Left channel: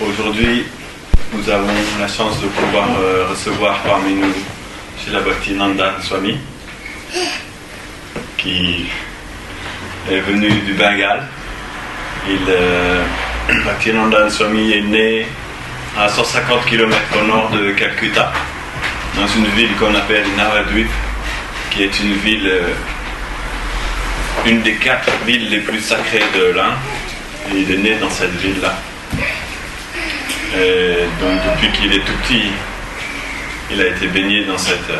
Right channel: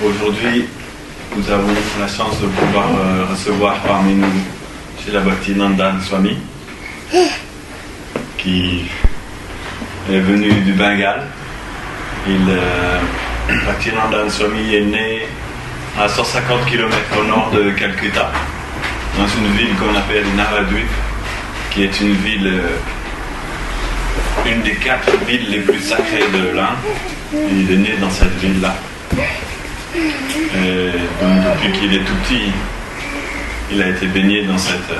Aujourd'hui, nous avons la chance de pouvoir recevoir parmi nous chez la Bhakti Nandan Swami, qui est venu du Bengale. Bhakti Nandan Swami est né à 150 km au nord de Calcutta, dans une ville qu'on appelle Navadvip, qui est une ville, une des 4 villes les plus sacrées de l'Inde. Il est né dans cette ville-là. Et donc depuis qu'il est tout petit, il a été baigné dans cette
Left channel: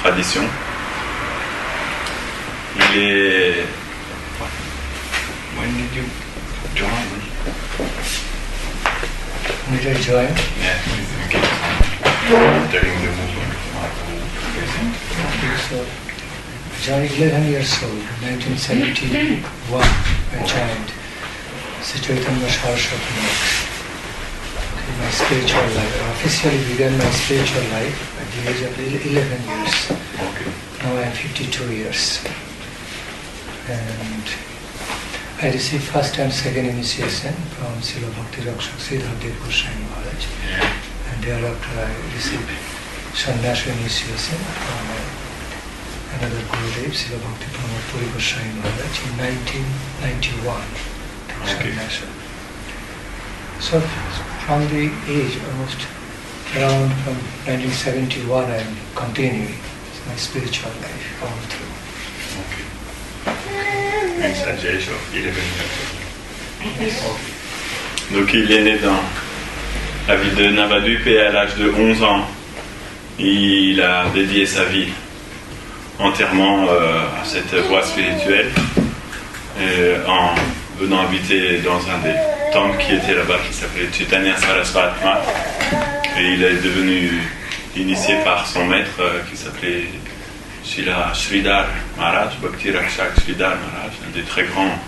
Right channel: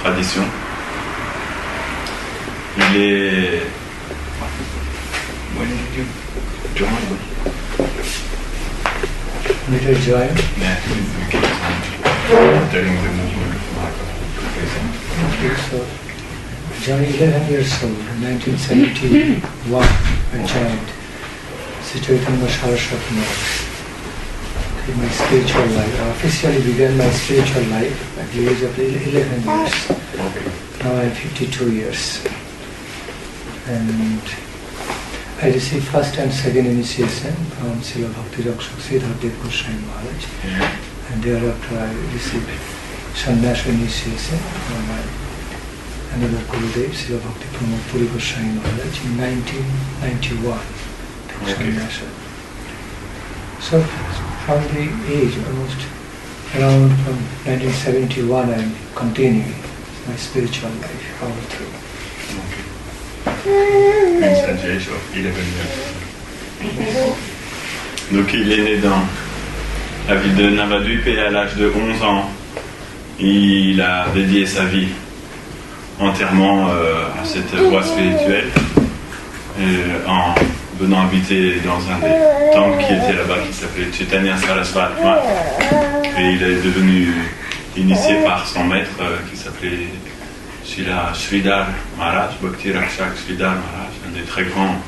tradition. Il est... When did you join? Did I join? Yeah, during the movement. So, joined 11 years old, in 1971, I joined Chaitanya Saraswati. My spiritual life. I officially began my spiritual life at the age of 11 years. Now I am 52 years. And I received first and second initiation from Srila Bhakti Nandan Swami Maharaj. And thereafter I received sannyasa initiation from another Gurudev, Srila Bhakti Nandan Swami Maharaj in 1991. Sannyasa. So from the age almost around from 1971 I am continuing my spiritual life all through. Une sagesse of 11 years. Donc il est né dans la ville de Navadvip et à l'âge de 11 ans, il a dédié sa vie entièrement à cette voie spirituelle en venant habiter dans un des temples qui était là-bas, qui s'appelait Chaitanya Saraswati. Et il est devenu initié par son maître qui s'appelait Sridhar Maharaj, Bhakti Rakshak Sridhar Maharaj, un des très grands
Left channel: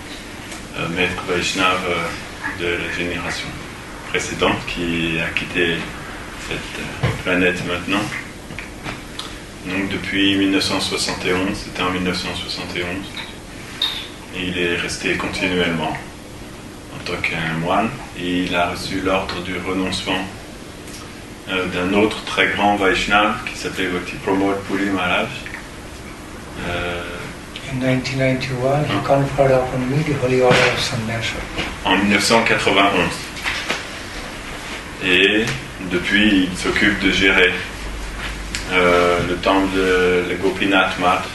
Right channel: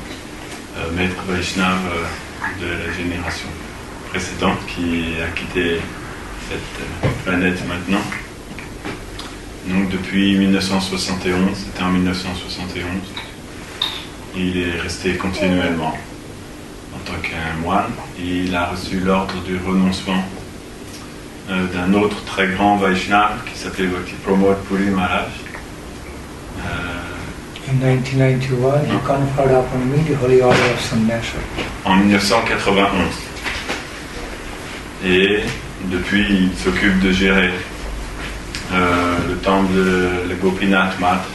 maîtres Vaishnavas de la génération précédente qui a quitté cette planète maintenant. Donc depuis 1971, c'était en 1971, il est resté continuellement en tant qu'un moine. Il a reçu l'ordre du renoncement d'un autre très grand Vaishnava qui s'appelait Bhakti Pramod Puri Maharaj. In 1991, he conferred upon me the holy order of sannyasa. En 1991. Et depuis, il s'occupe de gérer le temple de la Gopinath Math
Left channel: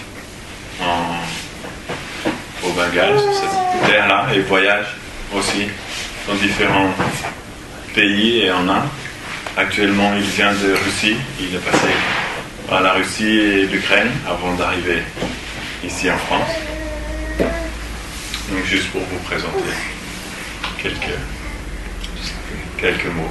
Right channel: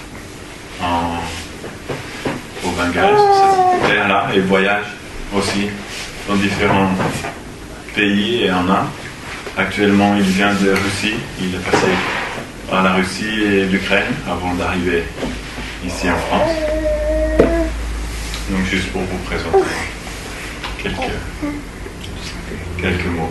au Bengale, cette terre-là, et voyage aussi dans différents pays et en Inde. Actuellement, il vient de Russie. Il est passé par la Russie et l'Ukraine avant d'arriver ici en France. Donc juste pour vous présenter quelques mots.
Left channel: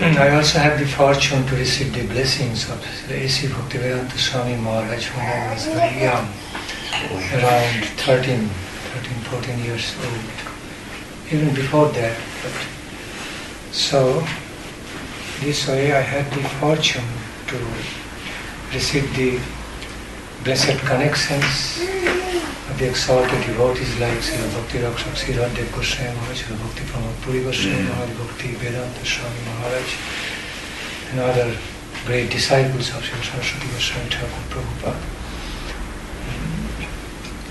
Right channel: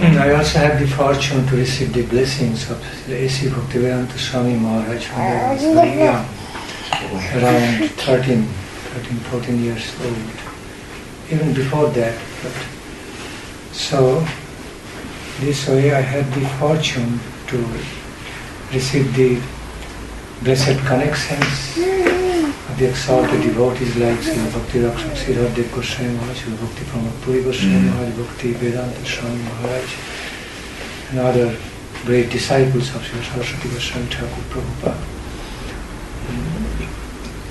And I also had the fortune to receive the blessings of the A.C. Bhaktivedanta Swami Maharaj when I was very young, around 13, 14 years old. Even before that. So this way I had the fortune to receive the blessed connections of the exalted devotees like Srila Bhakti Rakshak Sridhar Goswami Maharaj, Srila Bhakti Pramod Puri Goswami Maharaj, Bhakti Vedanta Swami Maharaj, and other great disciples of Srila Saraswati Goswami Thakur Prabhupada.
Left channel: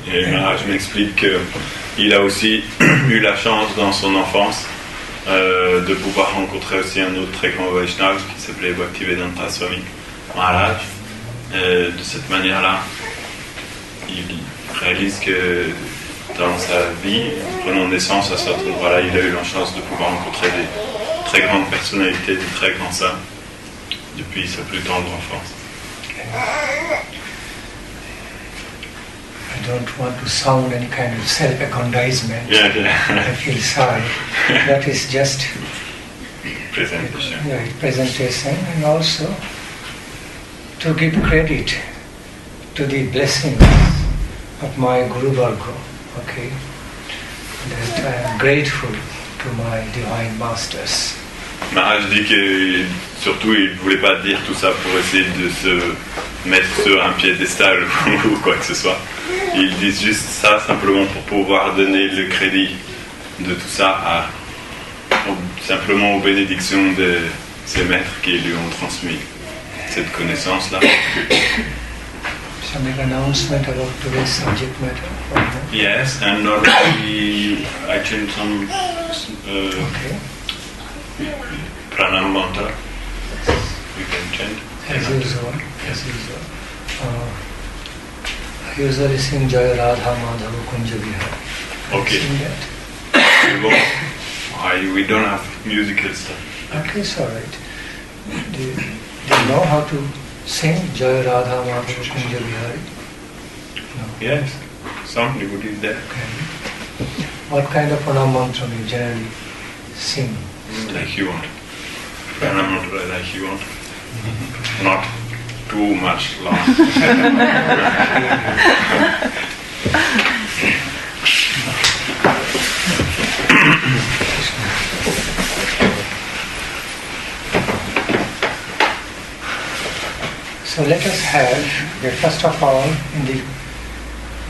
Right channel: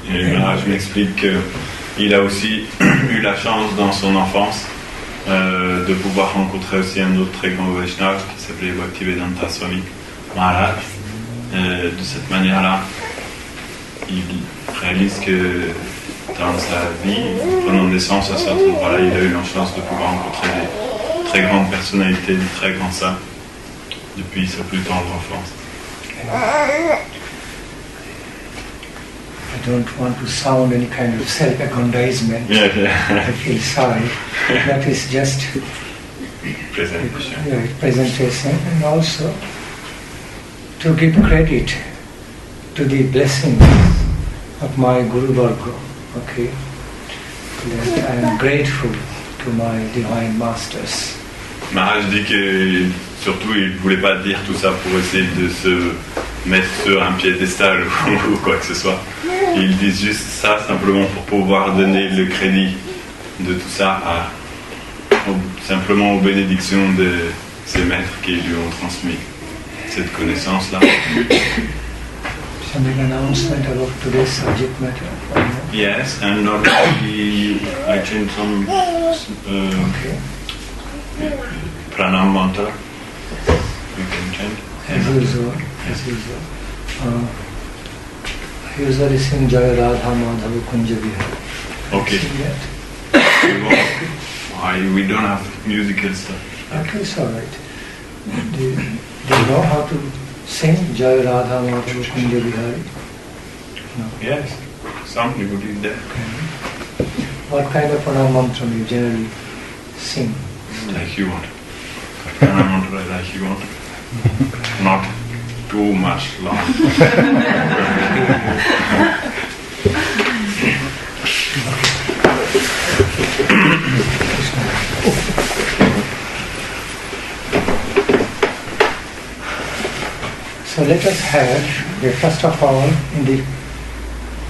Et Maharaj m'explique qu'il a aussi eu la chance dans son enfance de pouvoir rencontrer aussi un autre très grand Vaishnava qui s'appelait Bhakti Vedanta Swami Maharaj. De cette manière-là, il réalise que dans sa vie, prenant naissance à cet endroit-là, il a eu la chance de pouvoir rencontrer des très grandes personnalités, des très grands saints depuis sa plus tendre enfance. I don't want to sound any kind of self-aggrandizement. Yeah. I feel sorry. That is just Presentation. Presentation, and also to give credit to the blessings of my Guru Varga. Okay, that I am grateful to my divine masters. Maharaj dit que surtout il ne voulait pas dire tout ça pour essayer de se mettre sur un piédestal ou quoi que ce soit. Ils disent juste ça simplement pour pouvoir donner le crédit de tout ça simplement aux bénédictions de ses maîtres qui lui ont transmis cette connaissance-là. Some announcement about today's subject matter. Yes, and already I changed some pranam mantra. You can chant. As usual. I usually sing Jayo Radha Madhava Kunja Vihar. Okay. We don't have musical stuff. Okay, it's alright. Do you know how to sing Jayo Radha Madhava Kunja Vihari? No. Yes, some devotees there. Okay. What kind of pranam mantra you generally sing? Like you want. Pranam mantra like you want. Not too much long. So let us have, first of all, in the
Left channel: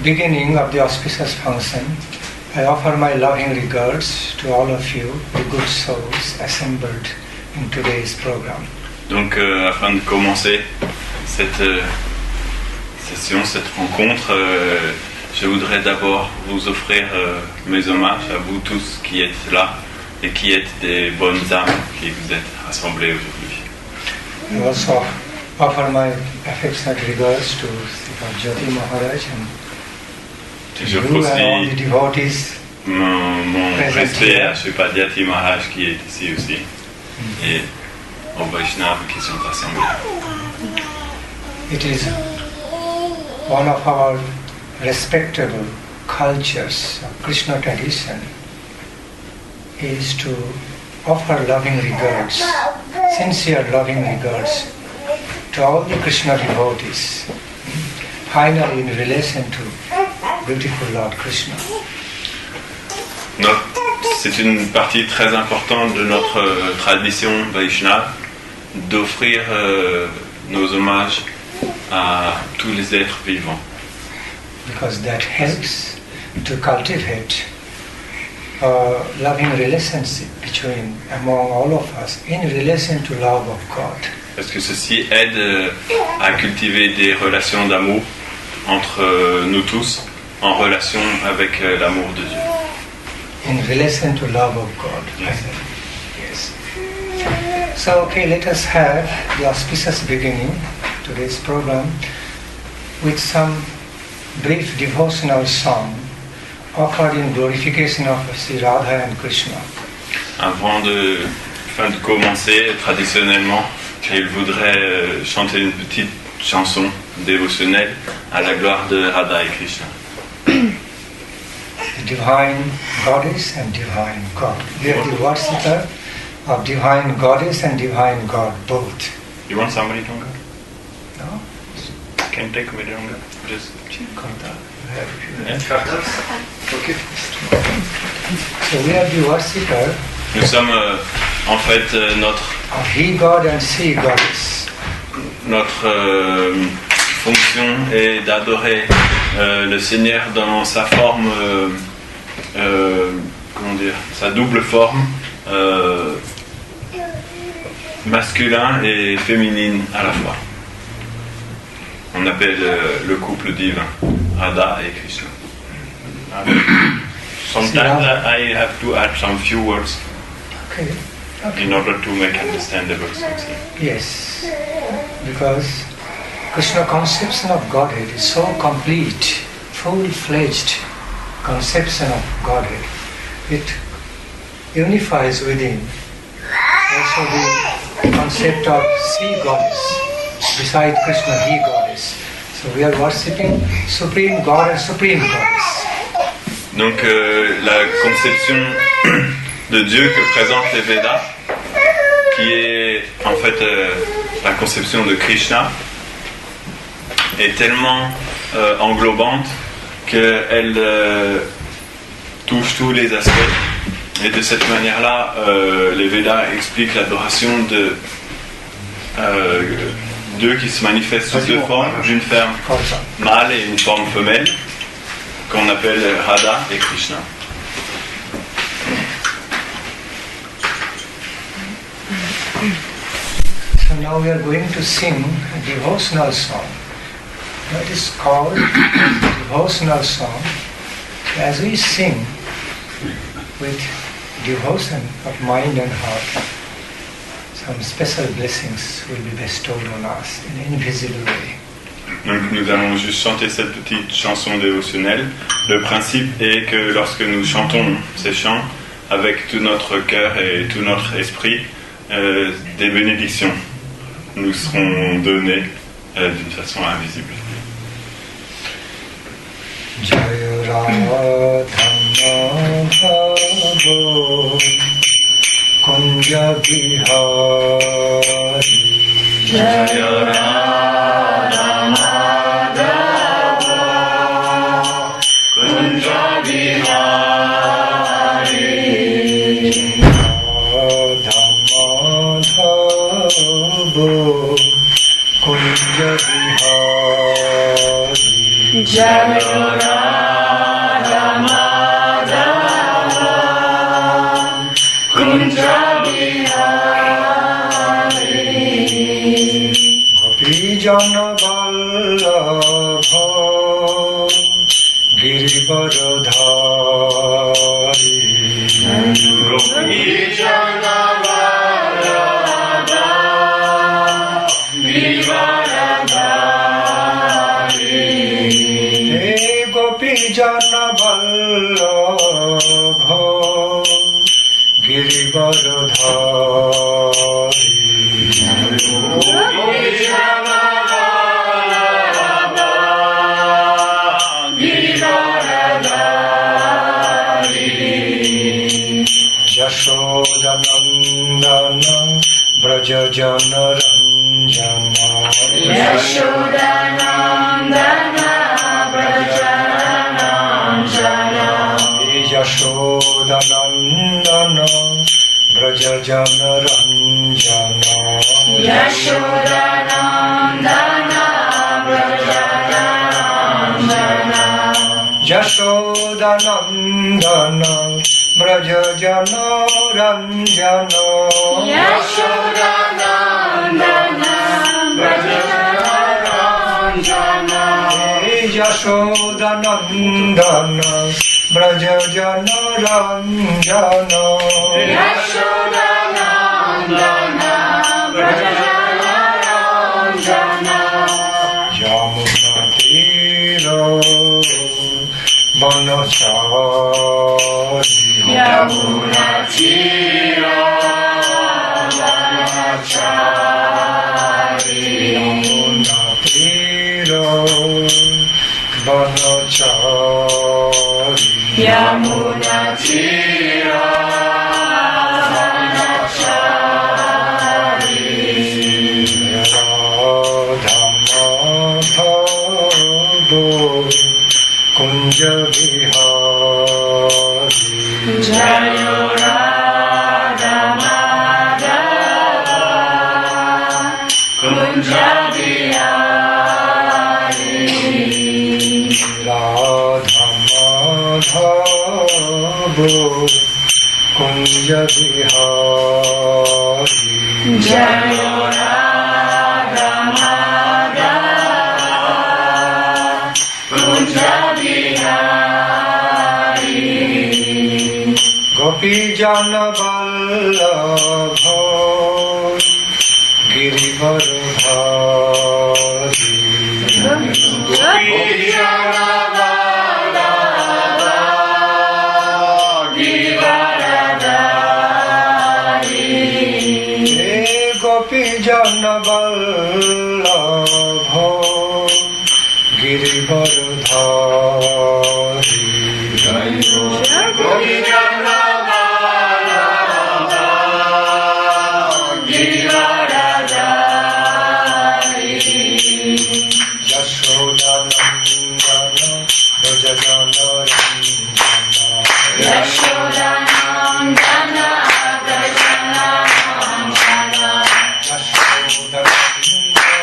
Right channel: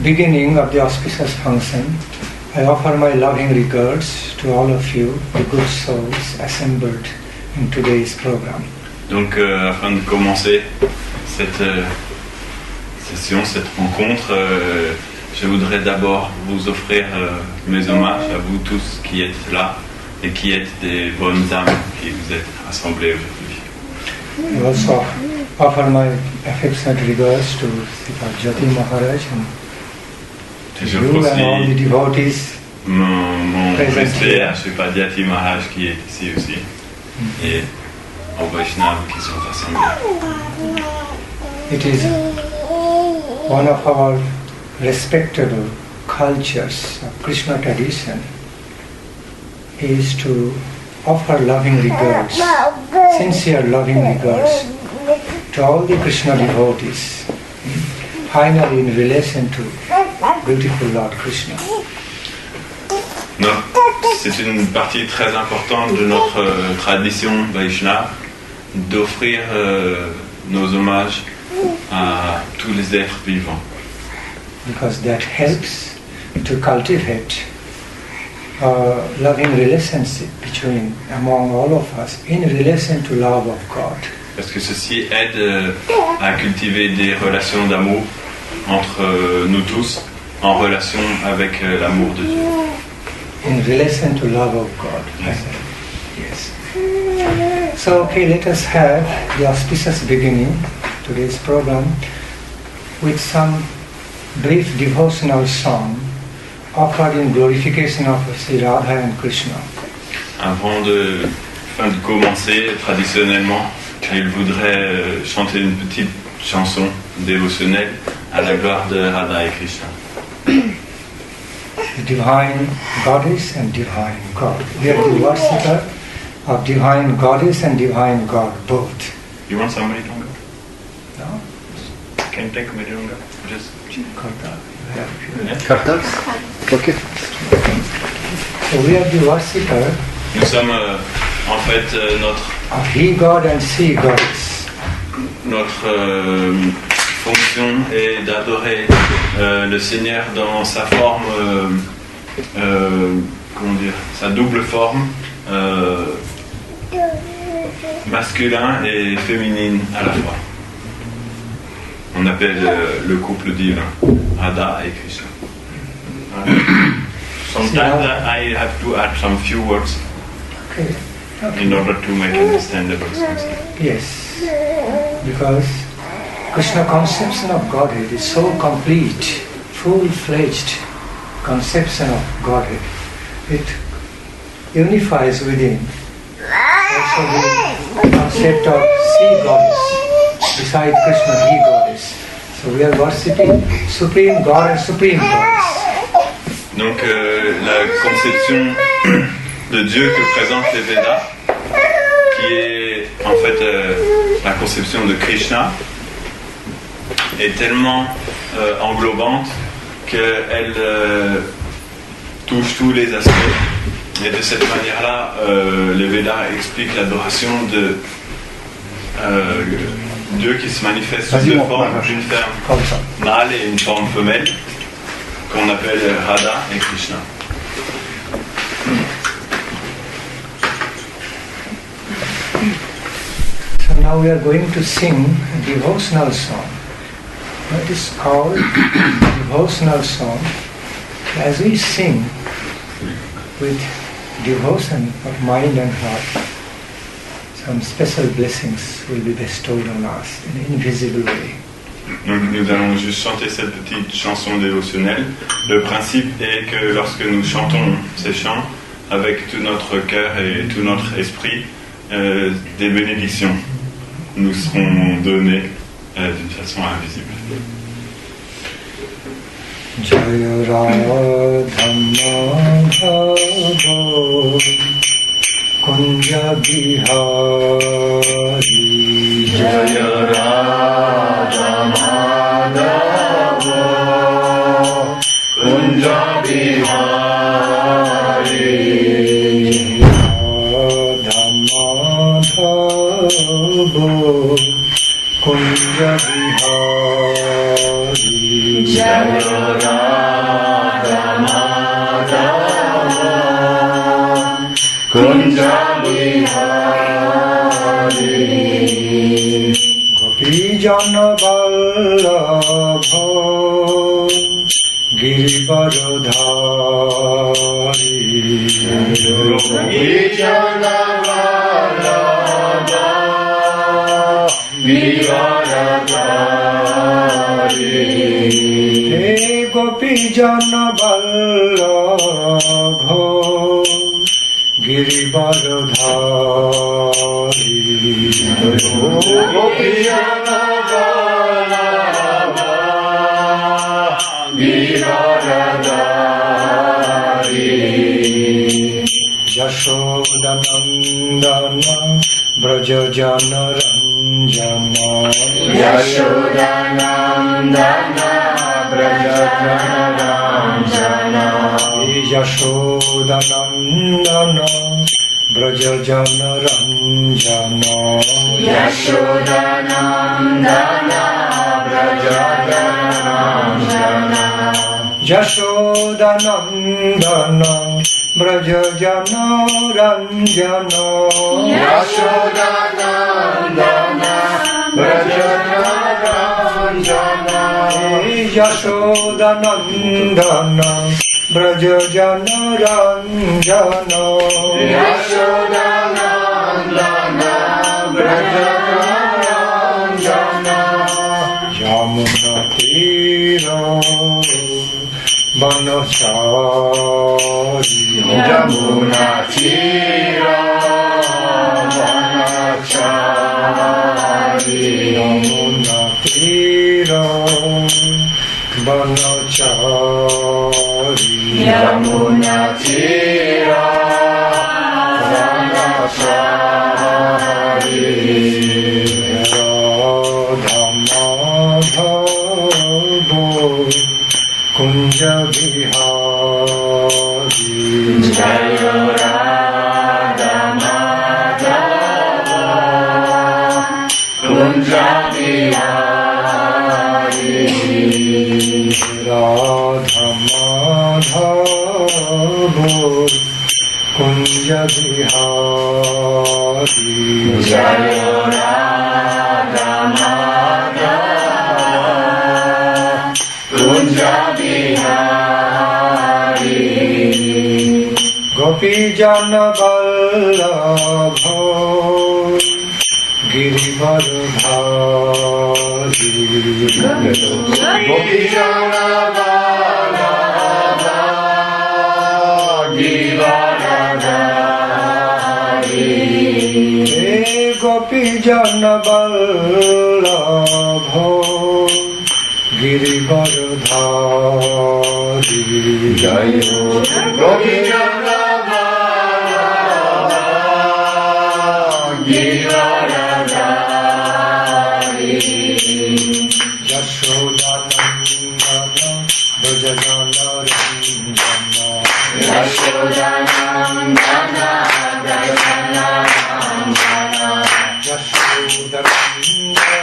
beginning of the auspicious function, I offer my loving regards to all of you, the good souls assembled in today's program. Donc, afin de commencer cette session, cette rencontre, je voudrais d'abord vous offrir mes hommages à vous tous qui êtes là et qui êtes des bonnes âmes qui vous êtes rassemblés aujourd'hui. I also offer my affectionate regards to Bhakti Maharaj and Je you and all the devotees. Mon respect à Srimad Maharaj qui est ici aussi et aux Vaishnavas qui sont assemblés. It is one of our respectable cultures of Krishna tradition is to offer loving regards, sincere loving regards to all the Krishna devotees, finally in relation to beautiful Lord Krishna. Non, c'est une partie très importante de notre tradition Vaishnava d'offrir nos hommages à tous les êtres vivants. Because that helps to cultivate a loving relationship among all of us in relation to love of God. Parce que ceci aide à cultiver des relations d'amour entre nous tous en relation avec l'amour de Dieu. In relation to love of God. Yes. Yes. So, okay, let us have the auspicious beginning to today's program with some brief devotional song offered in glorification of Sri Radha and Krishna. Avant de commencer, traditionnellement, il voudrait chanter une petite chanson dévotionnelle à la gloire de Radha et Krishna. The divine goddess and divine God. We are the worshipper of divine goddess and divine God both. You want somebody longer? No? Can you take a bit longer? Just Karta. yeah. Karta? Okay. So we are the worshipper Nous sommes en fait notre of He God and She Goddess. Fonction est d'adorer le Seigneur dans sa forme, sa double forme, masculin et féminine à la fois. On appelle le couple divin, Radha et Krishna. Sometimes I have to add some few words in order to make understandable something. Yes, because Krishna conception of Godhead is so complete, full-fledged conception of Godhead. It unifies within also the concept of She Goddess, beside Krishna, He Goddess. So we are worshipping Supreme God and Supreme Goddess. Donc la conception de Dieu que présentent les Védas, qui est en fait la conception de Krishna, est tellement englobante qu'elle touche tous les aspects. Et de cette manière-là, les Védas expliquent l'adoration de Dieu qui se manifeste sous deux formes, d'une forme mâle et une forme femelle, qu'on appelle Radha et Krishna. So now we are going to sing a devotional song. It is called devotional song. As we sing with devotion of mind and heart, some special blessings will be bestowed on us in an invisible way. Donc nous allons juste chanter cette petite chanson dévotionnelle. Le principe est que lorsque nous chantons ces chants avec tout notre cœur et tout notre esprit, des bénédictions nous seront données d'une façon invisible. Jayo Radha Madhava Kunja Bihari Jayo Radha Madhava Kunja Bihari Radha Madhava Kunja Bihari Jayo Radha Madhava Kunja Bihari Gopi Jana Vallabha Girivaradhari Gopi Jana Vallabha Girivaradhari Gopi Jana Vallabha Girivaradhari Gopi Jana Vallabha Girivaradhari Yashoda Nandana Braja Jana Ranjana Yashoda Nandana Braja Ranjana Yashoda Nandana Braja Jana Ranjana Yashoda Nandana Braja Ranjana Yashoda Nandana Braja Jana Ranjana Yashoda Nandana Braja Ranjana Yashoda Nandana Braja Jana Ranjana Yashoda Nandana Braja Ranjana Yamuna Tira Banachari Yamuna Tira Banachari Yamuna Tira Banachari Yamuna Tira Banachari Radha Madhava Kunja Bihari Jayo Radha Madhava Kunja Bihari Radha Madhava Kunja Bihari Jayo Radha Madhava Kunja Bihari Gopi Jana Vallabha Girivaradhari Gopi Jana Vallabha Girivaradhari Gopi Jana Vallabha Girivaradhari Gopi Jana Vallabha Girivaradhari Yashoda Nandana Braja Jana Ranjana Yashoda Nandana Braja Jana Ranjana Yashoda Nandana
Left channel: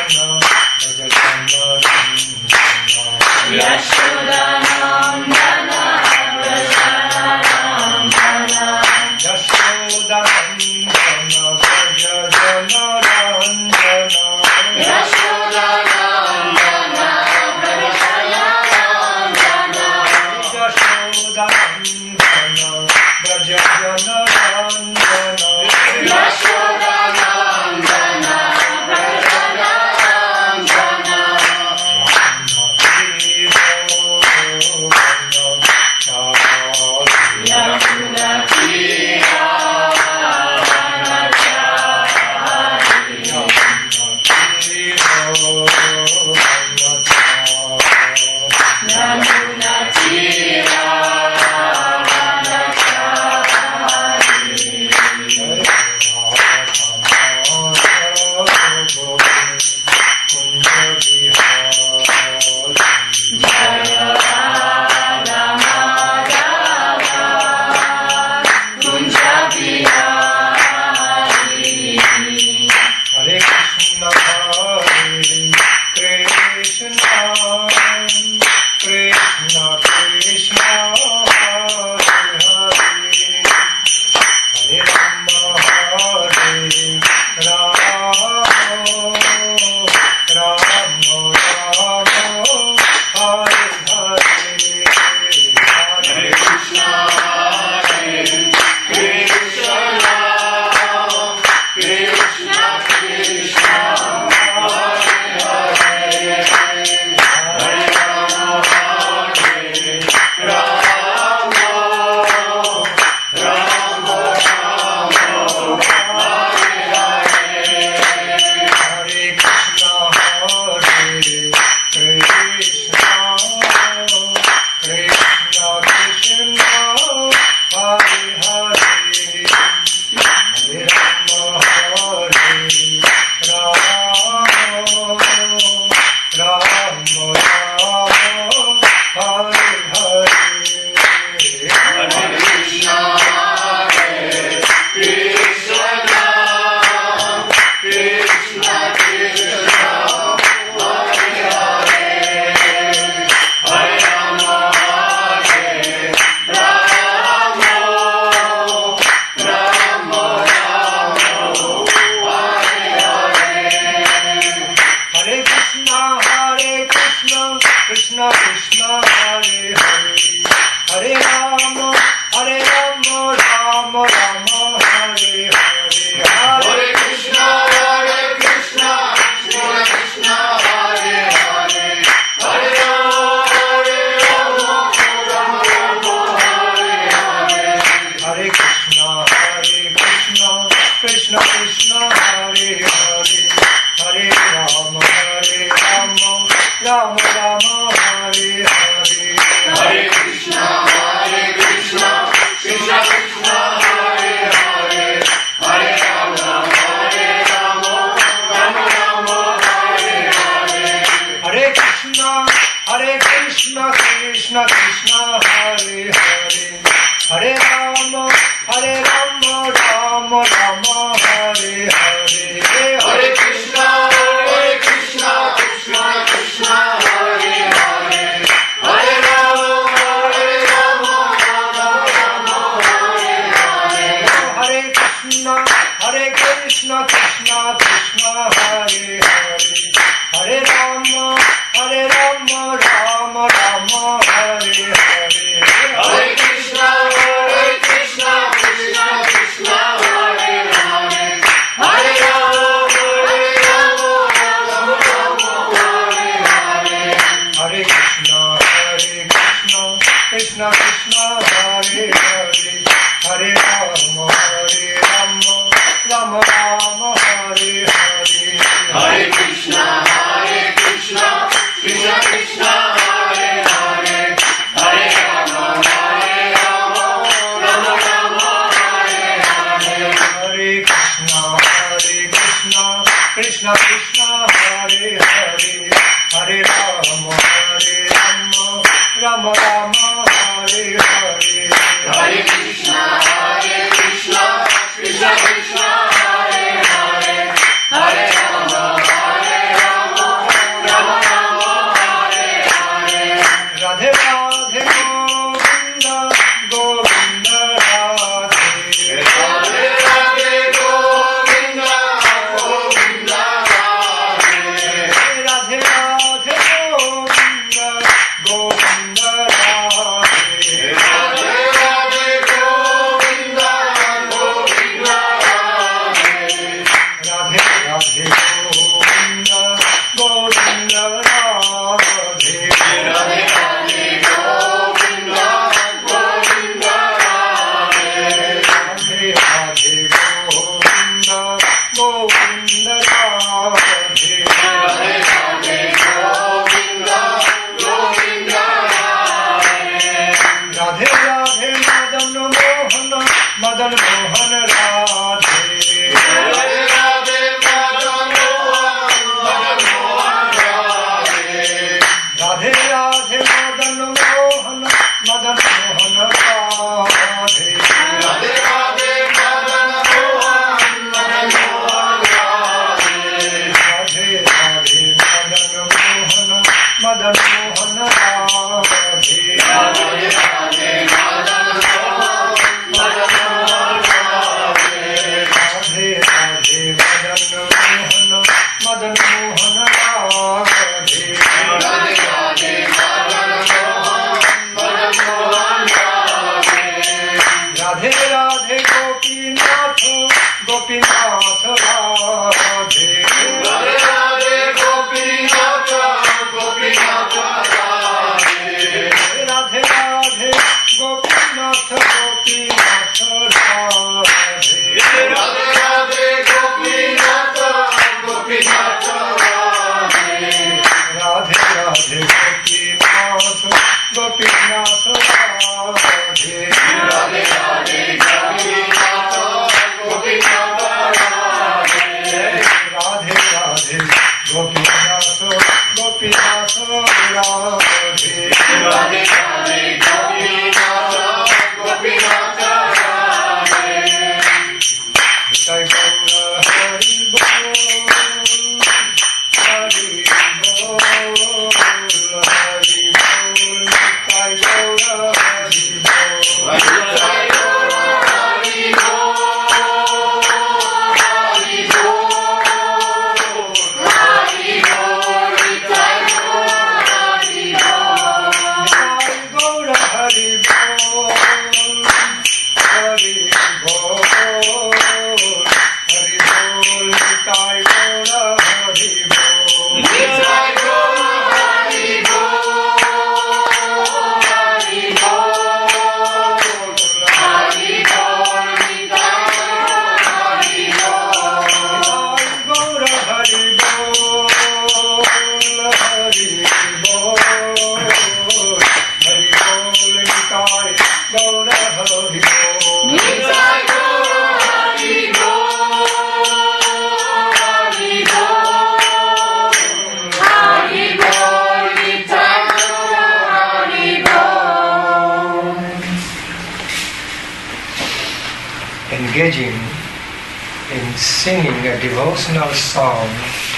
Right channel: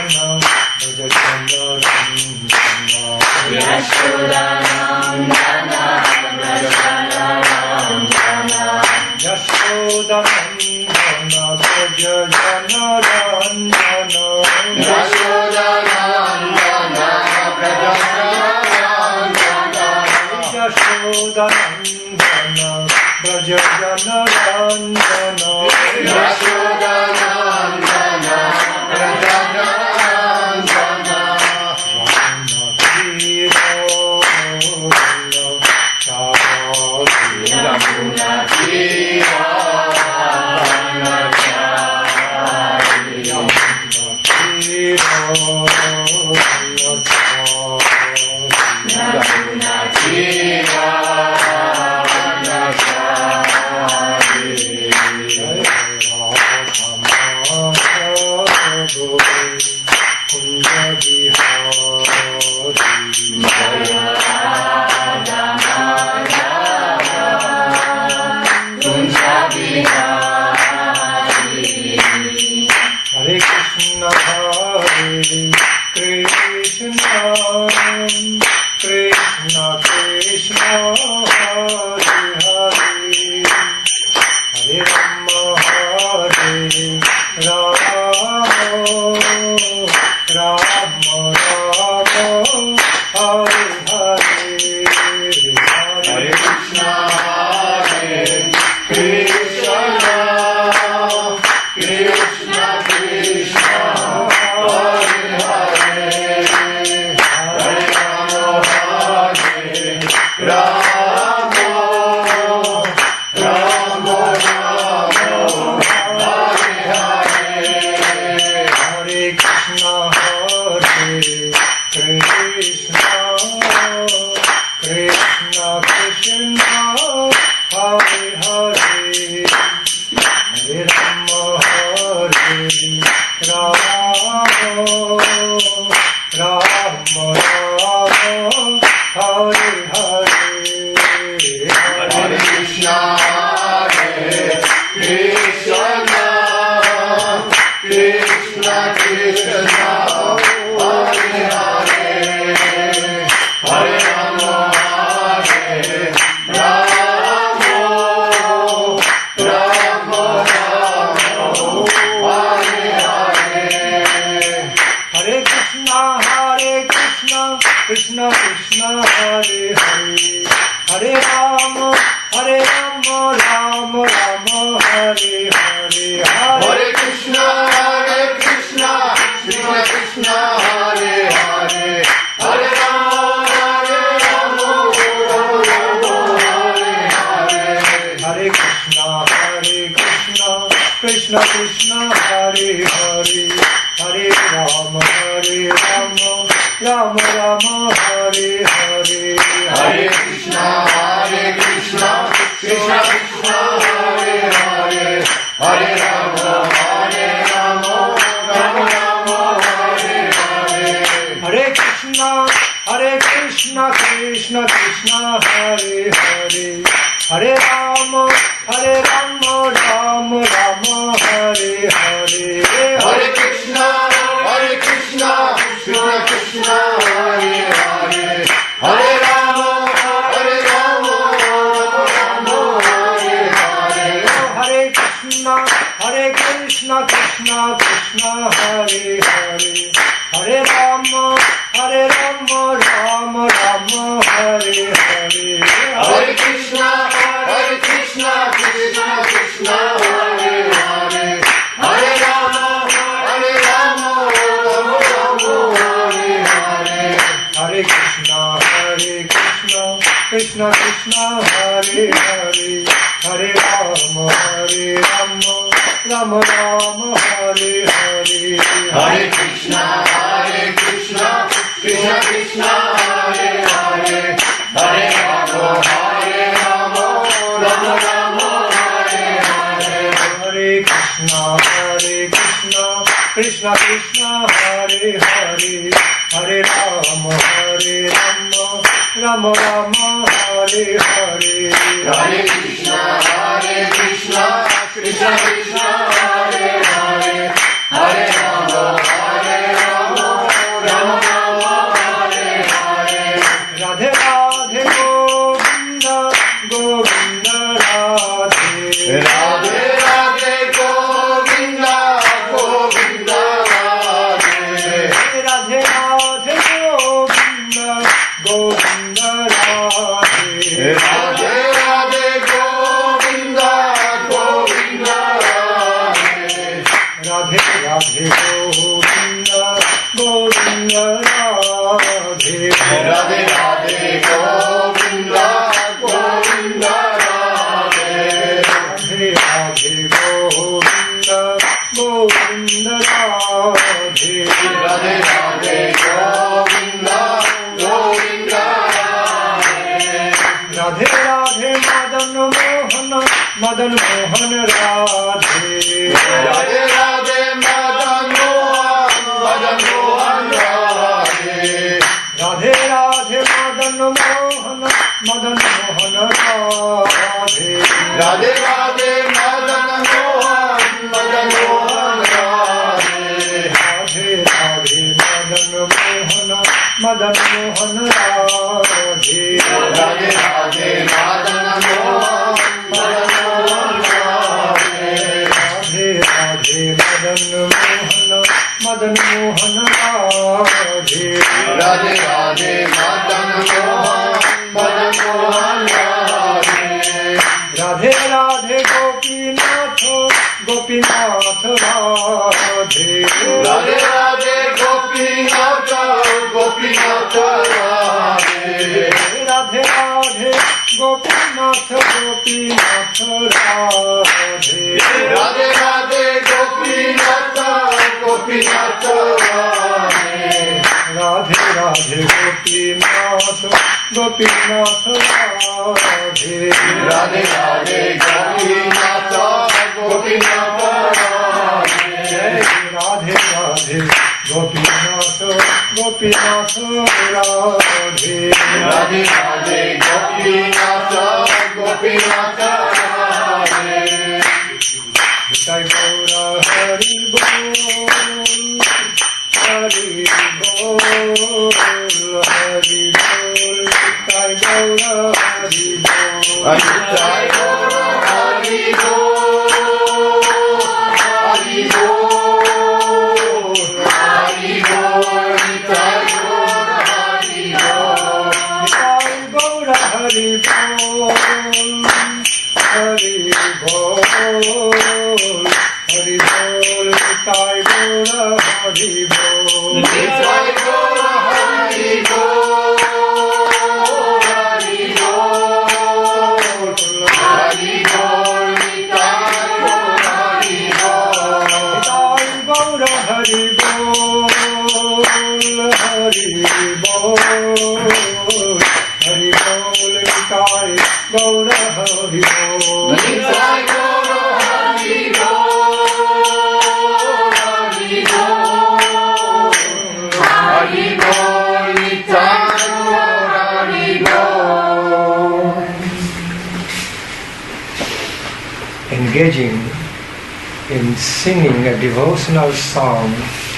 in singing a devotional song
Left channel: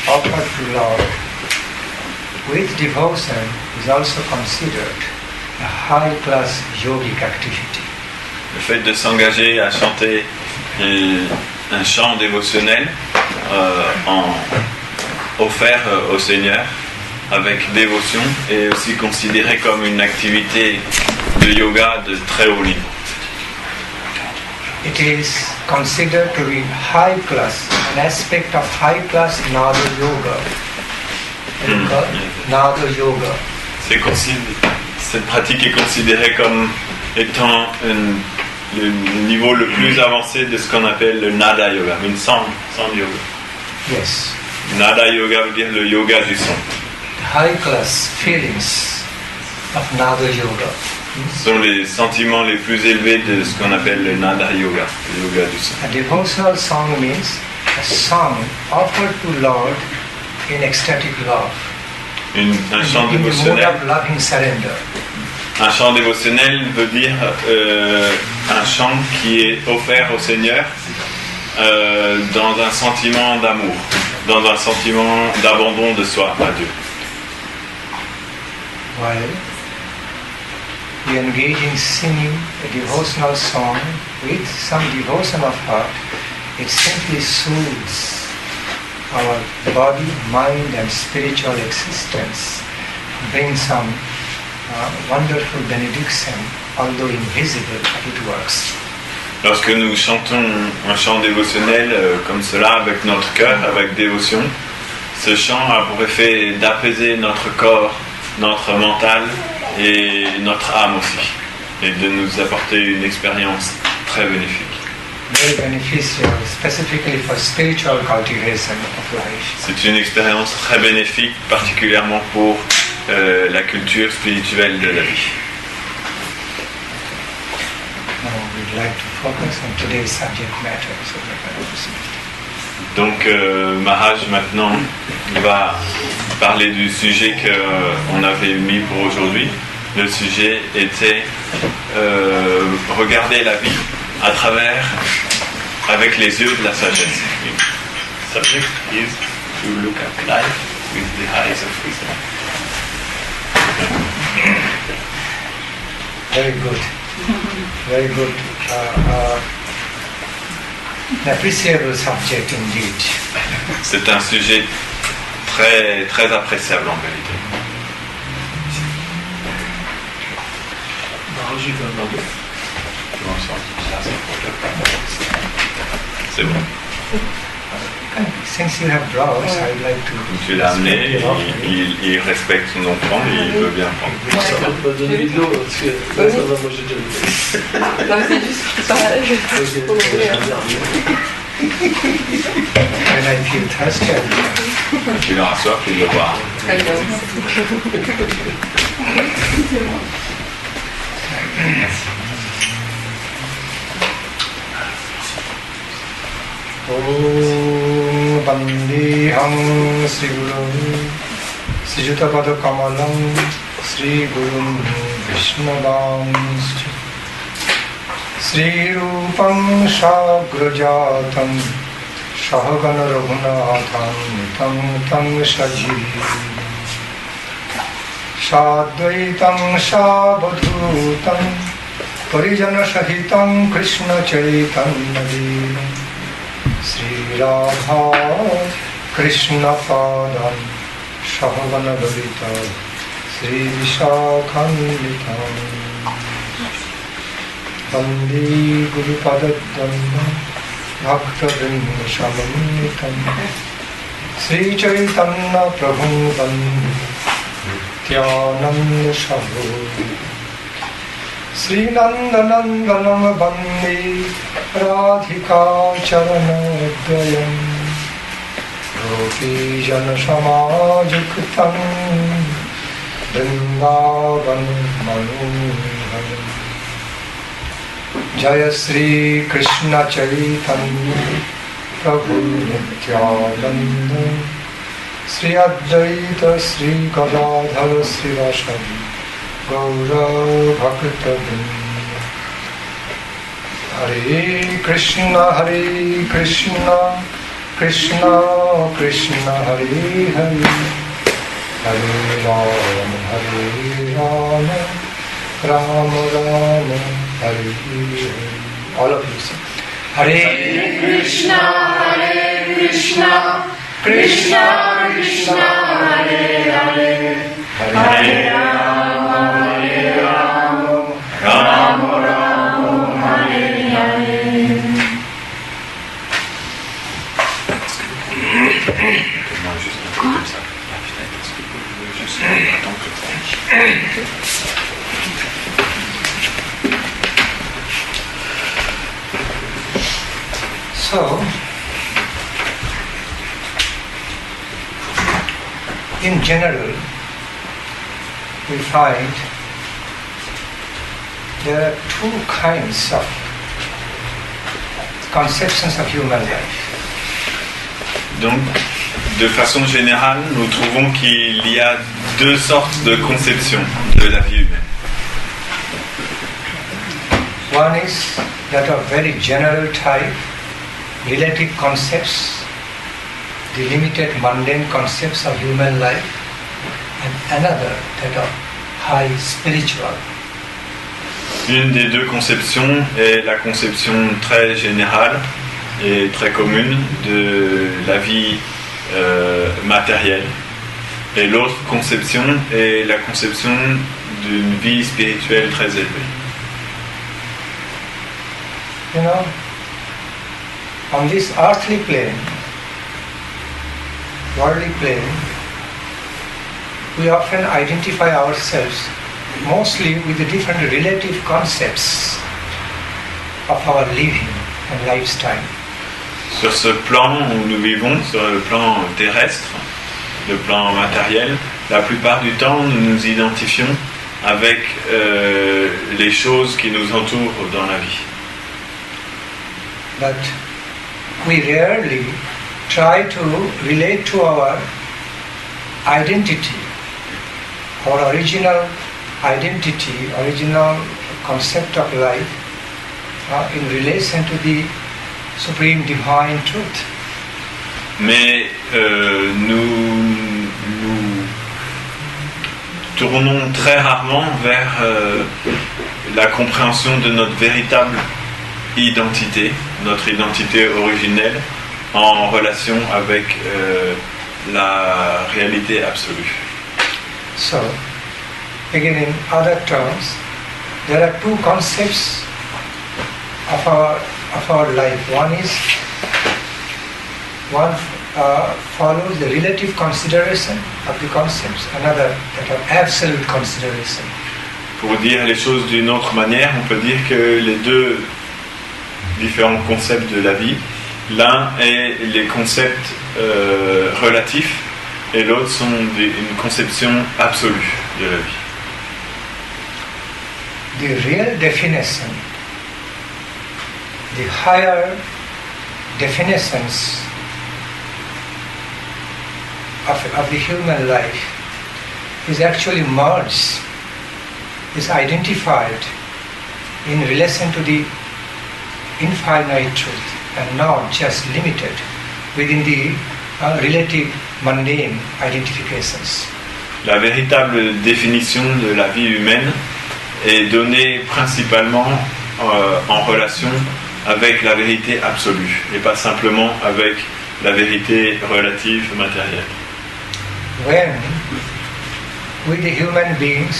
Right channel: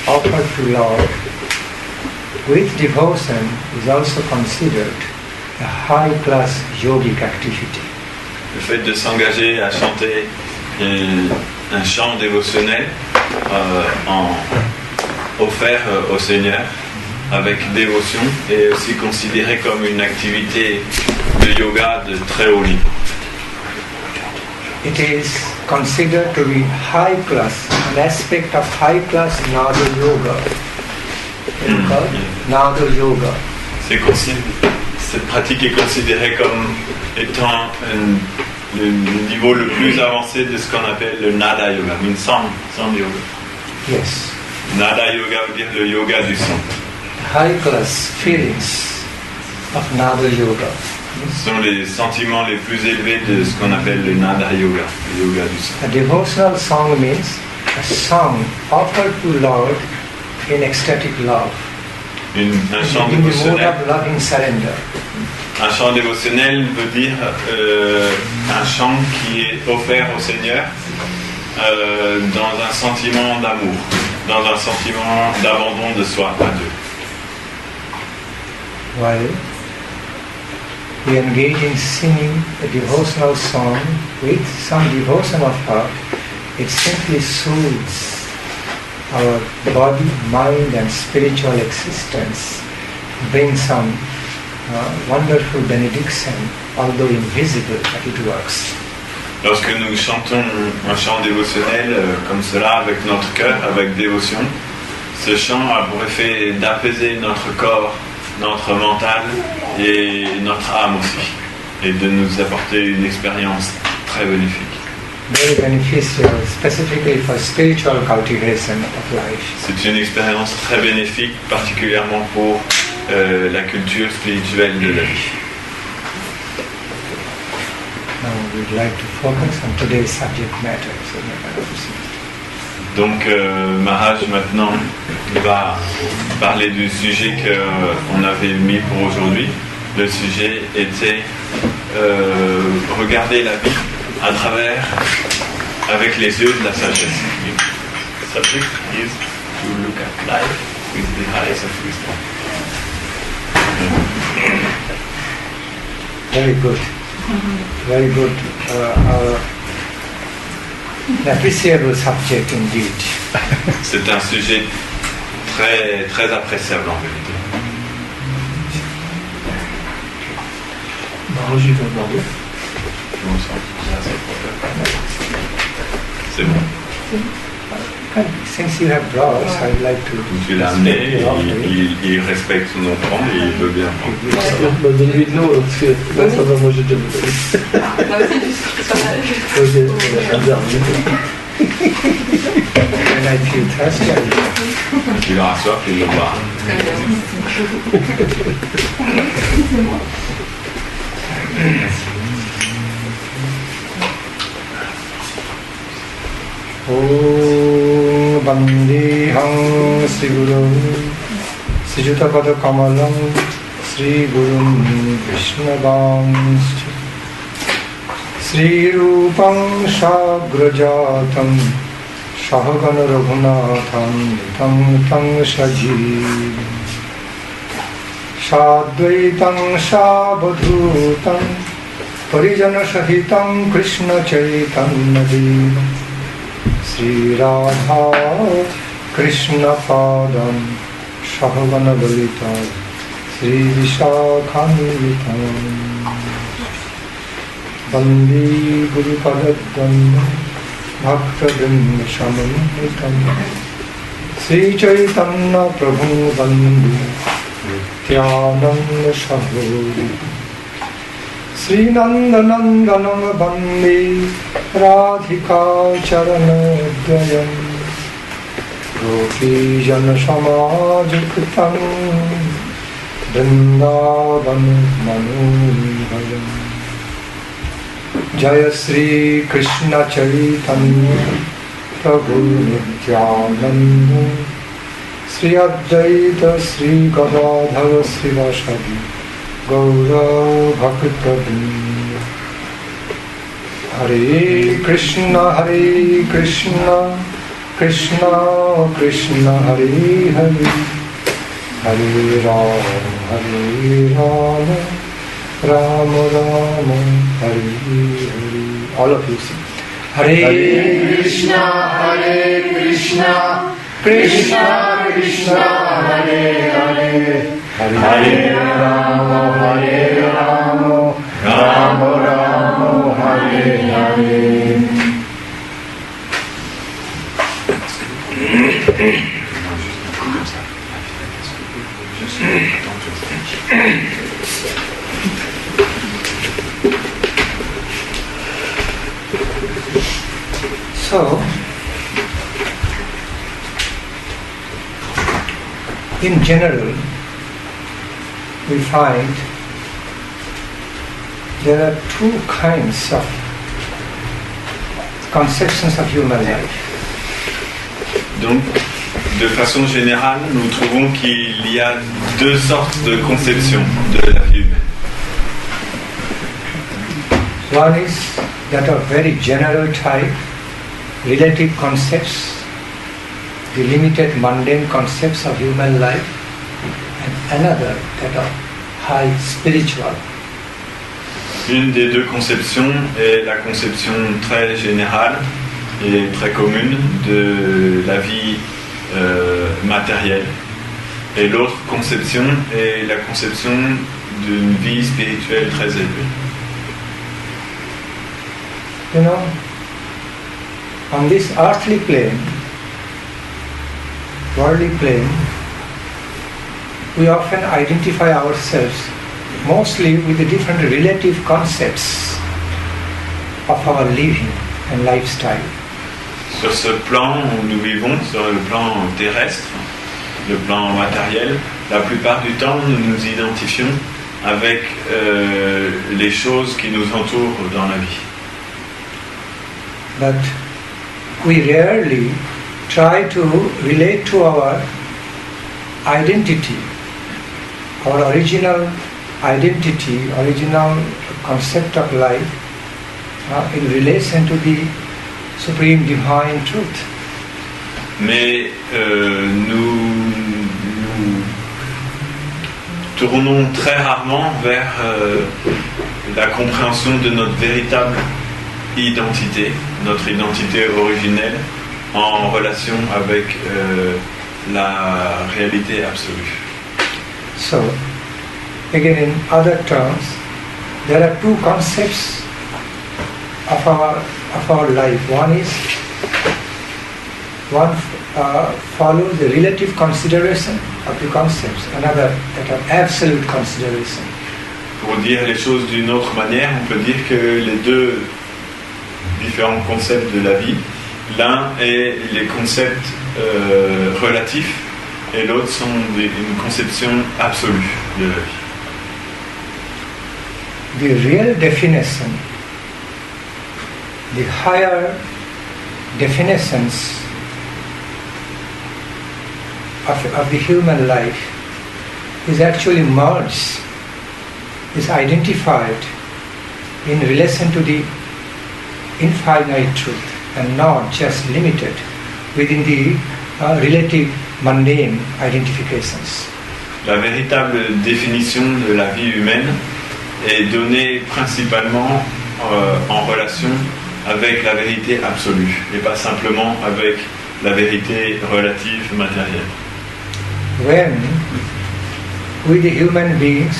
offered to Lord with devotion is also considered a high-class yogic activity. Le fait de s'engager à chanter un chant dévotionnel offert au Seigneur avec dévotion est aussi considéré comme une activité de yoga de très haut niveau. It is considered to be high class, an aspect of high class Nada Yoga. Nada Yoga. Cette pratique est considérée comme étant le niveau le plus avancé de ce qu'on appelle le Nada Yoga, une sound yoga. Yes. Nada Yoga veut dire le yoga du son. High class feelings of Nada Yoga. Ce sont les sentiments les plus élevés de ce qu'on appelle le Nada Yoga, le yoga du son. A devotional song means a song offered to Lord in ecstatic love. Un chant dévotionnel. Loving surrender. Un chant dévotionnel veut dire un chant qui est offert au Seigneur dans un sentiment d'amour, dans un sentiment d'abandon de soi à Dieu. While we engage in singing a devotional song with some devotion of heart, it simply soothes our body, mind and spiritual existence, brings some wonderful benediction, although invisible, but it works. Lorsque nous chantons un chant dévotionnel comme cela avec notre cœur, avec dévotion, ce chant a pour effet d'apaiser notre corps, notre mental et notre âme aussi, et de nous apporter une expérience très bénéfique. Very beneficial, specifically for spiritual cultivation of life. C'est une expérience très bénéfique, particulièrement pour la culture spirituelle de la vie. Now we'd like to focus on today's subject matter. Donc Maharaj maintenant va parler du sujet qu'on avait mis pour aujourd'hui. Le sujet était regarder la vie à travers, avec les yeux de la sagesse. The subject is to look at life with the eyes of wisdom. Very good. Very good. An appreciable subject indeed. C'est un sujet très, très appréciable en vérité. C'est bon. Since you have brought, I'd like to. Tu l'as amené, il respecte son enfant et il veut bien prendre. Ça va me donner de l'eau, parce que ça va manger de l'eau. Non, mais c'est juste pareil. And I feel thirsty. Il aura soif, il le boira. Très bien. Om Bandeham Sri Guru Srijutapada Kamalam Sri Guru Vishnadam Sri Rupam Shagrajatam Shahagana Raghunatham Tam Sajiv Sadvaitam Sabadhutam Parijana Sahitam Krishna Chaitanya Devam Sri Radha Krishna Padam Shahagana Balita Sri Vishakhanvitam Bandi Guru Padadam Bhakta Vimshamanitam Sri Chaitanya Prabhu Bandi Nityananda Shahu Sri Nandan Bandi Radhika Charanodayam Gopi Jana Samajuktam Vrindavan Manubhalam Jaya Sri Krishna Chaitanya Prabhu Nityananda Sri Advaita Sri Gadadhara Sri Vasadi Gaura Bhakta Hare Krishna, Krishna Krishna, Hare Hare, Hare Rama, Rama Rama, Hare Hare. All of you sing. Hare Krishna, Krishna Krishna, Hare Hare, Hare Rama, Rama Rama, Hare Hare. So, in general, we find there are two kinds of conceptions of human life. Donc, de façon générale, nous trouvons qu'il y a deux sortes de conceptions de la vie humaine. One is that of very general type, relative concepts, the limited mundane concepts of human life, and another that of high spiritual. Une des deux conceptions est la conception très générale et très commune de la vie matérielle. Et l'autre conception est la conception d'une vie spirituelle très élevée. You know, on this earthly plane, worldly plane, we often identify ourselves mostly with the different relative concepts of our living and lifestyle. Sur ce plan où nous vivons, sur le plan terrestre, le plan matériel, la plupart du temps nous nous identifions avec les choses qui nous entourent dans la vie. But we rarely try to relate to our identity, our original identity, original concept of life in relation to the supreme divine truth. Mais nous tournons très rarement vers la compréhension de notre véritable identité, notre identité originelle, en relation avec la réalité absolue. So, again in other terms, there are two concepts of our life. One follows the relative consideration of the concepts, another that of absolute consideration. Pour dire les choses d'une autre manière, on peut dire que les deux différents concepts de la vie, l'un est les concepts relatifs et l'autre sont une conception absolue de la vie. The real definition, the higher definitions of the human life is actually merged, is identified in relation to the infinite truth and not just limited within the relative mundane identifications. La véritable définition de la vie humaine est donnée principalement en relation avec la vérité absolue et pas simplement avec la vérité relative matérielle. When we the human beings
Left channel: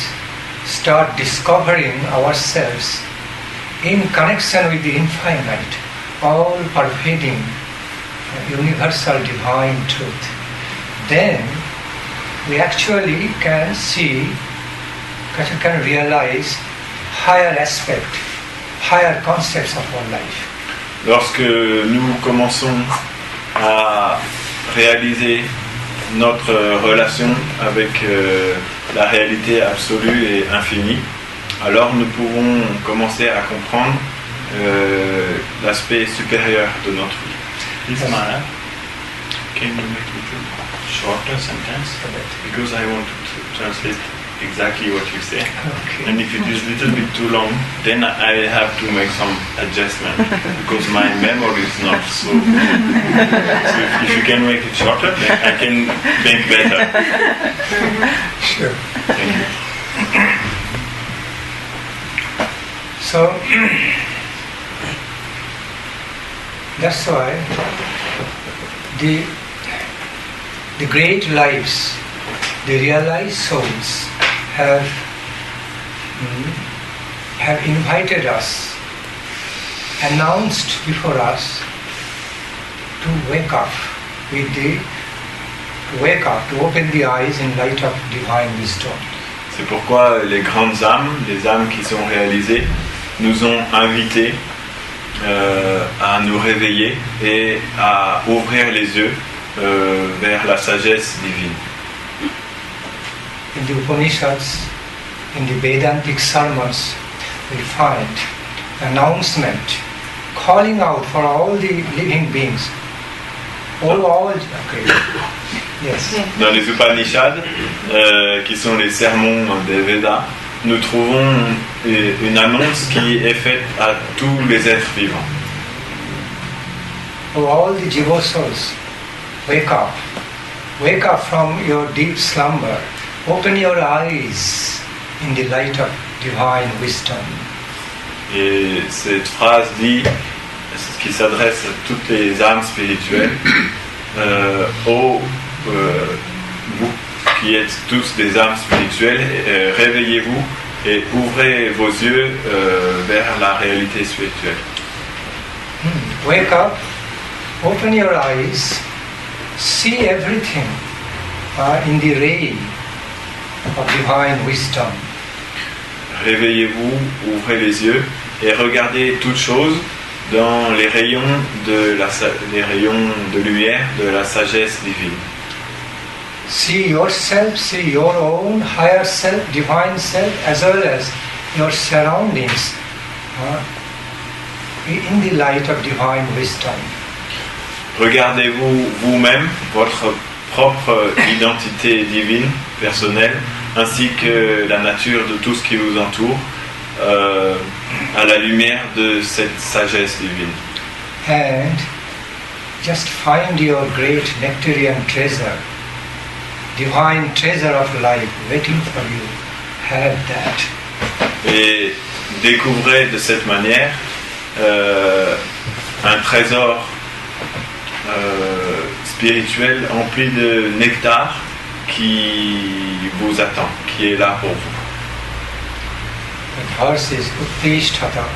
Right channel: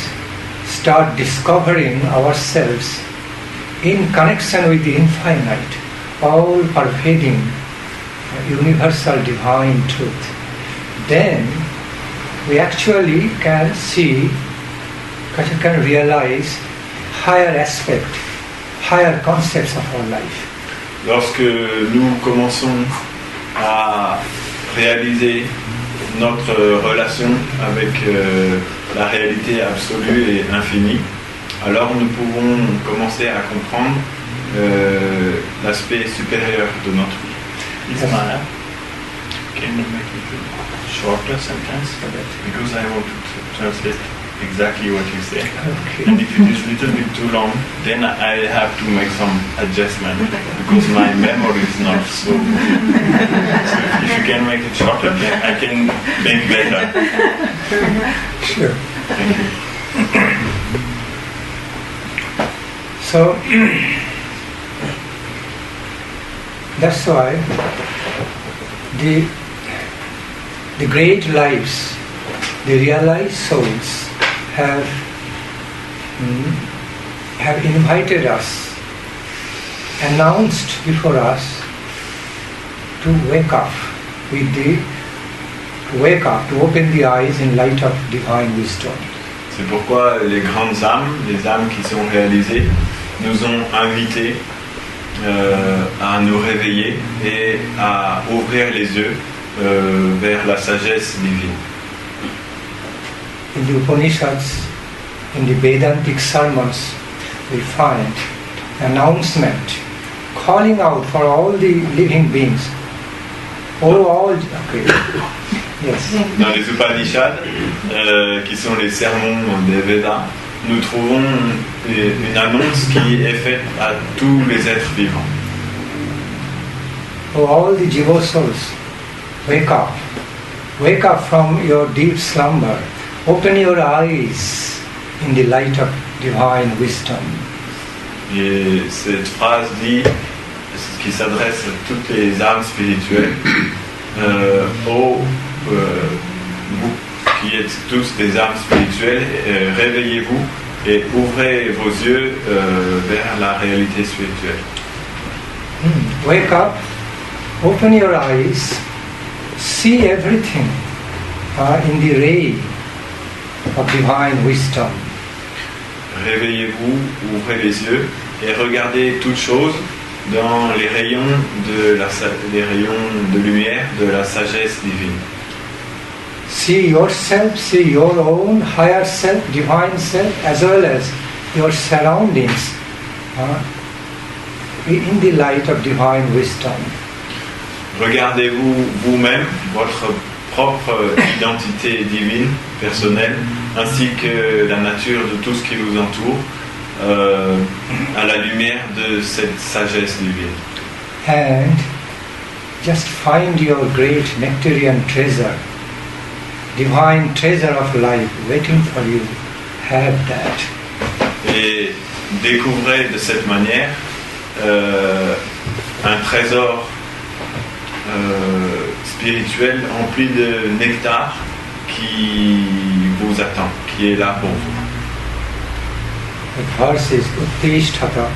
start discovering ourselves in connection with the infinite, all-pervading, universal divine truth, then we actually can see, can realize higher aspect, higher concepts of our life. Lorsque nous commençons à réaliser notre relation avec la réalité absolue et infinie, alors nous pouvons commencer à comprendre l'aspect supérieur de notre vie. Ismana, can you make it a shorter sentence? Because I want to translate exactly what you say. Okay. And if it is a little bit too long, then I have to make some adjustment because my memory is not so. So if you can make it shorter, then I can think better. Sure. Thank you. So that's why the great lives, the realized souls have invited us, announced before us to wake up to open the eyes in light of divine wisdom. C'est pourquoi les grandes âmes, les âmes qui sont réalisées, nous ont invités à nous réveiller et à ouvrir les yeux vers la sagesse divine. In the Upanishads, in the Vedantic sermons, we find announcement, calling out for all the living beings. Okay. Yes. Dans les Upanishads, qui sont les sermons des Védas, nous trouvons une annonce qui est faite à tous les êtres vivants. For all the Jiva souls, wake up. Wake up from your deep slumber. Open your eyes in the light of divine wisdom. Et cette phrase dit, qui s'adresse à toutes les âmes spirituelles, vous qui êtes tous des âmes spirituelles, réveillez-vous et ouvrez vos yeux vers la réalité spirituelle. Wake up, open your eyes, see everything in the ray of divine wisdom. Réveillez-vous, ouvrez les yeux et regardez toutes choses dans les rayons de lumière de la sagesse divine. See yourself, see your own higher self, divine self, as well as your surroundings in the light of divine wisdom. Regardez-vous vous-même, votre propre identité divine, personnelle, ainsi que la nature de tout ce qui vous entoure, à la lumière de cette sagesse divine. And just find your great nectarian treasure, divine treasure of life waiting for you. Have that. Et découvrez de cette manière un trésor spirituel empli de nectar qui vous attend, qui est là pour vous. The verse is Uttishtata,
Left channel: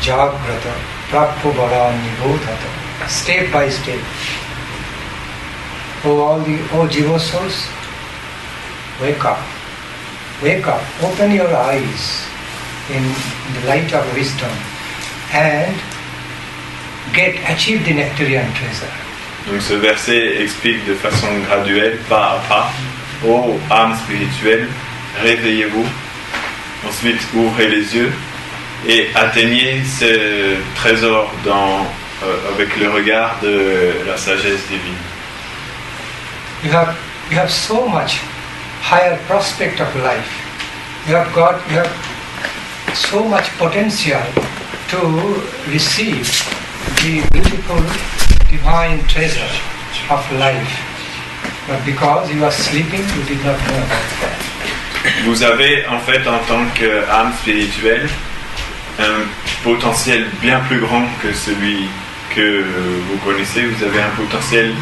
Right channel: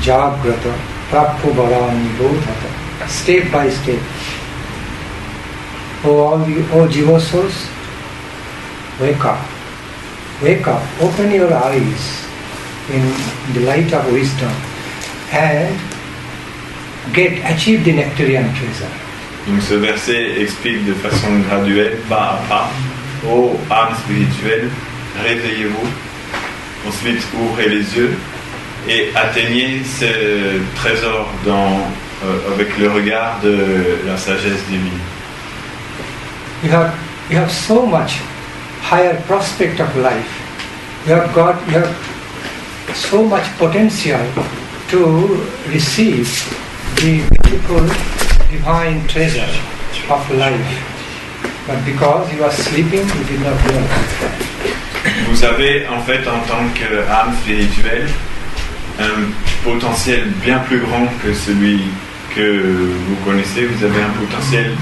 Jagrata, Prappo Barani Bodhata, step by step. Oh Jiva souls, wake up. Wake up, open your eyes in the light of wisdom and achieve the nectarian treasure. Donc ce verset explique de façon graduelle, pas à pas, ô âme spirituelle, réveillez-vous, ensuite ouvrez les yeux et atteignez ce trésor avec le regard de la sagesse divine. You have so much higher prospect of life. You have so much potential to receive the beautiful divine treasure of life. But because you are sleeping, you did not learn that. Vous avez en fait en tant qu'âme spirituelle un potentiel bien plus grand que celui que vous connaissez. Vous avez un potentiel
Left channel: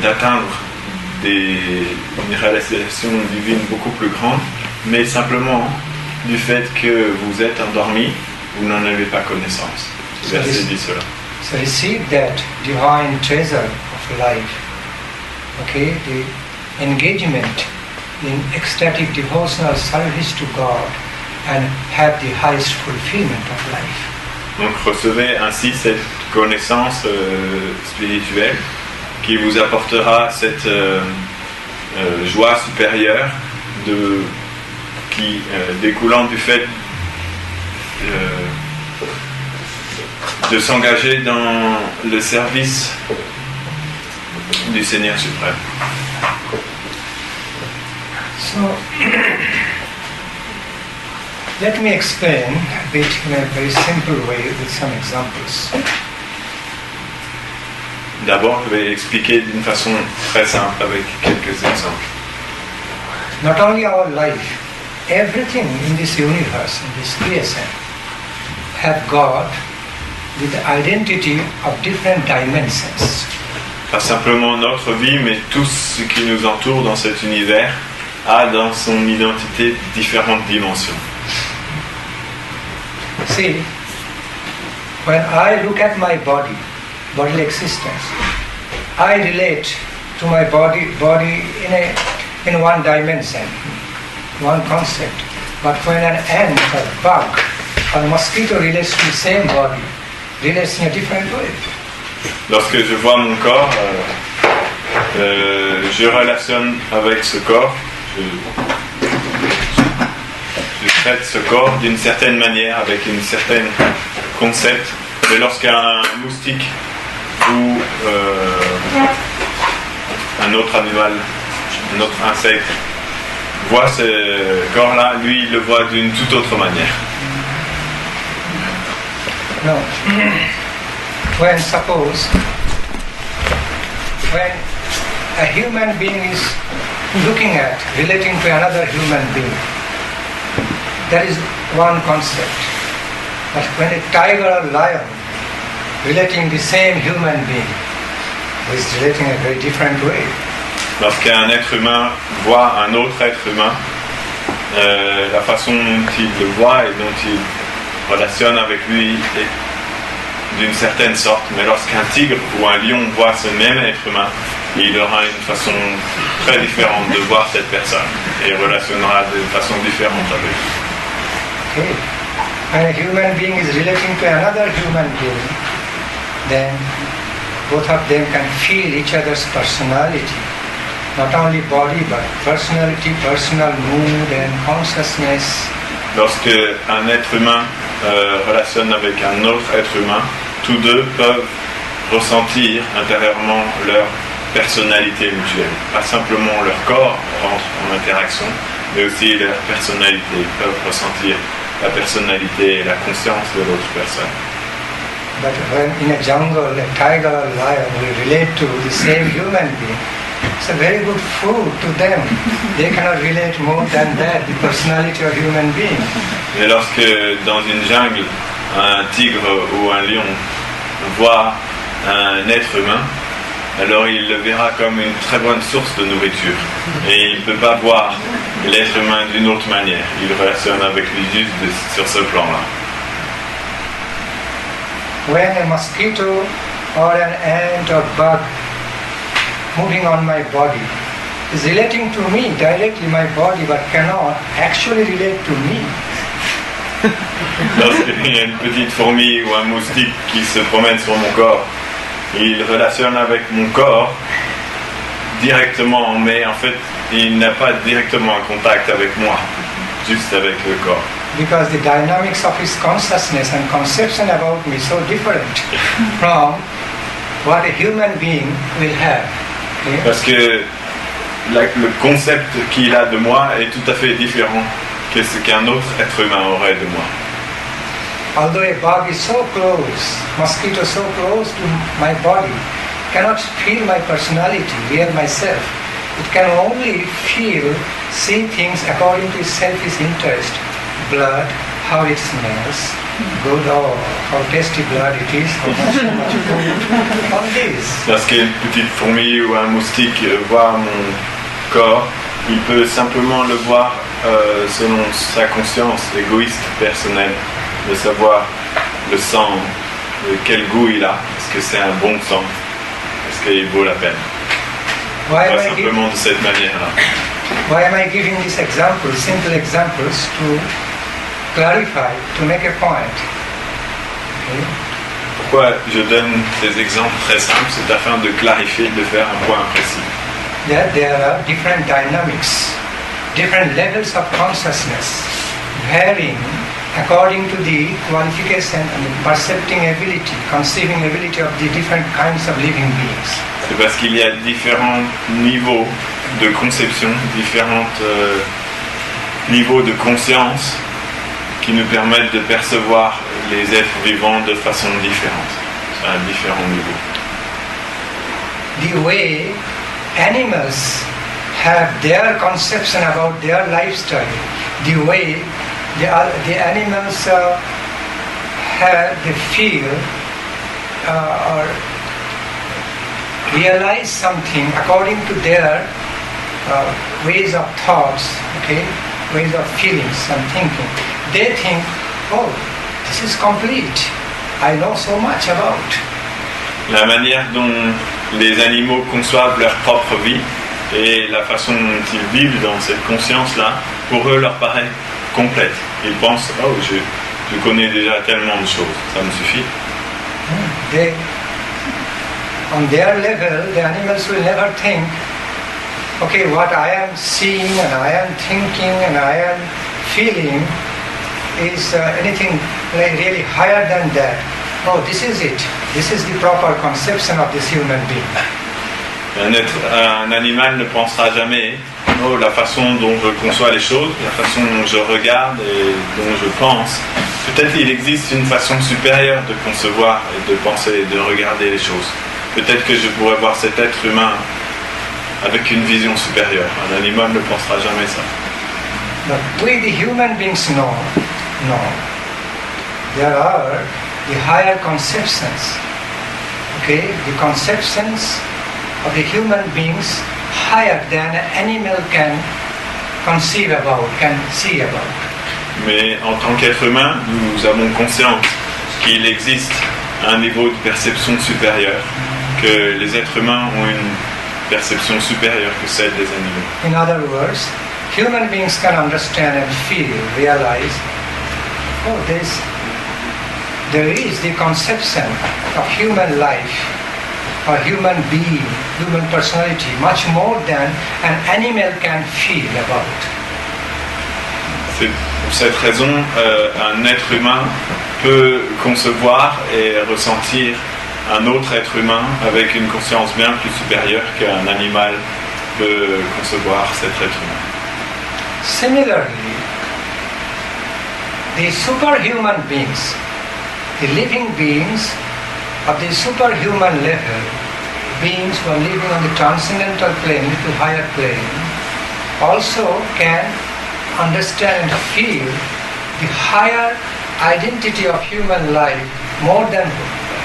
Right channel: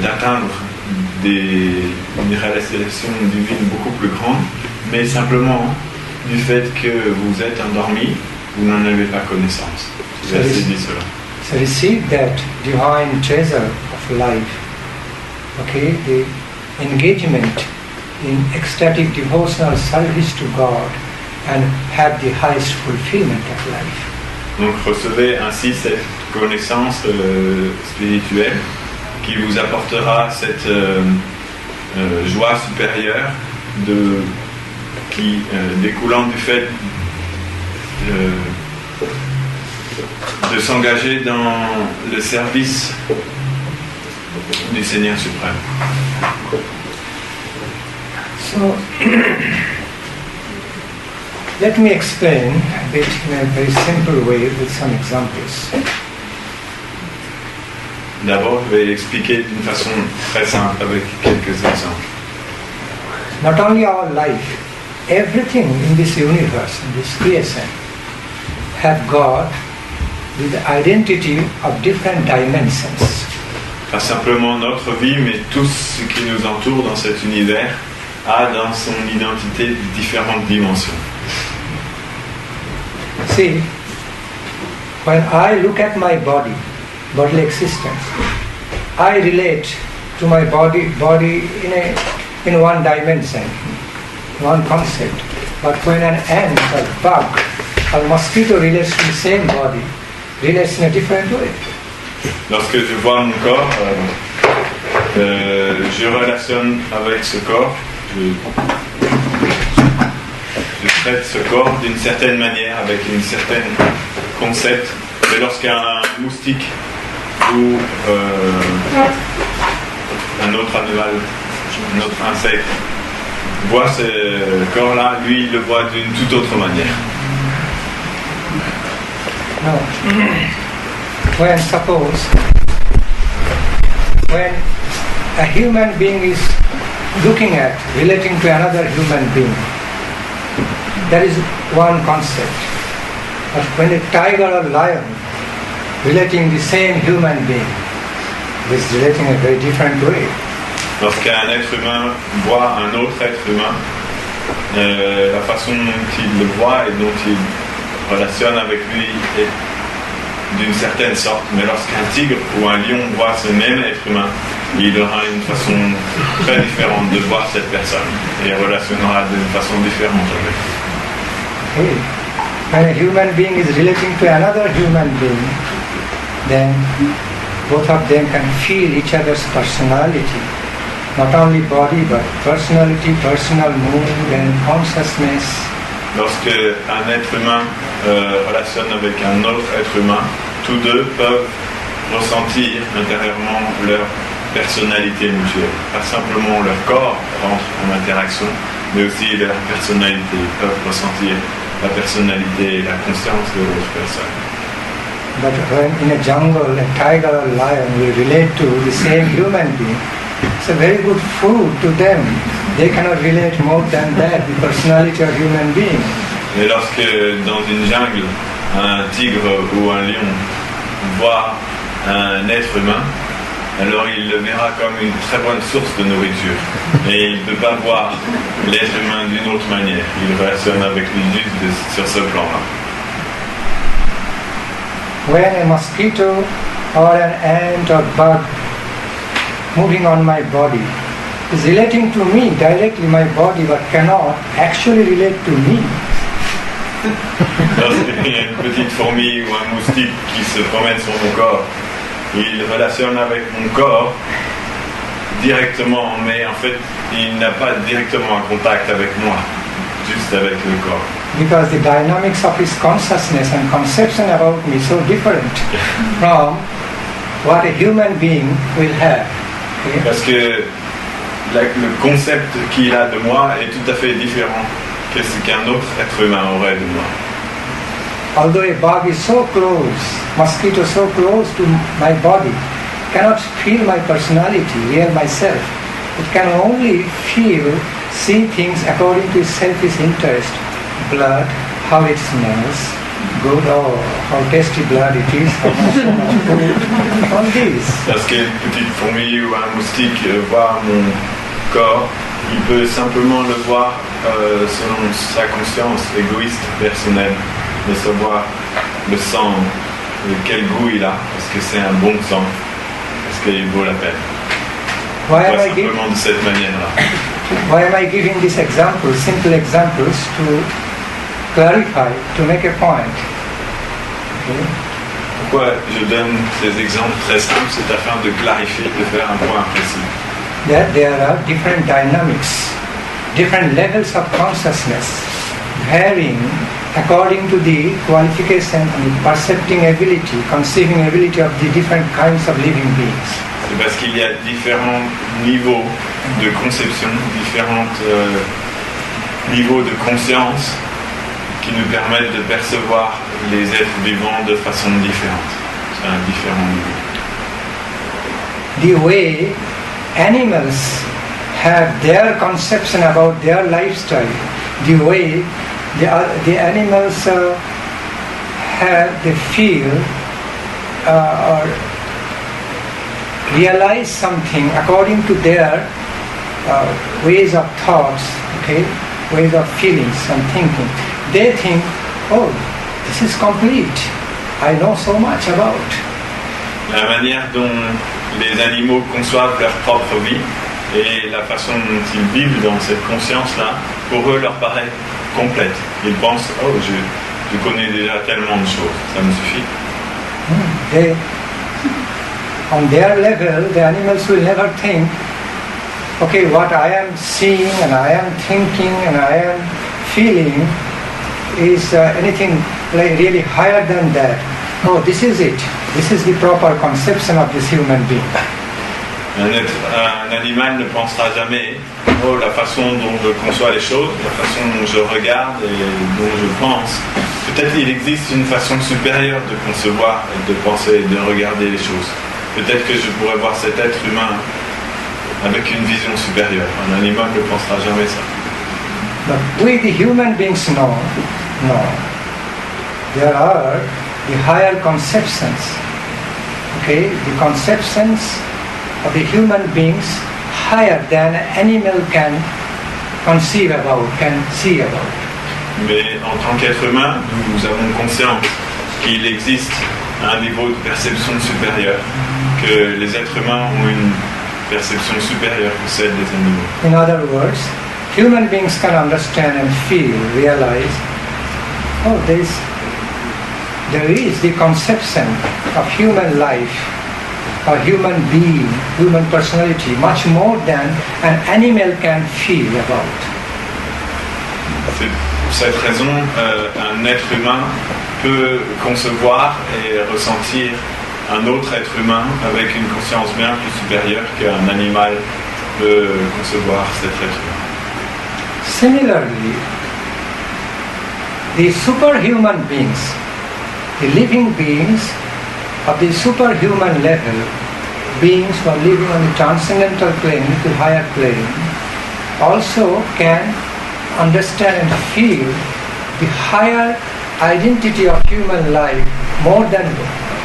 d'atteindre une réalisation divine beaucoup plus grande, mais simplement du fait que vous êtes endormi, vous n'en avez pas connaissance. Le verset dit cela. So receive that divine treasure of life. Okay, the engagement in ecstatic devotional service to God and have the highest fulfillment of life. Donc recevez ainsi cette connaissance spirituelle qui vous apportera cette joie supérieure découlant du fait de s'engager dans le service du Seigneur suprême. So, let me explain a bit in a very simple way with some examples. D'abord, je vais expliquer d'une façon très simple avec quelques exemples. Not only our life, everything in this universe, in this creation, have got the identity of different dimensions. Pas simplement notre vie, mais tout ce qui nous entoure dans cet univers a dans son identité différentes dimensions. See, when I look at my bodily existence, I relate to my body in one dimension, one concept. But when an ant or bug or mosquito relates to the same body, relates in a different way. Lorsque je vois mon corps, je relationne avec ce corps, je traite ce corps d'une certaine manière, avec une certaine concept. Mais lorsqu'un moustique ou un autre animal, un autre insecte voit ce corps-là, lui il le voit d'une toute autre manière. No. When a human being is looking at, relating to another human being, that is one concept. But when a tiger or lion relating the same human being, is relating in a very different way. Lorsqu'un être humain voit un autre être humain, la façon dont il le voit et dont il relationne avec lui est d'une certaine sorte. Mais lorsqu'un tigre ou un lion voit ce même être humain, il aura une façon très différente de voir cette personne et relationnera d'une façon différente avec lui. Okay. When a human being is relating to another human being, then both of them can feel each other's personality. Not only body, but personality, personal mood and consciousness. Lorsque un être humain relationne avec un autre être humain, tous deux peuvent ressentir intérieurement leur personnalité mutuelle. Pas simplement leur corps entre en interaction, mais aussi leur personnalité. Ils peuvent ressentir la personnalité et la conscience de l'autre personne. But when in a jungle, a tiger or lion will relate to the same human being, it's a very good food to them. They cannot relate more than that, the personality of human being. Mais lorsque dans une jungle, un tigre ou un lion voit un être humain, alors il le verra comme une très bonne source de nourriture. Et il ne peut pas voir l'être humain d'une autre manière. Il relationne avec lui juste sur ce plan-là. When a mosquito or an ant or bug moving on my body is relating to me directly, my body, but cannot actually relate to me. Lorsqu'il y a une petite fourmi ou un moustique qui se promène sur mon corps, il relationne avec mon corps directement, mais en fait, il n'a pas directement un contact avec moi, juste avec le corps. Because the dynamics of his consciousness and conception about me is so different from what a human being will have. Okay? Parce que le concept qu'il a de moi est tout à fait différent que ce qu'un autre être humain aurait de moi. Although a bug is so close, mosquito so close to my body, cannot feel my personality, real myself. It can only feel, see things according to its selfish interest. Blood, how it smells, good, oh, how tasty blood it is, how much food, all this. Lorsqu'une petite fourmi ou un moustique voit mon corps, il peut simplement le voir selon sa conscience égoïste, personnelle, de savoir le sang, quel goût il a, est-ce que c'est un bon sang, est-ce qu'il vaut la peine. Pas simplement de cette manière-là. Why am I giving these examples, simple examples, to clarify, to make a point? Okay. Pourquoi je donne ces exemples très simples? C'est afin de clarifier, de faire un point précis. There are different dynamics, different levels of consciousness, varying according to the qualification and percepting ability, conceiving ability of the different kinds of living beings. C'est parce qu'il y a différents niveaux de conception, différents niveaux de conscience qui nous permettent de percevoir les êtres vivants de façon différente, à différents niveaux. The way animals have their conception about their lifestyle, the way the animals they feel or realize something according to their ways of thoughts, okay, ways of feelings and thinking. They think, oh, this is complete. I know so much about. La manière dont les animaux conçoivent leur propre vie et la façon dont ils vivent dans cette conscience-là, pour eux, leur paraît complète. Ils pensent, oh, je connais déjà tellement de choses, ça me suffit. On their level, the animals will never think, okay, what I am seeing and I am thinking and I am feeling is anything like really higher than that. No, this is it. This is the proper conception of this human being. Un animal ne pensera jamais, oh, la façon dont je conçois les choses, la façon dont je regarde et dont je pense. Peut-être qu'il existe une façon supérieure de concevoir et de penser et de regarder les choses. Peut-être que je pourrais voir cet être humain avec une vision supérieure. Un animal ne pensera jamais ça. But we, the human beings, know. There are the higher conceptions. Okay, the conceptions of the human beings higher than an animal can conceive about, can see about. Mais en tant qu'être humain, nous avons conscience qu'il existe un niveau de perception supérieur, que les êtres humains ont une perception supérieure que celle des animaux. In other words, human beings can understand and feel, realize, oh, there is the conception of human life, or human being, human personality, much more than an animal can feel about. C'est pour cette raison, un être humain peut concevoir et ressentir un autre être humain avec une conscience bien plus supérieure qu'un animal peut concevoir cet être humain. Similarly, the superhuman beings, the living beings of the superhuman level, beings who are living on the transcendental plane, the higher plane, also can understand and feel the higher identity of human life more than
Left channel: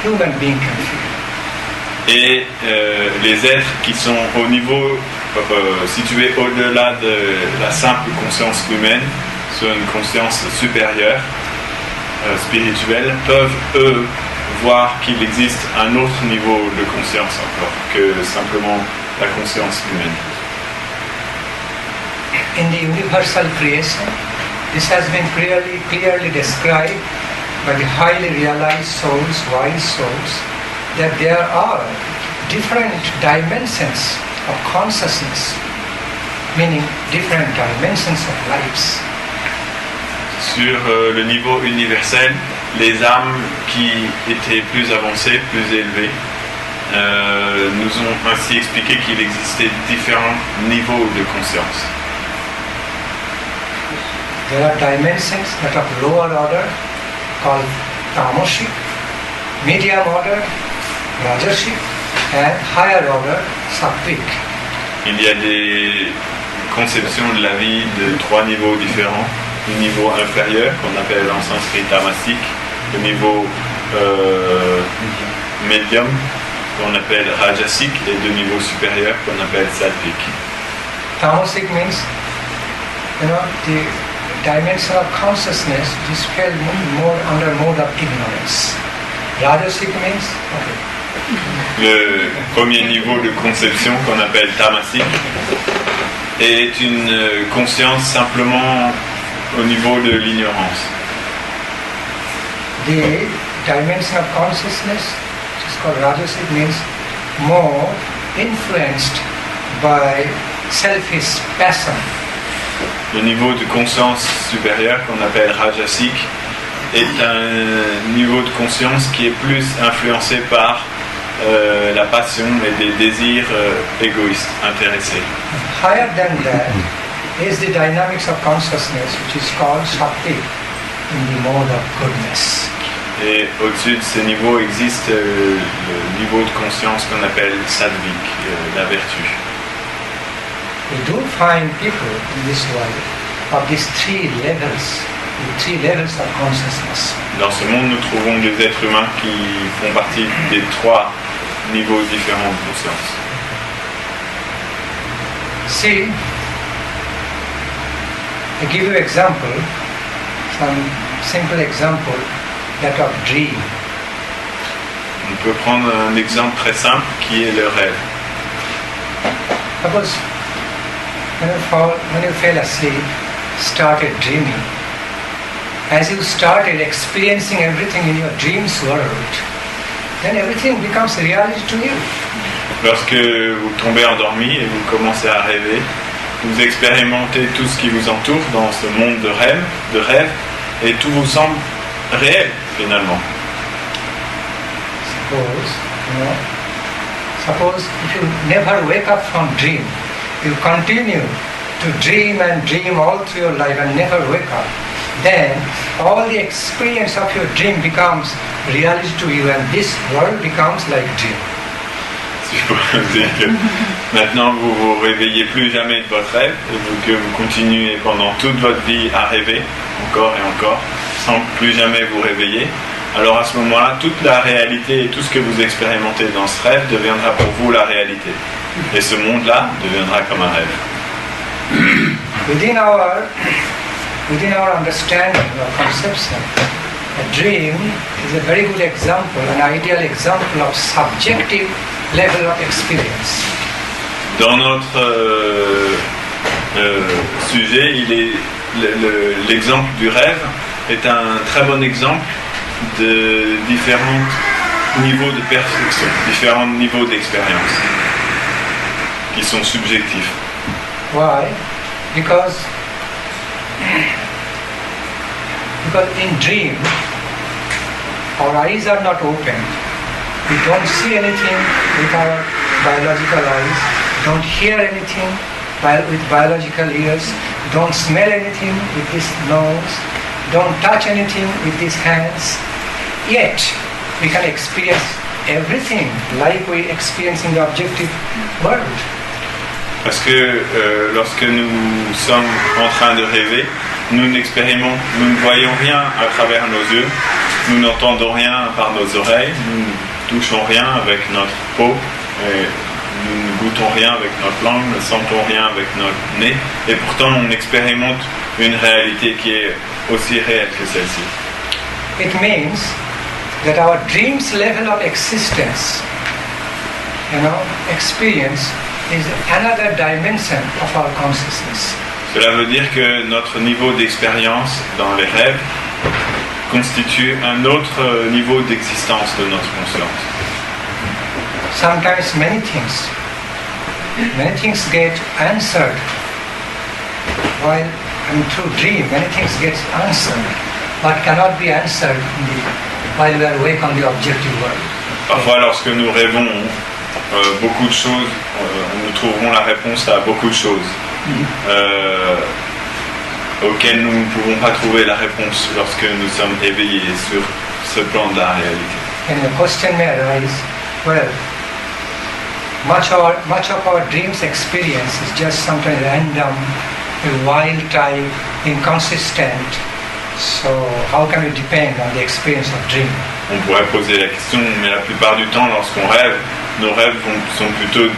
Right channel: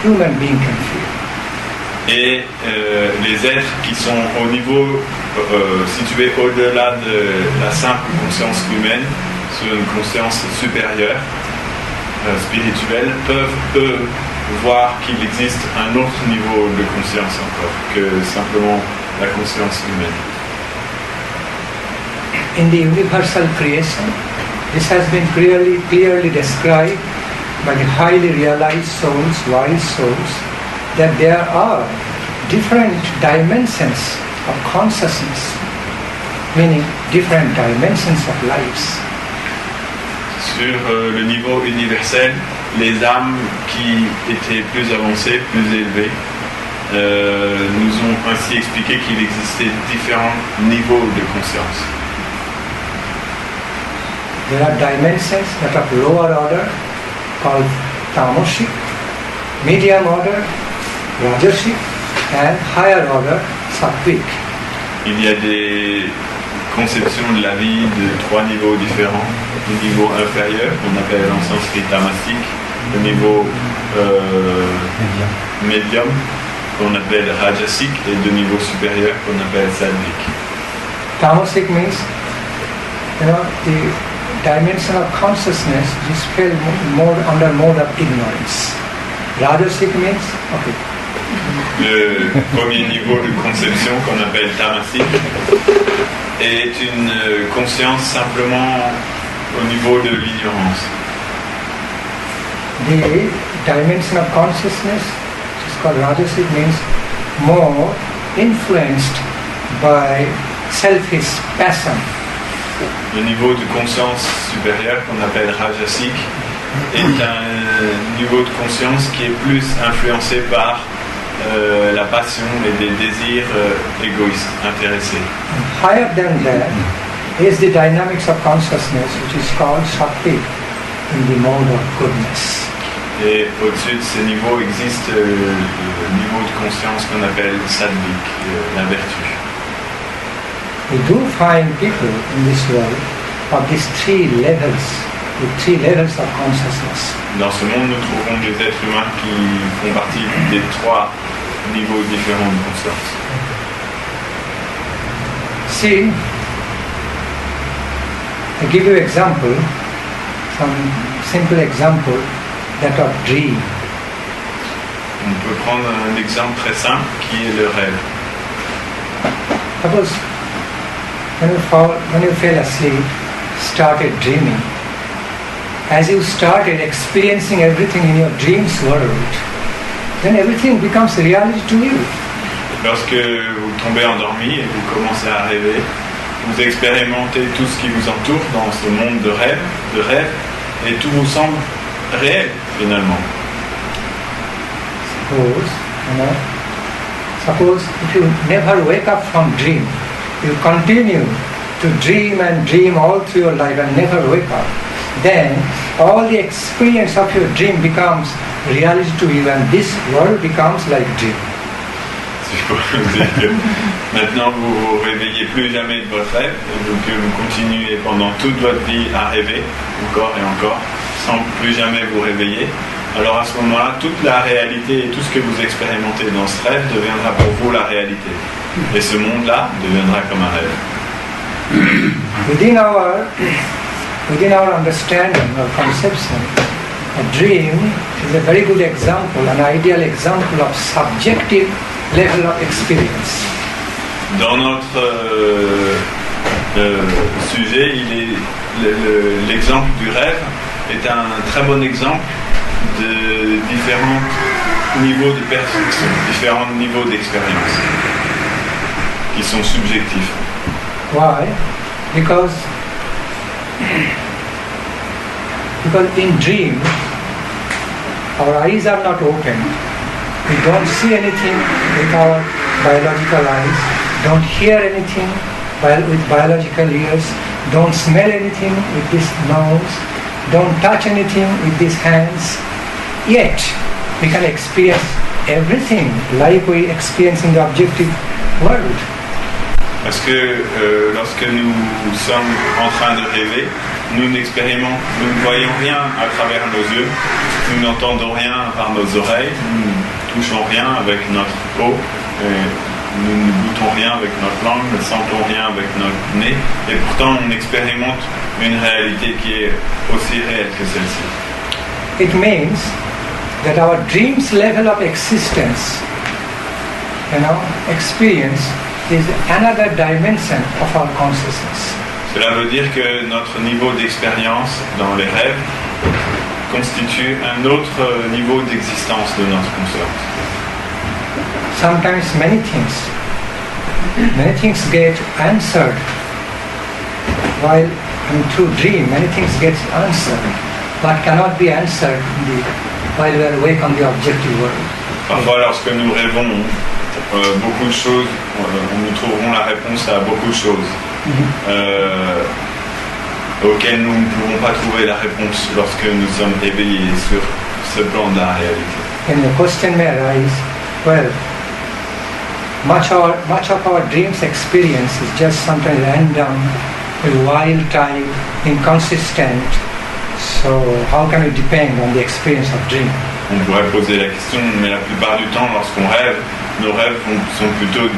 human being can feel. Et les êtres qui sont au niveau situés au-delà de la simple conscience humaine, sur une conscience supérieure, spirituelle, peuvent eux voir qu'il existe un autre niveau de conscience encore que simplement la conscience humaine. In the universal creation, this has been clearly described by the highly realized souls, wise souls, that there are different dimensions of consciousness, meaning different dimensions of lives. Sur le niveau universel, les âmes qui étaient plus avancées, plus élevées, nous ont ainsi expliqué qu'il existait différents niveaux de conscience. There are dimensions that of lower order called tamasic, medium order, rajasic, and higher order, sattvic. Il y a des conceptions de la vie de trois niveaux différents. Le niveau inférieur, qu'on appelle en sanskrit tamasique, le niveau médium, qu'on appelle rajasique, et le niveau supérieur, qu'on appelle sattvic. Tamasic means, the dimension of consciousness is felt more under mode of ignorance. Rajasic means, okay. Le premier niveau de conception, qu'on appelle tamasique, est une conscience simplement au niveau de l'ignorance. The dimension of consciousness, which is called rajasic, means more influenced by selfish passion, Le niveau de conscience supérieur qu'on appelle rajasique est un niveau de conscience qui est plus influencé par la passion et des désirs égoïstes, intéressés. Higher than that is the dynamics of consciousness, which is called Shakti, in the mode of goodness. Et au-dessus de ces niveaux existe le niveau de conscience qu'on appelle sattvic, la vertu. We do find people in this world of these three levels, the three levels of consciousness. Dans ce monde, nous trouvons des êtres humains qui font partie des trois niveaux différents de conscience. See, I give you example, some simple example, that of dream. On peut prendre un exemple très simple qui est le rêve. Suppose when you fell asleep, started dreaming, as you started experiencing everything in your dreams world, then everything becomes reality to you. Lorsque vous tombez endormi et vous commencez à rêver, vous expérimentez tout ce qui vous entoure dans ce monde de rêve, et tout vous semble réel finalement. Suppose if you never wake up from dream, you continue to dream and dream all through your life and never wake up, then all the experience of your dream becomes reality to you and this world becomes like dream. Si je pourrais vous dire que maintenant vous vous réveillez plus jamais de votre rêve et que vous continuez pendant toute votre vie à rêver, encore et encore, sans plus jamais vous réveiller, alors à ce moment-là, toute la réalité et tout ce que vous expérimentez dans ce rêve deviendra pour vous la réalité. Et ce monde-là deviendra comme un rêve. Within our understanding or conception, a dream is a very good example, an ideal example of subjective level of experience. Dans notre sujet, l'exemple du rêve est un très bon exemple de différents niveaux de perception, différents niveaux d'expérience qui sont subjectifs. Why? Because in dream, our eyes are not open. We don't see anything with our biological eyes, don't hear anything with biological ears, don't smell anything with this nose, don't touch anything with these hands. Yet, we can experience everything like we experience in the objective world. Parce que lorsque nous sommes en train de rêver, nous ne voyons rien à travers nos yeux, nous n'entendons rien par nos oreilles, nous ne touchons rien avec notre peau, nous ne goûtons rien avec notre langue, ne sentons rien avec notre nez, et pourtant on expérimente une réalité qui est aussi réelle que celle-ci. It means that our dreams level of existence, experience, is another dimension of our consciousness. Cela veut dire que notre niveau d'expérience dans les rêves constitue un autre niveau d'existence de notre conscience. Sometimes many things get answered while through dream. Many things get answered, but cannot be answered while we are awake on the objective world. Parfois, lorsque nous rêvons, beaucoup de choses, nous trouverons la réponse à beaucoup de choses auxquelles nous ne pouvons pas trouver la réponse lorsque nous sommes éveillés sur ce plan de la réalité. And the question may arise, well, much of our dreams experience is just sometimes random, wild type, inconsistent. So how can we depend on the experience of dream? On pourrait poser la question, mais la plupart du temps, lorsqu'on rêve, nos rêves sont plutôt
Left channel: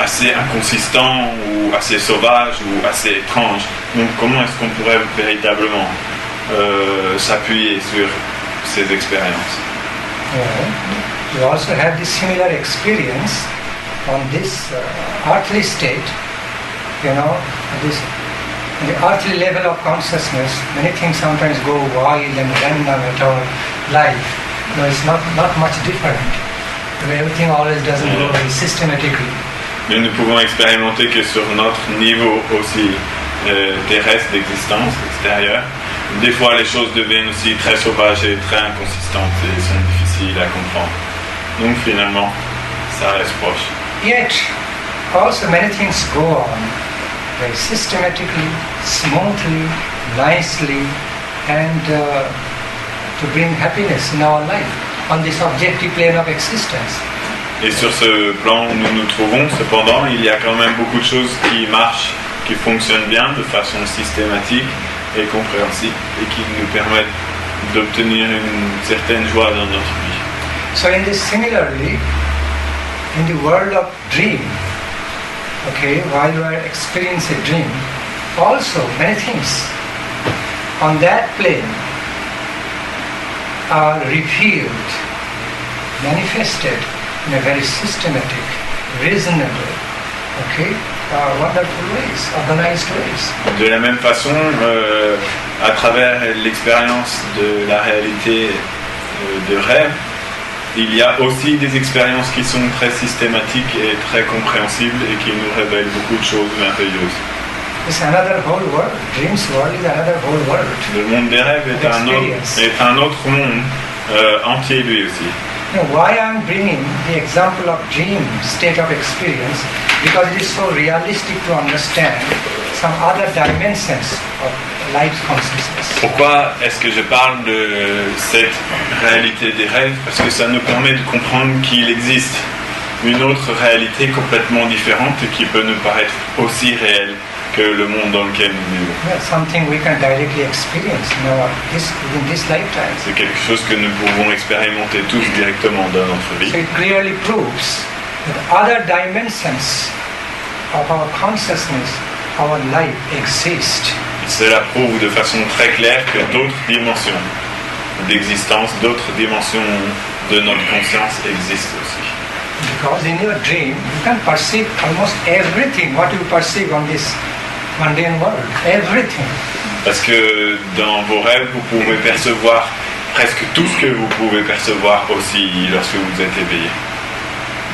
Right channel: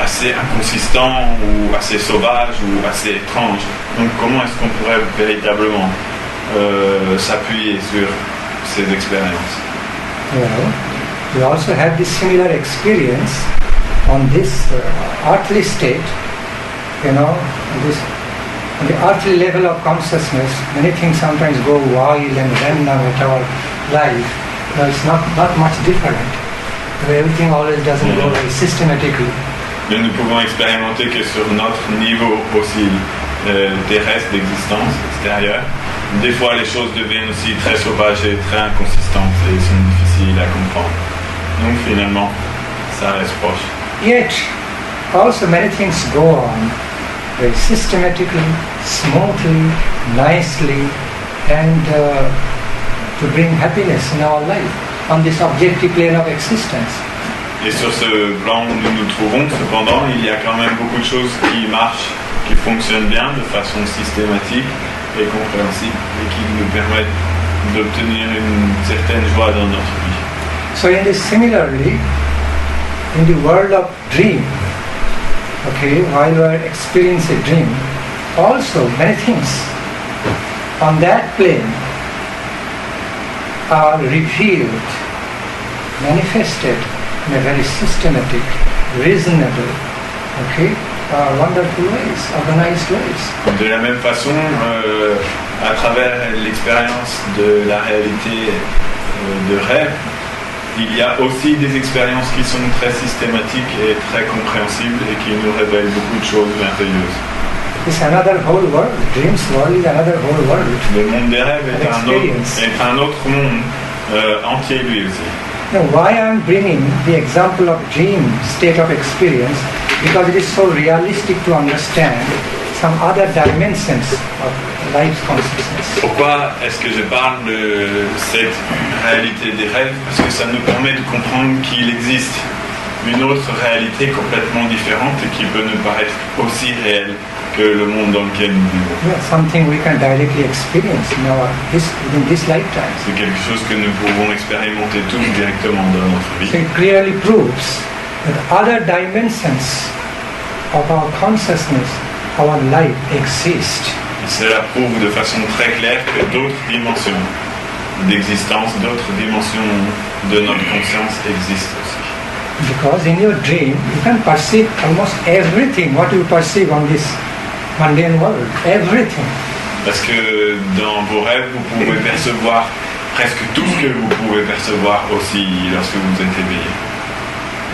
assez inconsistants ou assez sauvages ou assez étranges. Donc comment est-ce qu'on pourrait véritablement s'appuyer sur ces expériences? We also have this similar experience on this earthly state, the earthly level of consciousness. Many things sometimes go wild and random at our life. It's not much different. Everything always doesn't go very systematically. Mais nous pouvons expérimenter que sur notre niveau aussi terrestre d'existence extérieure. Des fois, les choses deviennent aussi très sauvages et très inconsistantes et sont difficiles à comprendre. Donc finalement, ça reste proche. Yet, also many things go on very systematically, smoothly, nicely, and to bring happiness in our life on this objective plane of existence. Et sur ce plan où nous nous trouvons, cependant, il y a quand même beaucoup de choses qui marchent, qui fonctionnent bien de façon systématique et compréhensible et qui nous permettent d'obtenir une certaine joie dans notre vie. So similarly, in the world of dream, okay, while you are experiencing a dream, also many things on that plane are revealed, manifested in a very systematic, reasonable, okay, wonderful ways, organized ways. De la même façon, à travers l'expérience de la réalité de rêve, il y a aussi des expériences qui sont très systématiques et très compréhensibles et qui nous révèlent beaucoup de choses merveilleuses. It's another whole world. Dreams world is another whole world. Le monde des rêves est un autre monde entier lui aussi. Now, why I'm bringing the example of dream state of experience? Because it is so realistic to understand some other dimensions of life's consciousness. Pourquoi est-ce que je parle de cette réalité des rêves? Parce que ça nous permet de comprendre qu'il existe une autre réalité complètement différente et qui peut nous paraître aussi réelle que le monde dans lequel nous vivons. Well, something we can directly experience in this lifetime. C'est quelque chose que nous pouvons expérimenter tous directement dans notre vie. So it clearly proves that other dimensions of our consciousness, our life exist. Et cela prouve de façon très claire que d'autres dimensions d'existence, d'autres dimensions de notre conscience existent aussi. Because in your dream, you can perceive almost everything what you perceive on this mundane world. Everything. Parce que dans vos rêves, vous pouvez percevoir presque tout ce que vous pouvez percevoir aussi lorsque vous êtes éveillé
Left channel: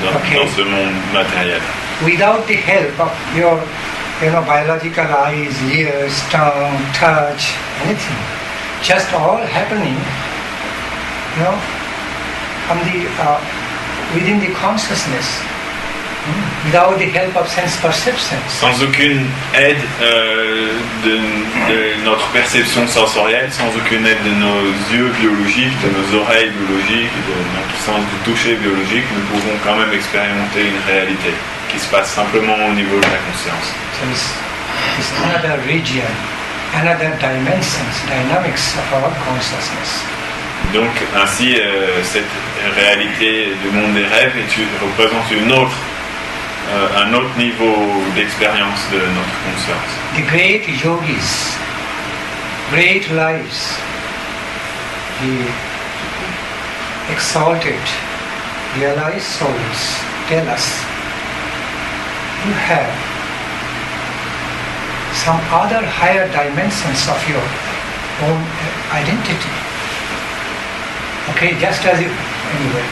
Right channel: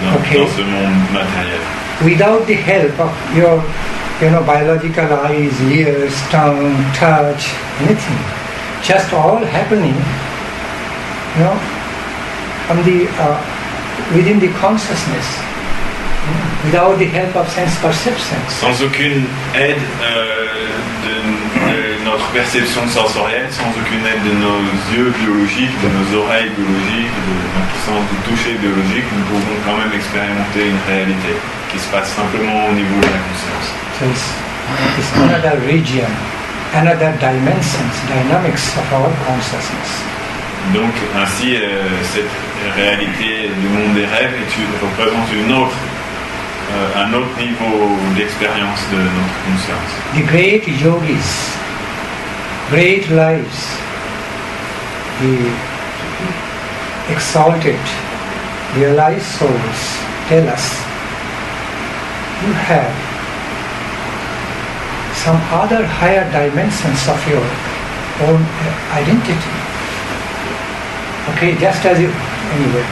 dans ce monde matériel. Without the help of your, biological eyes, ears, tongue, touch, anything, just all happening, from the within the consciousness, without the help of sense perceptions. Sans aucune aide de notre perception sensorielle, sans aucune aide de nos yeux biologiques, de nos oreilles biologiques, de notre sens du toucher biologique, nous pouvons quand même expérimenter une réalité qui se passe simplement au niveau de la conscience. So it's another region, another dynamics of our consciousness. Donc ainsi, cette réalité du monde des rêves représente un autre niveau d'expérience de notre conscience. The great yogis, great lives, the exalted, realized souls tell us you have some other higher dimensions of your own identity. Okay, just as if, anyway,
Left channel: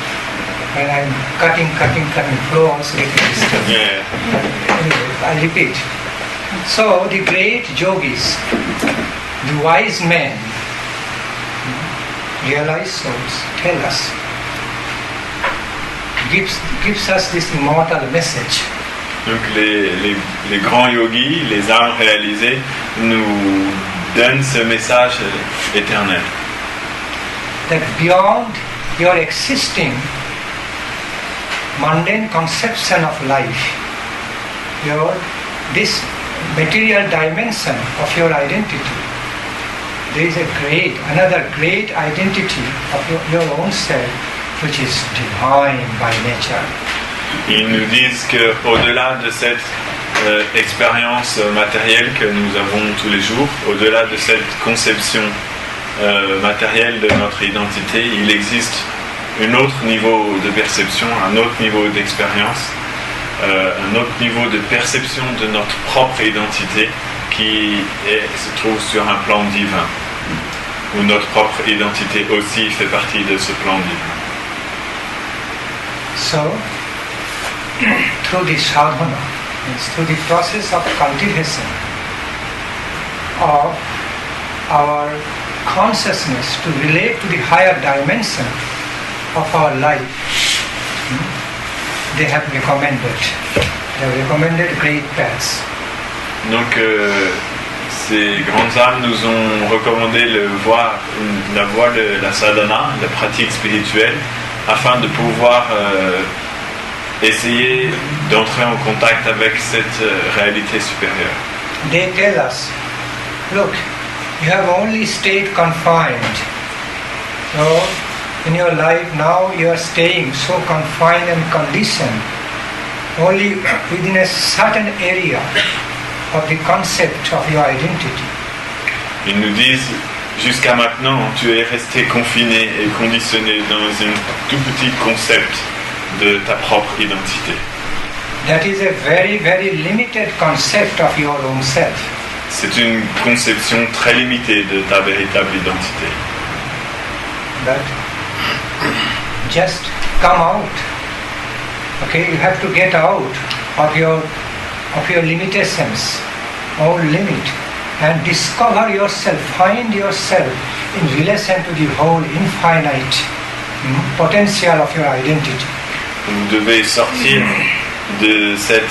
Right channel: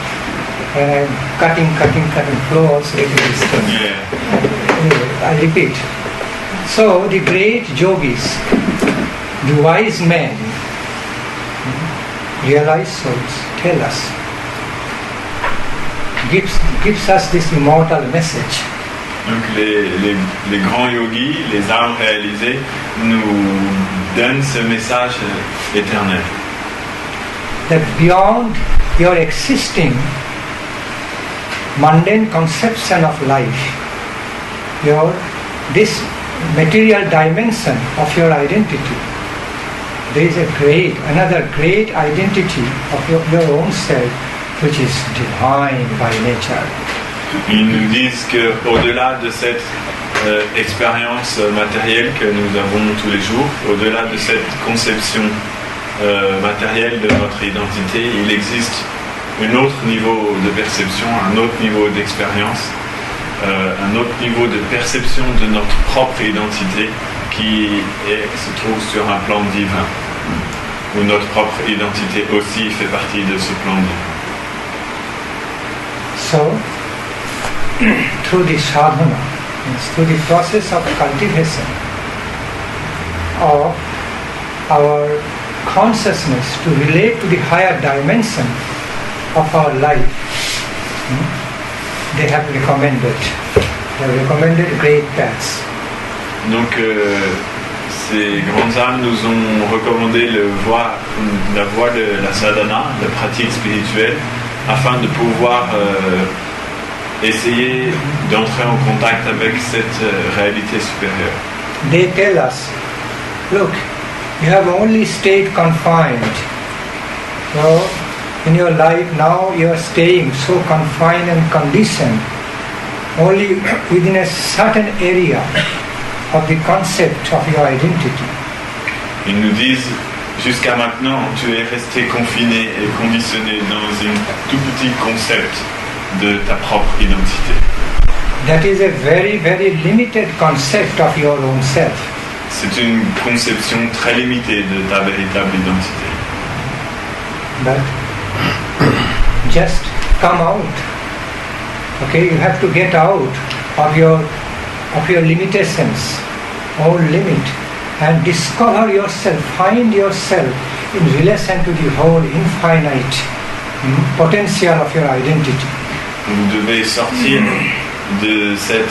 when I'm cutting, flow also getting disturbed. Yeah. Anyway, I repeat. So the great yogis, the wise men, realized souls, tell us, gives us this immortal message. Donc les grands yogis, les âmes réalisées, nous donnent ce message éternel. That beyond your existing mundane conception of life, this material dimension of your identity, there is another great identity of your own self, which is divine by nature. Ils nous disent qu'au-delà de cette expérience matérielle que nous avons tous les jours, au-delà de cette conception matérielle de notre identité, il existe un autre niveau de perception, un autre niveau d'expérience, un autre niveau de perception de notre propre identité qui se trouve sur un plan divin, où notre propre identité aussi fait partie de ce plan divin. So, through the sadhana, through the process of cultivation of our consciousness to relate to the higher dimension of our life, they have recommended great paths. Donc ces grandes âmes nous ont recommandé la voie de la sadhana, la pratique spirituelle, afin de pouvoir essayer d'entrer en contact avec cette réalité supérieure. They tell us, look, you have only stayed confined. So in your life now you are staying so confined and conditioned only within a certain area of the concept of your identity. Ils nous disent, jusqu'à maintenant, tu es resté confiné et conditionné dans un tout petit concept de ta propre identité. That is a very, very limited concept of your own self. C'est une conception très limitée de ta véritable identité. But just come out. Okay, you have to get out of your limitations, own limit, and discover yourself, find yourself in relation to the whole infinite potential of your identity. Vous devez sortir de cette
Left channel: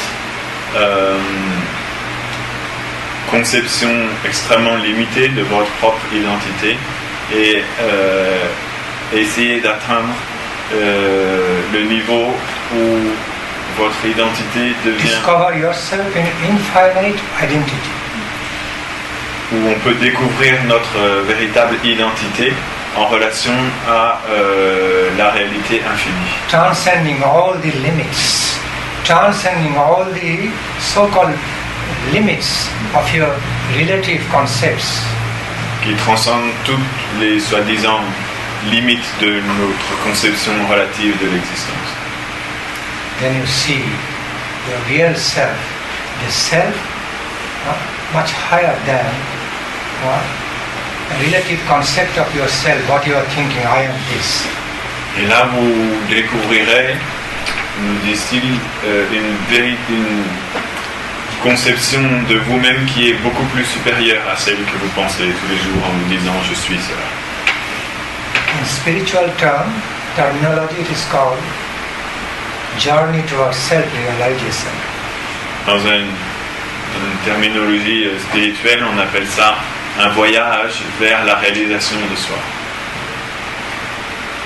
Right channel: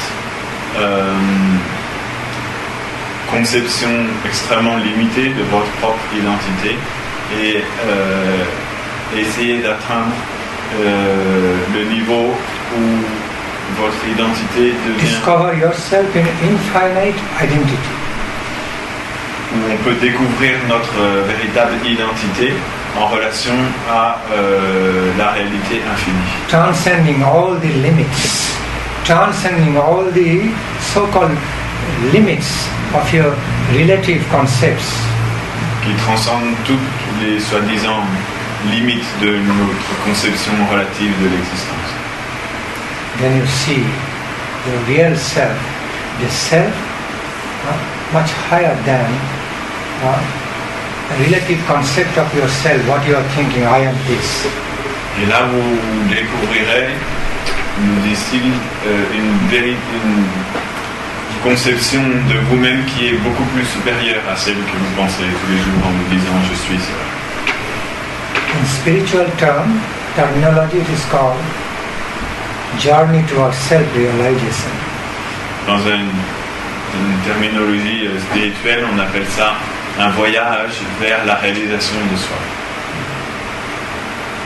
conception extrêmement limitée de votre propre identité et essayer d'atteindre le niveau où votre identité devient... Discover yourself in infinite identity. Où on peut découvrir notre véritable identité en relation à la réalité infinie. Transcending all the limits, transcending all the so-called limits of your relative concepts. Qui transcende toutes les soi-disant limites de notre conception relative de l'existence. Then you see the real self, the self much higher than the relative concept of yourself, what you are thinking, I am this. Et là vous découvrirez, nous disent-ils, une conception de vous-même qui est beaucoup plus supérieure à celle que vous pensez tous les jours en vous disant je suis cela. In spiritual terminology it is called journey towards self-realization. Dans une terminologie spirituelle, on appelle ça un voyage vers la réalisation de soi.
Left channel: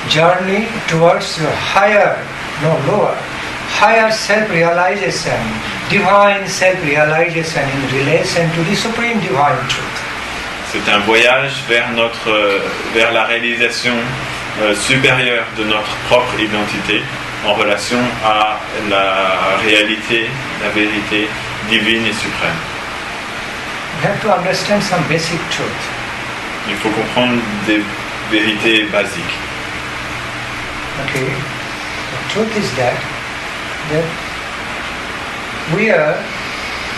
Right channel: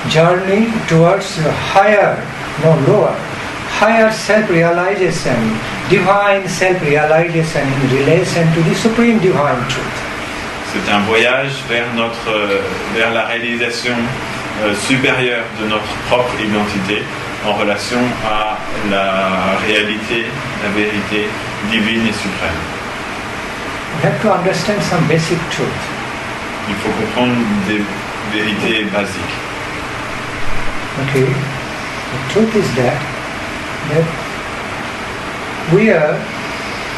Journey towards your higher self-realization, divine self-realization in relation to the supreme divine truth. C'est un voyage vers la réalisation supérieure de notre propre identité en relation à la réalité, la vérité divine et suprême. You have to understand some basic truth. Il faut comprendre des vérités basiques. Okay, the truth is that we are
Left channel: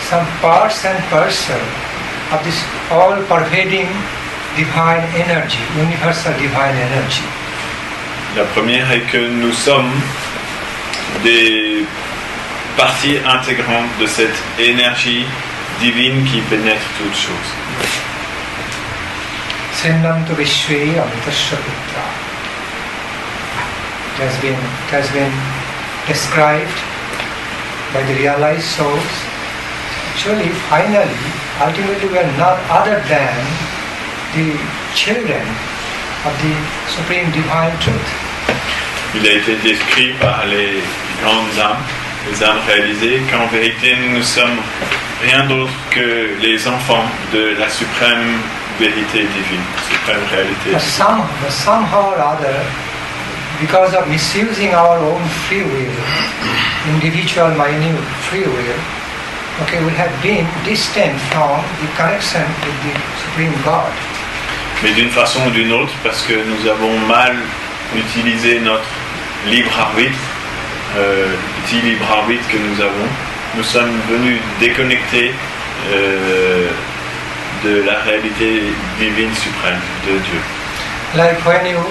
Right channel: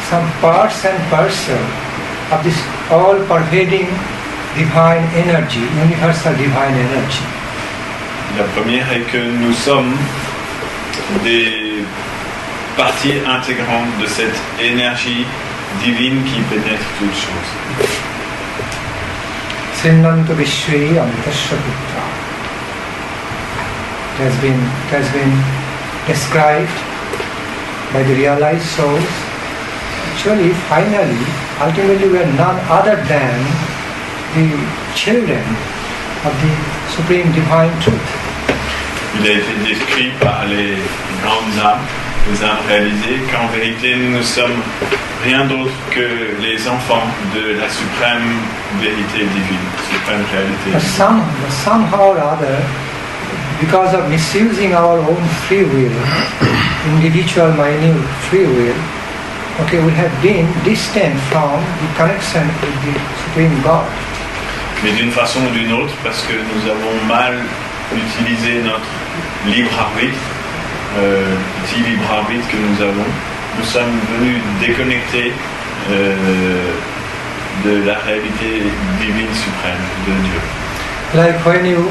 some parts and parcel of this all-pervading divine energy, universal divine energy. La première est que nous sommes des parties intégrantes de cette énergie divine qui pénètre toutes choses. Srimad Vishwe Amritasya Putra. It has been described by the realized souls. Actually, finally, ultimately we are none other than the children of the Supreme Divine Truth. Il a été décrit par les grandes âmes, les âmes réalisées, qu'en vérité nous ne sommes rien d'autre que les enfants de la suprême vérité divine, suprême réalité divine. But somehow or other, because of misusing our own free will, individual minute free will, okay, we have been distant from the connection with the Supreme God. Mais d'une façon ou d'une autre, parce que nous avons mal utilisé notre libre arbitre, petit libre arbitre que nous sommes venus déconnectés de la réalité divine suprême de Dieu. Like when you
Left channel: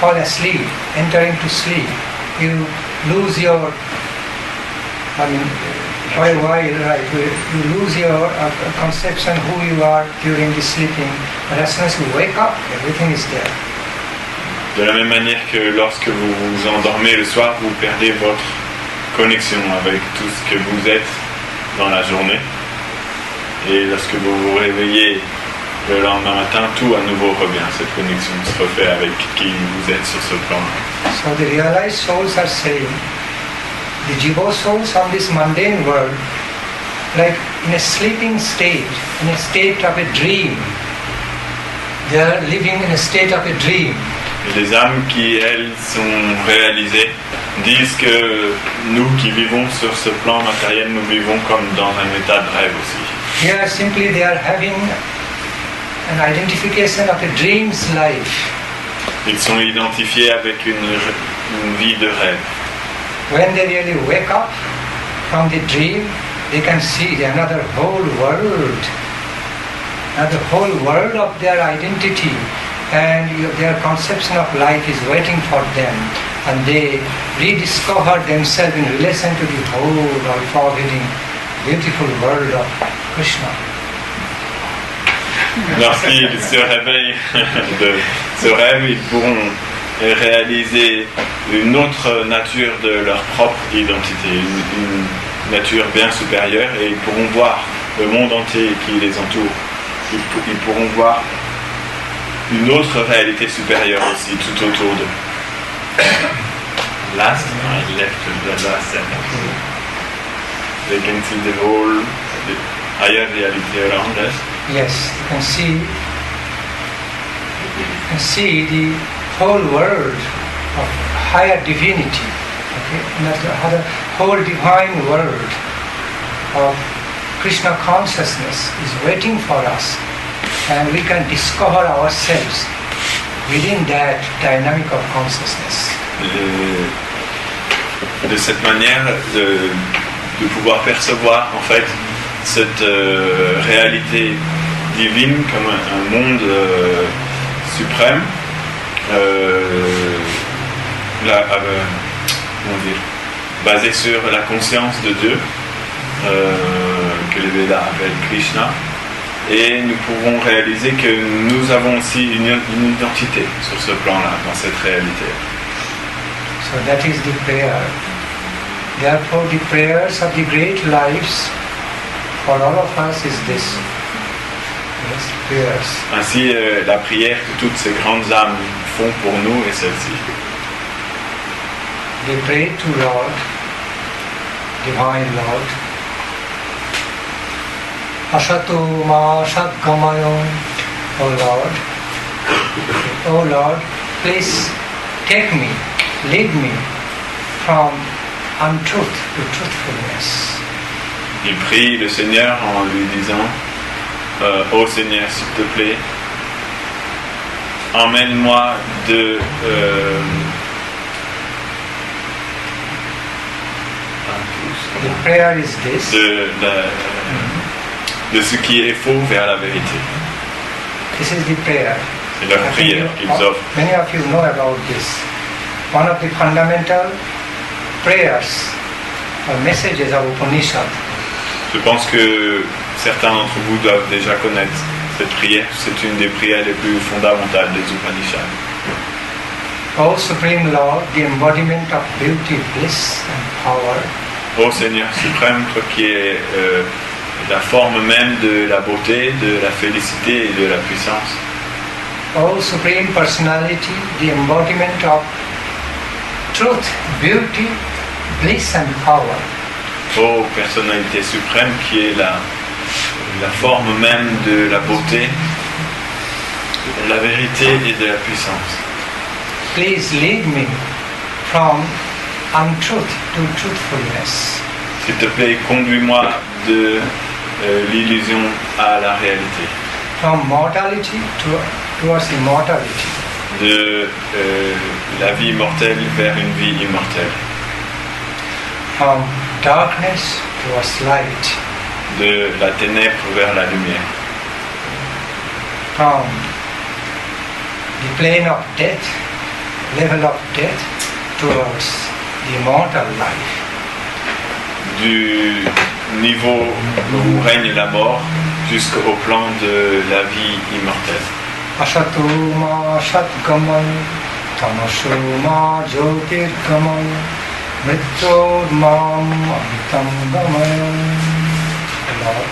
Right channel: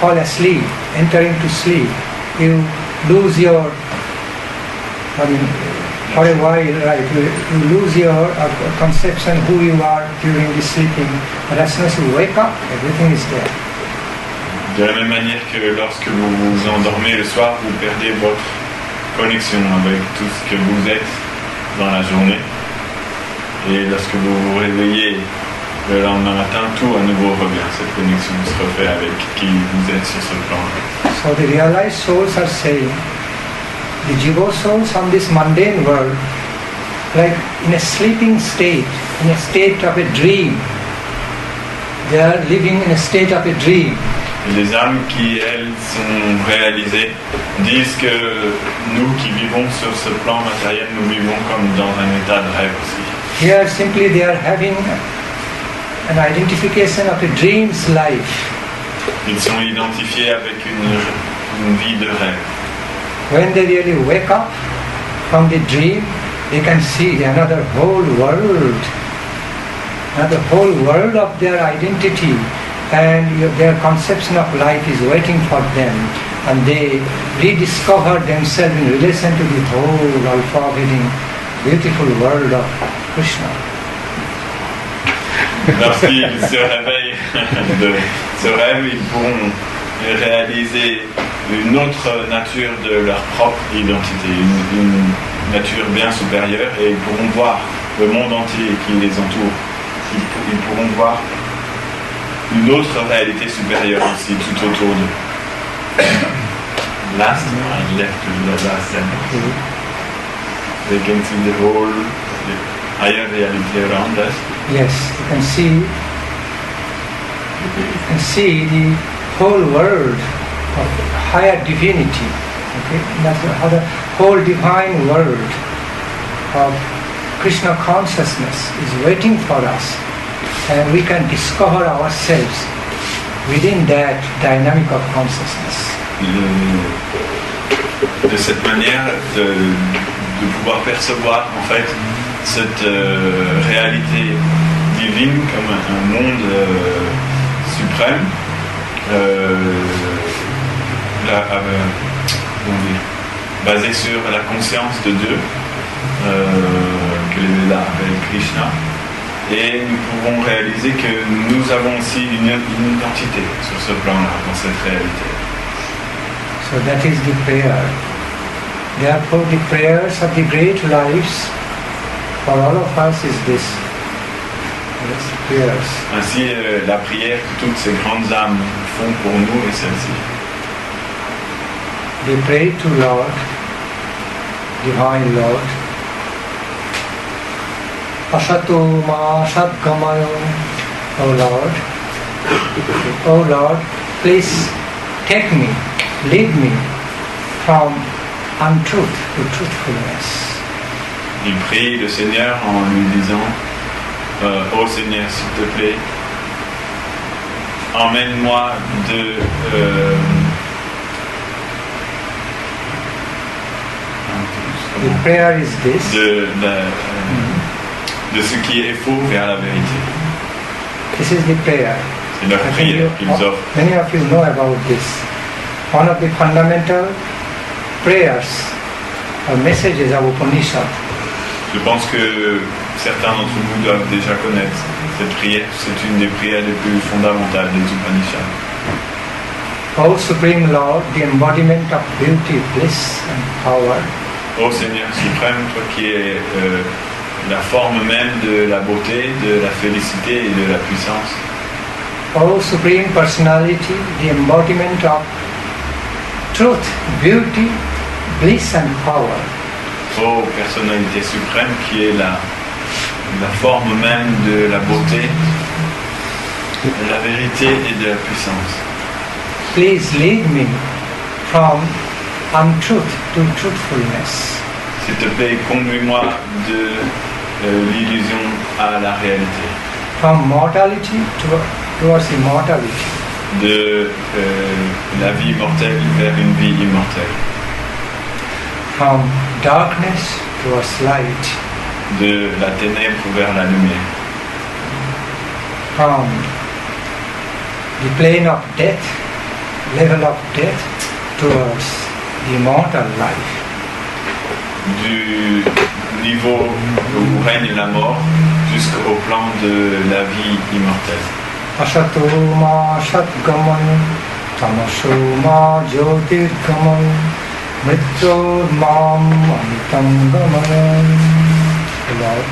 fall asleep, enter into sleep, you lose your, for a while, right, you lose your conception who you are during the sleeping, but as soon as you wake up, everything is there. De la même manière que lorsque vous vous endormez le soir, vous perdez votre connexion avec tout ce que vous êtes dans la journée. Et lorsque vous vous réveillez le lendemain matin, tout à nouveau revient. Cette connexion se refait avec qui vous êtes sur ce plan. So the realized souls are saying, the jiva souls on this mundane world, like in a sleeping state, in a state of a dream. They are living in a state of a dream. Et les âmes qui, elles, sont réalisées, disent que nous qui vivons sur ce plan matériel, nous vivons comme dans un état de rêve aussi. Here simply they are having an identification of a dream's life. Ils sont identifiés avec une vie de rêve. When they really wake up from the dream, they can see another whole world of their identity, and their conception of life is waiting for them, and they rediscover themselves in relation to the whole all-pervading, beautiful world of Krishna. Lorsqu'ils se réveillent de ce rêve, ils pourront réaliser une autre nature de leur propre identité, une nature bien supérieure, et ils pourront voir le monde entier qui les entoure. Ils pourront voir une autre réalité supérieure aussi tout autour d'eux. Last, I left the last sentence. They can see the whole, the higher reality around us. Yes, you can see the whole world of higher divinity. Okay? That's the whole divine world of Krishna consciousness is waiting for us, and we can discover ourselves within that dynamic of consciousness. De cette manière de pouvoir percevoir en fait cette réalité divine comme un monde suprême, basé sur la conscience de Dieu, que les Védas appellent Krishna, et nous pouvons réaliser que nous avons aussi une identité sur ce plan-là, dans cette réalité. So that is the prayer. Therefore the prayers of the great lives for all of us is this. Yes, prayers. Ainsi, la prière que toutes ces grandes âmes font pour nous est celle-ci. They pray to Lord, Divine Lord. Asato ma satgamayo, O Lord. O Lord, please take me, lead me from untruth to truthfulness. Il prie le Seigneur en lui disant ô Seigneur, s'il te plaît, emmène-moi de the prayer is this. De ce qui est faux vers la vérité. This is the prayer. C'est leur prière qu'ils offrent. Many of you know about this. One of the fundamental prayers or messages of Upanishad. Je pense que certains d'entre vous doivent déjà connaître cette prière. C'est une des prières les plus fondamentales des Upanishads. O Supreme Lord, the embodiment of beauty, bliss and power. Ô Seigneur suprême, toi qui es la forme même de la beauté, de la félicité et de la puissance. O Supreme Personality, the embodiment of truth, beauty, bliss and power. Ô personnalité suprême qui est la forme même de la beauté, de la vérité et de la puissance. Please lead me from untruth to truthfulness. S'il te plaît, conduis-moi de l'illusion à la réalité. From mortality towards immortality. De la vie mortelle vers une vie immortelle. From darkness towards light. De la ténèbre vers la lumière. From the plane of death, level of death, towards immortal life. Du niveau où règne la mort jusqu'au plan de la vie immortelle. Asato ma satgamay, tamaso ma jyotirgamay, mrityo mam amitam gamay. Lord,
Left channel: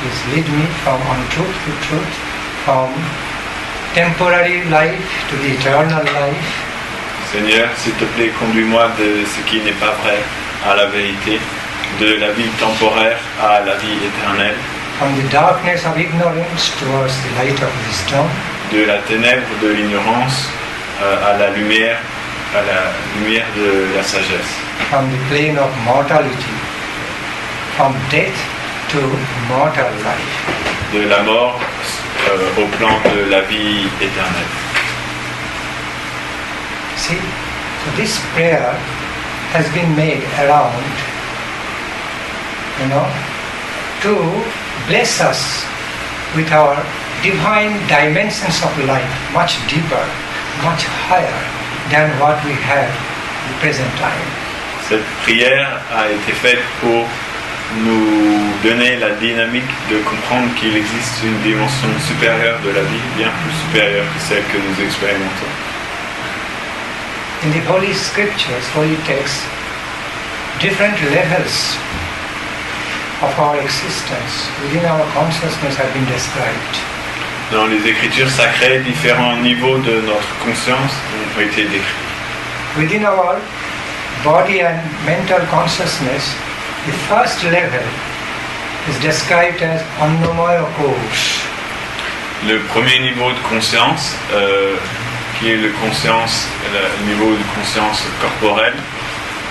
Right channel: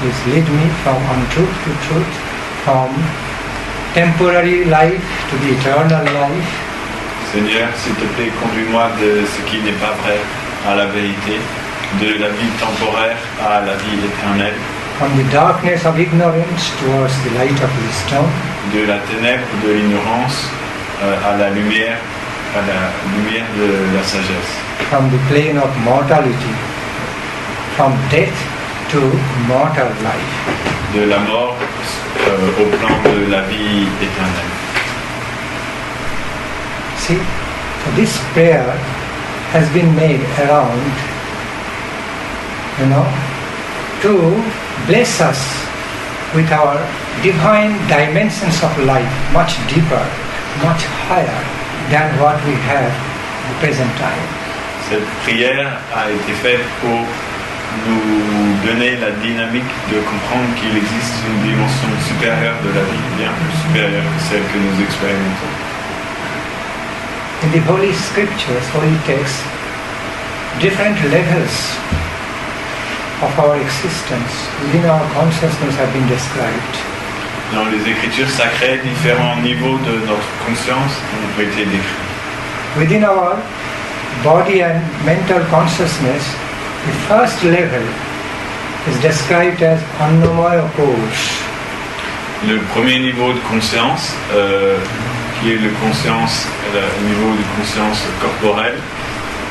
please lead me from untruth to truth, from temporary life to the eternal life. Seigneur, s'il te plaît, conduis-moi de ce qui n'est pas vrai à la vérité, de la vie temporaire à la vie éternelle, From the darkness of ignorance towards the light of wisdom, de la ténèbre de l'ignorance à la lumière de la sagesse, from the plane of mortality, from death to mortal life. de la mort au plan de la vie éternelle. See, so this prayer has been made around, to bless us with our divine dimensions of life, much deeper, much higher than what we have at the present time. Cette prière a été faite pour nous donner la dynamique de comprendre qu'il existe une dimension supérieure de la vie, bien plus supérieure que celle que nous expérimentons. In the holy scriptures, holy texts, different levels of our existence within our consciousness have been described. Dans les écritures sacrées, différents niveaux de notre conscience ont été décrits. Within our body and mental consciousness, the first level is described as Annamaya Kosh. Le premier niveau de conscience, qui est le niveau de conscience corporelle,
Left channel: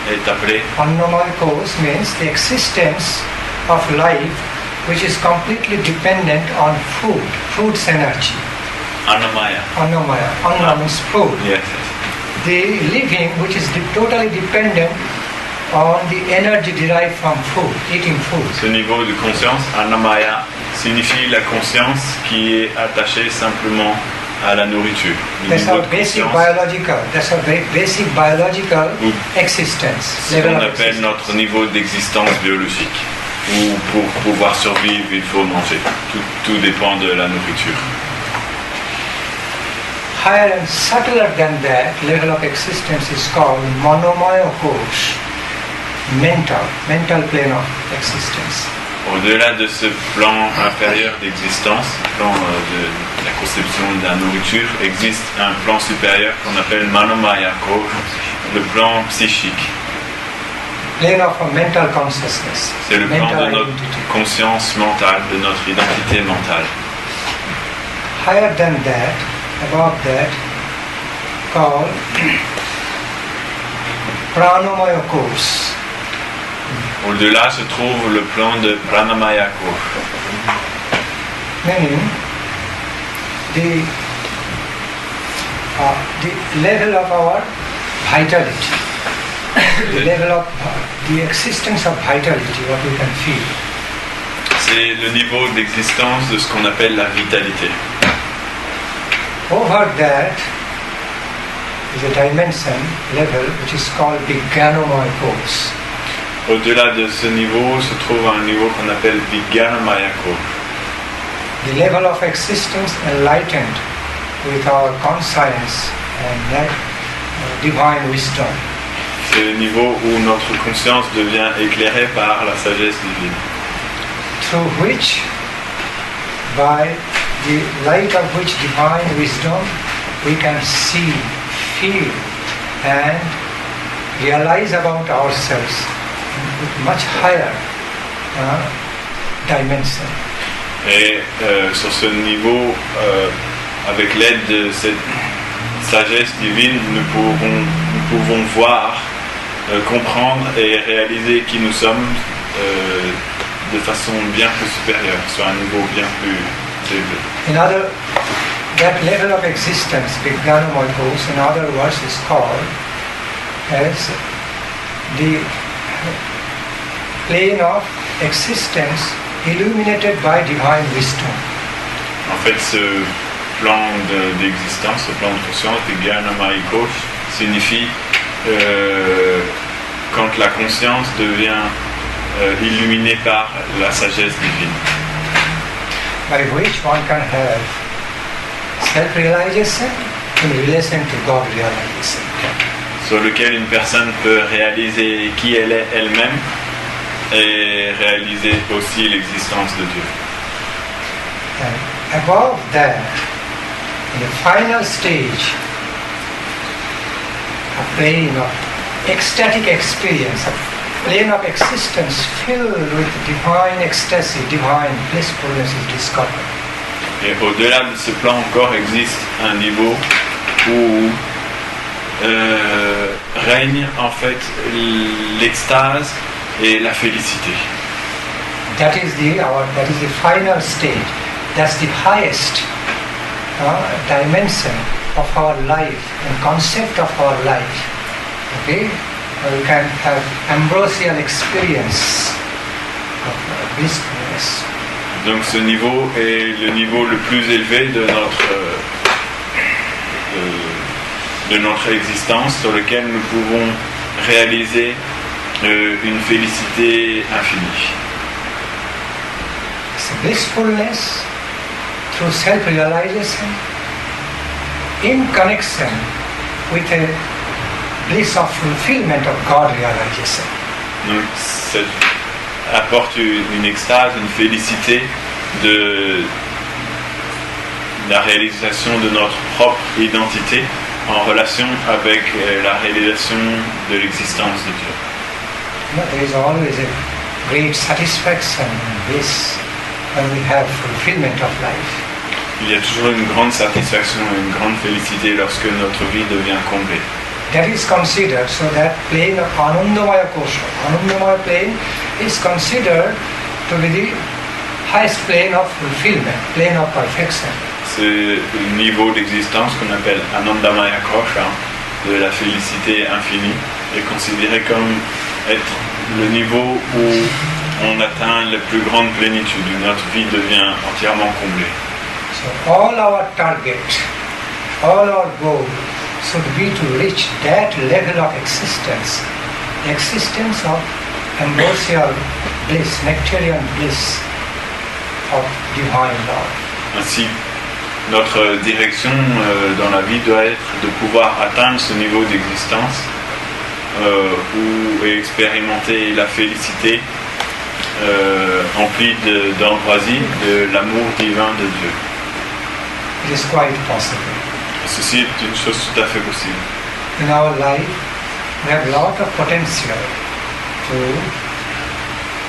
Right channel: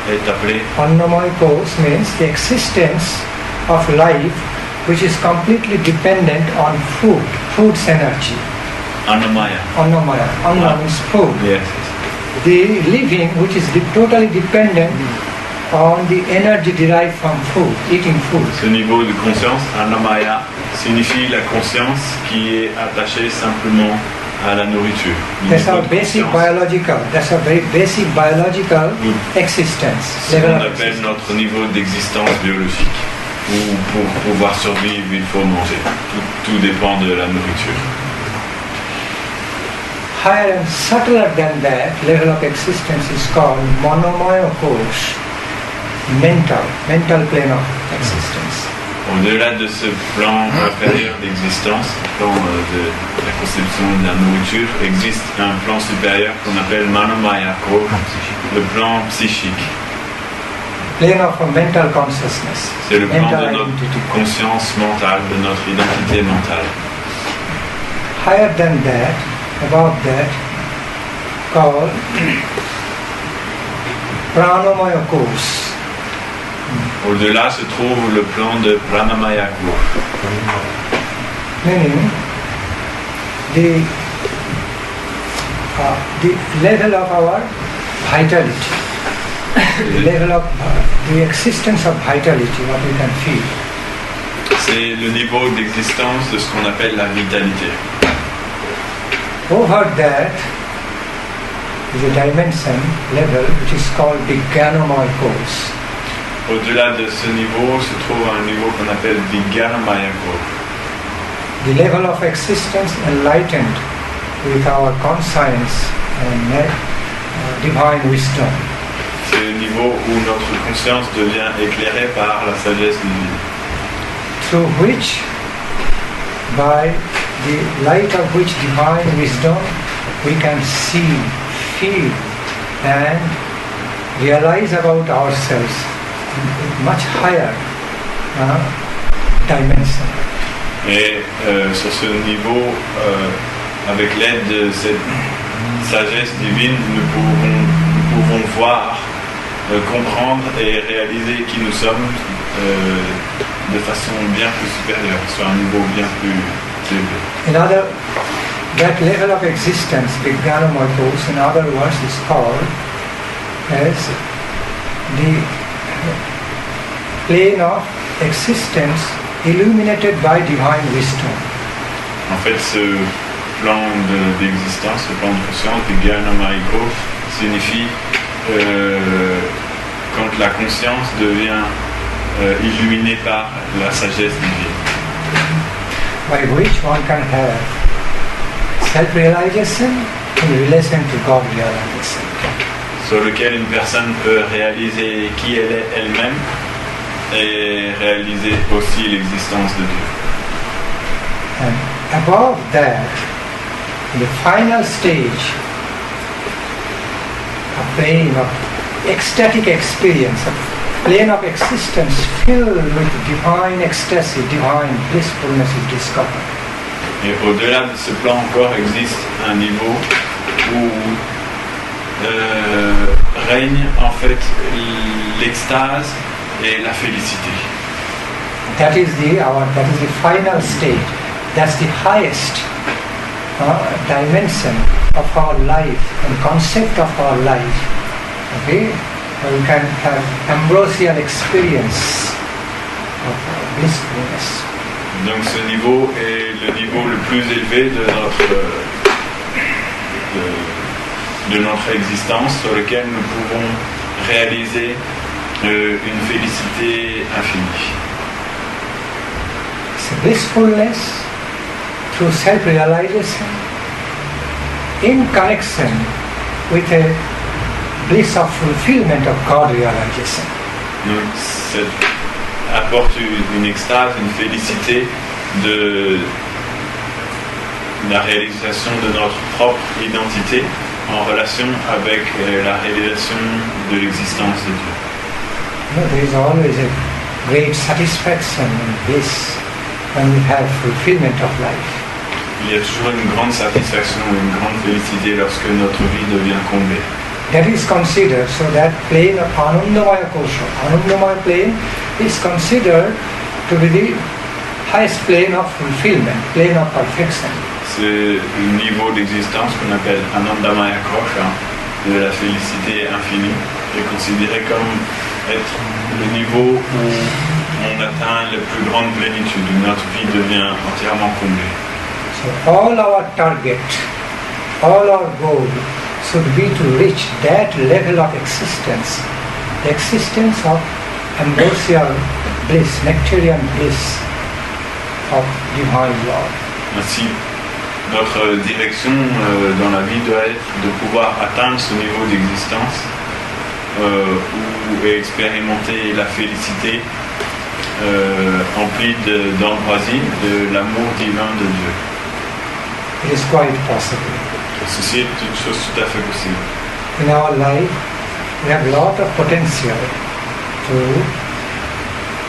est appelé Annamaya Kosh means the existence of life which is completely dependent on food's energy. Annamaya. Annamaya. Anna means food. Yes. The living which is totally dependent on the energy derived from food, eating food. Ce niveau de conscience, Annamaya, signifie la conscience qui est attachée simplement à la nourriture. That's our basic biological, that's our very basic biological existence. Ce qu'on appelle notre niveau d'existence biologique. Où pour pouvoir survivre, il faut manger. Tout dépend de la nourriture. Higher and subtler than that level of existence is called Manomaya Kosh, mental plane of existence. Au-delà de ce plan inférieur d'existence, plan de la conception de la nourriture, existe un plan supérieur qu'on appelle Manomaya Kosh, le plan psychique. Plane of a mental consciousness. C'est le plan de notre conscience mentale, de notre identité mentale. Higher than that, above that, called Pranamaya Kosh. Au-delà se trouve le plan de Pranamaya Kosh. Meaning, the level of our vitality. The level of the existence of vitality, what we can feel. C'est le niveau d'existence de ce qu'on appelle la vitalité. Over that is a dimension level which is called the Jnanamaya Kosh. Au-delà de ce niveau se trouve un niveau qu'on appelle Vijnanamaya Kosh. The level of existence enlightened with our conscience and divine wisdom. C'est le niveau où notre conscience devient éclairée par la sagesse divine. Through which, by the light of which divine wisdom, we can see, feel and realize about ourselves in much higher dimension. Et sur ce niveau, avec l'aide de cette sagesse divine, nous pouvons voir, comprendre et réaliser qui nous sommes de façon bien plus supérieure, sur un niveau bien plus élevé. That level of existence, Vijnanamaya Kosh, in other words, is called as the plane of existence illuminated by divine wisdom. En fait, ce plan d'existence, ce plan de conscience, Vijnanamaya Kosh, signifie quand la conscience devient illuminée par la sagesse divine. By which one can have self-realization in relation to God realization. Sur lequel une personne peut réaliser qui elle est elle-même et réaliser aussi l'existence de Dieu. And above that, in the final stage, a plane of ecstatic experience, a plane of existence filled with divine ecstasy, divine blissfulness is discovered. Et au-delà de ce plan encore existe un niveau où règne en fait l'extase et la félicité. That is the final state. That's the highest dimension of our life and concept of our life. Okay, we can have ambrosial experience of blissfulness. Donc ce niveau est le niveau le plus élevé de notre existence, sur lequel nous pouvons réaliser une félicité infinie. It's blissfulness through self-realization in connection with a bliss of fulfillment of God realization. Donc, ça apporte une extase, une félicité de la réalisation de notre propre identité en relation avec la réalisation de l'existence de Dieu. There is always a great satisfaction in bliss when we have fulfillment of life. Il y a toujours une grande satisfaction et une grande félicité lorsque notre vie devient comblée. That is considered, so that plane of Anandamaya Kosha, Anandamaya plane is considered to be the highest plane of fulfillment, plane of perfection. C'est le niveau d'existence qu'on appelle Anandamaya Kosha, de la félicité infinie, est considéré comme être le niveau où on atteint la plus grande plénitude, où notre vie devient entièrement comblée. So all our target, all our goal should be to reach that level of existence, the existence of ambrosial bliss, nectarian bliss of divine love. Ainsi, notre direction dans la vie doit être de pouvoir atteindre ce niveau d'existence et expérimenter la félicité emplie d'ambroisie, de l'amour divin de Dieu. It is quite possible. Ceci est une chose tout à fait possible. In our life, we have a lot of potential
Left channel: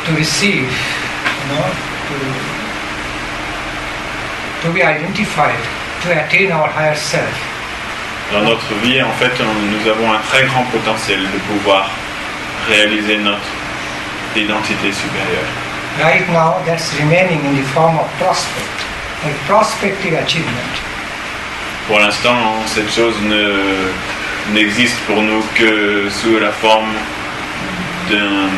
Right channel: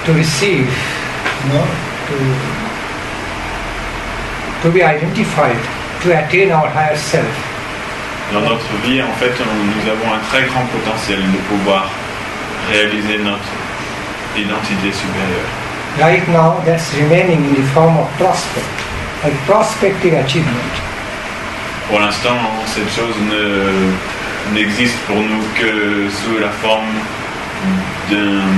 to receive, to be identified, to attain our higher self. Dans notre vie, en fait, nous avons un très grand potentiel de pouvoir réaliser notre identité supérieure. Right now, that's remaining in the form of prospect, like prospective achievement. Pour l'instant, cette chose n'existe pour nous que sous la forme d'un...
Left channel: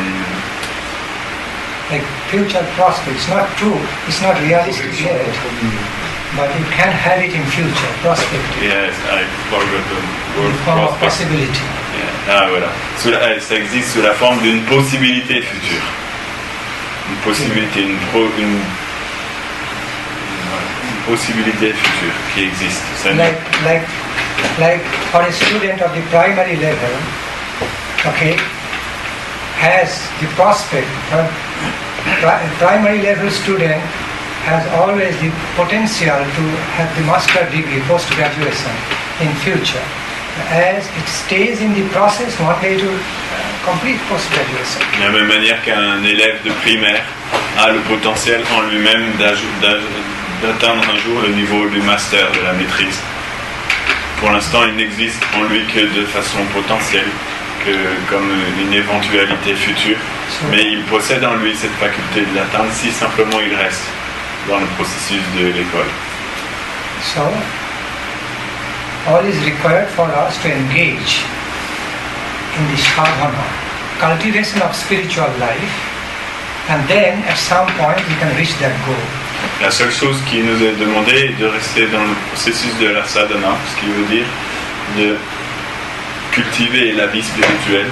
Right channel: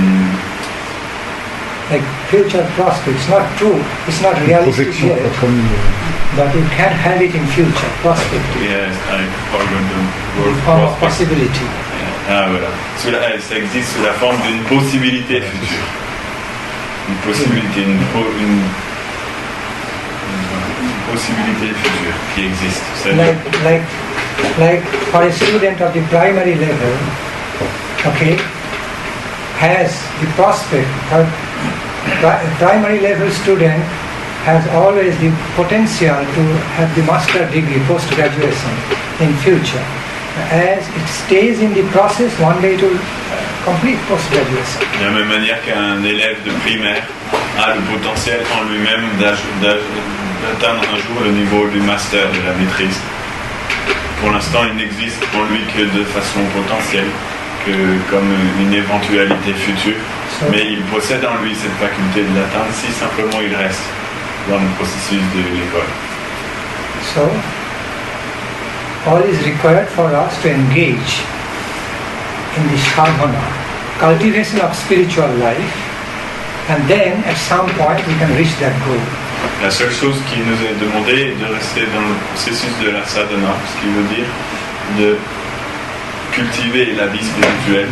Like future prospect, it's not true, it's not realistic yet, but you can have it in future, prospect. Yes, I forgot the word Form of prospect. possibility. Ah voilà, ça existe sous la forme d'une possibilité future. Une possibilité, une possibilité future qui existe. Like for a student of the primary level, okay, has the prospect. Primary level student has always the potential to have the master degree, post-graduation in future. As it stays in the process, one day to complete post-graduation. De la même manière qu'un élève de primaire a le potentiel en lui-même d'atteindre un jour le niveau du master, de la maîtrise. Pour l'instant, il n'existe en lui que de façon potentielle, que comme une éventualité future, mais il possède en lui cette faculté de l'atteindre si simplement il reste dans le processus de l'école. So, all is required for us to engage in the sadhana, cultivation of spiritual life, and then at some point we can reach that goal. La seule chose qui nous est demandée est de rester dans le processus de la sadhana, ce qui veut dire de cultiver la vie spirituelle,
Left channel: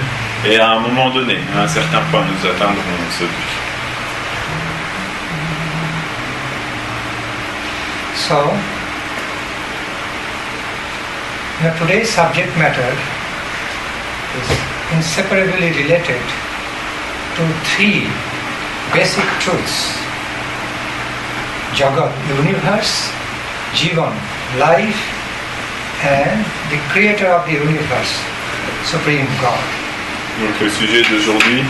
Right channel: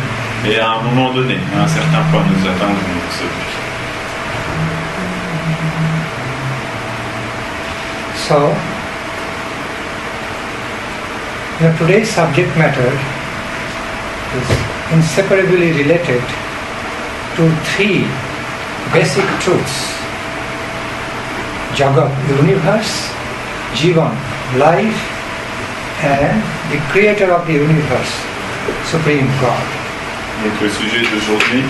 Et à un moment donné, à un certain point, nous atteindrons ce but. So, today's subject matter is inseparably related to three basic truths: Jagat, universe; Jivan, life; and the creator of the universe, Supreme God. Donc le sujet d'aujourd'hui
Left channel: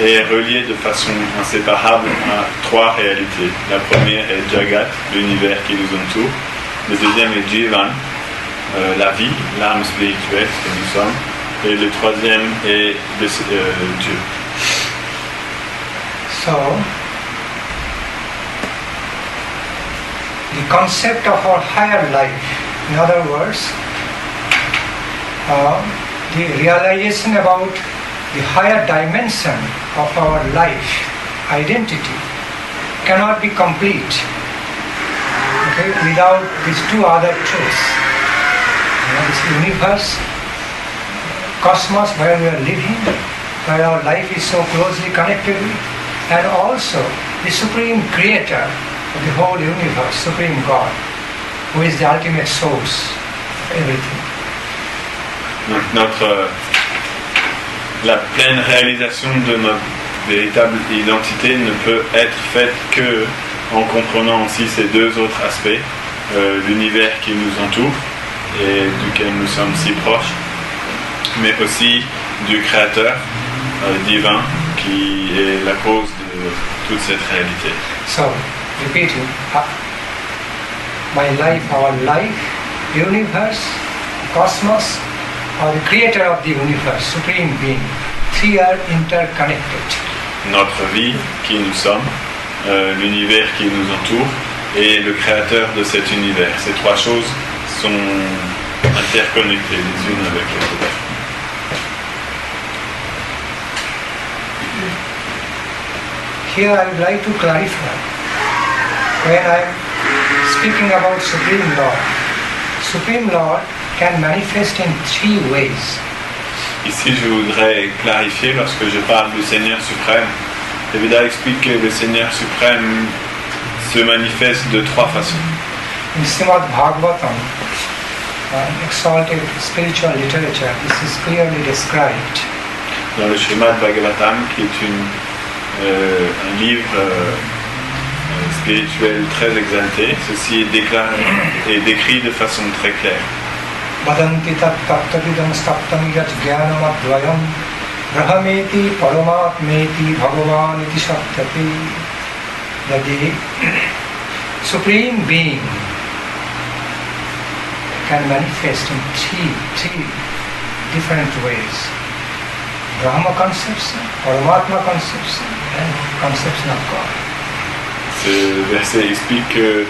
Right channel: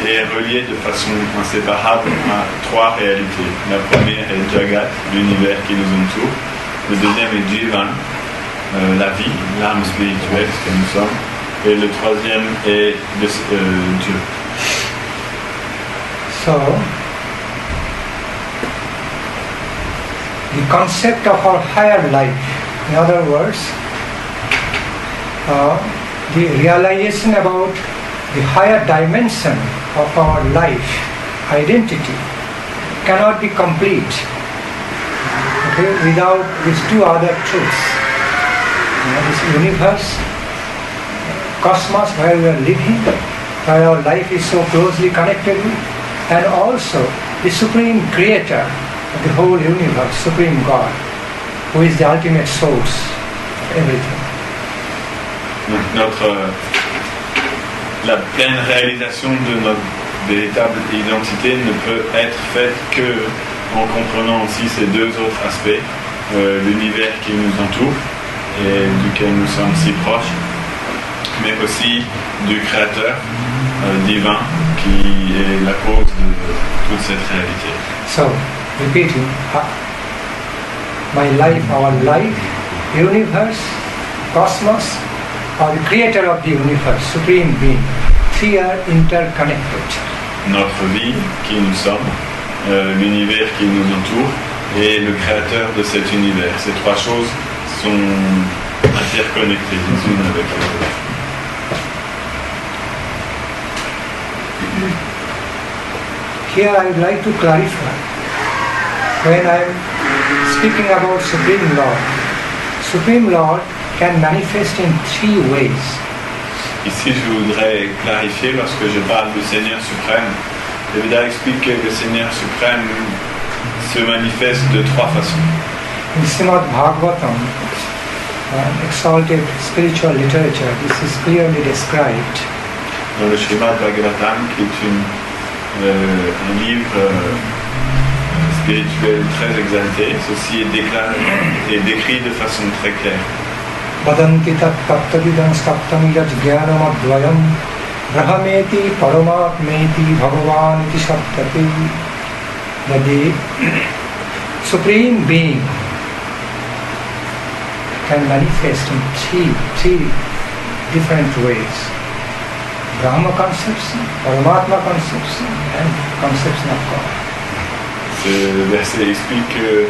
est relié de façon inséparable à trois réalités. La première est Jagat, l'univers qui nous entoure. Le deuxième est Jivan, la vie, l'âme spirituelle que nous sommes. Et le troisième est Dieu. So, the concept of our higher life, in other words, the realization about the higher dimension of our life, identity, cannot be complete without these two other truths. This universe, cosmos where we are living, where our life is so closely connected with, and also the Supreme Creator of the whole universe, Supreme God, who is the ultimate source of everything. Donc la pleine réalisation de notre véritable identité ne peut être faite que en comprenant aussi ces deux autres aspects, l'univers qui nous entoure et duquel nous sommes si proches, mais aussi du Créateur divin qui est la cause de toute cette réalité. So, repeating, my life, our life, universe, cosmos, or the creator of the universe, Supreme Being, three are interconnected. Notre vie, qui nous sommes, l'univers qui nous entoure et le créateur de cet univers. Ces trois choses sont interconnectées les unes avec les autres. Here I would like to clarify. When I am speaking about Supreme Lord can manifest in three ways. Ici, je voudrais clarifier, lorsque je parle du Seigneur suprême, le Veda explique que le Seigneur suprême se manifeste de trois façons. In Srimad Bhagavatam, exalted spiritual literature, this is clearly described. Dans le Srimad Bhagavatam, qui est un livre spirituel très exalté, ceci est décrit de façon très claire. Vadanti tat taptavidam staptam yaj jnanam advayam brahmeti paramatmeti bhagavan iti saptati. That the Supreme Being can manifest in three different ways: Brahma conception, Paramatma conception, and conception of God. Ce verset explique que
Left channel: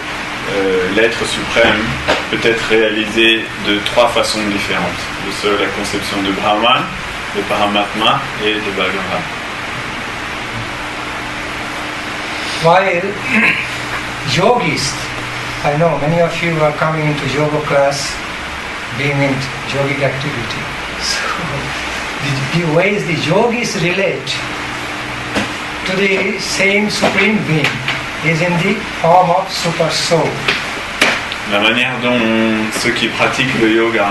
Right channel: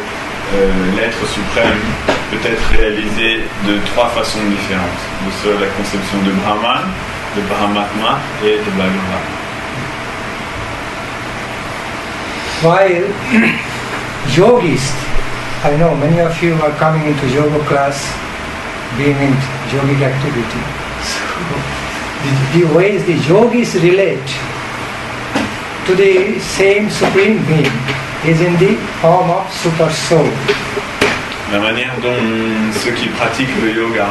l'être suprême peut être réalisé de trois façons différentes. De la conception de Brahman, de Paramatma et de Bhagavan. While yogis, I know many of you are coming into yoga class, being in yogic activity. So, the ways the yogis relate to the same Supreme Being is in the form of Super Soul. La manière dont ceux qui pratiquent le yoga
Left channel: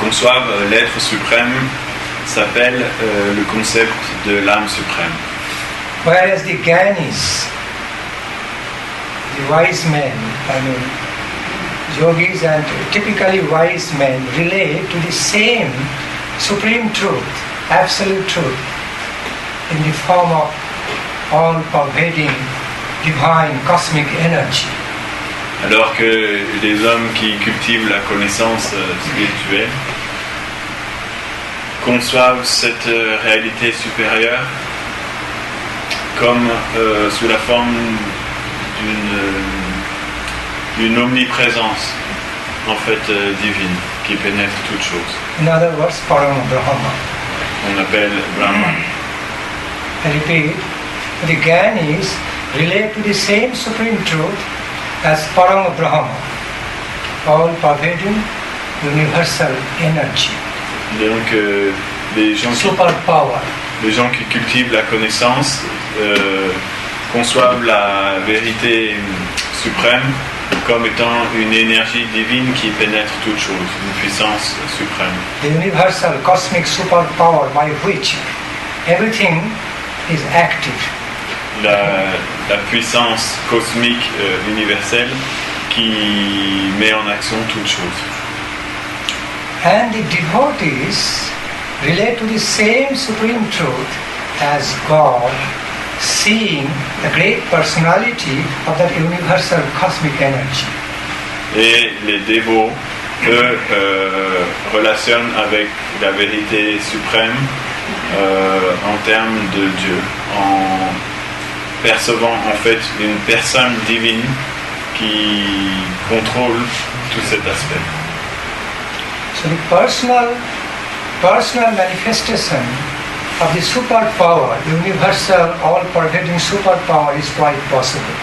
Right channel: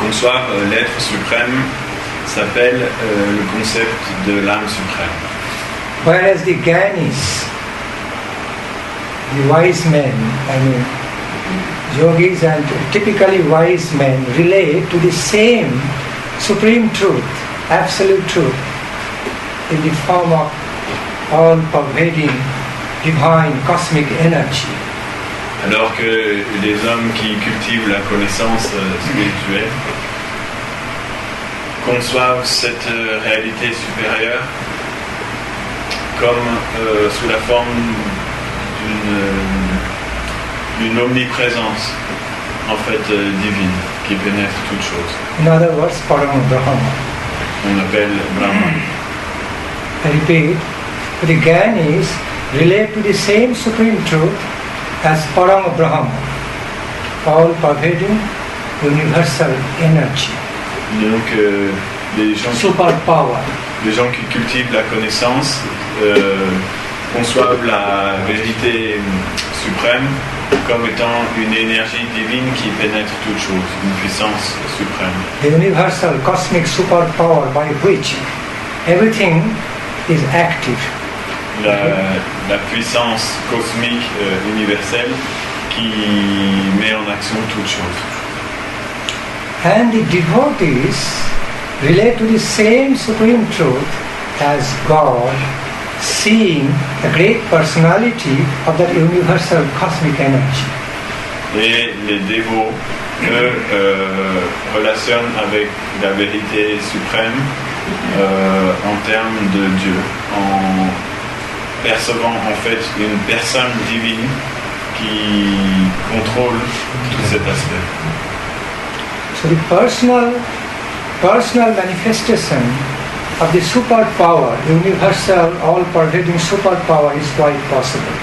conçoivent l'être suprême s'appelle le concept de l'âme suprême. Whereas the Gyanis, the wise men, yogis and typically wise men relate to the same supreme truth, absolute truth, in the form of all-pervading divine cosmic energy. Alors que les hommes qui cultivent la connaissance spirituelle conçoivent cette réalité supérieure comme sous la forme d'une omniprésence en fait divine qui pénètre toute chose. In other words, Param Brahma. On appelle Brahman. I repeat, the Gyanis relate to the same supreme truth as Param Brahma, all-pervading universal energy. Donc les gens qui cultivent la connaissance conçoivent la vérité suprême comme étant une énergie divine qui pénètre toute chose, une puissance suprême. The universal cosmic superpower by which everything is active. La puissance cosmique universelle qui met en action toute chose. And the devotees relate to the same supreme truth as God, seeing the great personality of that universal cosmic energy. Et les dévots, eux, relationnent avec la vérité suprême en termes de Dieu, en percevant en fait une personne divine qui contrôle tout cet aspect. So the personal manifestation of the superpower, the universal, all-pervading superpower is quite possible.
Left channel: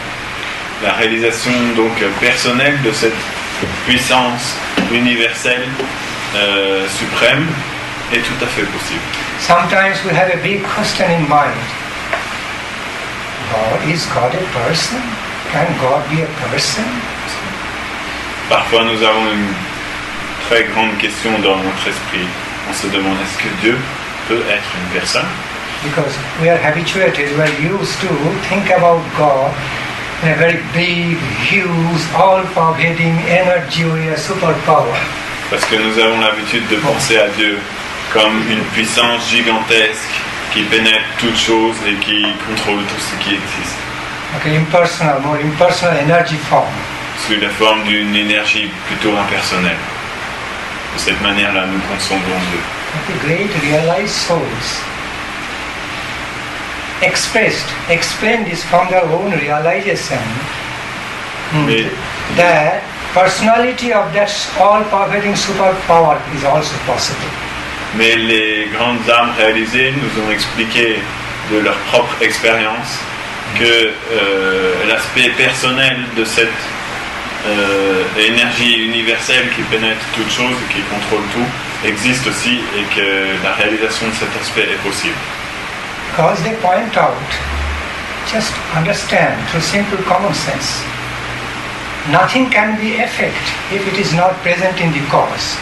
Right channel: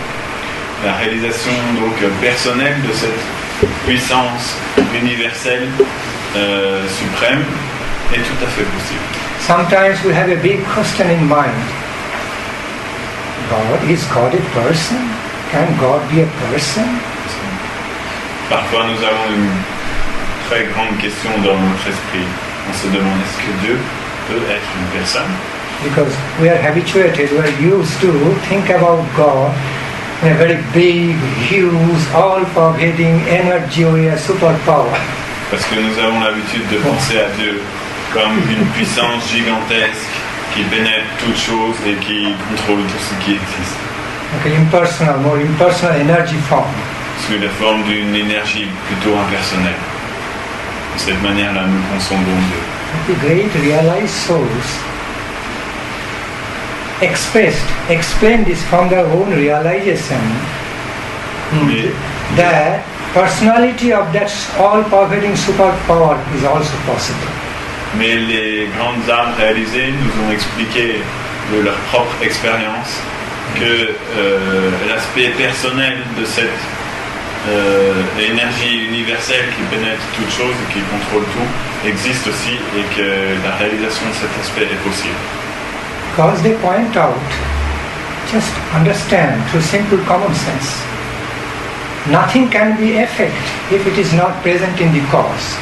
La réalisation donc personnelle de cette puissance universelle suprême est tout à fait possible. Sometimes we have a big question in mind. Is God a person? Can God be a person? Parfois nous avons une très grande question dans notre esprit. On se demande, est-ce que Dieu peut être une personne? Because we are habituated, we are used to think about God in a very big, huge, all-pervading energy or a superpower. Parce que nous avons l'habitude de penser à Dieu comme une puissance gigantesque qui pénètre toutes choses et qui contrôle tout ce qui existe. Okay, impersonal, more impersonal energy form. Sous la forme d'une énergie plutôt impersonnelle. De cette manière-là, nous concevons Dieu. The great realized souls explain this from their own realization. That personality of that all-pervading superpower is also possible. Mais les grandes âmes réalisées nous ont expliqué de leur propre expérience que l'aspect personnel de cette énergie universelle qui pénètre toute chose et qui contrôle tout existe aussi et que la réalisation de cet aspect est possible. Because they point out, just understand through simple common sense, nothing can be effect if it is not present in the cause.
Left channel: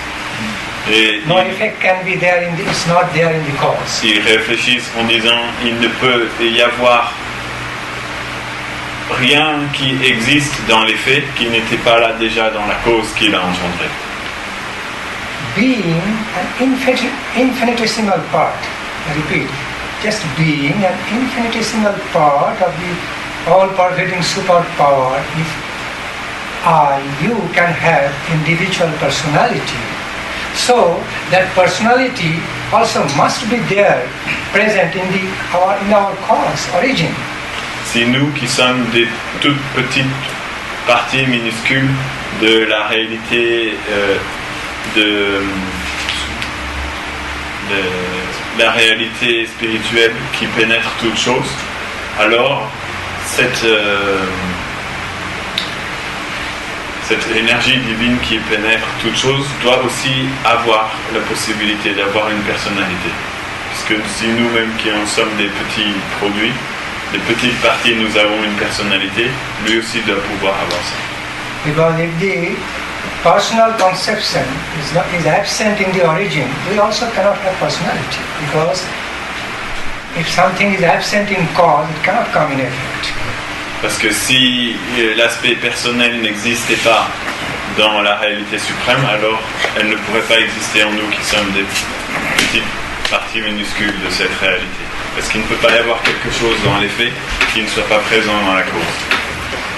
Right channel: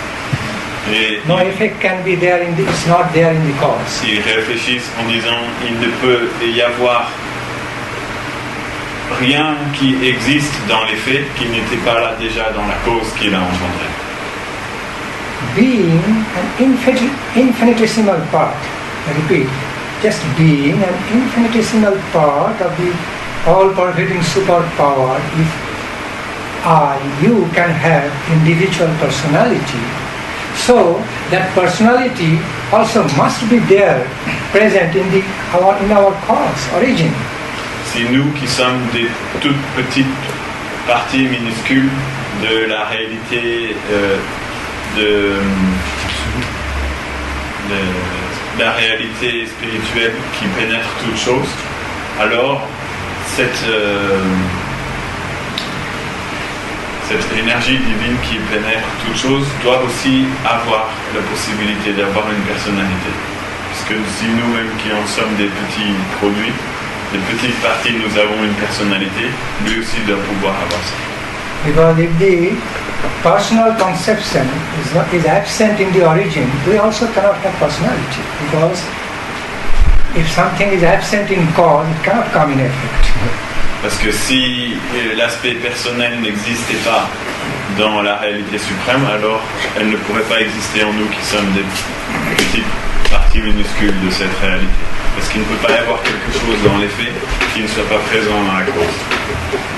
Et no effect can be there in the, it's not there in the cause. Ils réfléchissent en disant il ne peut y avoir rien qui existe dans les faits qui n'était pas là déjà dans la cause qui l'a engendré. Being an infinitesimal part, I repeat, just being an infinitesimal part of the all-pervading superpower, if you can have individual personality, so that personality also must be there, present in our cause, origin. Si nous qui sommes des toutes petites parties minuscules de la réalité de la réalité spirituelle qui pénètre toute chose, alors cette énergie divine qui pénètre toute chose doit aussi avoir la possibilité d'avoir une personnalité. Puisque si nous-mêmes qui en sommes des petits produits, des petites parties, nous avons une personnalité, lui aussi doit pouvoir avoir ça. Because if the personal conception is absent in the origin, we also cannot have personality. Because if something is absent in cause, it cannot come in effect. Parce que si l'aspect personnel n'existait pas dans la réalité suprême, alors elle ne pourrait pas exister en nous qui sommes des petites parties minuscules de cette réalité. Parce qu'il ne peut pas y avoir quelque chose dans les faits qui ne soit pas présent dans la cause.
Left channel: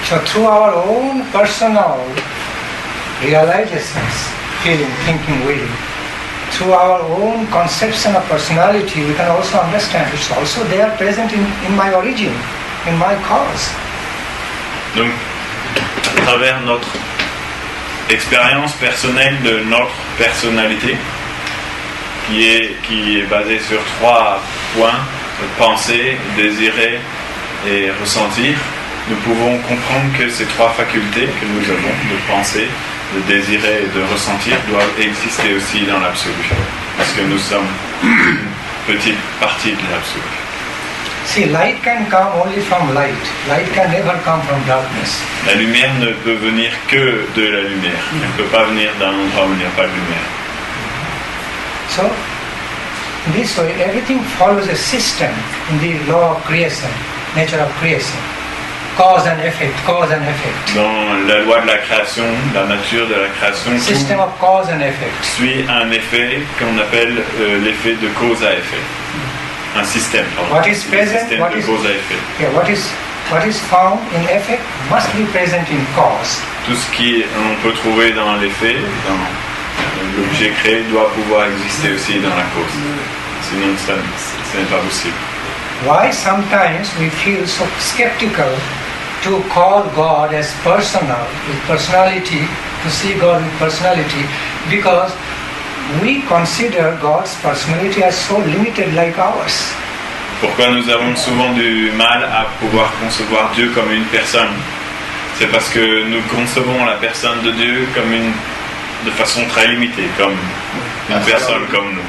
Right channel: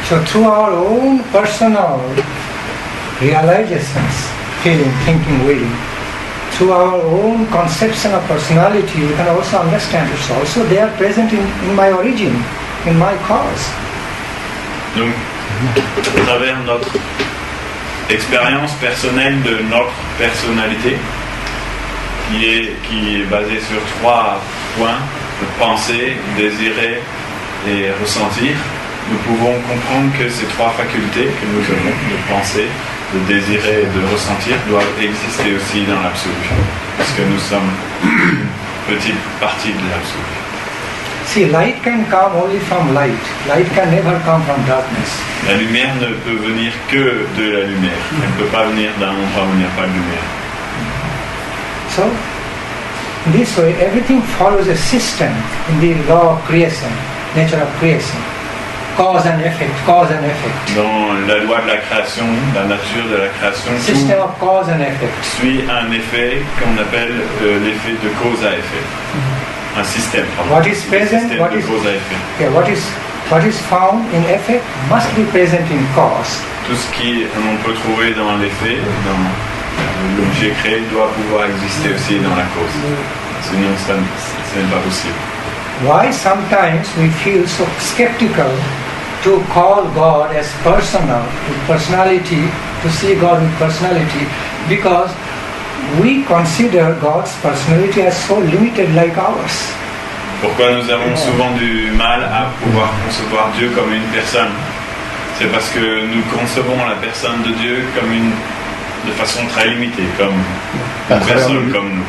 So through our own personal realizations, feeling, thinking, willing, through our own conception of personality, we can also understand it's also there present in my origin, in my cause. Donc, à travers notre expérience personnelle de notre personnalité, qui est basée sur 3 points, penser, désirer et ressentir, nous pouvons comprendre que ces 3 facultés que nous avons, de penser, de désirer et de ressentir, doivent exister aussi dans l'absolu. parce que nous sommes une petite partie de l'absolu. See, light can come only from light. Light can never come from darkness. La lumière ne peut venir que de la lumière. Elle ne peut pas venir d'un endroit où il n'y a pas de lumière. So, this way, everything follows a system in the law of creation, nature of creation. Cause and effect, cause and effect. Dans la loi de la création, la nature de la création, System of cause and effect. suit un effet qu'on appelle l'effet de cause à effet. Un système, pardon. What is present, système what de is, cause à effet. okay, what is found in effect must be present in cause. Tout ce qu'on peut trouver dans l'effet, dans l'objet créé, doit pouvoir exister aussi dans la cause. Sinon, ce n'est pas possible. Why sometimes we feel so skeptical to call God as personal, with personality, to see God with personality, because we consider God's personality as so limited like ours. Pourquoi nous avons souvent du mal à pouvoir concevoir Dieu comme une personne? C'est parce que nous concevons la personne de Dieu comme de façon très limitée, comme une personne comme nous.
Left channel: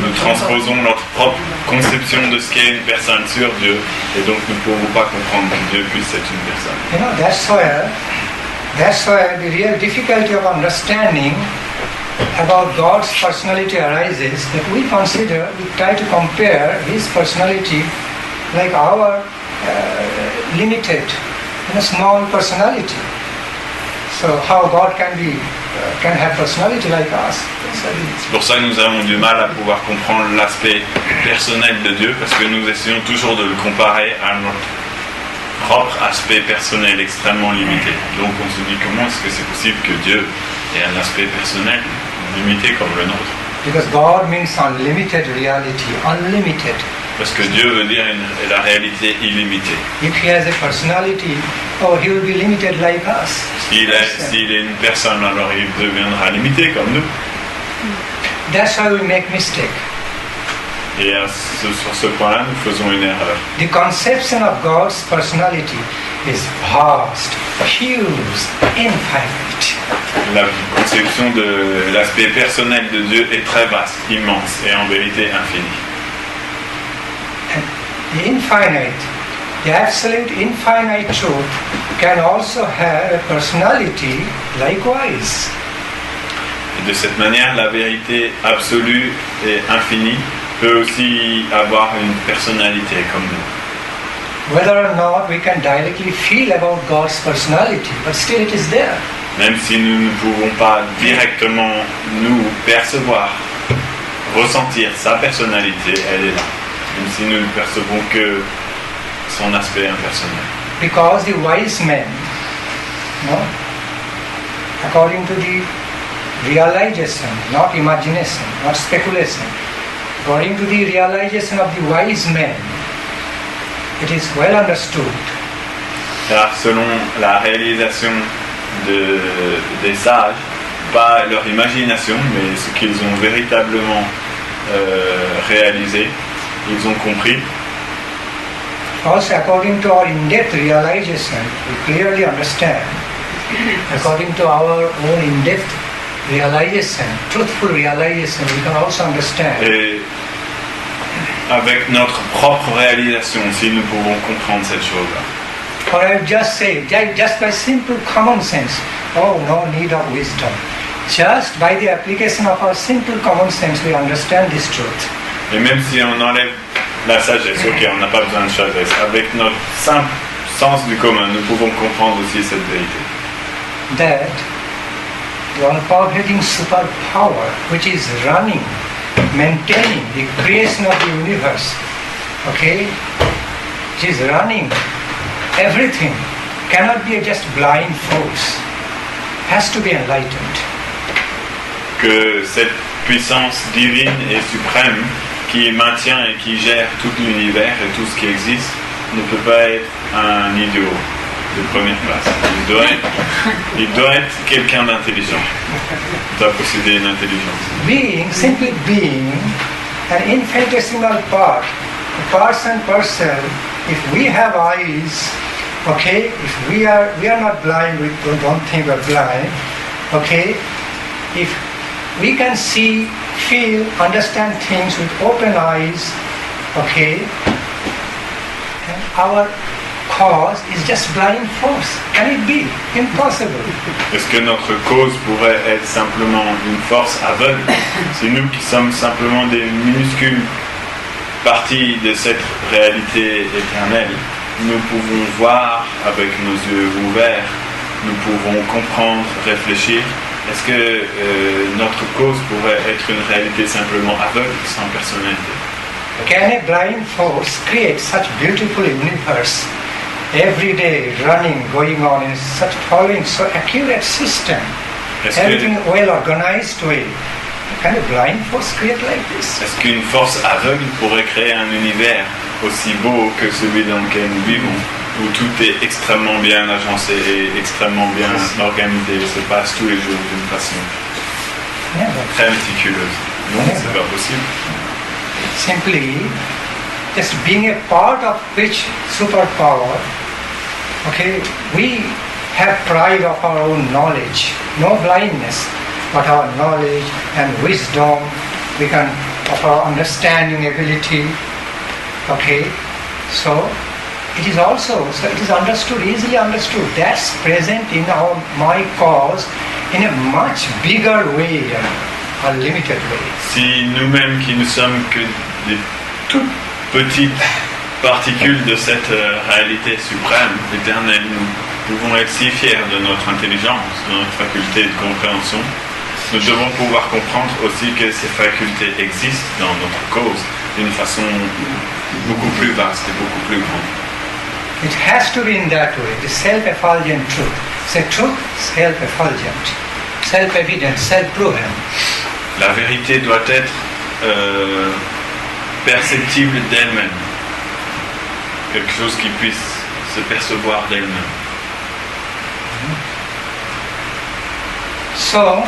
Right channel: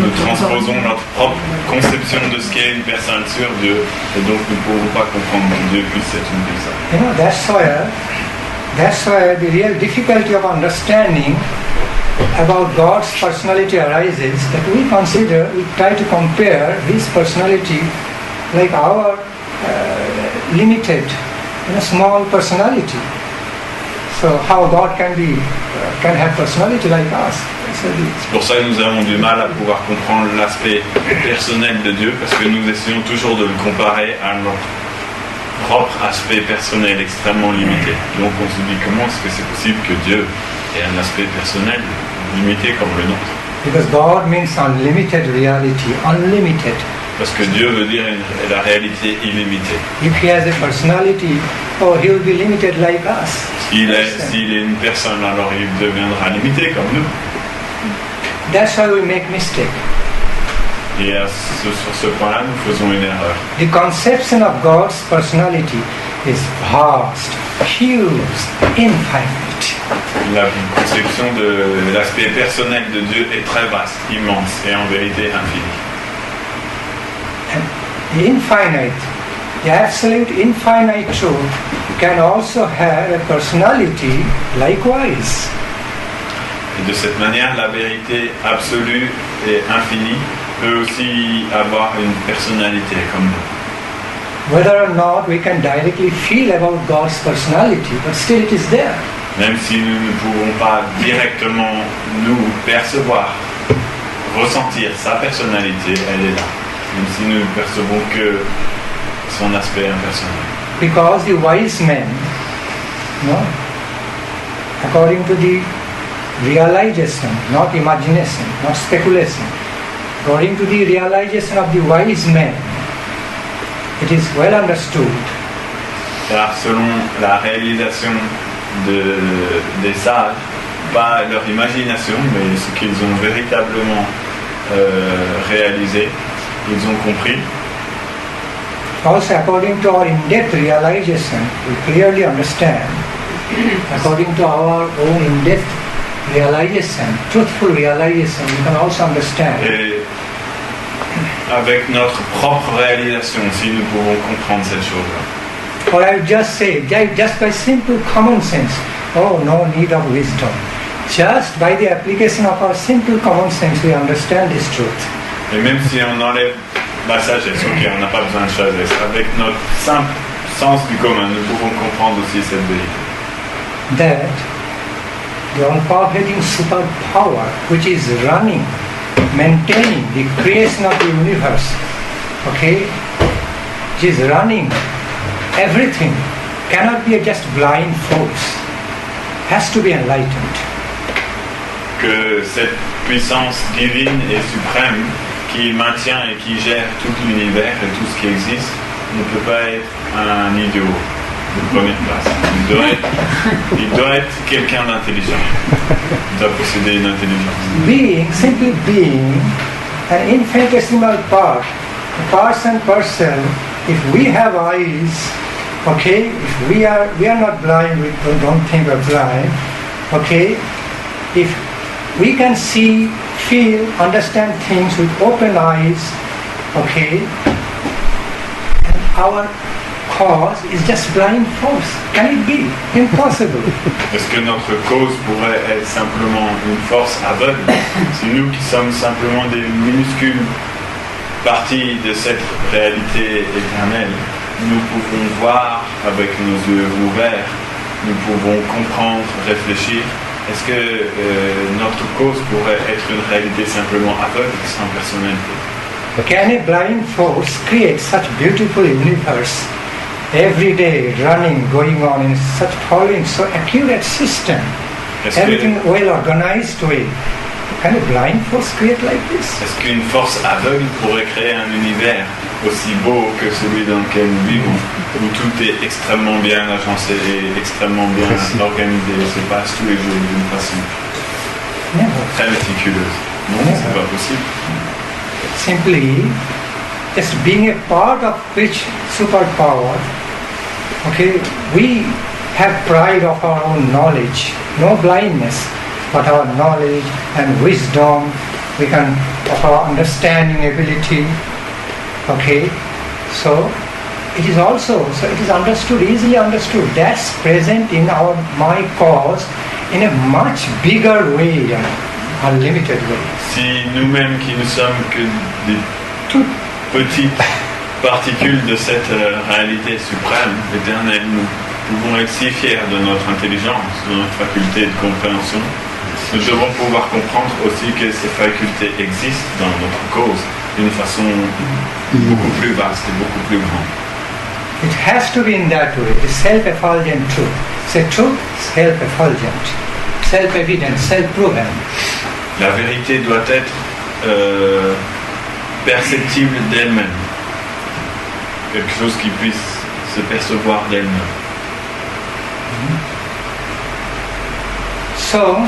Nous transposons notre propre conception de ce qu'est une personne sur Dieu, et donc nous ne pouvons pas comprendre que Dieu puisse être une personne. You know, that's why the real difficulty of understanding about God's personality arises, that we try to compare His personality like our limited, small personality. So how God can have personality like us? C'est pour ça que nous avons du mal à pouvoir comprendre l'aspect personnel de Dieu, parce que nous essayons toujours de le comparer à notre propre aspect personnel extrêmement limité. Donc on se dit, comment est-ce que c'est possible que Dieu ait un aspect personnel limité comme le nôtre? Because God means unlimited reality, unlimited. Parce que Dieu veut dire la réalité illimitée. If He has a personality, He will be limited like us. S'il est une personne, alors il deviendra limité comme nous. That's why we make mistake. Et sur ce point-là, nous faisons une erreur. The conception of God's personality is vast, huge, infinite. La conception de l'aspect personnel de Dieu est très vaste, immense et en vérité infinie. And the infinite, the absolute infinite truth can also have a personality likewise. Et de cette manière, la vérité absolue et infinie peut aussi avoir une personnalité comme nous. Whether or not we can directly feel about God's personality, but still it is there. Même si nous ne pouvons pas directement nous percevoir, ressentir sa personnalité, elle est là. Même si nous ne percevons que son aspect impersonnel. Because the wise men, according to the realization, not imagination, not speculation, according to the realization of the wise men, it is well understood. Car selon la réalisation des sages, pas leur imagination, mais ce qu'ils ont véritablement réalisé, ils ont compris. Also, according to our in-depth realization, we clearly understand. According to our own in-depth realization, truthful realization, we can also understand. Et avec notre propre réalisation, si nous pouvons comprendre cette chose-là. Or I just say, just by simple common sense, no need of wisdom. Just by the application of our simple common sense, we understand this truth. Et même si on enlève la sagesse, ok, on n'a pas besoin de sagesse. Avec notre simple sens du commun, nous pouvons comprendre aussi cette vérité. That the all-pervading superpower which is running, maintaining the creation of the universe, which is running everything, cannot be a just blind force, has to be enlightened. Que cette puissance divine et suprême qui maintient et qui gère tout l'univers et tout ce qui existe ne peut pas être un idiot de première place. Il doit être quelqu'un d'intelligent. Il doit posséder une intelligence. Simply being an infinitesimal part, person, if we have eyes, if we are not blind, we don't think we're blind, if we can see, feel, understand things with open eyes, okay? And our cause is just blind force. Can it be? Impossible. Est-ce que notre cause pourrait être simplement une force aveugle? C'est nous qui sommes simplement des minuscules parties de cette réalité éternelle. Nous pouvons voir avec nos yeux ouverts, nous pouvons comprendre, réfléchir. Est-ce que notre cause pourrait être une réalité simplement aveugle, sans personnalité? Can a blind force create such beautiful universe? Every day running, going on in such following so accurate system, everything well organized way. Can a blind force create like this? Est-ce qu'une force aveugle pourrait créer un univers aussi beau que celui dans lequel nous vivons, où tout est extrêmement bien agencé et extrêmement bien organisé, se passe tous les jours d'une façon très méticuleuse? Non, c'est pas possible. Simply, just being a part of which superpower, okay, we have pride of our own knowledge, no blindness, but our knowledge and wisdom, we can, of our understanding ability, okay, so it is also, so it is understood, easily understood, that's present in our my cause in a much bigger way, unlimited way. Si nous-mêmes qui ne sommes que des toutes petites particules de cette réalité suprême, éternelle, nous pouvons être si fiers de notre intelligence, de notre faculté de compréhension, nous devons pouvoir comprendre aussi que ces facultés existent dans notre cause d'une façon beaucoup plus vaste et beaucoup plus grande. It has to be in that way, the self-effulgent truth. C'est truth, self-effulgent, self-evident, self-proven. La vérité doit être perceptible d'elle-même, quelque chose qui puisse se percevoir d'elle-même. So,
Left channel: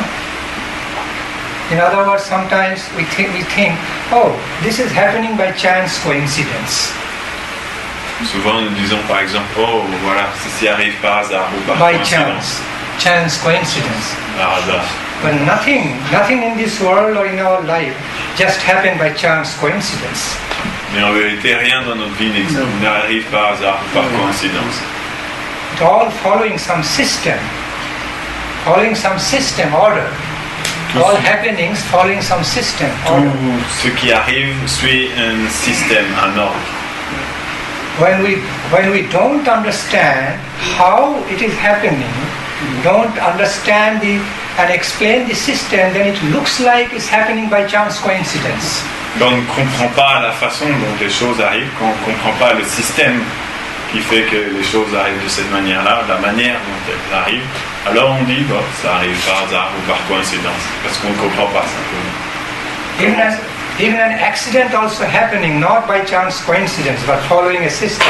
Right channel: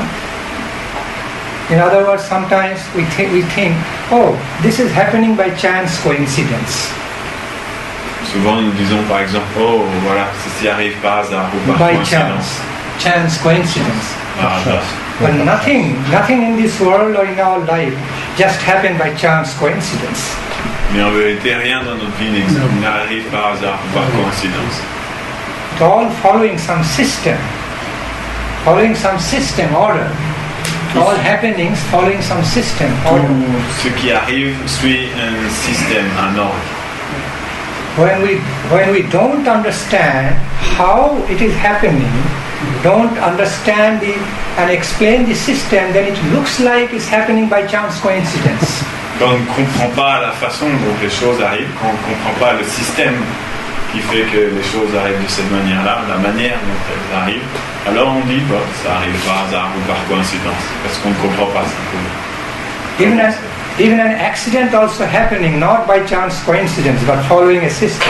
in other words, sometimes we think, oh, this is happening by chance coincidence. Souvent nous disons par exemple, oh voilà, ceci arrive par hasard ou par coïncidence. Chance coincidence. Par hasard. But nothing in this world or in our life just happened by chance coincidence. Mais en vérité, rien dans notre vie n'arrive par hasard ou par coïncidence. It's all following some system order. All happenings following some system order. Tout ce qui arrive suit un système, un ordre. When we don't understand how it is happening, don't understand and explain the system, then it looks like it's happening by chance coincidence. Quand on ne comprend pas la façon dont les choses arrivent, quand on ne comprend pas le système qui fait que les choses arrivent de cette manière-là, la manière dont elles arrivent, alors on dit, bon, ça arrive par hasard ou par coïncidence, parce qu'on ne comprend pas simplement. Even an accident also happening, not by chance coincidence, but following a system.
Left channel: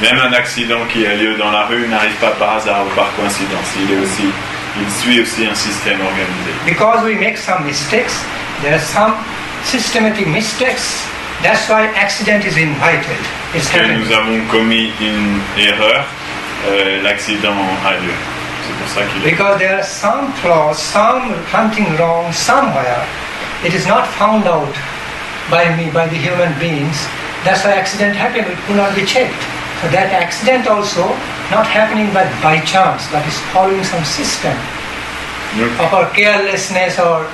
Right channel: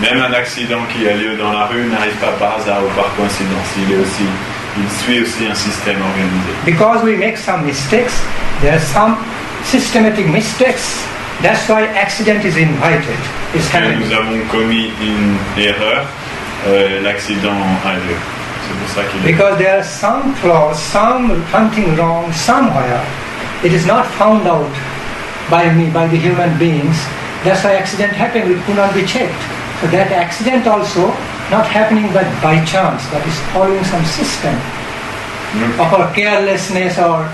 Même un accident qui a lieu dans la rue n'arrive pas par hasard ou par coïncidence. Il suit aussi un système organisé. Because we make some mistakes, there are some systematic mistakes. That's why accident is invited. Parce que nous avons commis une erreur, l'accident a lieu. C'est pour ça qu'il est. Because there are some flaws, something wrong somewhere. It is not found out by me, by the human beings. That's why accident happened. It could not be checked. So that accident also not happening by chance, but is following some system of our carelessness or,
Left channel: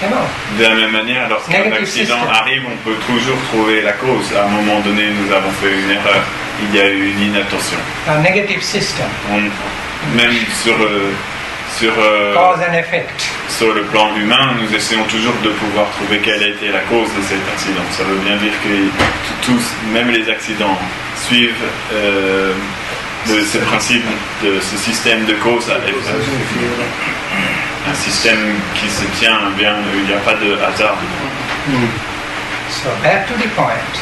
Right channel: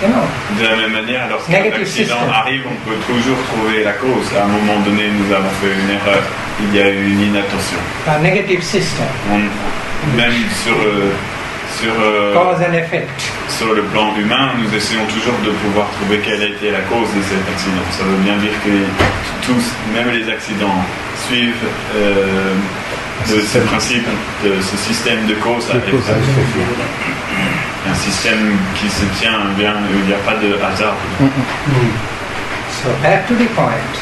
you know. De la même manière, lorsqu'un accident arrive, on peut toujours trouver la cause. À un moment donné, nous avons fait une erreur. Il y a eu une inattention. A negative system. Même sur cause and effect. Sur le plan humain, nous essayons toujours de pouvoir trouver quelle a été la cause de cet accident. Ça veut bien dire que tous, même les accidents, suivent ce principe, de ce système de cause à effet. Un système qui se tient bien, il n'y a pas de hasard. So back to the point.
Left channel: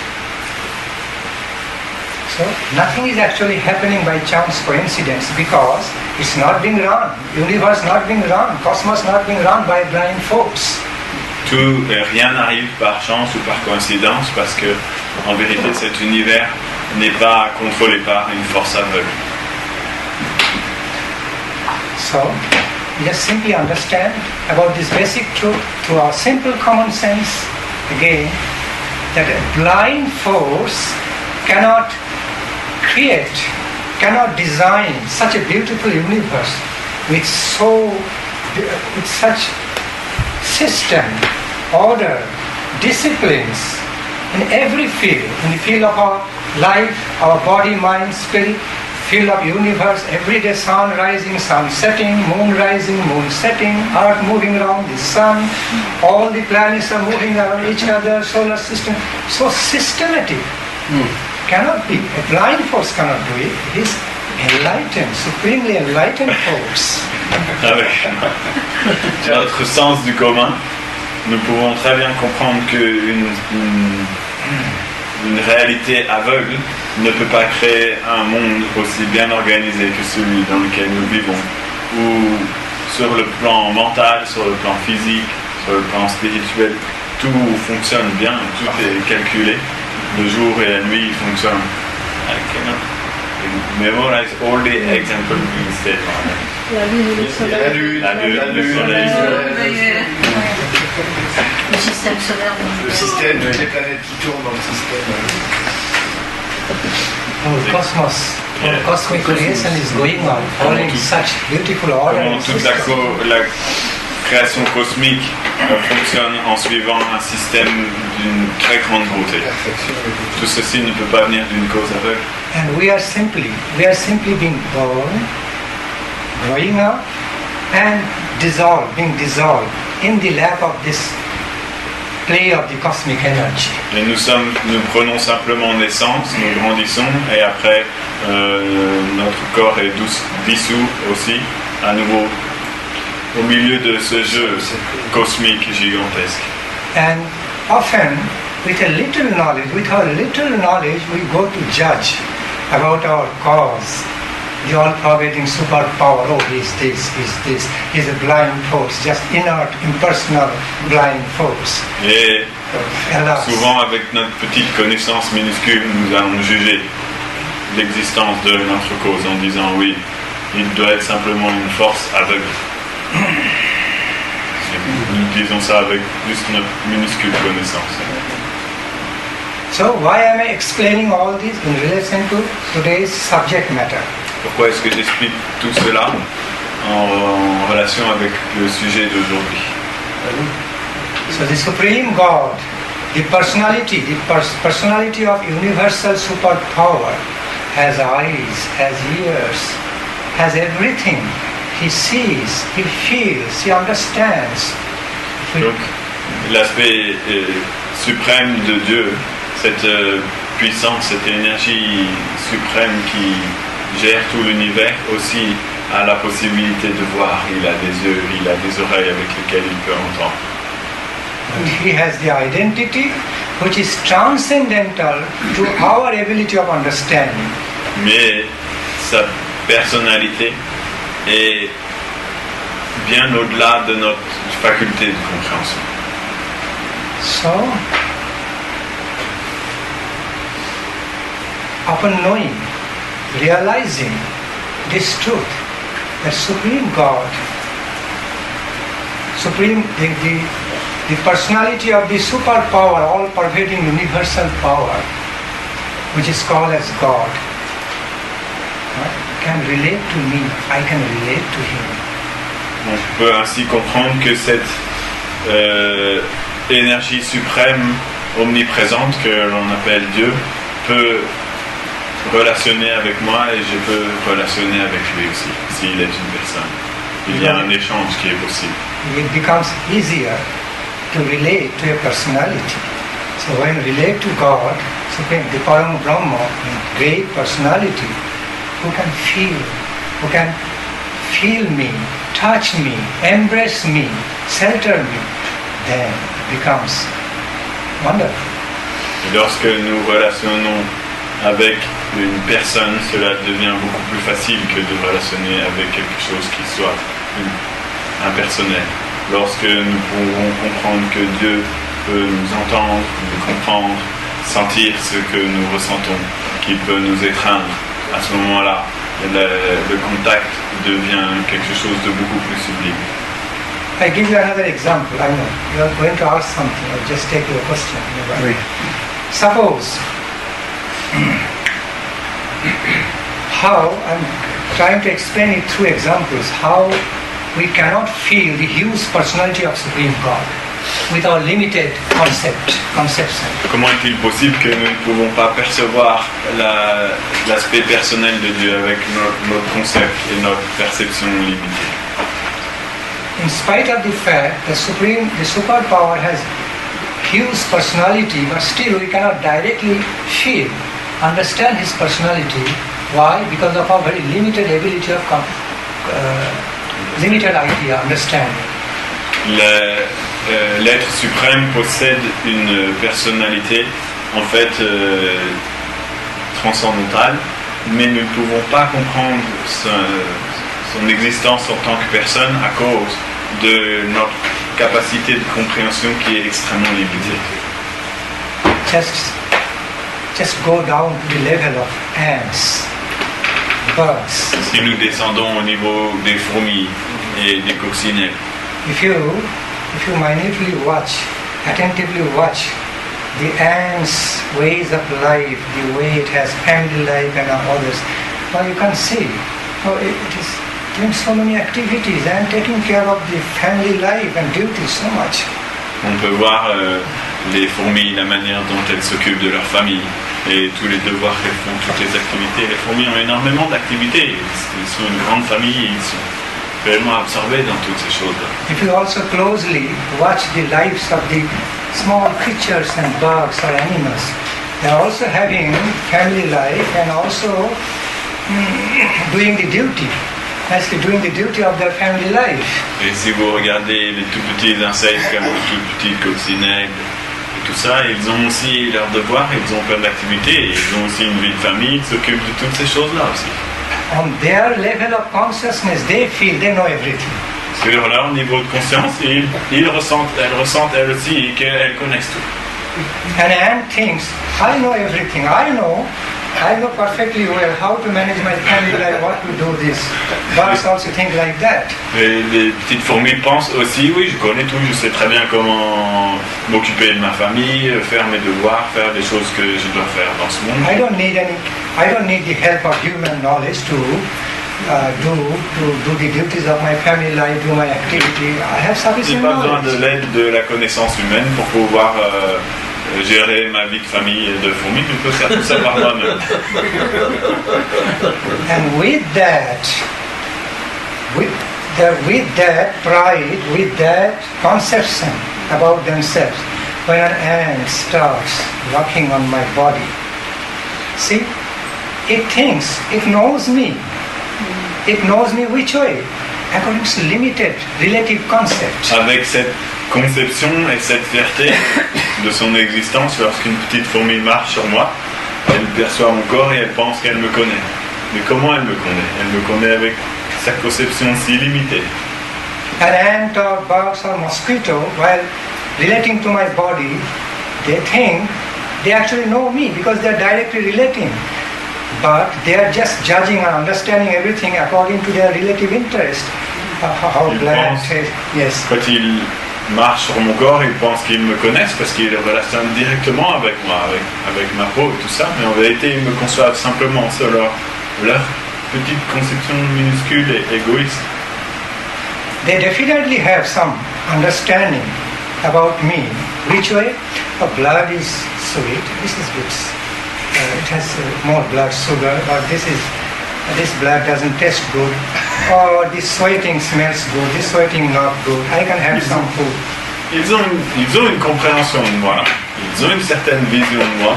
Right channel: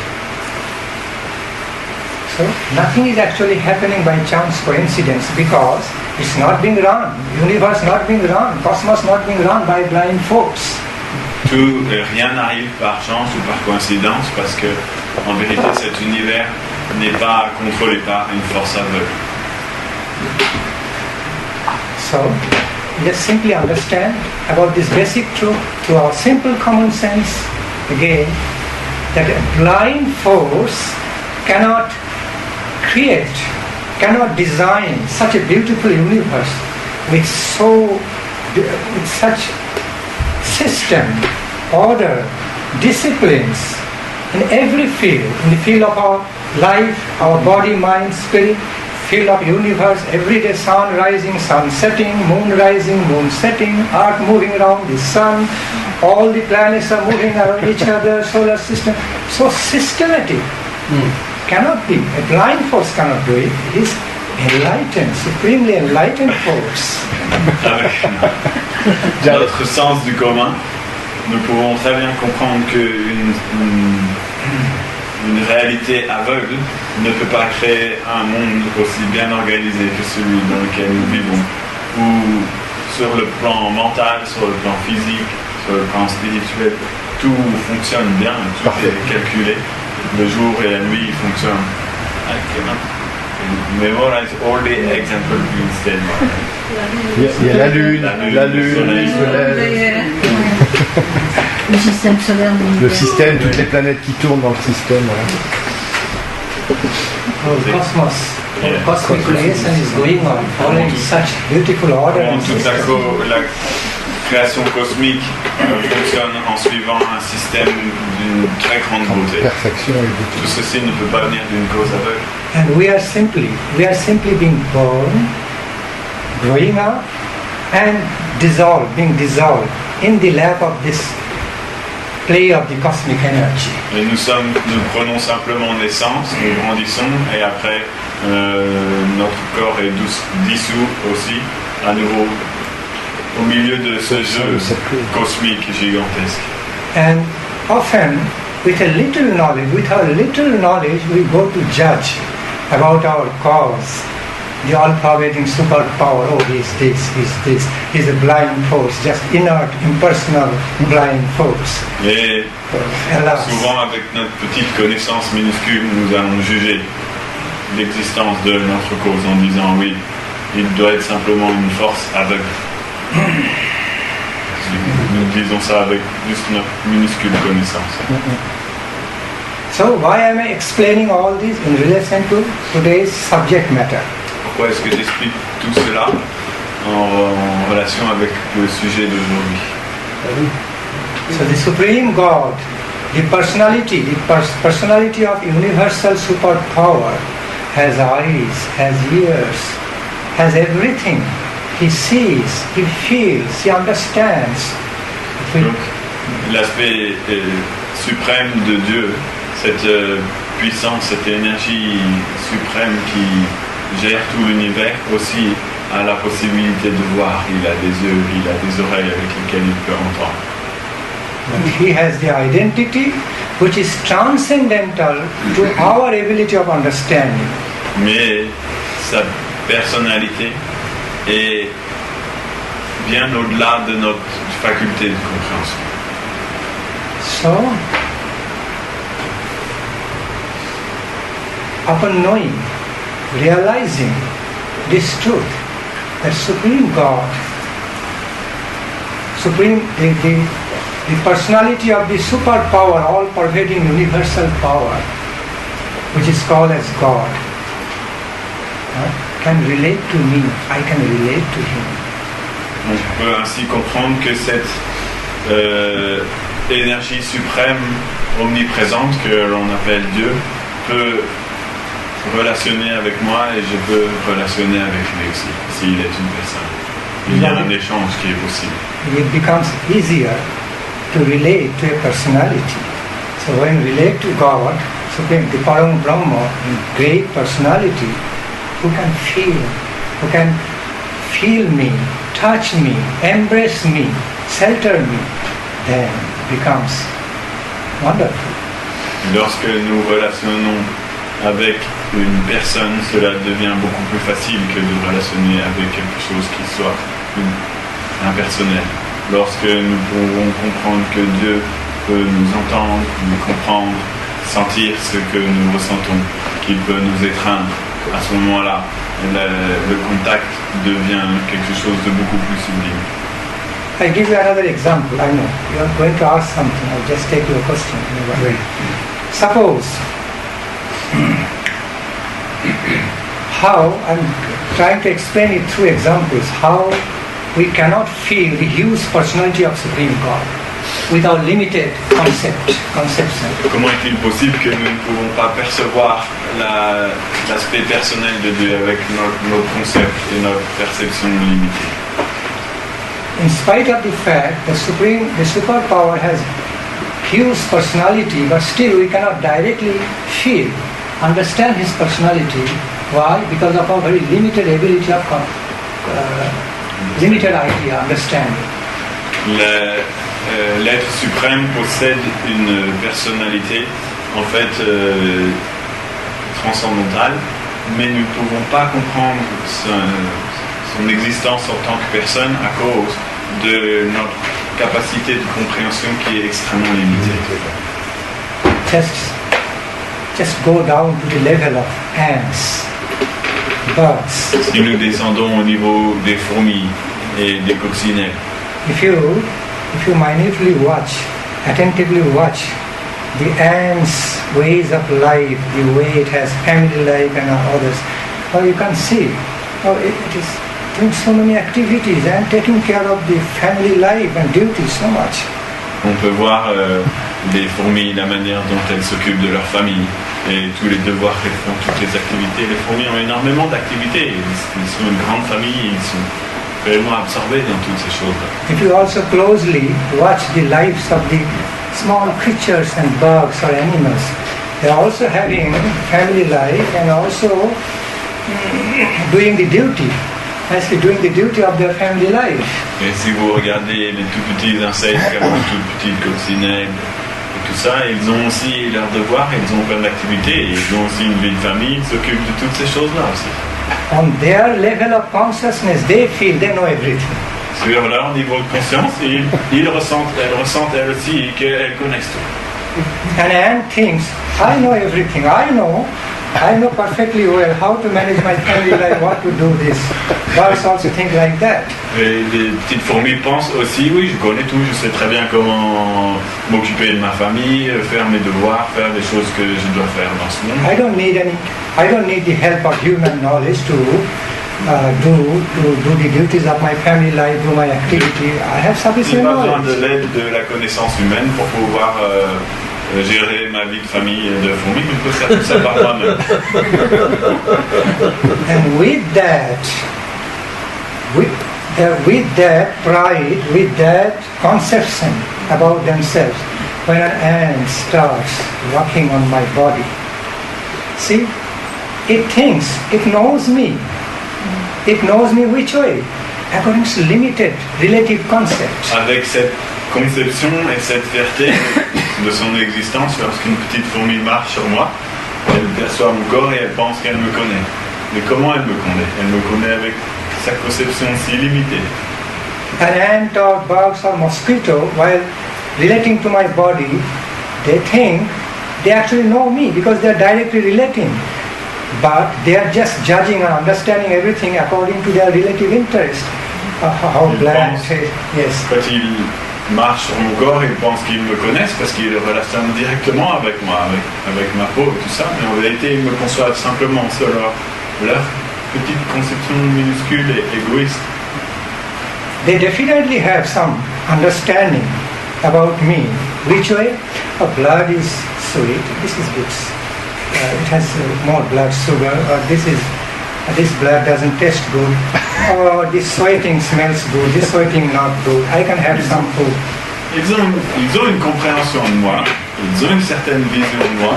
So nothing is actually happening by chance coincidence because it's not being run. Universe not being run. Cosmos not being run by blind folks. Rien n'arrive par chance ou par coïncidence parce que en vérité cet univers n'est pas contrôlé par une force aveugle. So just simply understand about this basic truth through our simple common sense again, that a blind force cannot create, cannot design such a beautiful universe with such system, order, disciplines in every field, in the field of our life, our body, mind, spirit, field of universe, every day sun rising, sun setting, moon rising, moon setting, earth moving around the sun, all the planets are moving around each other, solar system, so systematic. Cannot be, a blind force cannot do it. It is enlightened, supremely enlightened force. Dans notre sens du commun, nous pouvons très bien comprendre qu'une réalité aveugle ne peut pas créer un monde aussi bien organisé que celui dans lequel nous vivons, où sur le plan mental, sur le plan physique, sur le plan spirituel, tout fonctionne bien, tout est calculé. Le jour et la nuit fonctionnent. I cannot memorize all the examples instead. La lune, le soleil, le système solaire, le système, toutes les planètes qui tournent dans le système. The cosmos, the cosmic creation is going on, following such beautiful order. Toute la création cosmique fonctionne en suivant un système d'une très grande beauté. Tout ceci ne peut pas venir d'une cause aveugle. And we are simply being born, growing up, and being dissolved in the lap of this play of the cosmic energy. Et nous prenons simplement naissance, nous grandissons, et après notre corps est dissous aussi, à nouveau au milieu de ce jeu cosmique gigantesque. And often, with our little knowledge, we go to judge about our cause, the all-pervading superpower. Oh, he's this. He's a blind force, just inert, impersonal, blind force. Et souvent, avec notre petite connaissance minuscule, nous allons juger l'existence de notre cause en disant oui, il doit être simplement une force aveugle. Nous disons ça avec juste notre minuscule connaissance. So why am I explaining all this in relation to today's subject matter? Pourquoi est-ce que j'explique tout cela en relation avec le sujet d'aujourd'hui? So the Supreme God, the personality of universal superpower, has eyes, has ears, has everything. He sees, he feels, he understands. Donc, l'aspect suprême de Dieu, cette puissance, cette énergie suprême qui gère tout l'univers, aussi a la possibilité de voir. Il a des yeux, il a des oreilles avec lesquelles il peut entendre. But he has the identity which is transcendental to our ability of understanding. Mais sa personnalité est bien au-delà de notre faculté de compréhension. So, upon knowing, realizing this truth, that Supreme God, the personality of the superpower, all-pervading universal power, which is called as God, can relate to me, I can relate to him. On peut ainsi comprendre que cette énergie suprême omniprésente que l'on appelle Dieu peut relationner avec moi et je peux relationner avec lui aussi, s'il est une personne. Il y a un échange qui est possible. It becomes easier to relate to a personality. So when we relate to God, Supreme, the Param Brahma, great personality, who can feel me, touch me, embrace me, shelter me, then becomes wonderful. Lorsque nous relationnons avec une personne, cela devient beaucoup plus facile que de relationner avec quelque chose qui soit impersonnel. Lorsque nous pouvons comprendre que Dieu peut nous entendre, nous comprendre, sentir ce que nous ressentons, qu'il peut nous étreindre, à ce moment-là, le contact devient quelque chose de beaucoup plus sublime. I give you another example. I know you are going to ask something. I'll just take your question. Oui. Suppose how I'm trying to explain it through examples how we cannot feel the huge personality of Supreme God with our limited conception. Comment est-il possible que nous ne pouvons pas percevoir l'aspect personnel de Dieu avec notre concept et notre perception limitée? In spite of the fact the superpower has huge personality, but still we cannot directly feel, understand his personality. Why? Because of our very limited ability of limited idea, understanding. L'être suprême possède une personnalité en fait transcendantale, mais nous ne pouvons pas comprendre son existence en tant que personne à cause de notre capacité de compréhension qui est extrêmement limitée. Just go down to the level of ants, birds. Si nous descendons au niveau des fourmis et des coccinelles, if you minutely watch, attentively watch the ants' ways of life, the way it has family life and others, you can see how it is doing so many activities and taking care of the family life and duties so much. On peut voir les fourmis, la manière dont elles s'occupent de leur famille et tous les devoirs qu'elles font, toutes les activités. Les fourmis ont énormément d'activités. Ils sont une grande famille, ils sont réellement absorbés dans toutes ces choses-là. If you also closely watch the lives of the small creatures and bugs or animals, they are also having family life and also doing the duty. Actually doing the duty of their family life. Et si vous regardez les tout petits insectes comme les tout petites coccinelles et tout ça, ils ont aussi leurs devoirs, ils ont plein d'activités, ils ont aussi une vie de famille, ils s'occupent de toutes ces choses-là aussi. On their level of consciousness, they feel, they know everything. Sur leur niveau de conscience, elles ressentent elles aussi qu'elles connaissent tout. And ant thinks, I know everything, I know perfectly well how to manage my family life, what to do this. Birds also think like that. Et les petites fourmis pensent aussi, oui, je connais tout, je sais très bien comment m'occuper de ma famille, faire mes devoirs, faire les choses que je dois faire dans ce monde. I don't need the help of human knowledge to do the duties of my family life, do my activity. I have sufficient knowledge. Je n'ai pas besoin de l'aide de la connaissance humaine pour pouvoir gérer ma vie de famille et de fourmis, je peux faire tout ça par moi-même. And with that pride, with that conception about themselves, when an ant starts walking on my body, see, it thinks, it knows me which way, according to limited relative concepts. Avec cette conception et cette fierté de son existence, lorsqu'une petite fourmi marche sur moi, elle perçoit mon corps et elle pense qu'elle me connaît. Mais comment elle me connaît? Elle me connaît avec sa conception si limitée. An ant or bugs or mosquito, while relating to my body, they think they actually know me because they are directly relating. But they are just judging and understanding everything according to their relative interest. How black, yes. Quand ils marchent sur mon corps, ils pensent qu'ils me connaissent parce qu'ils relationnent directement avec moi, avec ma peau et tout ça. Mais en vérité, ils me conçoivent simplement selon leur petite conception minuscule et égoïste. They definitely have some understanding about me. Which way? Blood is sweet. This is good. It has more blood sugar. Or this blood doesn't taste good. Or this sweating smells good. This sweating not good. I can have some food. Ils ont une compréhension de moi. Ils ont une certaine vision de moi.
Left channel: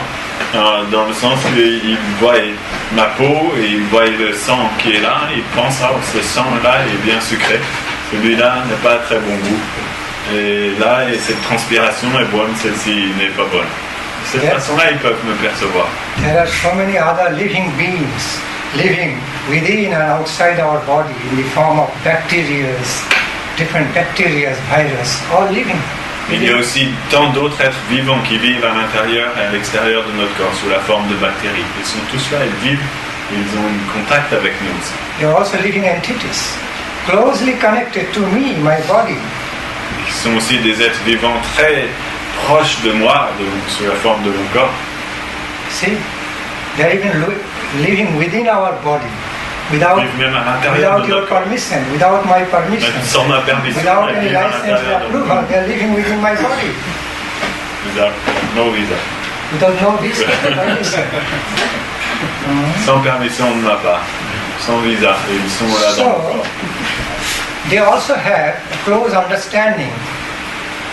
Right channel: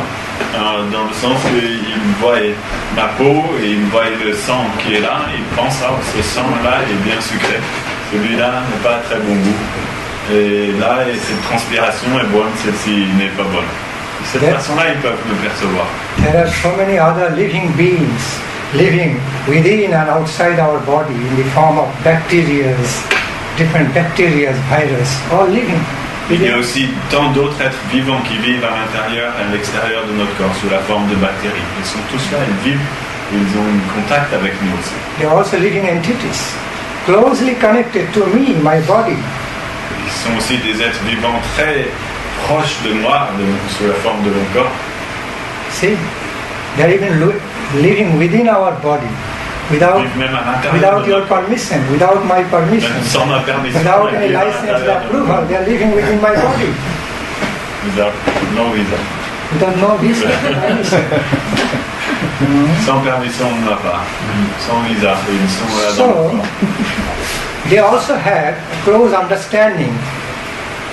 Dans le sens qu'ils voient ma peau et ils voient le sang qui est là. Ils pensent ce sang-là est bien sucré. Celui-là n'est pas très bon goût. Et là, cette transpiration est bonne, celle-ci n'est pas bonne. De cette façon-là, ils peuvent me percevoir. There are so many other living beings living within and outside our body in the form of bacteria, different bacteria, virus, all living. Il y a aussi tant d'autres êtres vivants qui vivent à l'intérieur et à l'extérieur de notre corps sous la forme de bactéries. Ils sont tous là, ils vivent ils ont un contact avec nous aussi. They are also living entities, closely connected to me, my body. Ils sont aussi des êtres vivants très proches de moi, sous la forme de mon corps. See, they are even living within our body, without Même à l'intérieur de your notre corps. permission, without my permission, Même sans ma permission, without ils any vivent à license l'intérieur de mon corps. approval. They are living within my body. Without no visa. Without no visa, permission. Sans permission de ma part, sans visa, et ils sont là dans mon So, corps. they also have a close understanding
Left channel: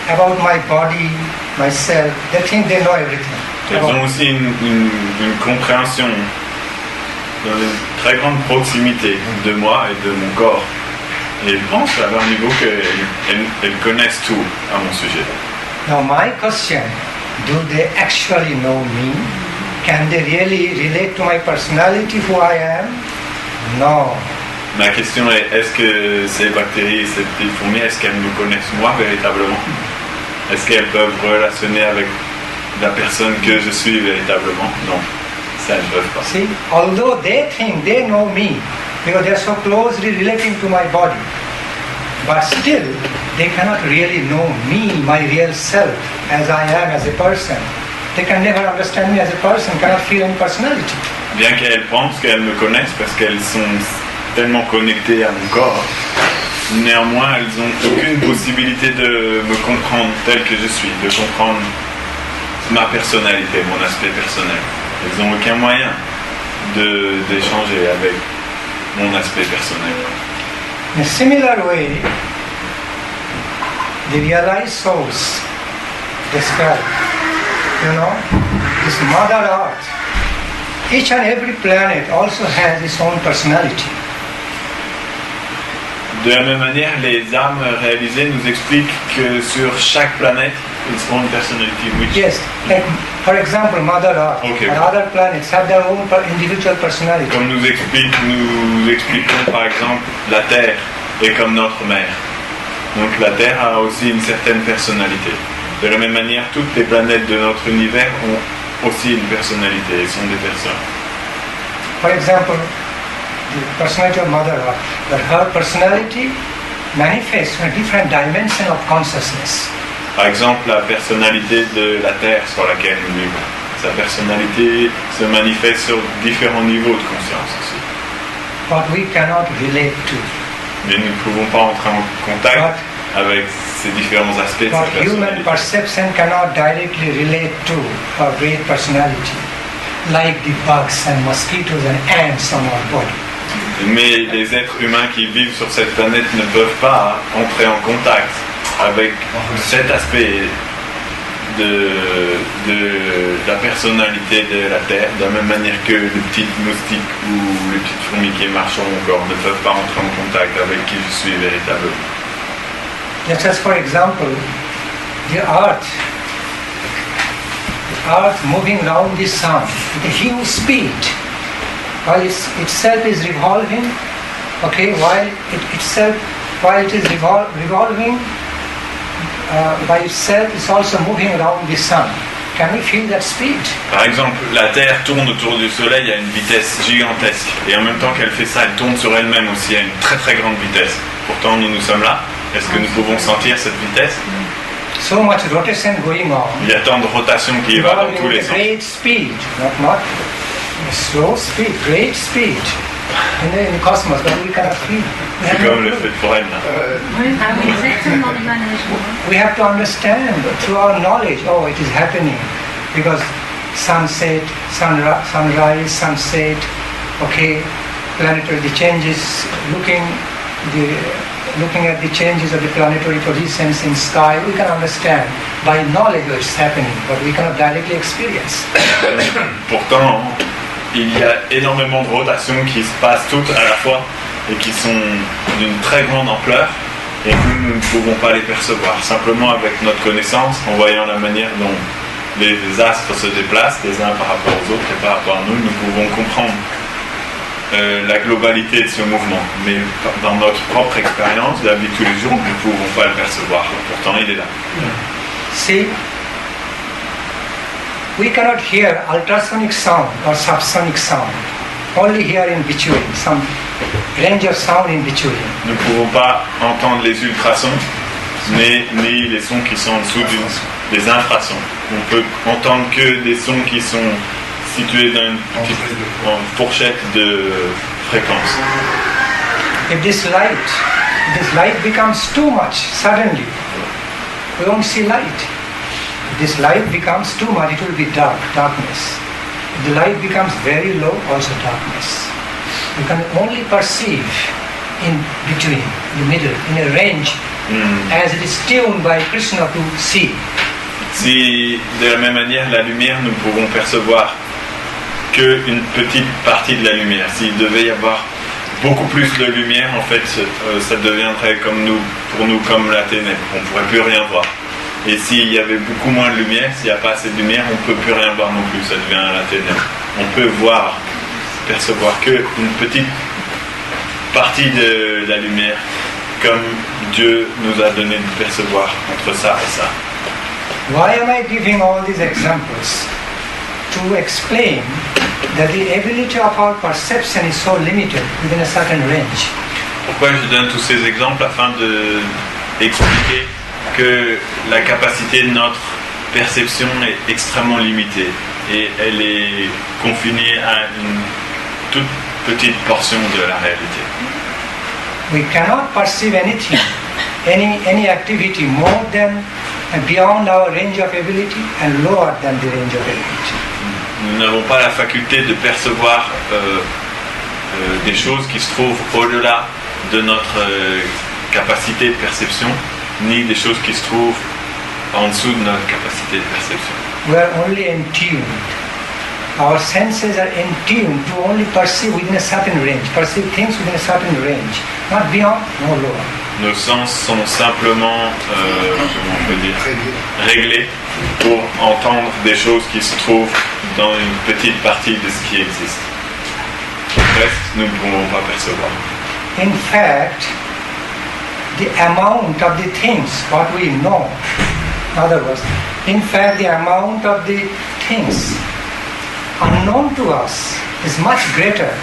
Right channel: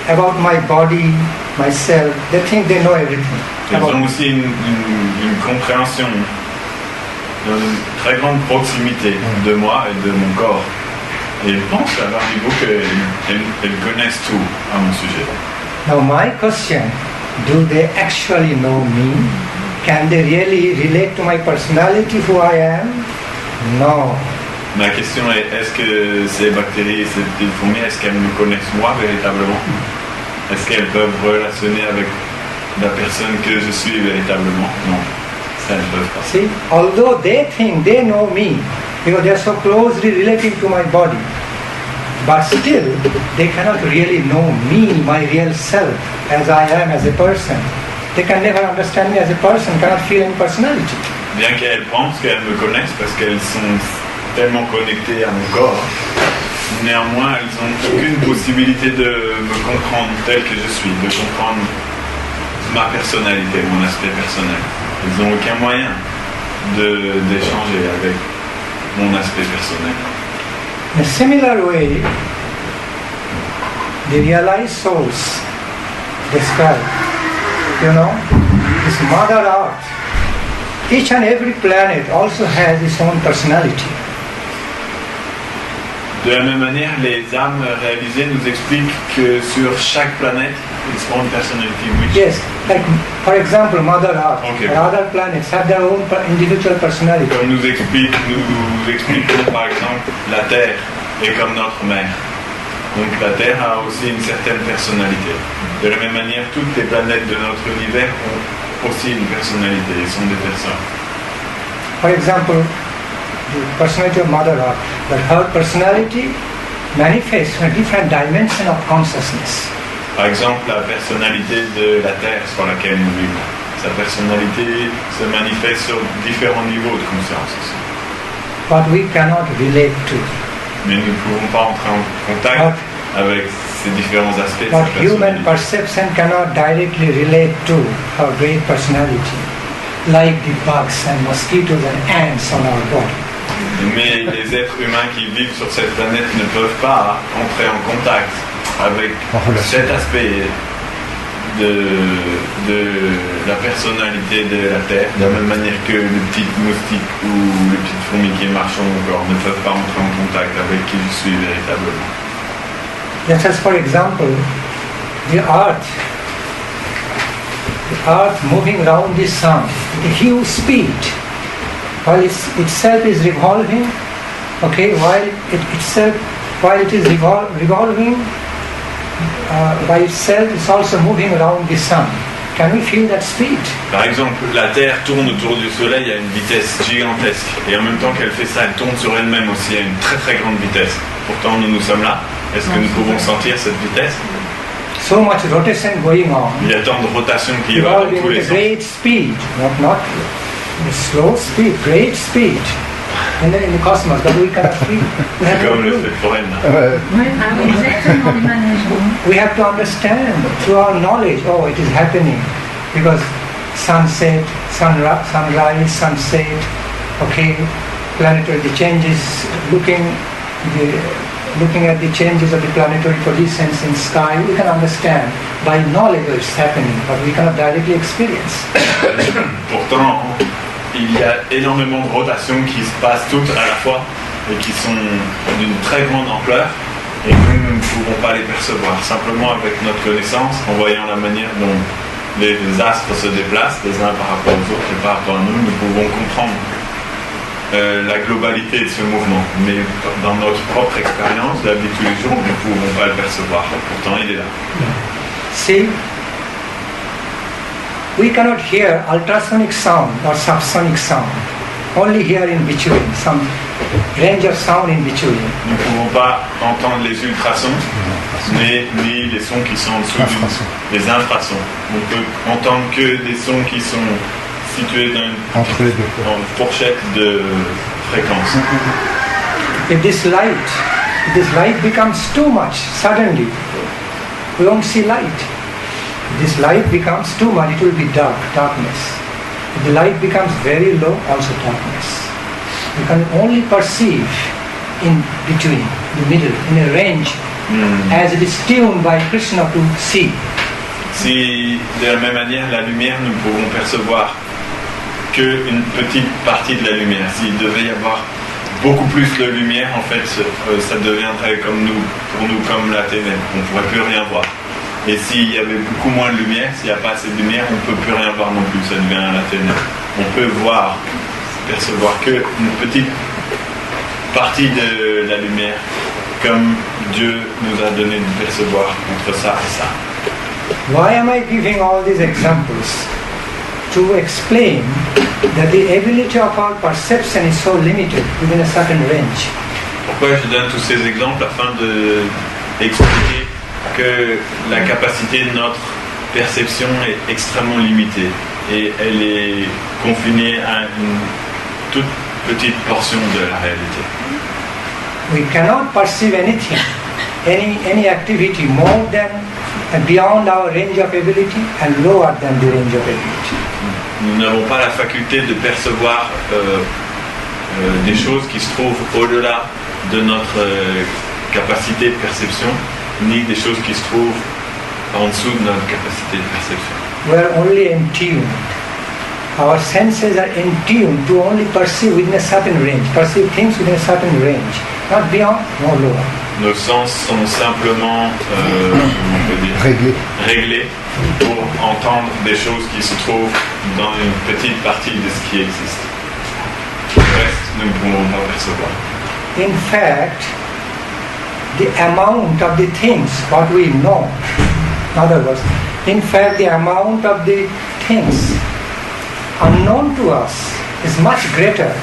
about my body, myself. They think they know everything. Ils about ont aussi une compréhension, une très grande proximité de moi et de mon corps. Et ils pensent à leur niveau qu'elles connaissent tout à mon sujet. Now my question, do they actually know me? Can they really relate to my personality, who I am? No. Ma question est, est-ce que ces bactéries et ces petites fourmis, est-ce qu'elles me connaissent moi véritablement? Est-ce qu'elles peuvent relationner avec la personne que je suis véritablement? Non, ça elles ne peuvent pas. See, although they think they know me, because they are so closely relating to my body, but still they cannot really know me, my real self, as I am as a person. They can never understand me as a person, cannot feel any personality. Bien qu'elles pensent qu'elles me connaissent parce qu'elles sont tellement connectées à mon corps, néanmoins elles n'ont aucune possibilité de me comprendre tel que je suis, de comprendre ma personnalité, mon aspect personnel. Elles n'ont aucun moyen d'échanger avec mon aspect personnel. In a similar way, the realized souls describe, this Mother Earth, each and every planet also has its own personality. De la même manière, les âmes réalisées nous expliquent que sur chaque planète, ils ont une personnalité. Yes, like for example, Mother Earth Okay. and other planets have their own individual personality. Comme nous expliquons par exemple la Terre est comme notre mère. Donc la Terre a aussi une certaine personnalité. De la même manière, toutes les planètes de notre univers ont aussi une personnalité, ils sont des personnes. For example, the personality of Mother Earth, but her personality manifests in a different dimension of consciousness. Par exemple, la personnalité de la Terre sur laquelle nous vivons. Sa personnalité se manifeste sur différents niveaux de conscience aussi. But we cannot relate to. Mais nous ne pouvons pas entrer en contact avec ces différents aspects de sa But human personnalité. perception cannot directly relate to her great personality, like the bugs and mosquitoes and ants on our body. Mais les êtres humains qui vivent sur cette planète ne peuvent pas entrer en contact avec cet aspect de la personnalité de la Terre, de la même manière que les petites moustiques ou les petites fourmis qui marchent sur mon corps ne peuvent pas entrer en contact avec qui je suis véritablement. Just as for example, the earth moving round the sun with a huge speed, while itself is revolving, while it is revolving by itself, it's also moving around the sun. Can we feel that speed? Par exemple, la Terre tourne autour du Soleil à une vitesse gigantesque, et en même temps qu'elle fait ça, elle tourne sur elle-même aussi à une très très grande vitesse. Pourtant, nous sommes là. Est-ce que nous pouvons sentir cette vitesse? So much rotation going on. Il y a tant de rotation qui va dans tous les sens. Great speed, not slow speed, great speed. And then in the cosmos, but we cannot feel. C'est comme le feu de forêt là. We have to understand through our knowledge, it is happening. Because sunset, sunrise, sunset, planetary the changes, looking at the changes of the planetary positions in sky, we can understand by knowledge what is happening, but we cannot directly experience. Pourtant, il y a énormément de rotations qui se passent toutes à la fois et qui sont d'une très grande ampleur et nous ne pouvons pas les percevoir. Simplement avec notre connaissance, en voyant la manière dont les astres se déplacent les uns par rapport aux autres et par rapport à nous, nous pouvons comprendre la globalité de ce mouvement. Mais dans notre propre expérience, de la vie de tous les jours, nous ne pouvons pas le percevoir. Pourtant, il est là. See, we cannot hear ultrasonic sound or subsonic sound. only hear in between, some range of sound in between. Nous ne pouvons pas entendre les ultrasons, ni les sons qui sont en dessous des infrasons. On peut entendre que des sons qui sont situés dans une fourchette de fréquence. If this light becomes too much, suddenly, we won't see light. If this light becomes too much, it will be darkness. If the light becomes very low, also darkness. You can only perceive in between, in the middle, in a range, as it is tuned by Krishna to see. Si, de la même manière, la lumière, nous ne pouvons percevoir qu'une petite partie de la lumière. S'il devait y avoir beaucoup plus de lumière, en fait, ça deviendrait pour nous comme la ténèbre. On ne pourrait plus rien voir. Et s'il y avait beaucoup moins de lumière, s'il n'y a pas assez de lumière, on ne peut plus rien voir non plus. Ça devient la ténèbre. On peut percevoir qu'une petite partie de la lumière, comme Dieu nous a donné de percevoir entre ça et ça. Why am I giving all these examples? To explain that the ability of our perception is so limited within a certain range. Pourquoi je donne tous ces exemples? Afin d'expliquer que la capacité de notre perception est extrêmement limitée et elle est confinée à une toute petite portion de la réalité. We cannot perceive anything, any activity more than and beyond our range of ability and lower than the range of ability. Nous n'avons pas la faculté de percevoir des choses qui se trouvent au-delà de notre capacité de perception, ni des choses qui se trouvent en dessous de notre capacité de perception. We are only in tune. Our senses are in tune to only perceive within a certain range, perceive things within a certain range, not beyond, no lower. Nos sens sont simplement réglés pour entendre des choses qui se trouvent dans une petite partie de ce qui existe. Le reste, nous ne pouvons pas percevoir. In fact, the amount of the things what we know, in other words, in fact, the amount of the things unknown to us is much greater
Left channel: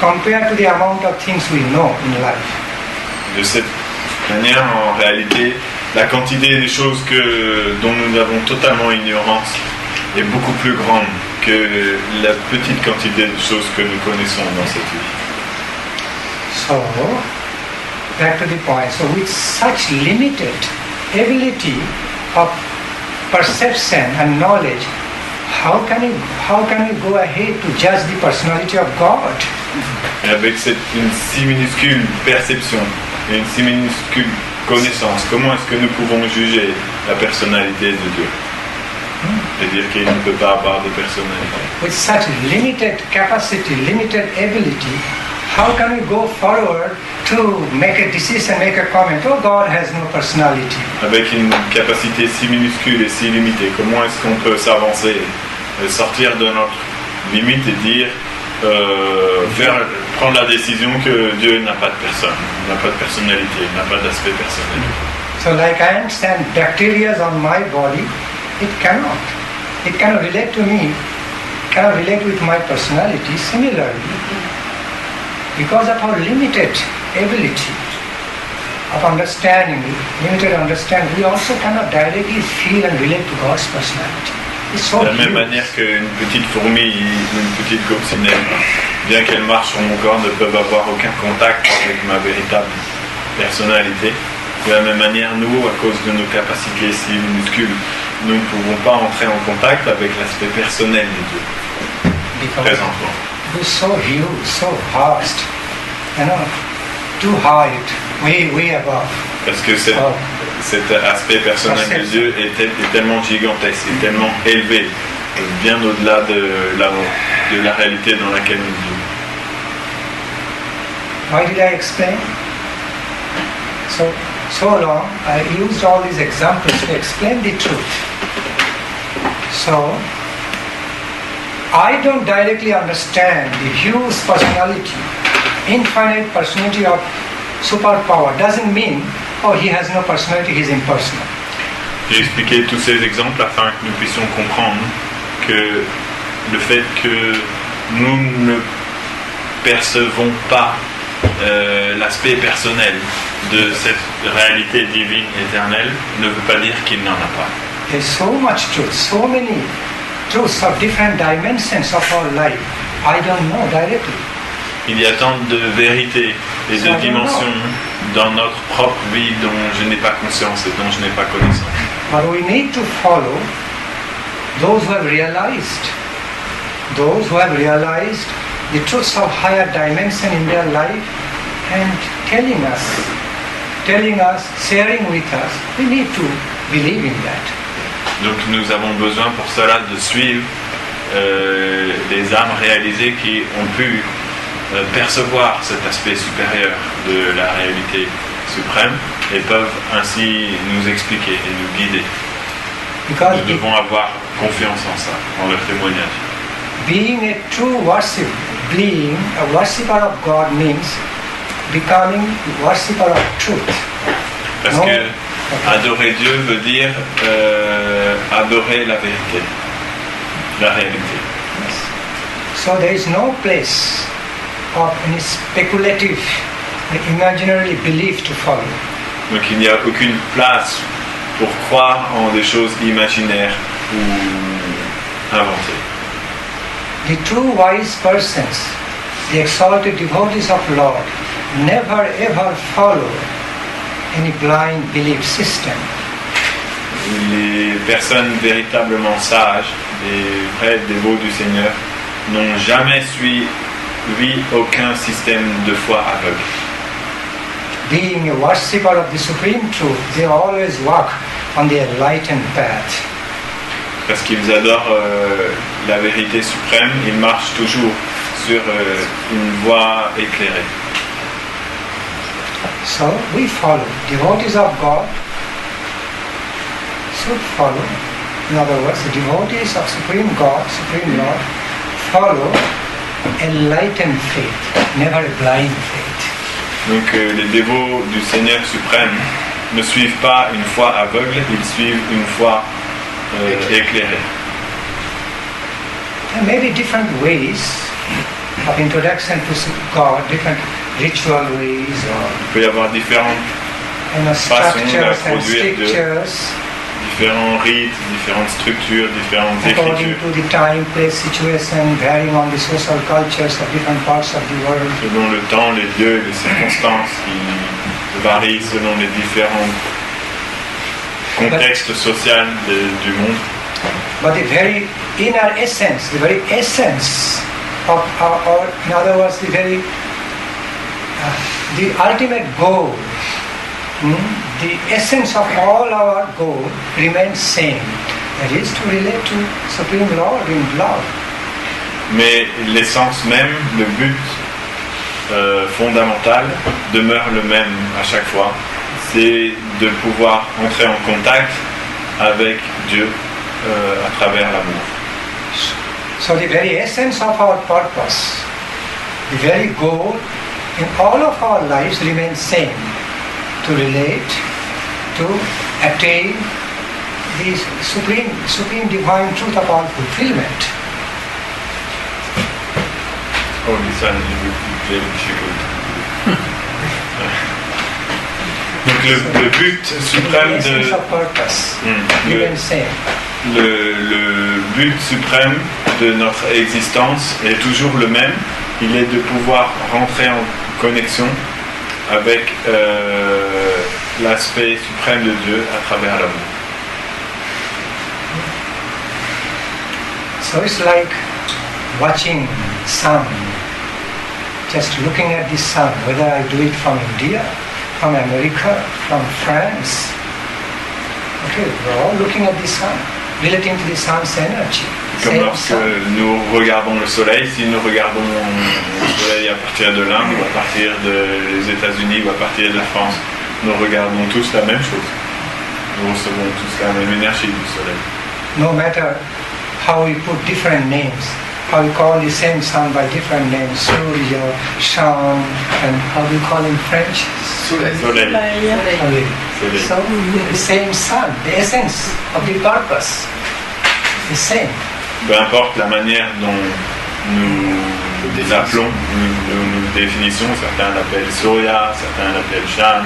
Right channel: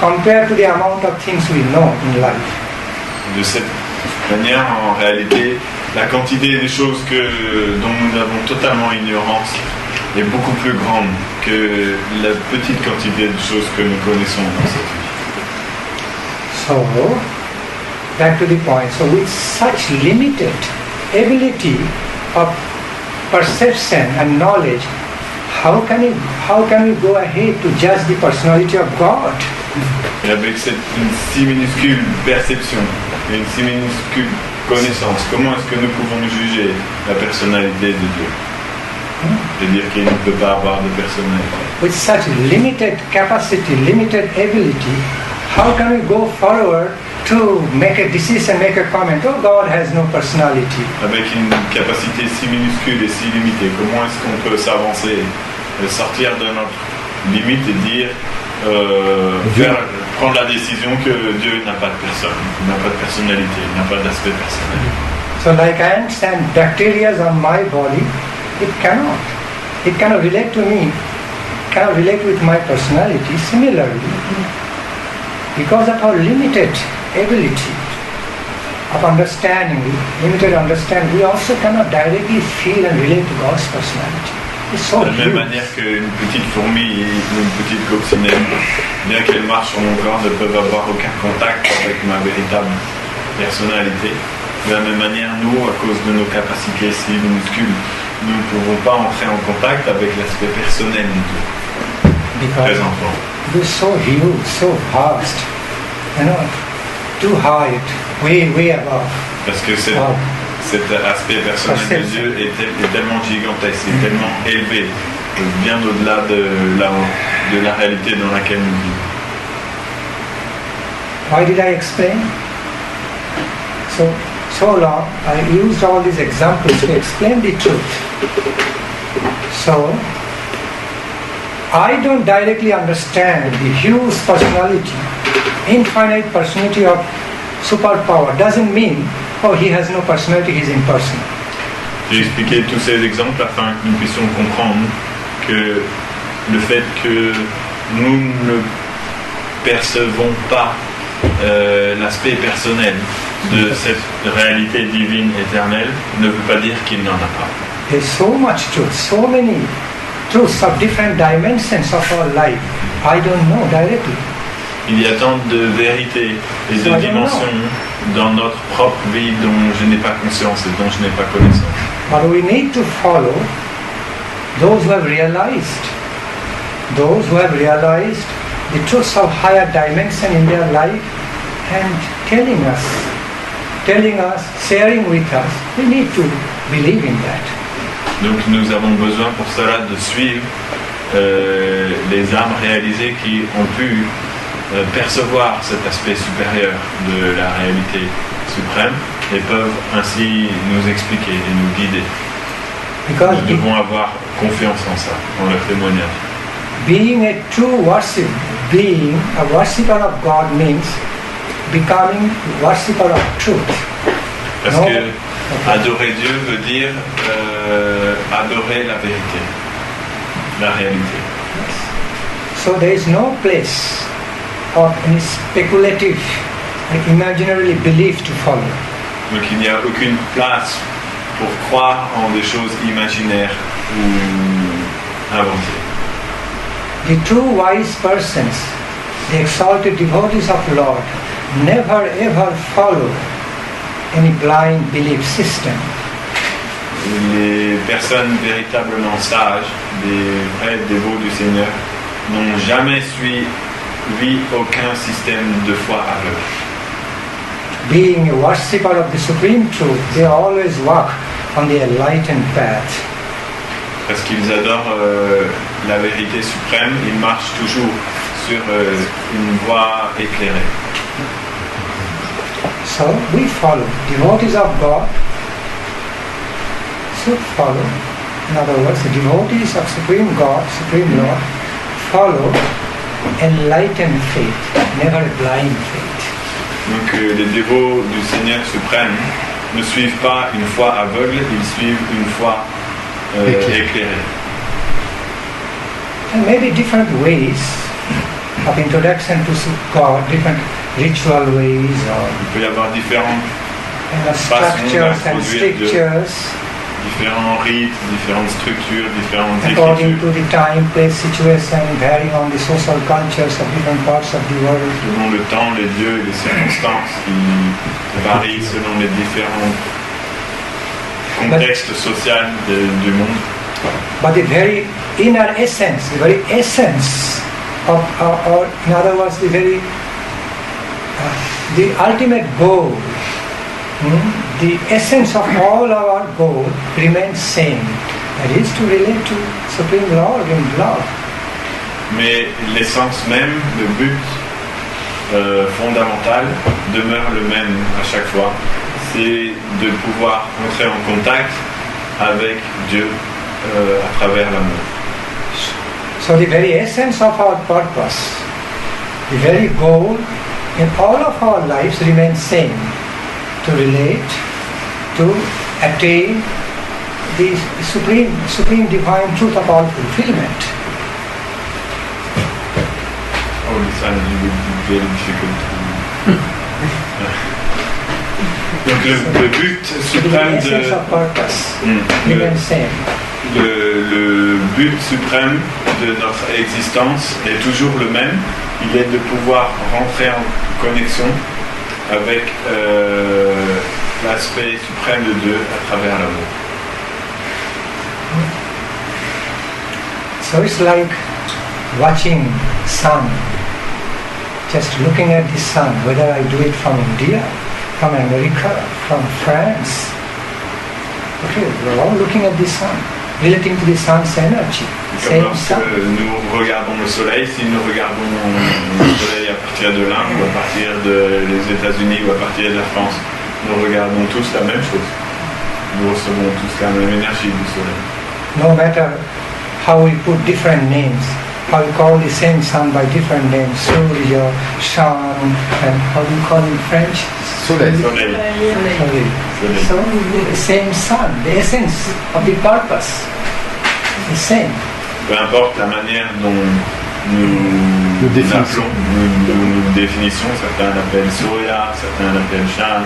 compared to the amount of things we know in life. De cette manière, en réalité, la quantité des choses dont nous avons totalement ignorance est beaucoup plus grande que la petite quantité de choses que nous connaissons dans cette vie. So, back to the point. So, with such limited ability of perception and knowledge, how can we go ahead to judge the personality of God? Et avec une si minuscule perception et une si minuscule connaissance, comment est-ce que nous pouvons juger la personnalité de Dieu? C'est-à-dire qu'il ne peut pas avoir de personnalité. With such limited capacity, limited ability, how can we go forward to make a decision, make a comment? Oh, God has no personality. Avec une capacité si minuscule et si limitée, comment est-ce qu'on peut s'avancer, sortir de notre limite et dire, prendre la décision que Dieu n'a pas de personne, n'a pas de personnalité, n'a pas d'aspect personnel. So, like I understand bacteria on my body, it cannot relate to me, cannot relate with my personality. Similarly, because of our limited ability of understanding, we also cannot directly feel and relate to God's personality. It's so de la même manière qu'une petite fourmi ou une petite coccinelle, bien qu'elle marche sur mon corps, ne peuvent avoir aucun contact avec ma véritable personnalité. De la même manière, nous, à cause de nos capacités si minuscules, nous ne pouvons pas entrer en contact avec l'aspect personnel de Dieu. Présentement. It's so huge, so vast, too high, way above. Parce que cet aspect personnel de Dieu est tellement gigantesque, est tellement élevé, bien au-delà de la réalité dans laquelle nous vivons. Why did I explain? So long, I used all these examples to explain the truth. So, I don't directly understand the huge personality, infinite personality of superpower. Doesn't mean, oh, he has no personality, he's impersonal. J'ai expliqué tous ces exemples afin que nous puissions comprendre que le fait que nous ne percevons pas l'aspect personnel de cette réalité divine éternelle ne veut pas dire qu'il n'en a pas. There's so much truth, so many truths of different dimensions of our life. I don't know directly. Il y a tant de vérités et de dimensions dans notre propre vie dont je n'ai pas conscience et dont je n'ai pas connaissance. But we need to follow those who have realized the truths of higher dimension in their life and telling us, sharing with us. We need to believe in that. Donc nous avons besoin pour cela de suivre les âmes réalisées qui ont pu percevoir cet aspect supérieur de la réalité suprême et peuvent ainsi nous expliquer et nous guider. Because nous devons avoir confiance en ça, en leur témoignage. Being a true worship, being a worshipper of God means becoming a worshipper of truth. Parce que adorer Dieu veut dire adorer la vérité, la réalité. So there is no place of any speculative, imaginary belief to follow. Donc il n'y a aucune place pour croire en des choses imaginaires ou inventées. The true wise persons, the exalted devotees of Lord, never ever follow any blind belief system. Les personnes véritablement sages, des vrais dévots du Seigneur, n'ont jamais suivi aucun système de foi aveugle. Being a worshipper of the Supreme Truth, they always walk on the enlightened path. Parce qu'ils adorent la vérité suprême, ils marchent toujours sur une voie éclairée. So we follow. Devotees of God should follow. In other words, the devotees of Supreme God, Supreme Lord, follow enlightened faith, never a blind faith. Donc les dévots du Seigneur suprême ne suivent pas une foi aveugle, ils suivent une foi éclairée. There may be different ways of introduction to God, different ritual ways Il peut y avoir différentes façons d'introduire Dieu, différents rites, différentes structures, différentes according écritures. to the time, place, situation, varying on the social cultures of different parts of the world. Selon le temps, les lieux et les circonstances qui varient selon les différents contextes sociaux du monde. But the very inner essence, the very essence of, or in other words, the ultimate goal, the essence of all our goal remains same. That is to relate to Supreme Lord in love. Mais l'essence même, le but fondamental demeure le même à chaque fois. C'est de pouvoir entrer en contact avec Dieu à travers l'amour. So the very essence of our purpose, the very goal in all of our lives remains same. To relate, to attain the supreme divine truth of all fulfillment. Oh, Lisa, you would be very difficult. Donc le but suprême le but suprême de notre existence est toujours le même. Il est de pouvoir rentrer en connexion avec l'aspect suprême de Dieu à travers l'amour. So it's like watching sun, just looking at the sun, whether I do it from India, from America, from France. Okay, we're all looking at the sun, relating to the sun's energy. Comme lorsque nous regardons le soleil, si nous regardons le soleil à partir de l'Inde, ou à partir des États-Unis, ou à partir de la France, nous regardons tous la même chose. Nous recevons tous la même énergie du soleil. No matter how we put different names, how we call the same sun by different names, Surya, Shan, and how we call in French? Soleil. So the same sun, the essence of the purpose, the same. Peu importe la manière dont nous nous appelons, nous définissons, certains l'appellent Surya, certains l'appellent Chan,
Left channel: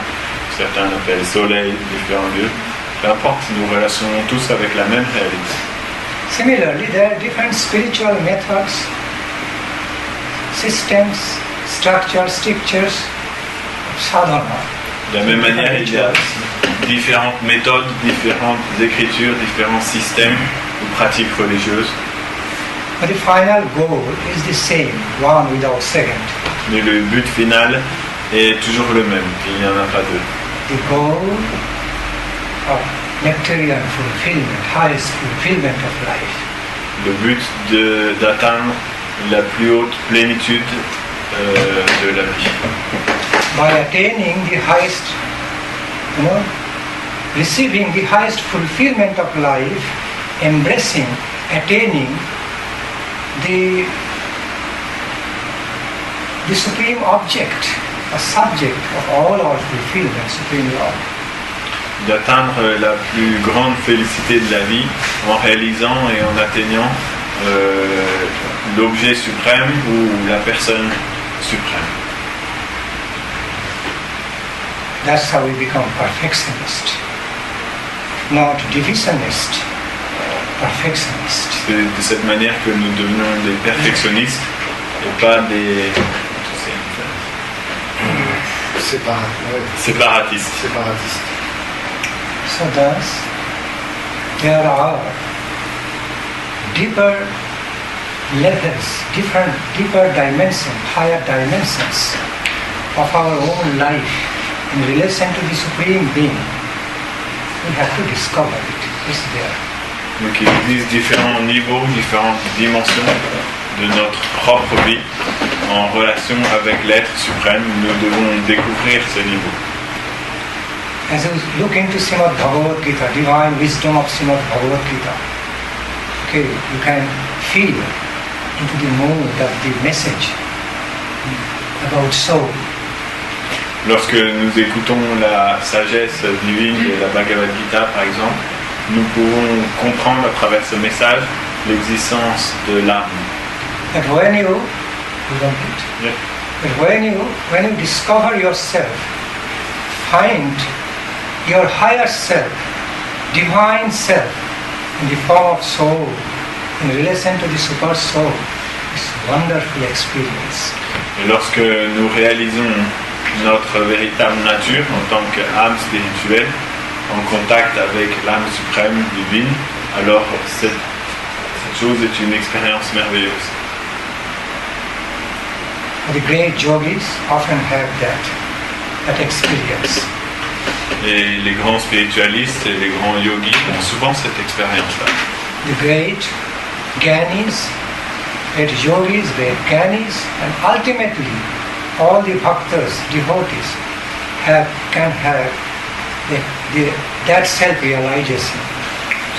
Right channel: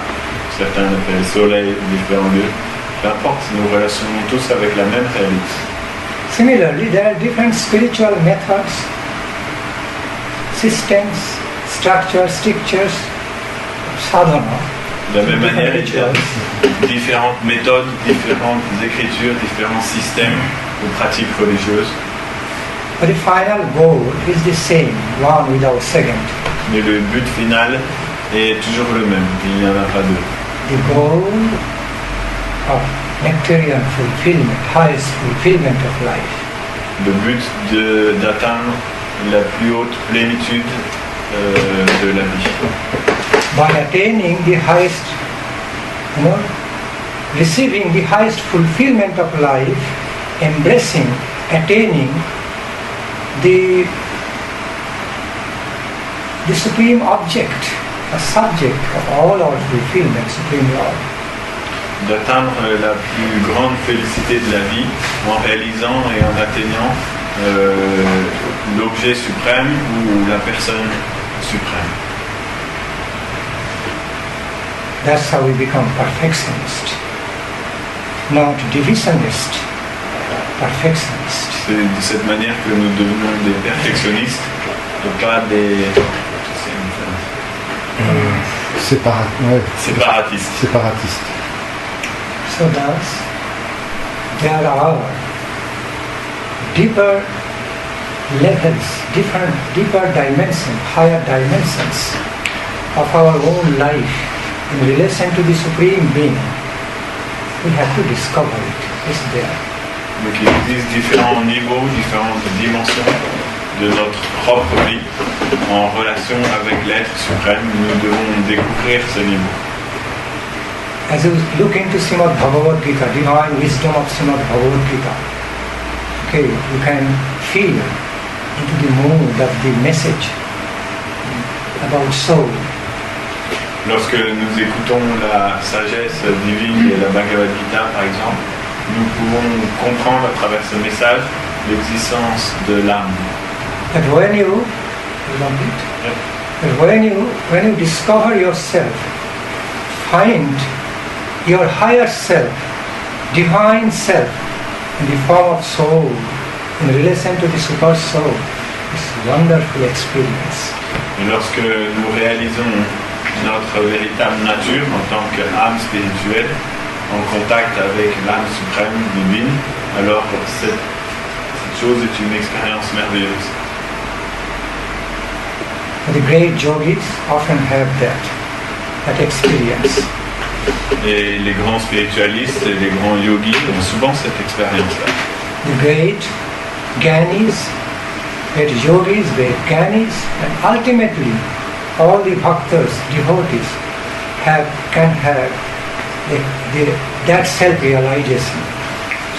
certains l'appellent Soleil, différents dieux. Peu importe, nous relationnons tous avec la même réalité. Similarly, there are different spiritual methods, systems, strictures, sadhana. De la même manière, il y a différentes méthodes, différentes écritures, différents systèmes de pratiques religieuses. But the final goal is the same, one without second. Mais le but final est toujours le même, il n'y en a pas deux. The goal of nectarian fulfillment, highest fulfillment of life. Le but d'atteindre la plus haute plénitude de la vie. By attaining the highest, receiving the highest fulfillment of life, embracing, attaining the supreme object, a subject of all our fulfillment, Supreme Lord. D'atteindre la plus grande félicité de la vie en réalisant et en atteignant l'objet suprême ou la personne suprême. That's how we become perfectionist, not divisionist, perfectionist. C'est de cette manière que nous devenons des perfectionnistes et pas des séparatistes. So thus, there are deeper levels, deeper dimensions, higher dimensions of our own life in relation to the Supreme Being. We have to discover it. It's there. Donc il existe différents niveaux, différentes dimensions de notre propre vie en relation avec l'être suprême. Nous devons découvrir ce niveau. As you look into Srimad Bhagavad Gita, divine wisdom of Srimad Bhagavad Gita, okay, you can feel into the mood of the message about soul. Lorsque nous écoutons la sagesse divine de la Bhagavad Gita, par exemple, nous pouvons comprendre à travers ce message l'existence de l'âme. But when you discover yourself, find your higher self, divine self, in the form of soul, in relation to the super soul, it's a wonderful experience. Et lorsque nous réalisons notre véritable nature en tant qu'âme spirituelle, en contact avec l'âme suprême divine, alors cette chose est une expérience merveilleuse. The great yogis often have that experience. Et les grands spiritualistes et les grands yogis ont souvent cette expérience-là. The great Gyanis, great yogis, great Gyanis, and ultimately all the bhaktas, devotees, can have that self-realization.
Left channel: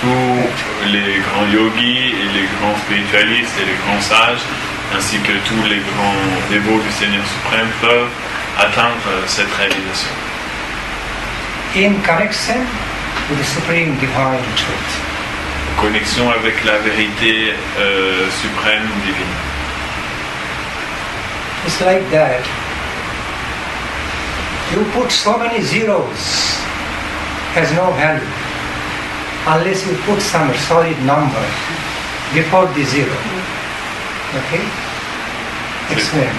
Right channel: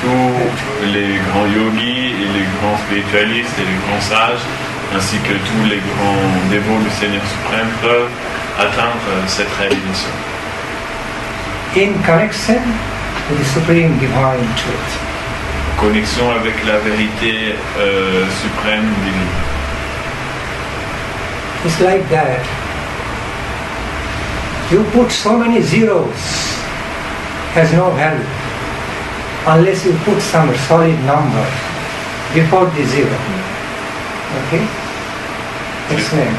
Tous les grands yogis et les grands spiritualistes et les grands sages, ainsi que tous les grands dévots du Seigneur suprême, peuvent atteindre cette réalisation. In connection with the supreme divine truth. Connexion avec la vérité suprême divine. It's like that. You put so many zeros, has no value unless you put some solid number before the zero. Okay? Explain.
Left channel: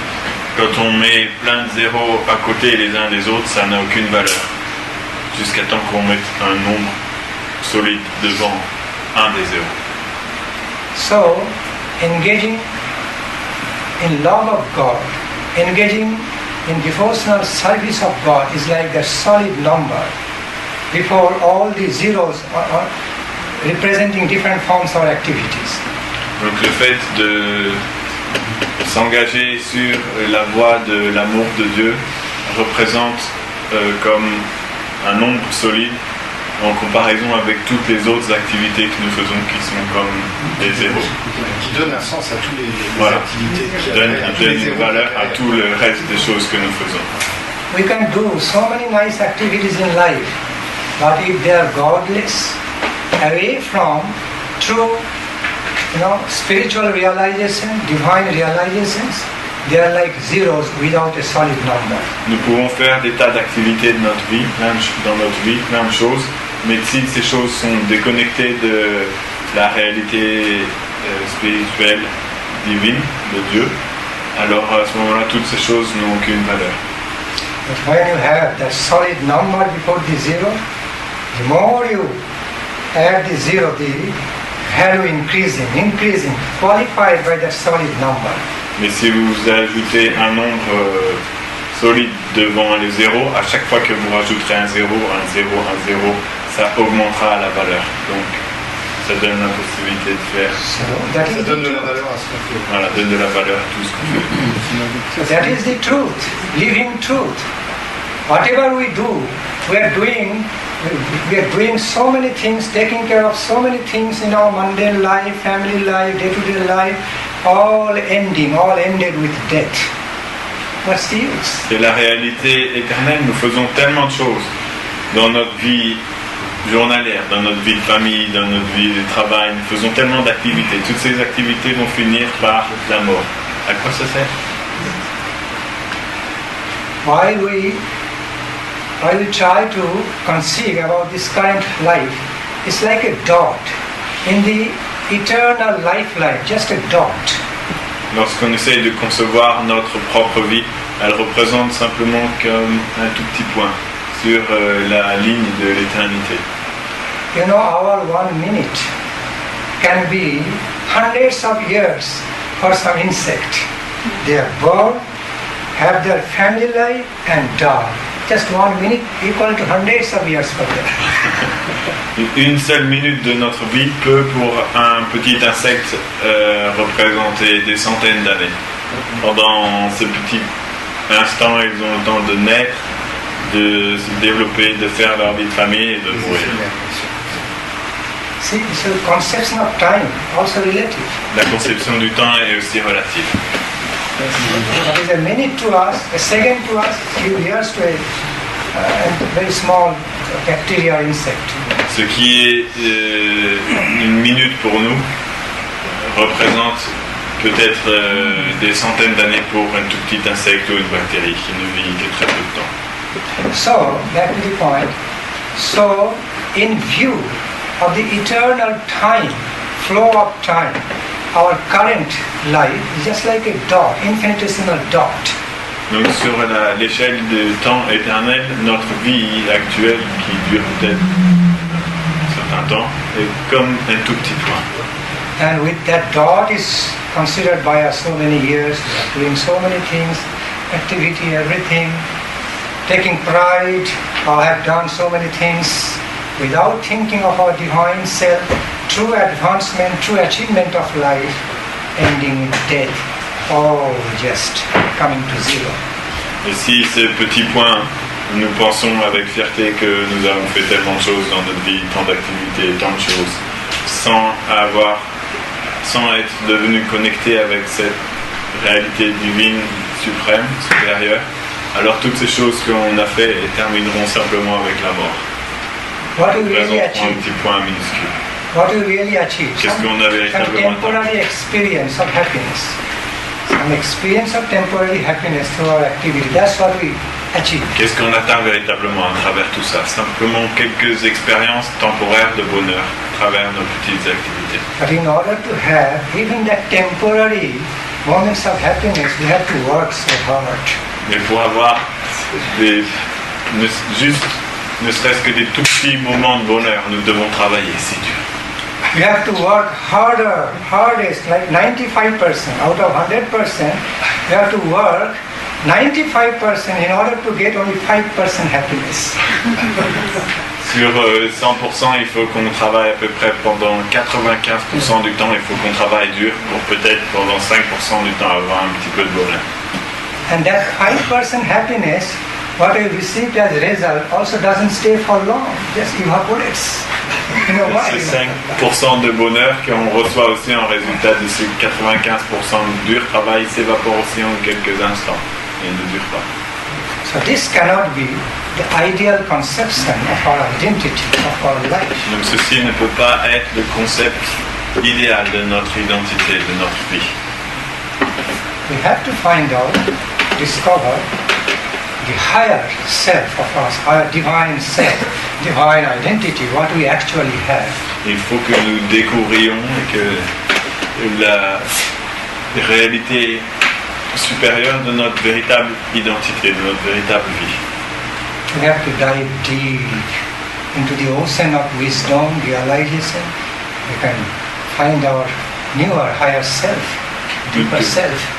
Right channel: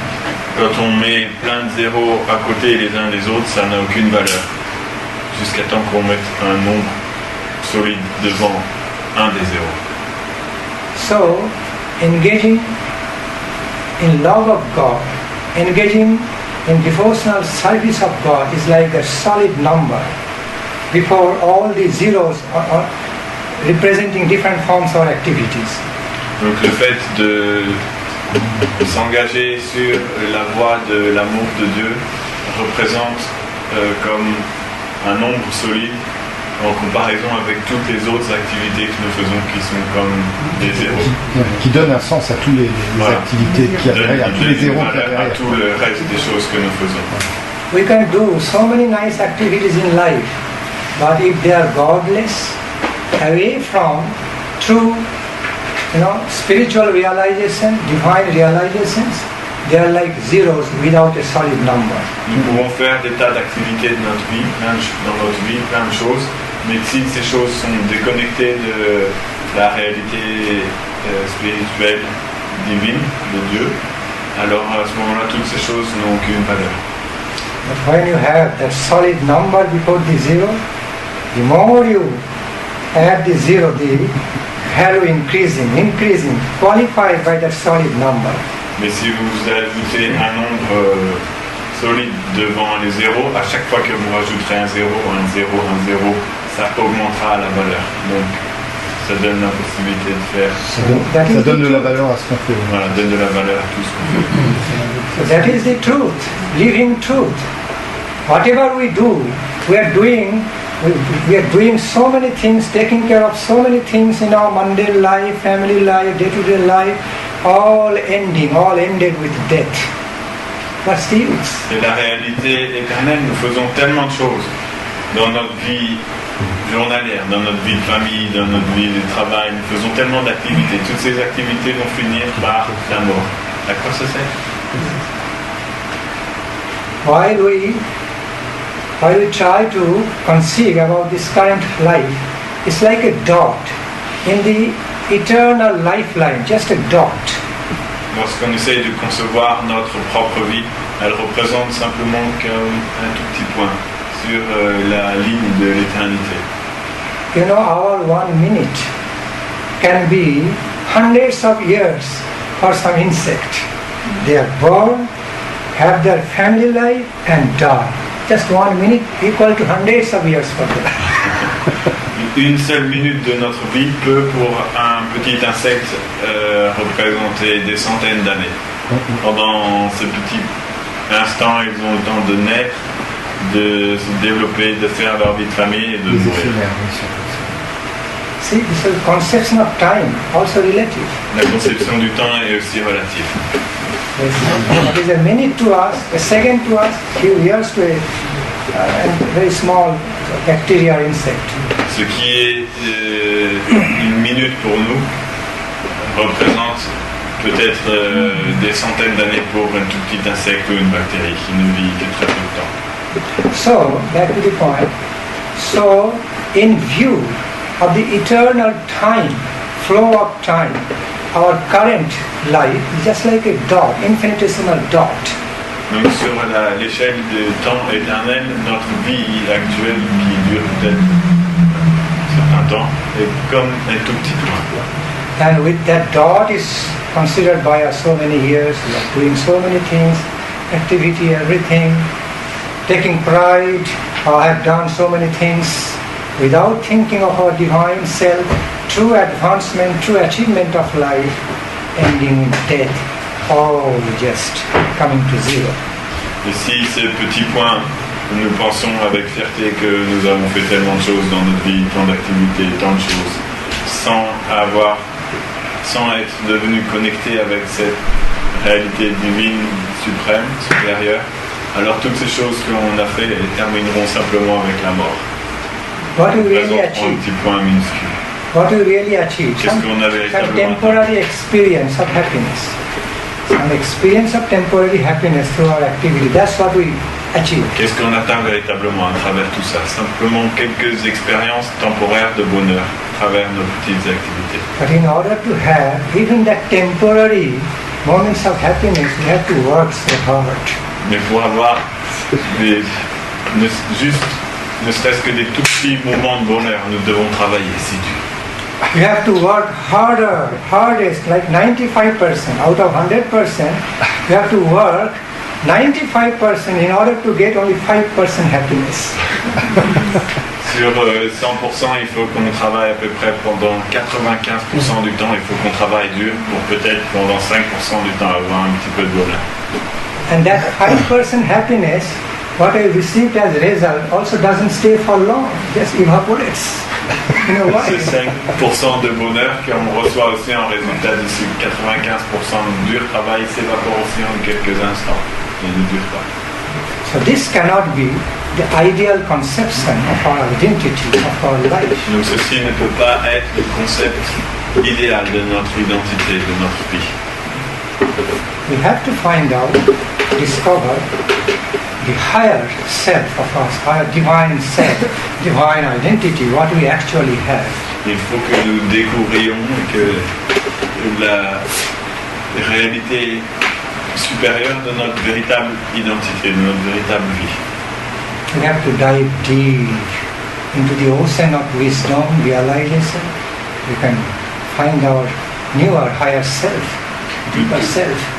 Quand on met plein de zéros à côté les uns des autres, ça n'a aucune valeur. Jusqu'à temps qu'on mette un nombre solide devant un des zéros. So, engaging in love of God, engaging in devotional service of God is like a solid number before all the zeros are representing different forms of activities. Donc le fait de s'engager sur la voie de l'amour de Dieu représente comme un nombre solide en comparaison avec toutes les autres activités que nous faisons qui sont comme des zéros. Qui donne un sens à toutes les activités qui donne une valeur à tout le reste des choses que nous faisons. We can do so many nice activities in life, but if they are godless, away from true spiritual realization, divine realizations, they are like zeros without a solid number. Nous pouvons faire des tas d'activités de notre vie, dans notre vie, plein de choses, mais si ces choses sont déconnectées de la réalité spirituelle, divine, de Dieu, alors à ce moment-là, toutes ces choses n'ont aucune valeur. But when you have that solid number before the zero, the more you add the zero, the value increasing, qualified by that solid number. Mais si vous ajoutez un nombre solide devant les zéros, à chaque fois que vous rajouterez un zéro, ça augmentera la valeur. Donc, ça donne la possibilité de faire. Ça donne de la valeur à ce qu'on fait. Voilà, donne de la valeur à tout ce qu'on fait. So that is the truth, living truth. Whatever we do, we are doing so many things, taking care of so many things in our mundane life, family life, day-to-day life, all ended with death. What's the use? C'est la réalité éternelle. Nous faisons tellement de choses dans notre vie journalière, dans notre vie de famille, dans notre vie de travail. Nous faisons tellement d'activités. Toutes ces activités vont finir par la mort. À quoi ça sert? While we try to conceive about this current life, it's like a dot in the eternal lifeline, just a dot. Lorsqu'on essaye de concevoir notre propre vie, elle représente simplement comme un tout petit point sur la ligne de l'éternité. Our 1 minute can be hundreds of years for some insect. They are born, have their family life and die. Just 1 minute equal to hundreds of years for them. Une seule minute de notre vie peut pour un petit insecte représenter des centaines d'années. Pendant ce petit instant, ils ont le temps de naître, de se développer, de faire leur vie de famille et de mourir. See, so the conception of time also relative. La conception du temps est aussi relative. It is a minute to us, a second to us, a few years to a very small bacteria insect. Ce qui est une minute pour nous représente peut-être des centaines d'années pour un tout petit insecte ou une bactérie qui ne vit que très peu de temps. So, back to the point. So, in view of the eternal time, flow of time, our current life is just like a dot, infinitesimal dot. Donc sur l'échelle du temps éternel, notre vie actuelle qui dure peut-être un certain temps est comme un tout petit point. And with that dot is considered by us so many years, we are doing so many things, activity, everything, taking pride, I have done so many things, without thinking of our divine self, true advancement, true achievement of life, ending in death, all just coming to zero. Et si ces petits points, nous pensons avec fierté que nous avons fait tellement de choses dans notre vie, tant d'activités, tant de choses, sans être devenus connectés avec cette réalité divine suprême, supérieure, alors toutes ces choses qu'on a fait termineront simplement avec la mort. What do we really Un achieve? petit point minuscule. What do we really achieve? Qu'est-ce qu'on a véritablement atteint? Temporary experience of happiness. Some experience of temporary happiness through our activity. That's what we achieve. Qu'est-ce qu'on atteint véritablement à travers tout ça? Simplement quelques expériences temporaires de bonheur à travers nos petites activités. But in order to have even that temporary moments of happiness, we have to work so hard. Mais pour avoir ne serait-ce que des tout petits moments de bonheur, nous devons travailler si dur. We have to work harder, hardest, like 95%. Out of 100%, we have to work 95% in order to get only 5% happiness. Sur 100%, il faut qu'on travaille à peu près pendant 95% du temps, il faut qu'on travaille dur pour peut-être pendant 5% du temps avoir un petit peu de bonheur. And that 5% happiness, what I received as a result, also doesn't stay for long, just evaporates. You know why? C'est 5% de bonheur qu'on reçoit aussi en résultat de ce 95% de dur travail s'évapore aussi en quelques instants et ne dure pas. So this cannot be the ideal conception of our identity, of our life. Donc ceci ne peut pas être le concept idéal de notre identité, de notre vie. We have to find out, discover the higher self of us, higher divine self, divine identity, what we actually have. Il faut que nous découvrions que la réalité supérieure de notre véritable identité, de notre véritable vie. We have to dive deep into the ocean of wisdom, realization. We can find our newer, higher self.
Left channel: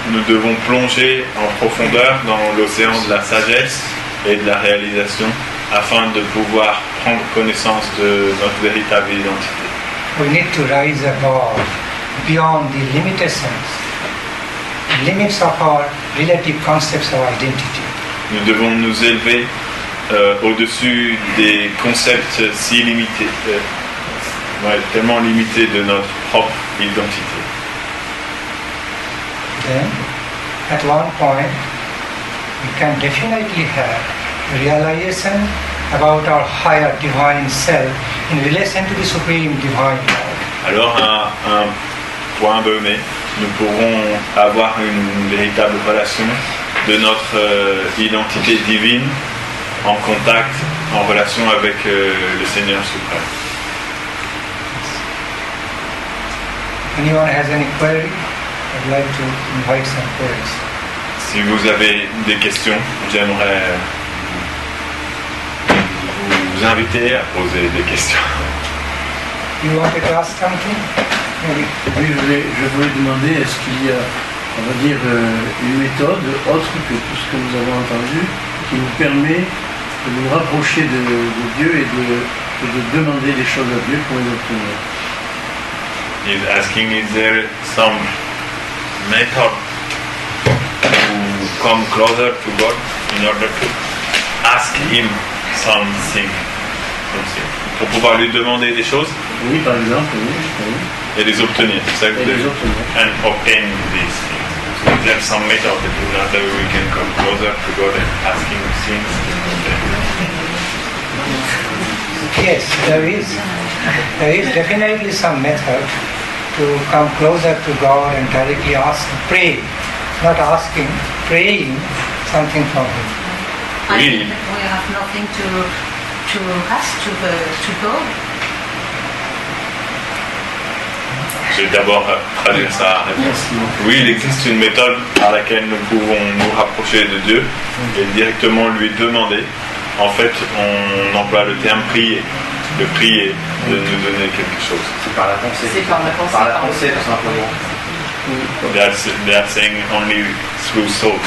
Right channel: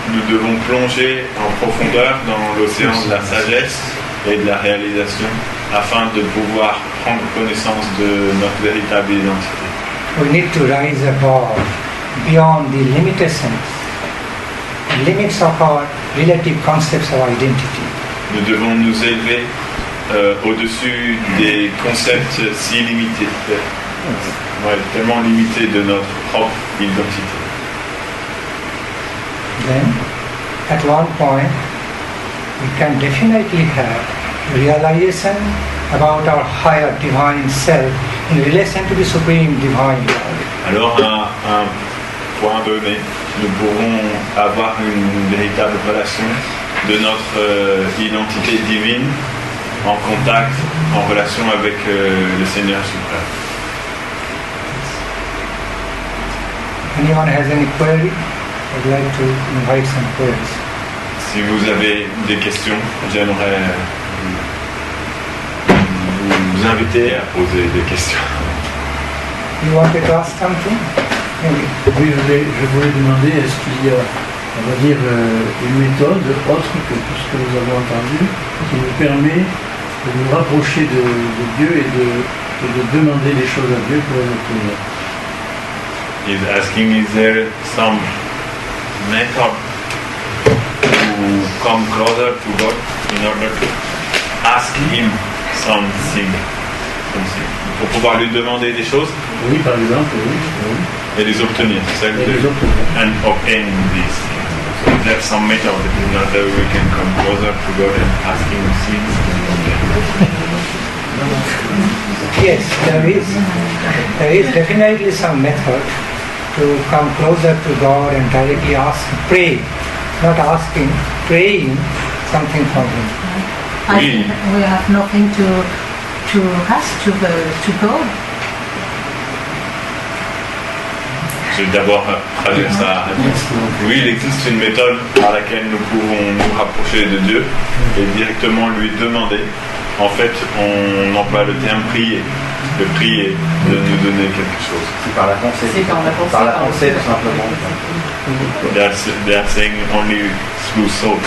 Nous devons plonger en profondeur dans l'océan de la sagesse et de la réalisation afin de pouvoir prendre connaissance de notre véritable identité. We need to rise above, beyond the limitations, limits of our relative concepts of identity. Nous devons nous élever au-dessus des concepts si limités, tellement limités de notre propre identité. Then, at one point, we can definitely have realization about our higher divine self in relation to the supreme divine God. Alors, à un point donné, nous pourrons avoir une véritable relation de notre identité divine en contact, en relation avec le Seigneur suprême. Anyone has any query? I'd like to invite some queries. Si vous avez des questions, j'aimerais vous inviter à poser des questions. You wanted to ask something? Oui, je voulais demander, est-ce qu'il y a, on va dire, une méthode autre que tout ce que nous avons entendu, qui nous permet de nous rapprocher de Dieu et de demander des choses à Dieu pour les obtenir. He's asking, is there some method to come closer to God in order to ask Him something? Pour pouvoir lui demander des choses? Oui, par exemple, oui. Et les obtenir, c'est ça que vous avez. And obtain these things. So is there some method in order we can come closer to God and ask Him things? Yes, there is definitely some method to come closer to God and directly ask, pray, not asking, praying something from Him. Oui. I think we have nothing to ask to God. Je vais d'abord traduire sa réponse. Oui, il existe une méthode par laquelle nous pouvons nous rapprocher de Dieu et directement lui demander. En fait, on emploie le terme prier. De prier, de nous donner quelque chose. C'est par la pensée. C'est par la pensée. Par la pensée, tout simplement. They are saying only through thought.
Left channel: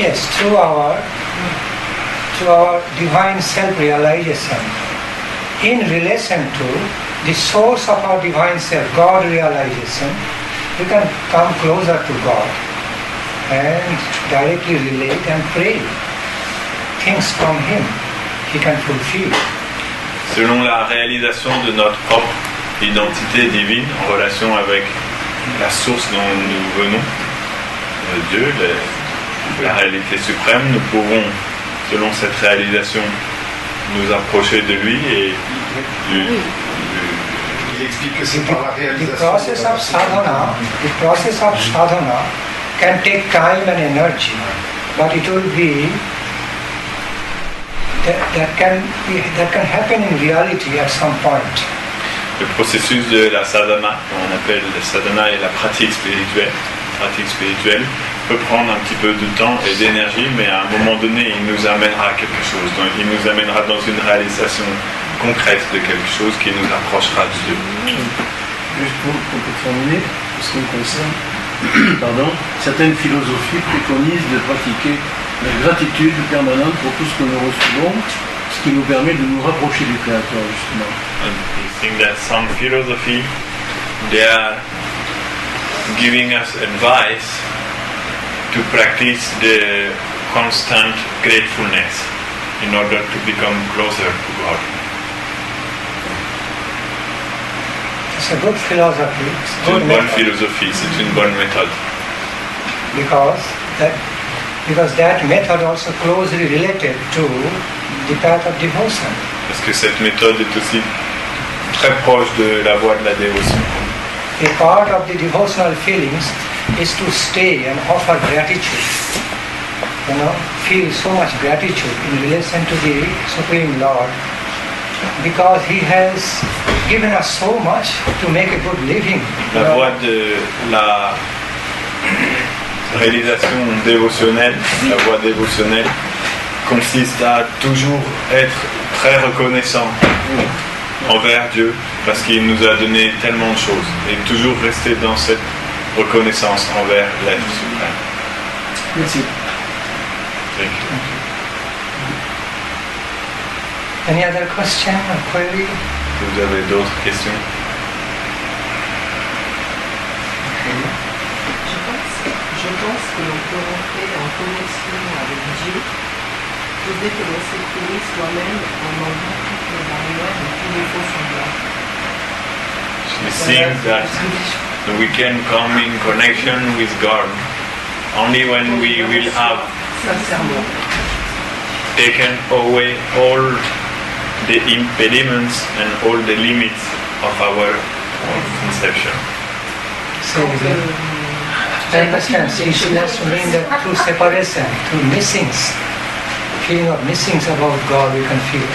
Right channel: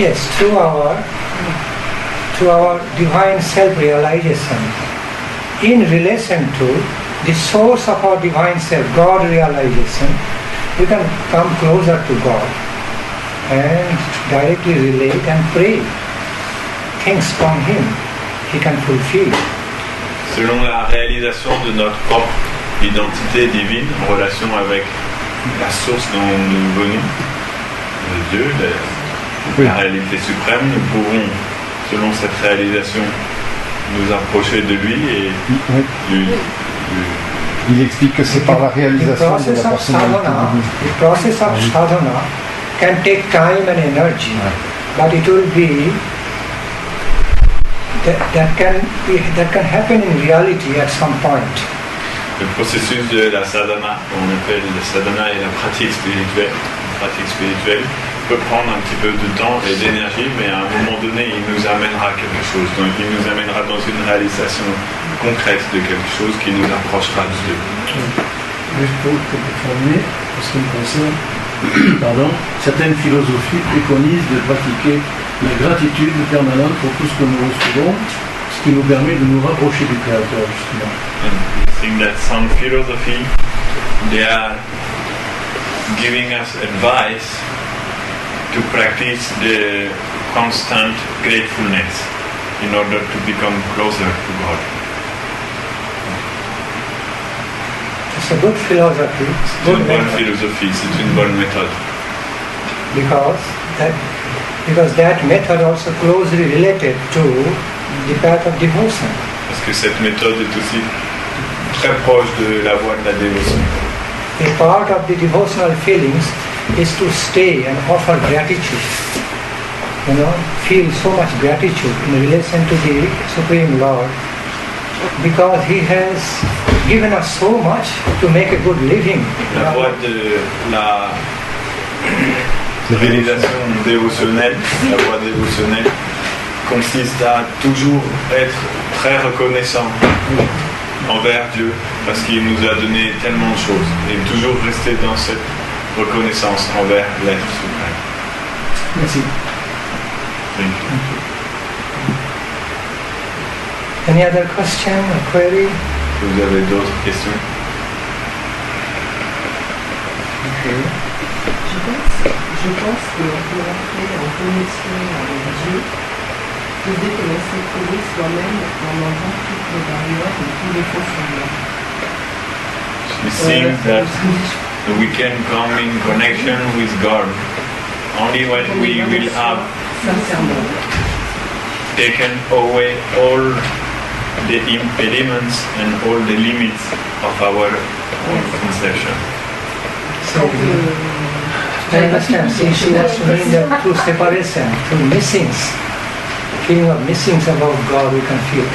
Yes, through our divine self-realization in relation to the source of our divine self, God realization, you can come closer to God and directly relate and pray things from Him He can fulfill. Selon la réalisation de notre propre identité divine en relation avec la source dont nous venons, Dieu, la réalité suprême, nous pouvons, selon cette réalisation, nous approcher de lui et Il explique que c'est par la réalisation. The process of sadhana can take time and energy, but it will be that can happen in reality at some point. Le processus de la sadhana, qu'on appelle la sadhana et la pratique spirituelle, peut prendre un petit peu de temps et d'énergie, mais à un moment donné, il nous amènera à quelque chose. Donc, il nous amènera dans une réalisation concrète de quelque chose qui nous approchera de Dieu. Juste pour terminer, en ce qui me concerne, certaines philosophies préconisent de pratiquer la gratitude permanente pour tout ce que nous recevons, ce qui nous permet de nous rapprocher du Créateur, justement. And we think that some philosophy, they are giving us advice to practice the constant gratefulness in order to become closer to God. It's a good philosophy. C'est une bonne philosophie, c'est une bonne méthode. Because that method also closely related to the path of devotion. Parce que cette méthode est aussi très proche de la voie de la dévotion. a part of the devotional feelings is to stay and offer gratitude. Feel so much gratitude in relation to the Supreme Lord, because He has given us so much to make a good living. La voie de la réalisation dévotionnelle, la voie dévotionnelle, consiste à toujours être très reconnaissant envers Dieu parce qu'il nous a donné tellement de choses et toujours rester dans cette reconnaissance envers l'être suprême. Merci. Thank you. Any other question or query? Est-ce que vous avez d'autres questions? Okay. Je pense que l'on peut rentrer en connexion avec Dieu que dès que l'on s'est trouvé soi-même en enlevant toutes les barrières et tous les faux semblants. She thinks that we can come in connection with God only when we will have Sincèrement. taken away all the impediments and all the limits of our own conception. So, I understand. She has to mean that through separation, through missings, feeling of missings about God, we can feel.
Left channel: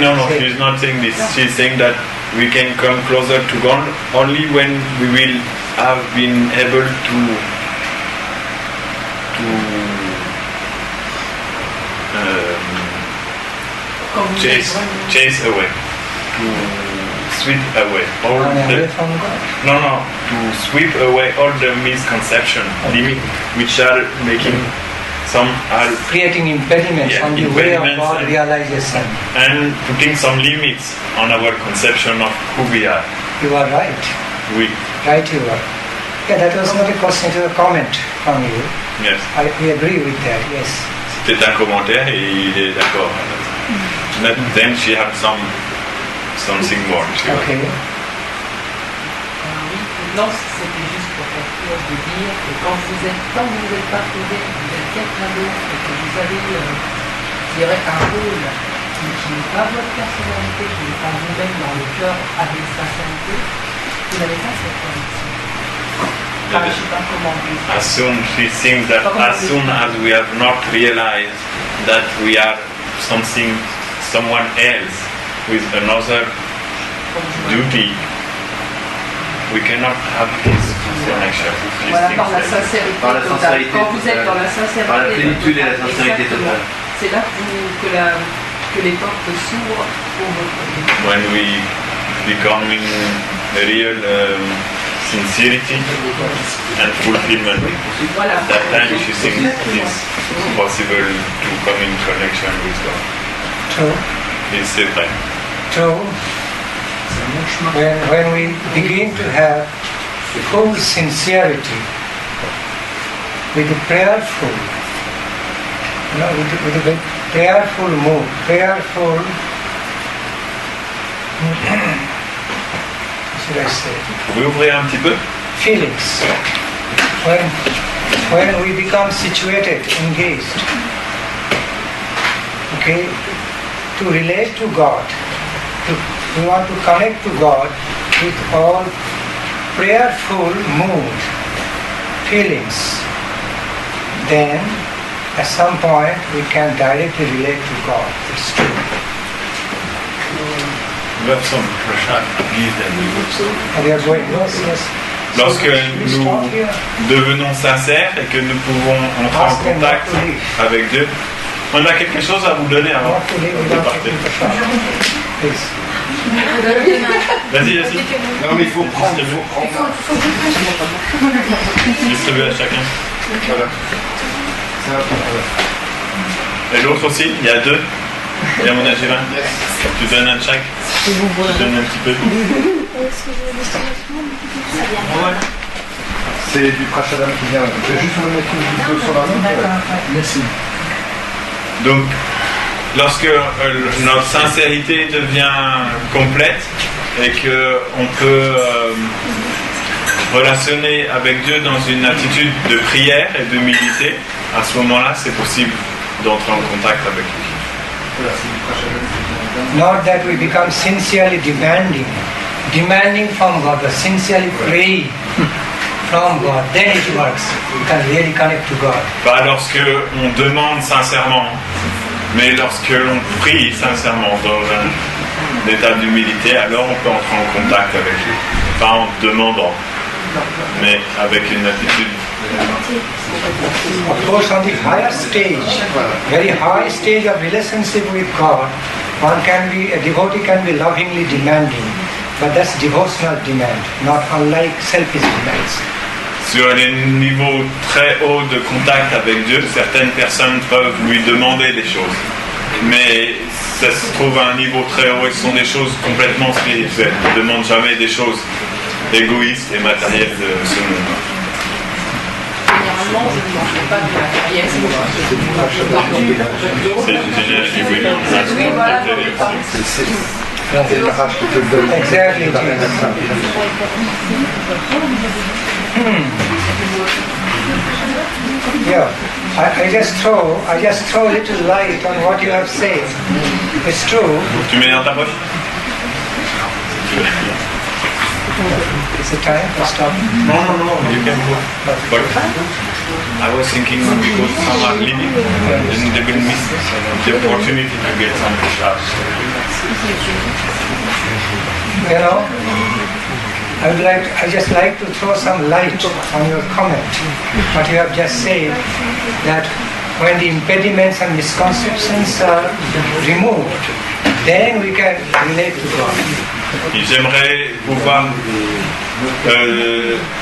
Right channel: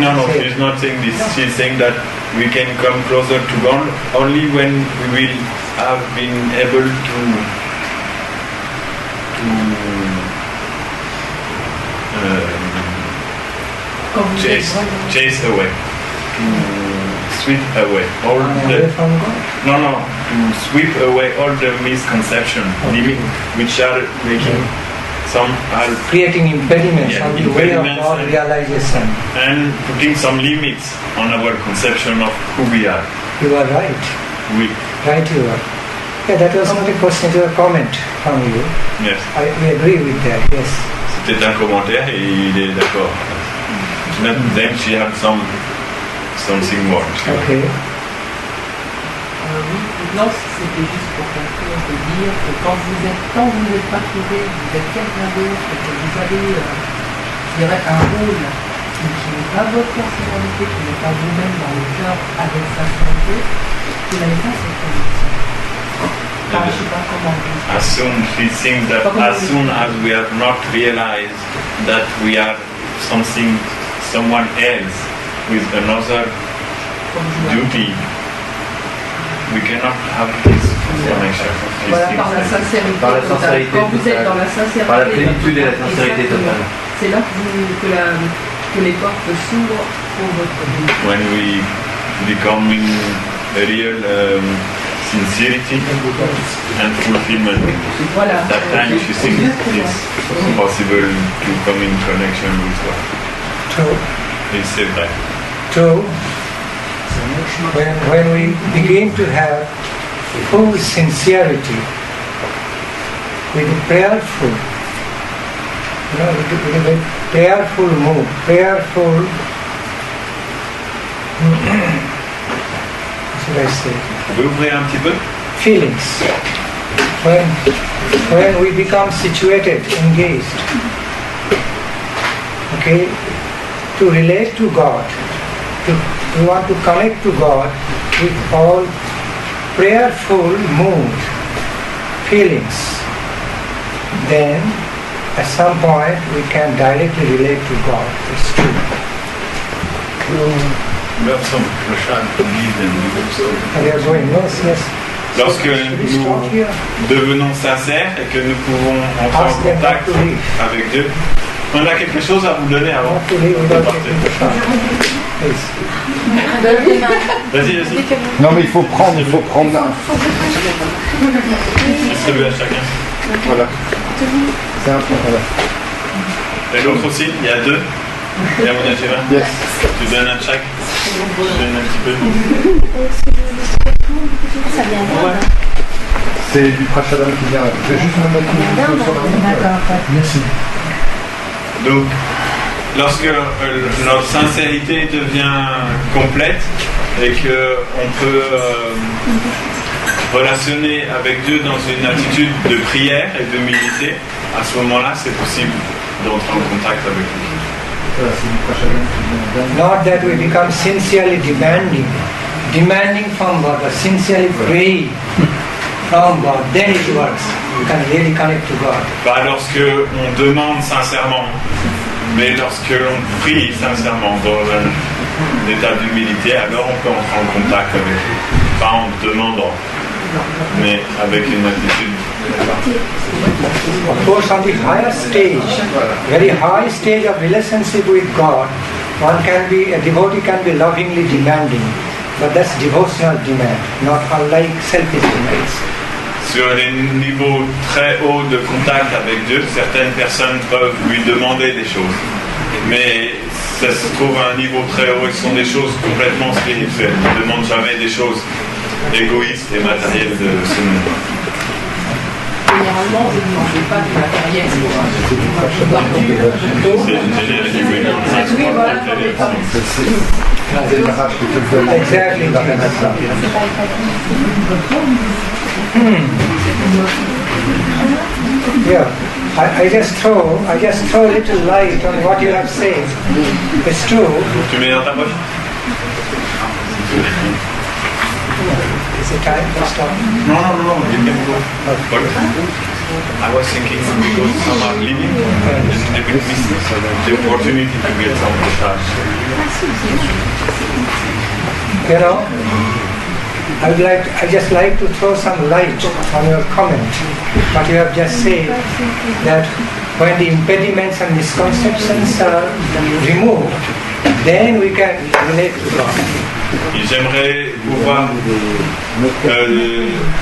No, she's not saying this. She's saying that we can come closer to God only when we will have been able to chase away, to sweep away all the to sweep away all the misconceptions, which are making some are creating impediments on the way of our realization, and putting some limits on our conception of who we are. You are right. Right, you are. Yeah, that was not a question, it was a comment from you. Yes. We agree with that, yes. C'était un commentaire et il est d'accord. Then she had something more. Okay. Oui, non, c'était juste pour conclure de dire que quand vous êtes pas trouvé, vous êtes quelqu'un d'autre et que vous avez, je dirais, un rôle qui n'est pas votre personnalité, qui n'est pas vous-même dans le cœur avec sincérité, vous n'avez pas cette connexion. Je ne sais pas comment vous... As soon she thinks that as soon as we have not realized that we are someone else with another duty, we cannot have this connection. Voilà, par la sincérité totale. Quand vous êtes dans la sincérité, par la plénitude et la sincérité totale. C'est là que les portes s'ouvrent pour votre vie. When we become in real sincerity and fulfillment, Voilà. at that time she thinks it's possible to come in connection with God. True. C'est vrai. True. When we begin to have full sincerity, with a prayerful, with a prayerful mood, prayerful, should I say? Vous pouvez ouvrir un petit peu? Feelings. When we become situated, engaged, okay, to relate to God, we want to connect to God with all prayerful mood, feelings, then at some point we can directly relate to God. It's true. We have some prashad to give them also. And we are going, yes. Lorsque nous devenons sincères et que nous pouvons entrer en contact avec Dieu, on a quelque chose à vous donner avant de partir. Vas-y. Non mais il faut prendre. Distribuer à chacun. Voilà. Ça va prendre. Et l'autre aussi, il y a deux. Il y a mon adjuvant. Yes. Tu donnes un de chaque. Tu donnes un petit peu. Est-ce que ça vient Ouais. C'est du prashadam qui vient. Je vais juste me mettre une chose sur la main. D'accord. Merci. Donc, lorsque notre sincérité devient complète et qu'on peut relationner avec Dieu dans une attitude de prière et d'humilité, à ce moment-là, c'est possible d'entrer en contact avec lui. Voilà, c'est du prashadam qui vient. Not that we become sincerely demanding, demanding from God, but sincerely praying from God, then it works. You can really connect to God. Pas lorsque on demande sincèrement, mais lorsque l'on prie sincèrement dans un état d'humilité, alors on peut entrer en contact avec lui. Pas en demandant, mais avec une attitude. Of course, on the higher stage, very high stage of relationship with God, a devotee can be lovingly demanding, but that's devotional demand, not unlike selfish demands. Sur les niveaux très hauts de contact avec Dieu, certaines personnes peuvent lui demander des choses. Mais ça se trouve à un niveau très haut et ce sont des choses complètement spirituelles. Ils ne demandent jamais des choses égoïstes et matérielles de ce monde. Généralement, vous ne demandez pas du matériel, c'est C'est le Maharaj qui te le donne. Exactly. Yeah, I just throw a little light on what you have said. It's true. Tu mets dans ta poche? Is it time to stop? No, you can go. But I was thinking because some are leaving, and they will miss the opportunity to get some shots. You know, I just like to throw some light on your comment. What you have just said, that when the impediments and misconceptions are removed, then we can relate to God. Et j'aimerais pouvoir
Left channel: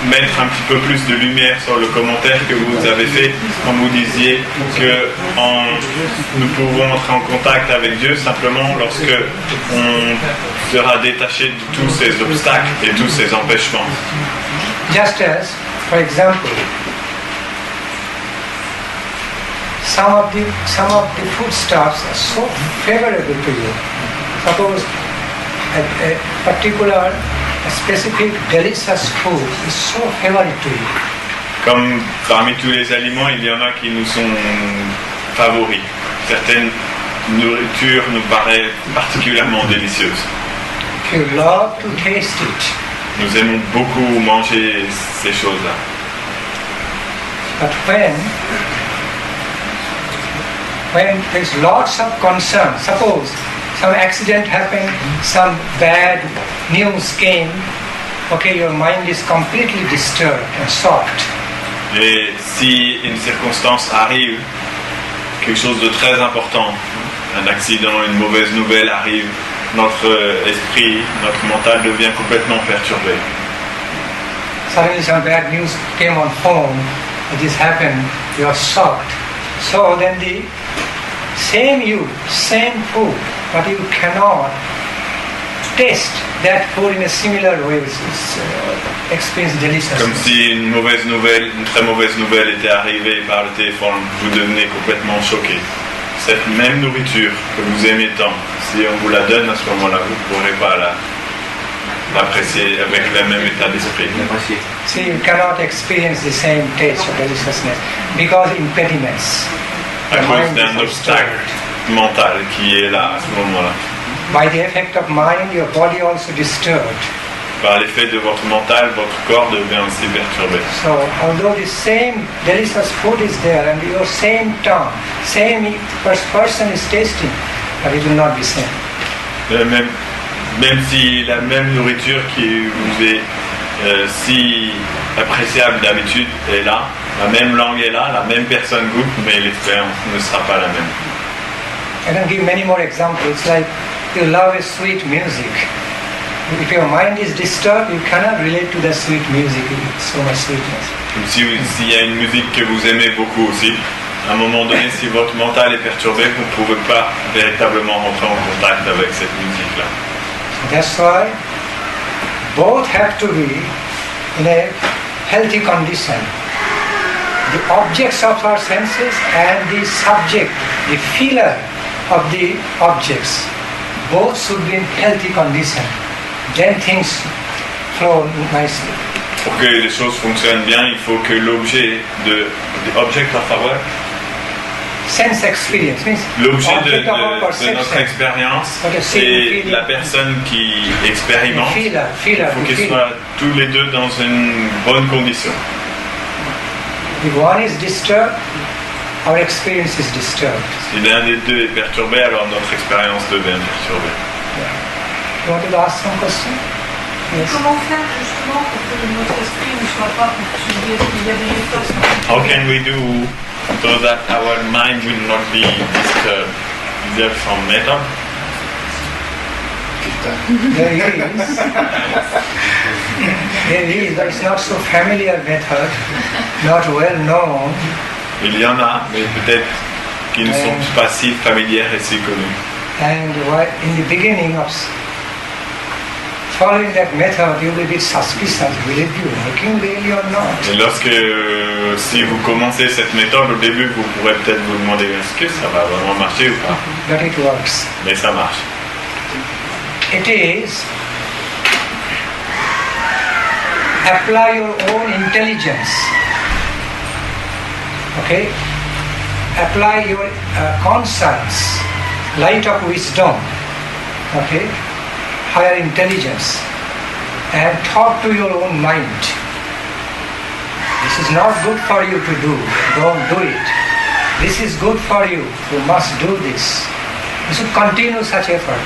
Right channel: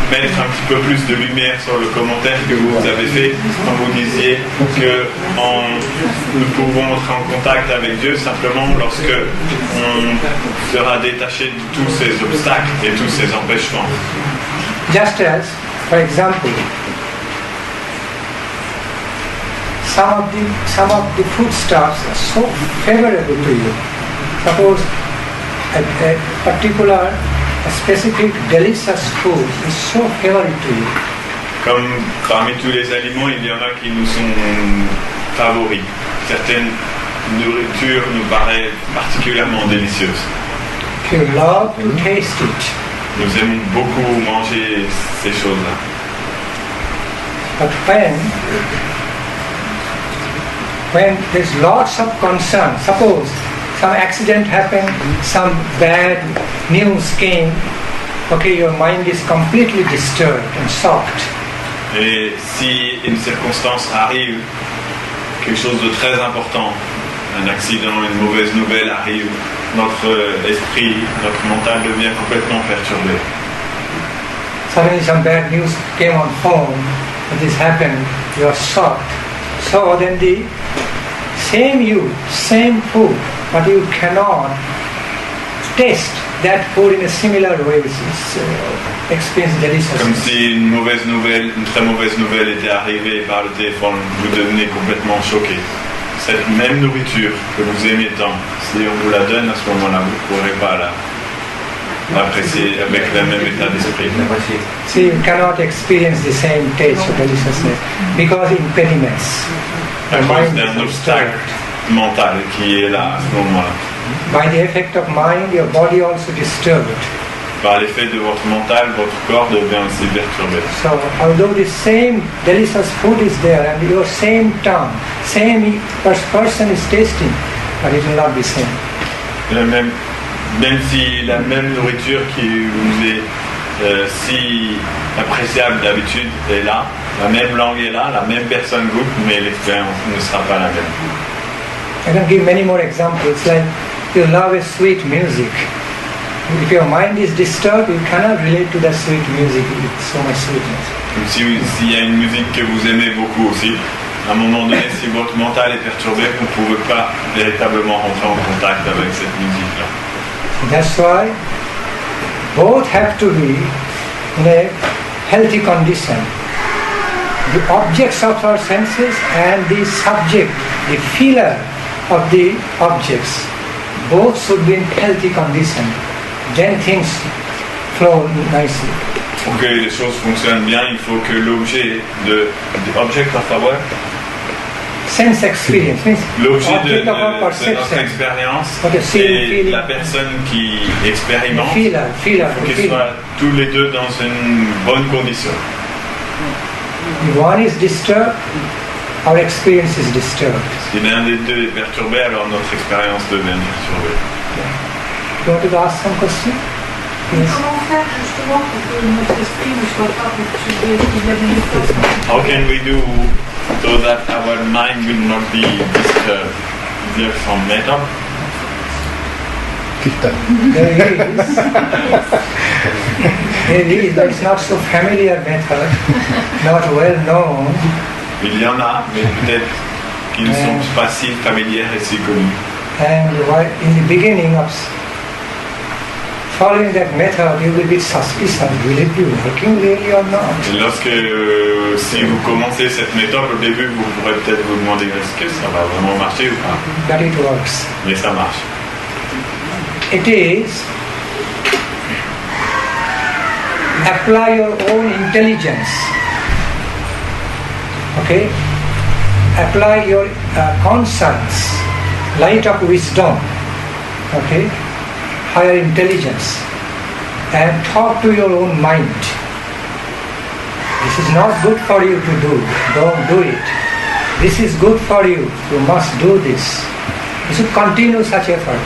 mettre un petit peu plus de lumière sur le commentaire que vous avez fait quand vous disiez que nous pouvons entrer en contact avec Dieu simplement lorsque on sera détaché de tous ces obstacles et tous ces empêchements. Just as, for example, some of the foodstuffs are so favorable to you. Suppose a particular, a specific delicious food is so favorite to you. Comme parmi tous les aliments, il y en a qui nous sont favoris. Certaines nourritures nous paraissent particulièrement délicieuses. You love to taste it. Nous aimons beaucoup manger ces choses-là. But when there's lots of concern, suppose some accident happened, some bad news came, okay, your mind is completely disturbed and shocked. Et si une circonstance arrive, quelque chose de très important, un accident, une mauvaise nouvelle arrive, notre esprit, notre mental devient complètement perturbé. Suddenly some bad news came on phone, this happened, you are shocked. So then the same food, but you cannot taste that food in a similar way, experience delicious. Comme si une très mauvaise nouvelle était arrivée par le téléphone, vous devenez complètement choqué. Cette même nourriture que vous aimez tant, si on vous la donne à ce moment-là, vous ne pourrez pas l'apprécier avec le même état d'esprit. See, you cannot experience the same taste of deliciousness because impediments. À cause d'un obstacle mental qui est là à ce moment-là. By the effect of mind, your body also disturbed. Par l'effet de votre mental, votre corps devient aussi perturbé. So, although the same delicious food is there and your same tongue, same person is tasting, but it will not be same. Même si la même nourriture qui vous est si appréciable d'habitude est là, la même langue est là, la même personne goûte, mais l'expérience ne sera pas la même. I can give many more examples, like you love a sweet music. If your mind is disturbed, you cannot relate to that sweet music with so much sweetness. Comme s'il y a une musique que vous aimez beaucoup aussi, à un moment donné, si votre mental est perturbé, vous ne pouvez pas véritablement rentrer en contact avec cette musique-là. That's why both have to be in a healthy condition. The objects of our senses and the subject, the feeler of the objects, both should be in healthy condition. Then things flow nicely. Pour que les choses fonctionnent bien, il faut que l'objet object of our sense experience. Means L'objet talking de about notre perception. expérience, What a c'est feeling. la personne qui expérimente. Feeler, Il faut qu'ils soient tous les deux dans une bonne condition. If one is disturbed, our experience is disturbed. Si l'un des deux est perturbé, alors notre expérience devient perturbée. You want to ask some question? Yes. Comment faire justement pour que notre esprit ne soit pas perturbé? Est-ce qu'il y a des méthodes? How can we do so that our mind will not be disturbed? Is there some method? There is, but it's not so familiar method, not well known. Il y en a, mais peut-être qui ne sont pas si familières et si connues. And in the beginning of following that method, you will be suspicious. Will it be working really or not? Et lorsque, si vous commencez cette méthode, au début, vous pourrez peut-être vous demander est-ce que ça va vraiment marcher ou pas. But it works. Mais ça marche. It is apply your own intelligence. Okay? Apply your conscience, light of wisdom. Okay? Higher intelligence. And talk to your own mind. This is not good for you to do. Don't do it. This is good for you. You must do this. You should continue such effort.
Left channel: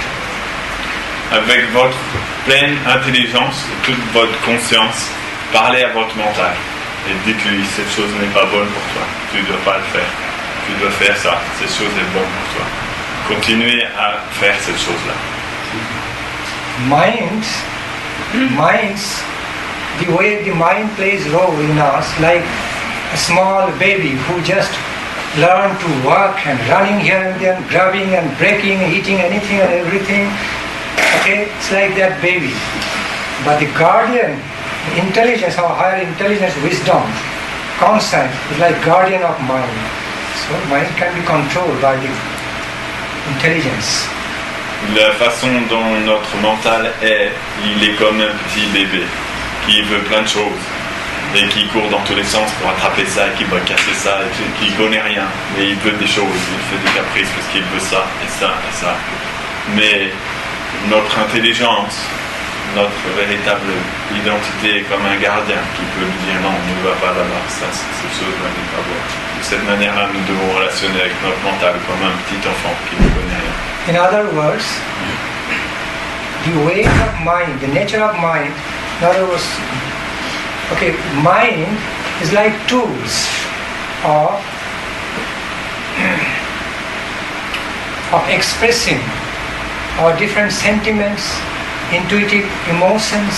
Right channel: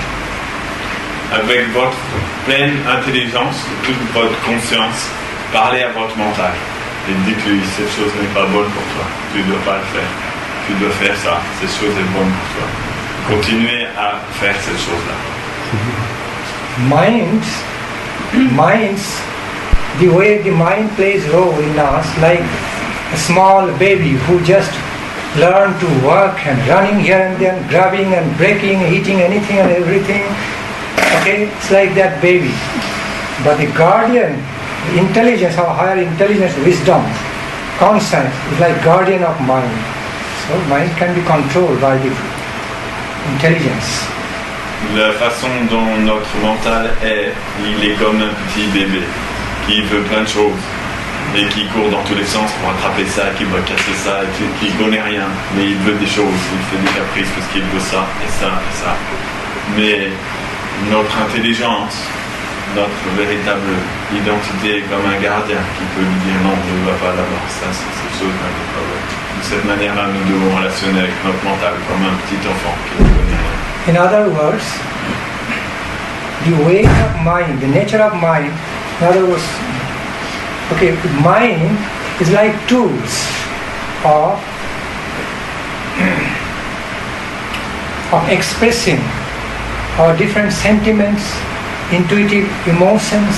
Avec votre pleine intelligence, toute votre conscience, parlez à votre mental et dites-lui cette chose n'est pas bonne pour toi, tu ne dois pas le faire, tu dois faire ça, cette chose est bonne pour toi. Continuez à faire cette chose-là. Minds, the way the mind plays role in us, like a small baby who just learned to work and running here and there, grabbing and breaking, eating anything and everything. Okay, it's like that baby. But the guardian, the intelligence, our higher intelligence, wisdom, conscience, is like guardian of mind. So mind can be controlled by the intelligence. La façon dont notre mental est, il est comme un petit bébé qui veut plein de choses et qui court dans tous les sens pour attraper ça, qui va casser ça, qui connaît rien, mais il veut des choses, il fait des caprices parce qu'il veut ça et ça et ça. Mais notre intelligence, notre véritable identité est comme un gardien qui peut lui dire non, ne va pas là-bas, ça, cette chose-là n'est pas bonne. De cette manière-là, nous devons relationner avec notre mental comme un petit enfant qui ne connaît rien. In other words, the way of mind, the nature of mind, in other words, okay, mind is like tools of expressing our different sentiments, intuitive emotions,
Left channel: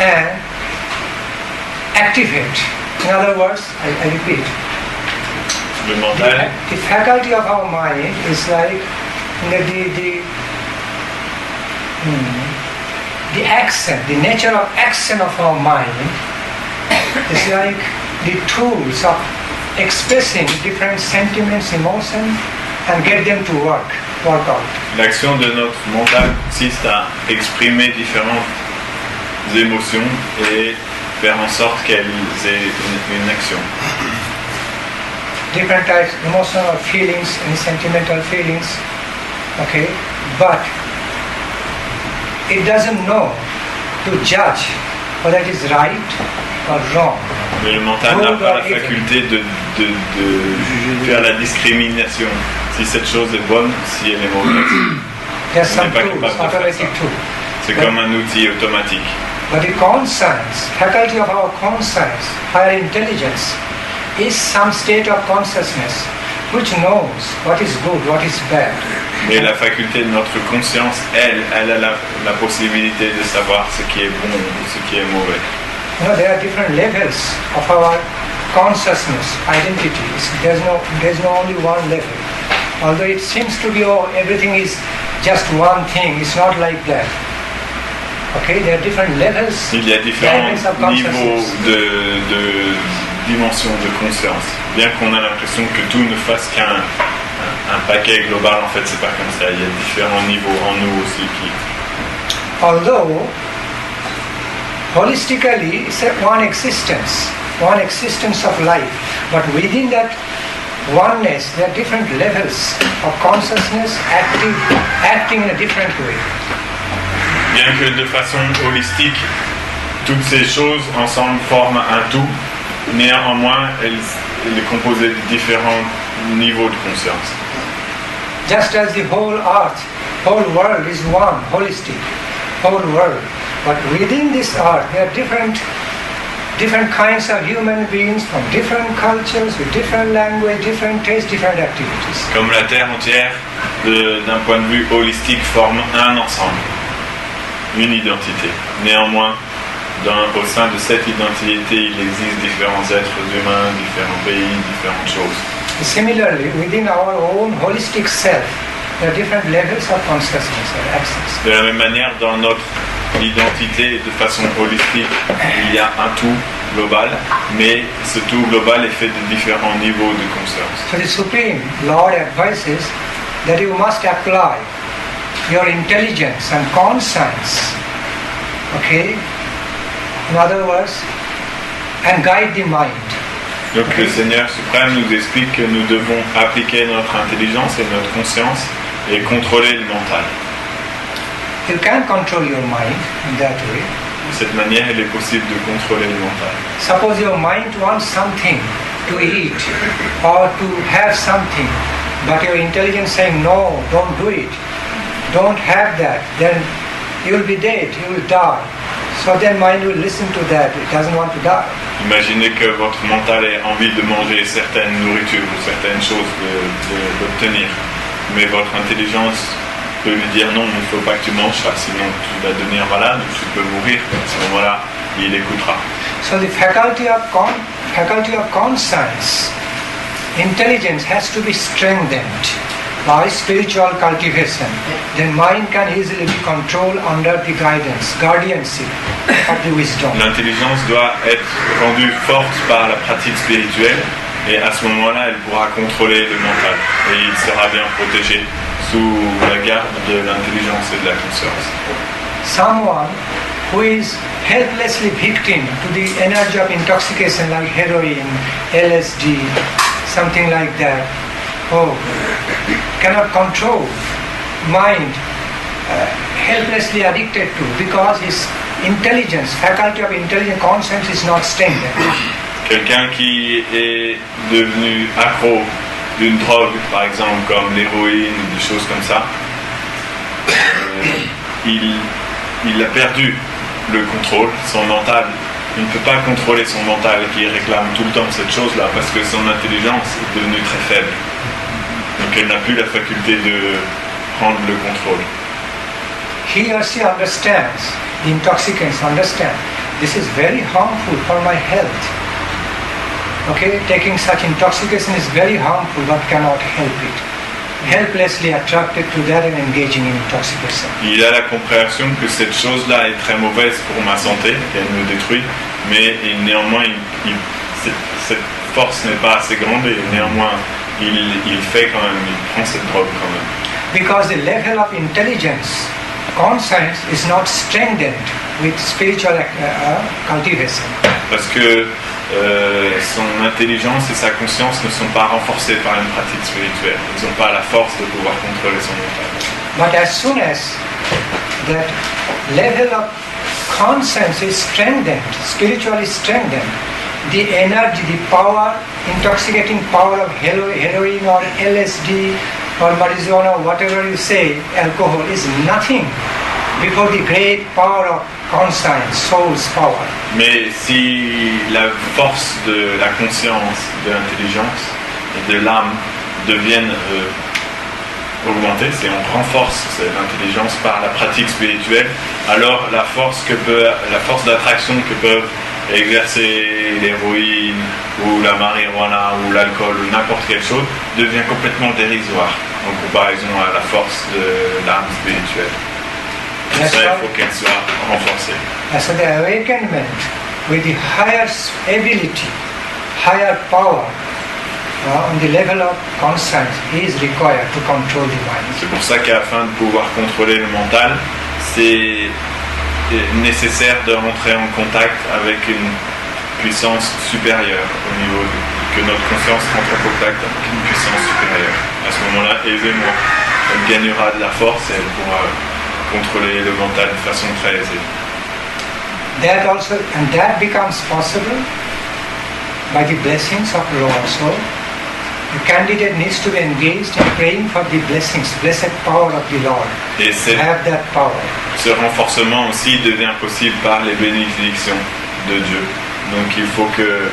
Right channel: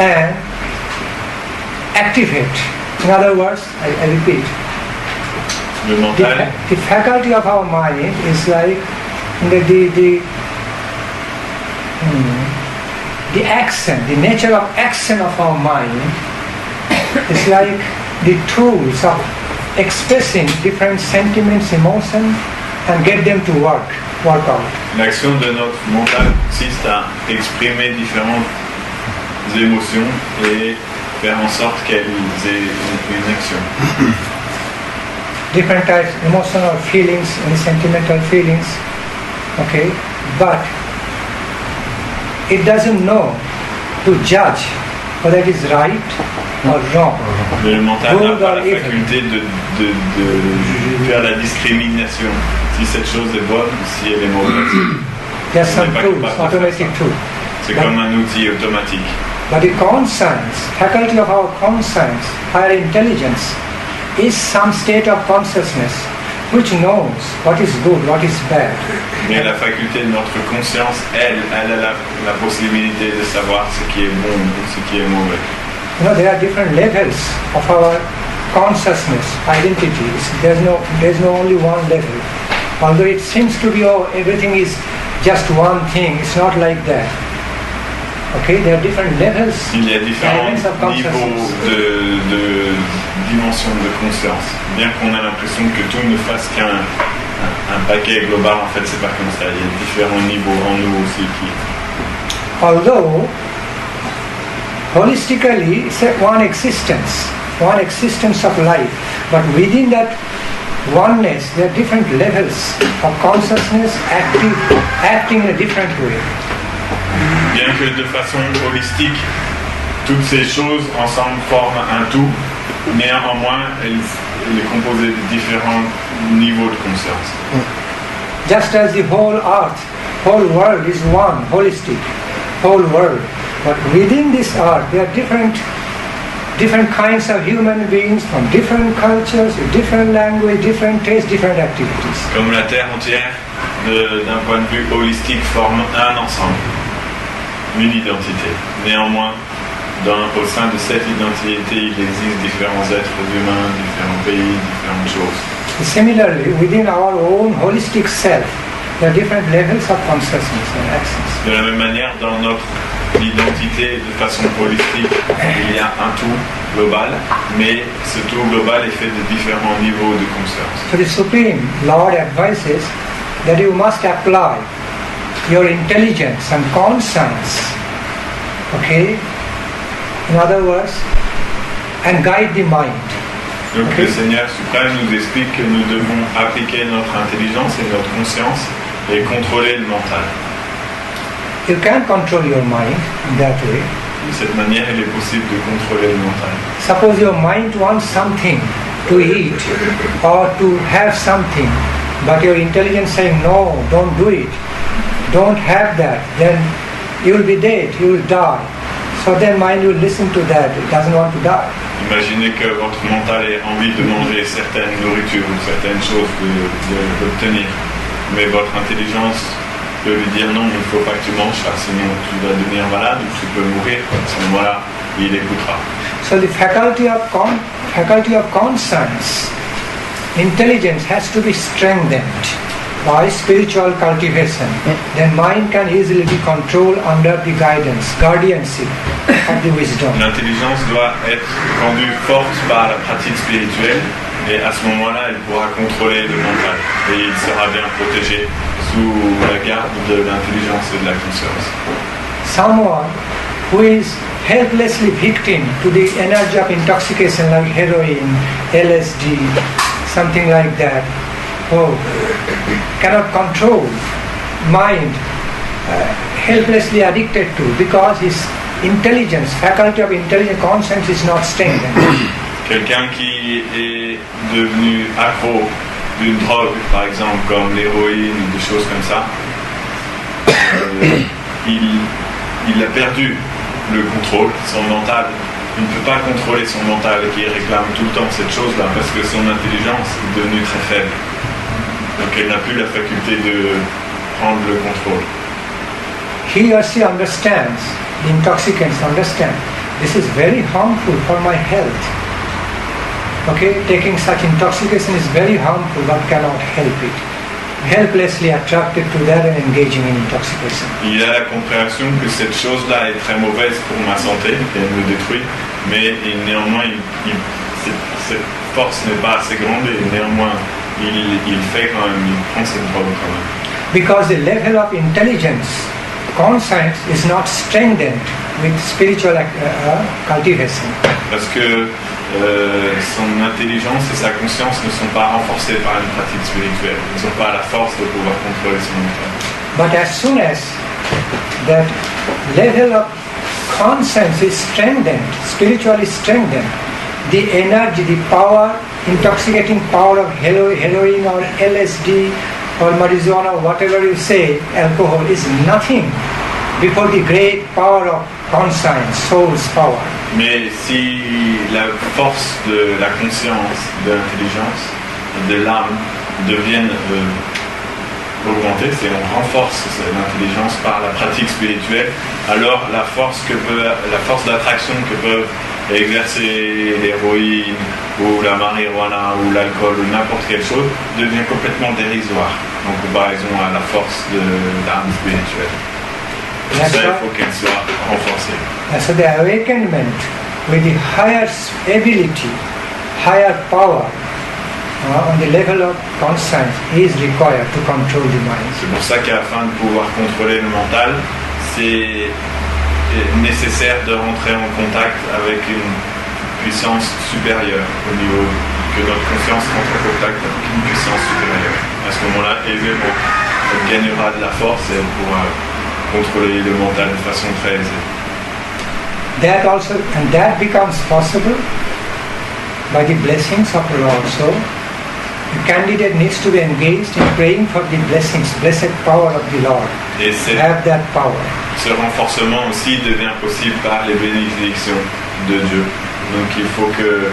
and activate. In other words, I repeat, Le mental, the faculty of our mind is like the action, the nature of action of our mind is like the tools of expressing different sentiments, emotions, and get them to work out. l'action de notre mental consiste à exprimer différentes émotions et faire en sorte qu'elles aient une action. Different types, emotional feelings and sentimental feelings, okay, but it doesn't know to judge whether it is right or wrong. Mais le mental n'a pas la faculté de faire la discrimination, si cette chose est bonne ou si elle est mauvaise. There's some On n'est pas tools, capable de faire automatic ça. tools. C'est comme un outil automatique. But the conscience, faculty of our conscience, higher intelligence, is some state of consciousness which knows what is good, what is bad. Mais la faculté de notre conscience, elle a la possibilité de savoir ce qui est bon ou ce qui est mauvais. You know, there are different levels of our consciousness, identities. There's no only one level. Although it seems to be, everything is just one thing, it's not like that. Okay, there are different levels. Il y a différents levels of niveaux consciousness. de dimension de conscience. Bien qu'on a l'impression que tout ne fasse qu'un paquet global, en fait, c'est pas comme ça. Il y a différents niveaux en nous aussi qui. Although holistically it's one existence of life, but within that oneness, there are different levels of consciousness acting in a different way. Bien que de façon holistique, toutes ces choses ensemble forment un tout, néanmoins, elle est composée de différents niveaux de conscience. Just as the whole earth, whole world is one, holistic, whole world. But within this earth, there are different kinds of human beings from different cultures, with different language, different tastes, different activities. Comme la Terre entière, d'un point de vue holistique, forme un ensemble, une identité. Néanmoins, au sein de cette identité, il existe différents êtres humains, différents pays, différentes choses. Similarly, within our own holistic self, there are different levels of consciousness and access. De la même manière, dans notre identité, de façon holistique, il y a un tout global, mais ce tout global est fait de différents niveaux de conscience. So the Supreme Lord advises that you must apply your intelligence and conscience, okay? In other words, and guide the mind. Donc le Seigneur suprême nous explique que nous devons appliquer notre intelligence et notre conscience et contrôler le mental. You can control your mind in that way. De cette manière, il est possible de contrôler le mental. Suppose your mind wants something to eat or to have something, but your intelligence saying no, don't do it, don't have that, then you will be dead, you will die. So then mind will listen to that, it doesn't want to die. Imaginez que votre mental ait envie de manger certaines nourritures ou certaines choses d'obtenir, mais votre intelligence peut lui dire non, il ne faut pas que tu manges ça, sinon tu vas devenir malade ou tu peux mourir. À ce moment-là, il écoutera. So the faculty of conscience, intelligence has to be strengthened by spiritual cultivation. Then mind can easily be controlled under the guardianship of the wisdom. L'intelligence doit être rendue forte par la pratique spirituelle et à ce moment-là, elle pourra contrôler le mental et il sera bien protégé sous la garde de l'intelligence et de la conscience. Someone who is helplessly victim to the energy of intoxication like heroin, LSD, something like that, cannot control mind, helplessly addicted to, because his intelligence, faculty of intelligence, conscience is not strengthened. Quelqu'un qui est devenu accro d'une drogue, par exemple, comme l'héroïne ou des choses comme ça, il a perdu le contrôle, son mental. Il ne peut pas contrôler son mental qui réclame tout le temps cette chose-là parce que son intelligence est devenue très faible. Donc elle n'a plus la faculté de prendre le contrôle. He or she understands, the intoxicants understand, this is very harmful for my health. Okay, taking such intoxication is very harmful but cannot help it. Helplessly attracted to that and engaging in intoxication. Il a la compréhension que cette chose-là est très mauvaise pour ma santé, qu'elle me détruit, mais néanmoins cette force n'est pas assez grande et néanmoins il fait quand même, il prend cette drogue quand même. Because the level of intelligence, conscience is not strengthened with spiritual cultivation. Parce que son intelligence et sa conscience ne sont pas renforcées par une pratique spirituelle. Ils n'ont pas la force de pouvoir contrôler son mental. But as soon as that level of conscience is strengthened, spiritually strengthened, the energy, the power, intoxicating power of heroin or LSD or marijuana, whatever you say, alcohol is nothing before the great power of conscience, soul's power. Mais si la force de la conscience, de l'intelligence et de l'âme deviennent augmentées, c'est on renforce l'intelligence par la pratique spirituelle, alors la force d'attraction que peuvent exercer l'héroïne ou la marijuana ou l'alcool ou n'importe quelle chose devient complètement dérisoire en comparaison à la force de l'âme spirituelle. Pour ça, il faut qu'elle soit renforcée. So the awakenment with the higher ability, higher power on the level of conscience is required to control the mind. C'est pour ça qu'afin de pouvoir contrôler le mental, c'est nécessaire de rentrer en contact avec une puissance supérieure au niveau que notre conscience rentre en contact avec une puissance supérieure. À ce moment-là, aisément, elle gagnera de la force et elle pourra contrôler le mental de façon très aisée. That becomes possible by the blessings of the Lord. So, the candidate needs to be engaged in praying for the blessings, blessed power of the Lord. Et have that power. Ce renforcement aussi devient possible par les bénédictions de Dieu. Donc il faut que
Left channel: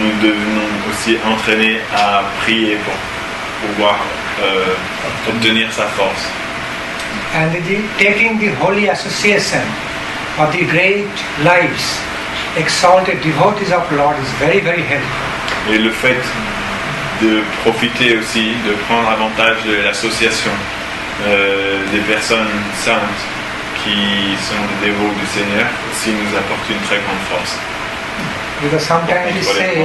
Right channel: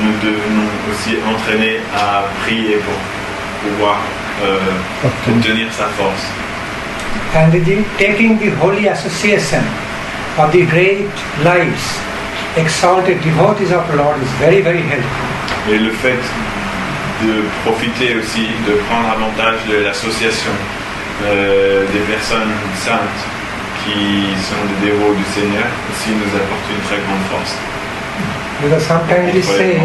nous devenons aussi entraînés à prier pour pouvoir obtenir sa force. And taking the holy association of the great lives, exalted devotees of the Lord is very, very helpful. Et le fait de profiter aussi, de prendre avantage de l'association des personnes saintes qui sont des dévots du Seigneur aussi nous apporte une très grande force. Because sometimes you say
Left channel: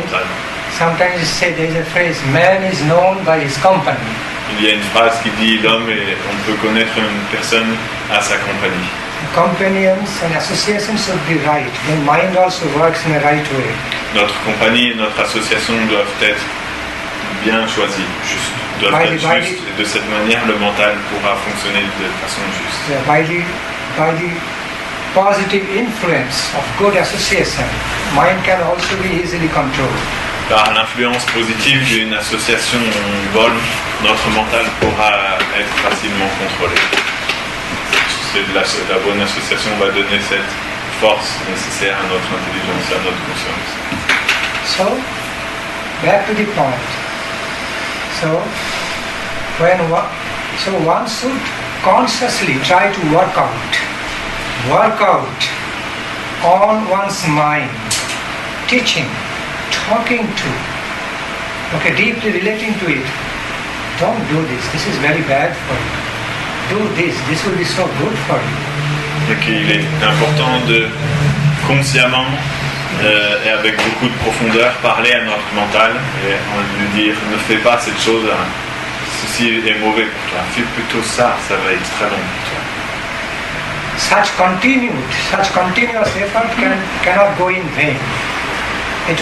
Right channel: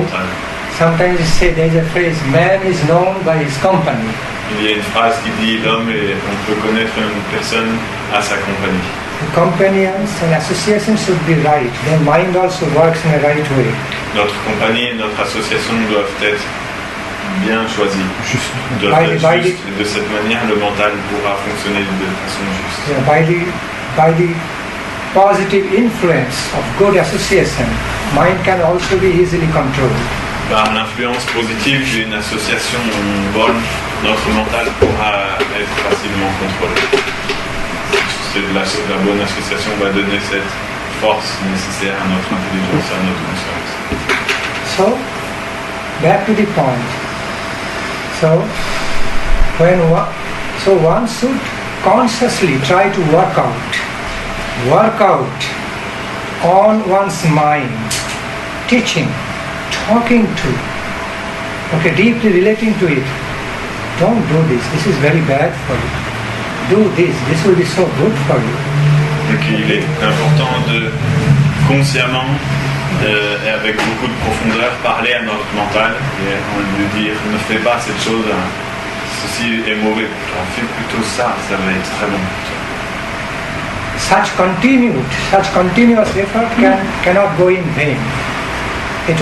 there is a phrase, man is known by his company. Il y a une phrase qui dit l'homme on peut connaître une personne à sa compagnie. The companions and associations should be right. Then mind also works in a right way. Notre compagnie et notre association doivent être bien choisies, doivent être justes. Et de cette manière, le mental pourra fonctionner de façon juste. Yeah, by the positive influence of good association, mind can also be easily controlled. Par l'influence positive d'une association bonne, notre mental pourra être facilement contrôlé. La bonne association va donner cette force nécessaire à notre intelligence, à notre conscience. So, back to the point. So, one should consciously try to work out on one's mind, teaching, talking to, deeply relating to it. Don't do this. This is very bad for you. Do this. This will be so good for you. Donc il est important de consciemment et avec beaucoup de profondeur parler à notre mental et lui dire ne fais pas cette chose, ceci est mauvais pour toi, fais plutôt ça, ça va être très bon pour toi. Such continuous effort cannot go in vain. It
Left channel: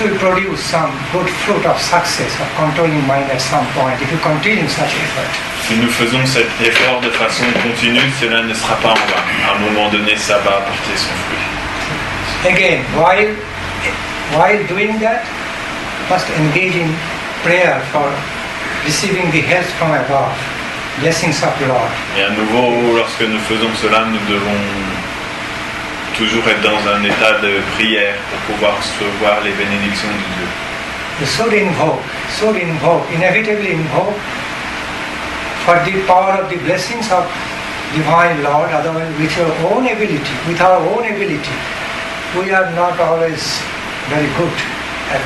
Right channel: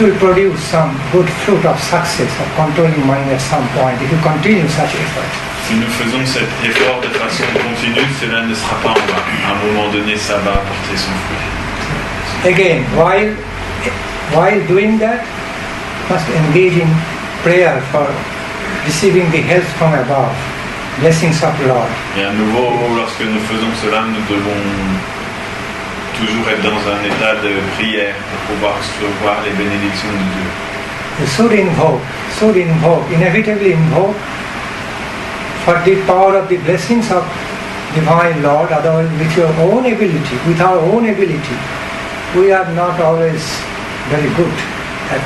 will produce some good fruit of success of controlling mind at some point if you continue such effort. Si nous faisons cet effort de façon continue, cela ne sera pas en vain. À un moment donné, ça va apporter son fruit. Again, while doing that, you must engage in prayer for receiving the help from above, blessings of the Lord. Et à nouveau, lorsque nous faisons cela, nous devons toujours être dans un état de prière pour pouvoir recevoir les bénédictions de Dieu. You should invoke, inevitably invoke for the power of the blessings of Divine Lord, otherwise with your own ability, with our own ability, we are not always very good at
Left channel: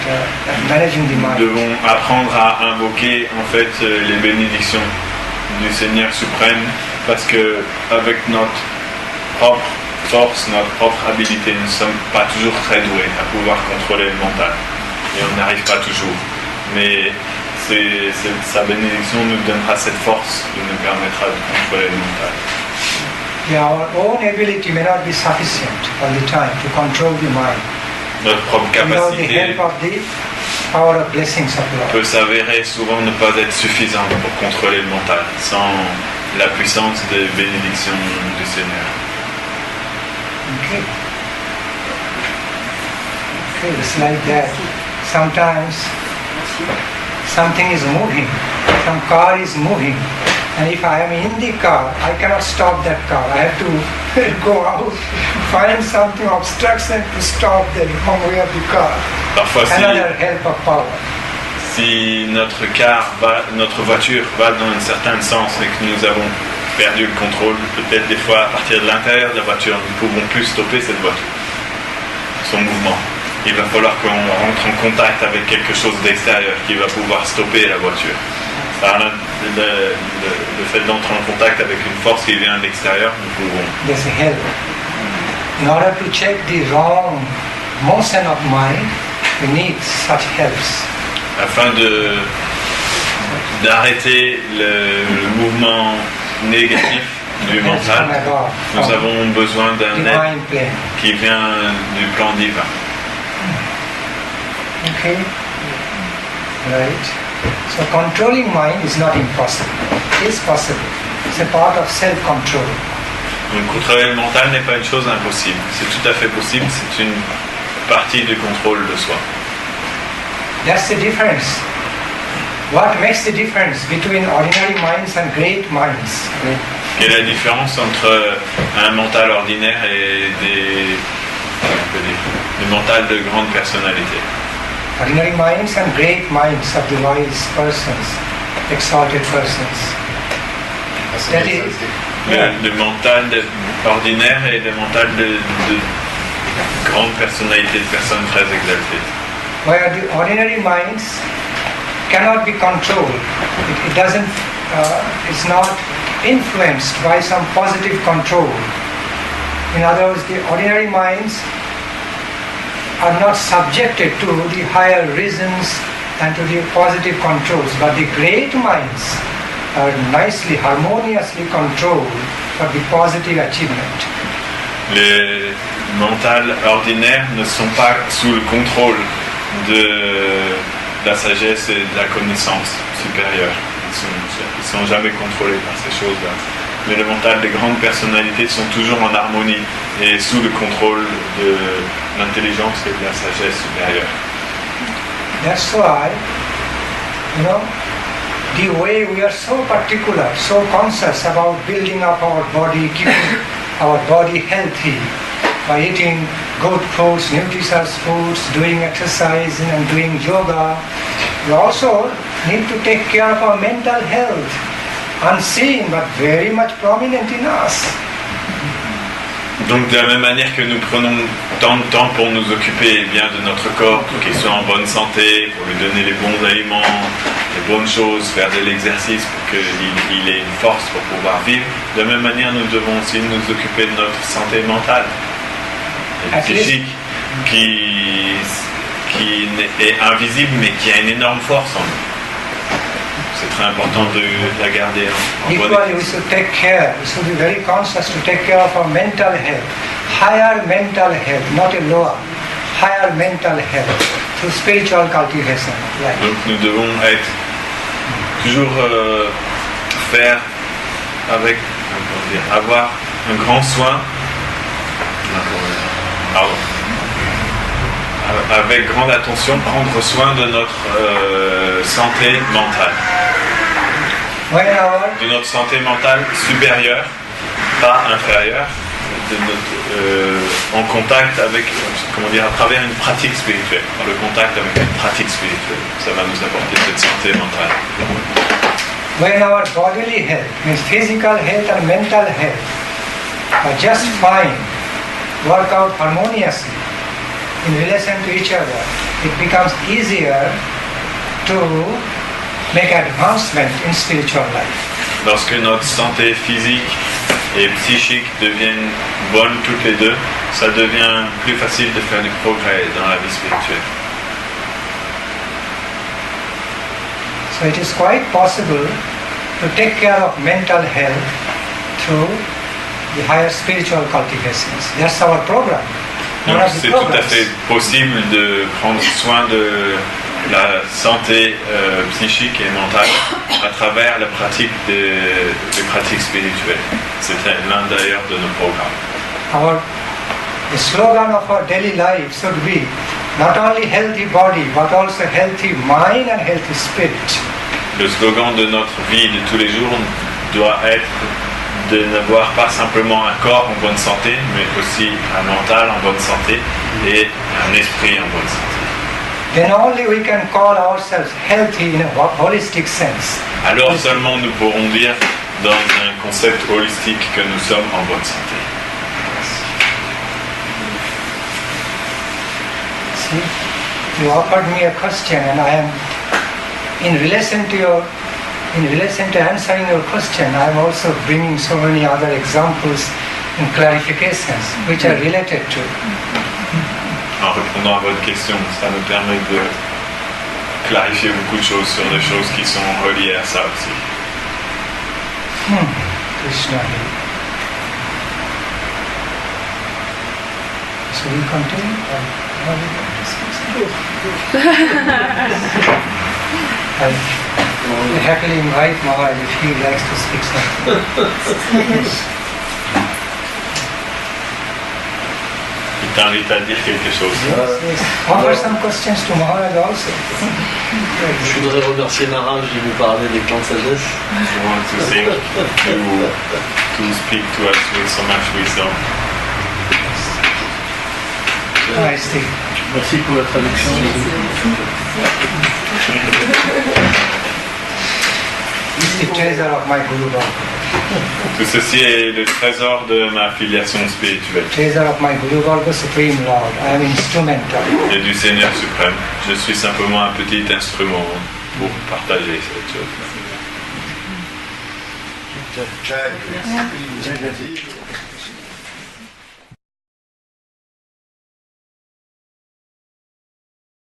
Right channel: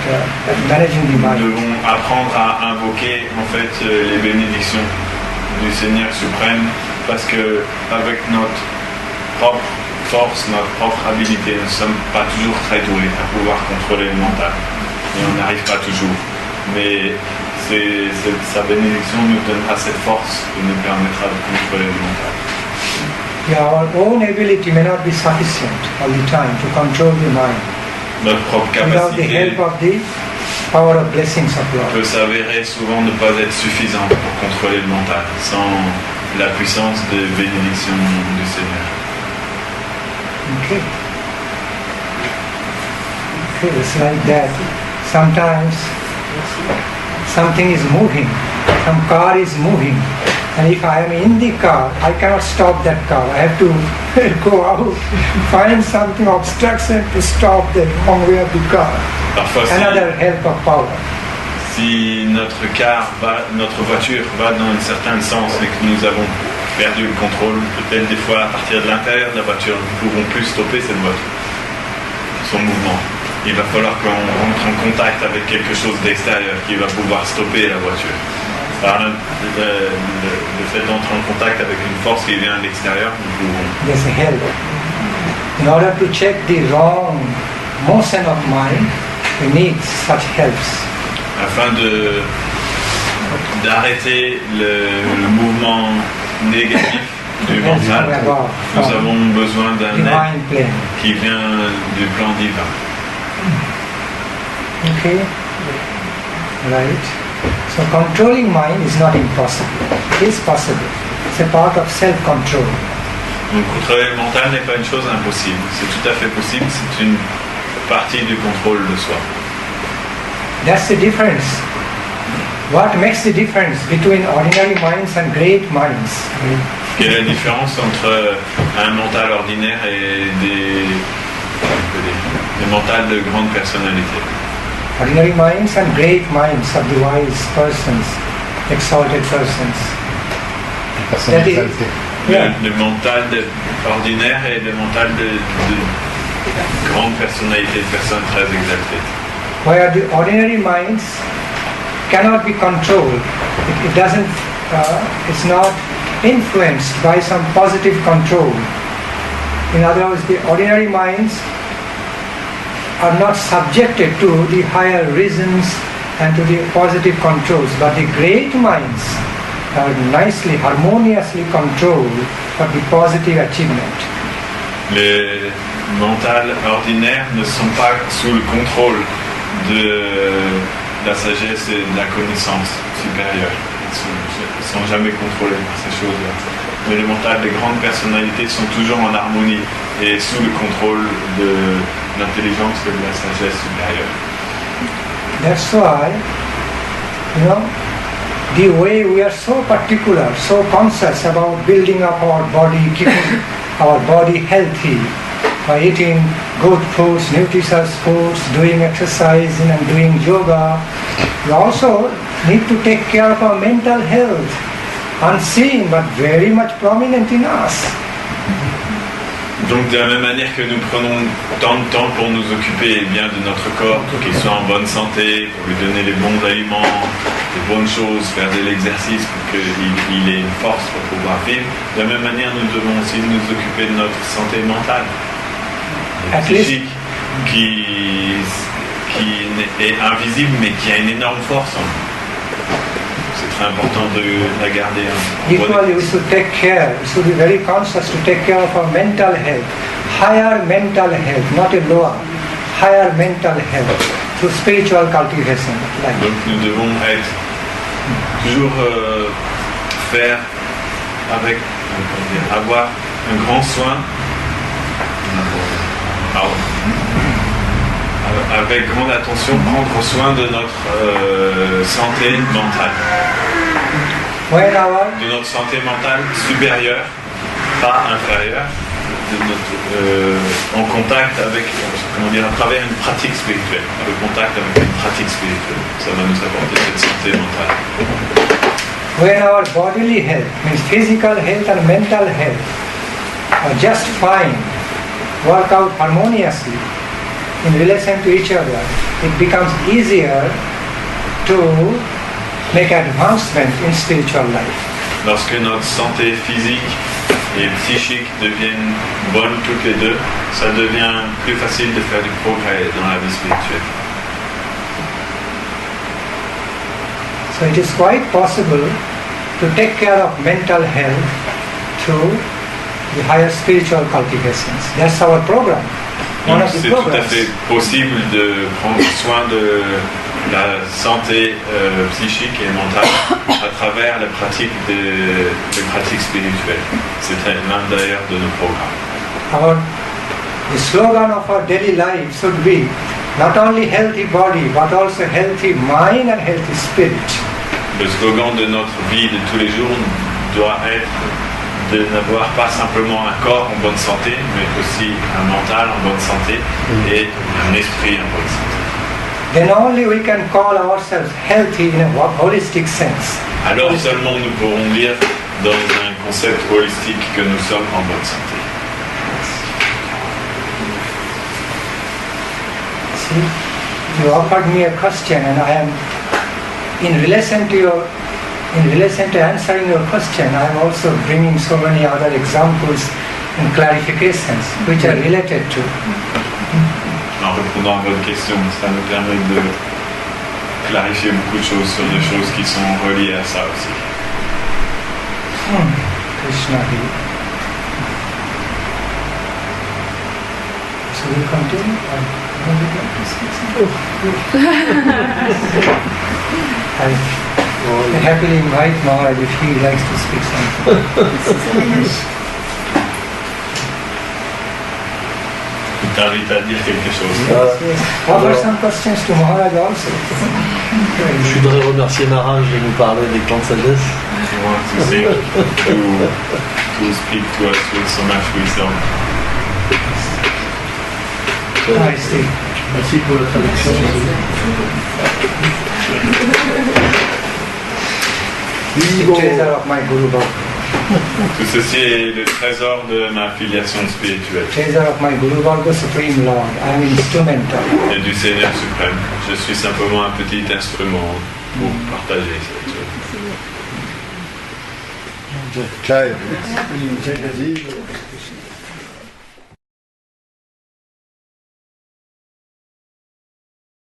managing the mind. Nous devons apprendre à invoquer en fait les bénédictions du Seigneur suprême parce que avec notre propre force, notre propre habilité, nous ne sommes pas toujours très doués à pouvoir contrôler le mental. Et on n'arrive pas toujours. Mais sa bénédiction nous donnera cette force qui nous permettra de contrôler le mental. Yeah, our own ability may not be sufficient all the time to control the mind. Notre propre Without the capacité help of the power of blessings of Lord. peut s'avérer souvent ne pas être suffisante pour contrôler le mental, sans la puissance des bénédictions du Seigneur. Okay, it's like that. Sometimes something is moving, some car is moving, and if I am in the car, I cannot stop that car. I have to go out, find something obstruction to stop them from where the car. Parfois, Another help of power. si notre voiture va dans un certain sens et que nous avons perdu le contrôle, peut-être des fois à partir de l'intérieur de la voiture, nous ne pouvons plus stopper cette voiture, son mouvement. Il va falloir qu'on rentre en contact avec quelque chose d'extérieur qui va pouvoir stopper la voiture. Alors, le fait d'entrer en contact avec une force qui vient de l'extérieur, nous pouvons. There's a help. In order to check the wrong motion of mind, we need such helps. Afin d'arrêter le mouvement négatif du mental, nous avons besoin d'un aide qui vient du plan divin. Okay? Right. So controlling mind is not impossible. It is possible. It's a part of self-control. Donc contrôler le mental n'est pas une chose impossible. C'est tout à fait possible, c'est une partie du contrôle de soi. That's the difference. What makes the difference between ordinary minds and great minds? Quelle est la différence entre un mental ordinaire et des mentals de grande personnalité? Ordinary minds and great minds of the wise persons, exalted persons. That is, Le mental ordinaire et le mental de grande personnalité, de personnes très exaltées. where the ordinary minds cannot be controlled. It doesn't. It's not influenced by some positive control. In other words, the ordinary minds are not subjected to the higher reasons and to the positive controls, but the great minds are nicely, harmoniously controlled for the positive achievement. Les mentales ordinaires ne sont pas sous le contrôle de la sagesse et de la connaissance supérieure. Ils ne sont jamais contrôlés par ces choses-là. Mais les mentales des grandes personnalités sont toujours en harmonie et sous le contrôle de l'intelligence et de la sagesse supérieure. That's why, the way we are so particular, so conscious about building up our body, keeping our body healthy, by eating good foods, nutritious foods, doing exercise and doing yoga, we also need to take care of our mental health, unseen but very much prominent in us. Donc de la même manière que nous prenons tant de temps pour nous occuper bien de notre corps, pour qu'il soit en bonne santé, pour lui donner les bons aliments, les bonnes choses, faire de l'exercice pour qu'il ait une force pour pouvoir vivre, de la même manière nous devons aussi nous occuper de notre santé mentale et psychique qui est invisible mais qui a une énorme force en nous. C'est très important de la garder en bonne état. Equally, we should take care, we should be very conscious to take care of our mental health, higher mental health, not a lower, higher mental health, through spiritual cultivation. Donc nous devons être toujours faire avec, avoir un grand soin, avec grande attention, prendre soin de notre santé mentale. De notre santé mentale supérieure, pas inférieure, en contact avec, à travers une pratique spirituelle, le contact avec une pratique spirituelle. Ça va nous apporter cette santé mentale. When our bodily health, means physical health and mental health, are just fine, work out harmoniously in relation to each other, it becomes easier to make advancement in spiritual life. Lorsque notre santé physique et psychique deviennent bonnes toutes les deux, ça devient plus facile de faire du progrès dans la vie spirituelle. So it is quite possible to take care of mental health through the higher spiritual cultivations. That's our program. Donc c'est tout à fait possible de prendre soin de la santé psychique et mentale à travers la pratique des pratiques spirituelles. C'est l'un d'ailleurs de nos programmes. The slogan of our daily life should be not only healthy body but also healthy mind and healthy spirit. Le slogan de notre vie de tous les jours doit être de n'avoir pas simplement un corps en bonne santé, mais aussi un mental en bonne santé et un esprit en bonne santé. Then only we can call ourselves healthy in a holistic sense. Alors seulement nous pourrons dire dans un concept holistique que nous sommes en bonne santé. See, you offered me a question and I am in relation to answering your question, I am also bringing so many other examples and clarifications which are related to. En répondant à votre question, ça nous permet de clarifier beaucoup de choses sur des choses qui sont reliées à ça aussi. Krishna. So we continue? I happily invite Maharaj if he likes to speak something. Il t'invite à dire quelque chose. Yes. Offer some questions to Maharaj also. Je voudrais remercier Maharaj de nous parler des plans de sagesse. You want to sing, to speak to us with so much wisdom. Nice. Merci pour la traduction. The treasure of my Guru Bhakti. Tout ceci est le trésor de ma filiation spirituelle. Treasure of my Guru Bhakti, Supreme Lord. I am instrumental. Et du Seigneur suprême. Je suis simplement un petit instrument pour partager cette chose. Jai.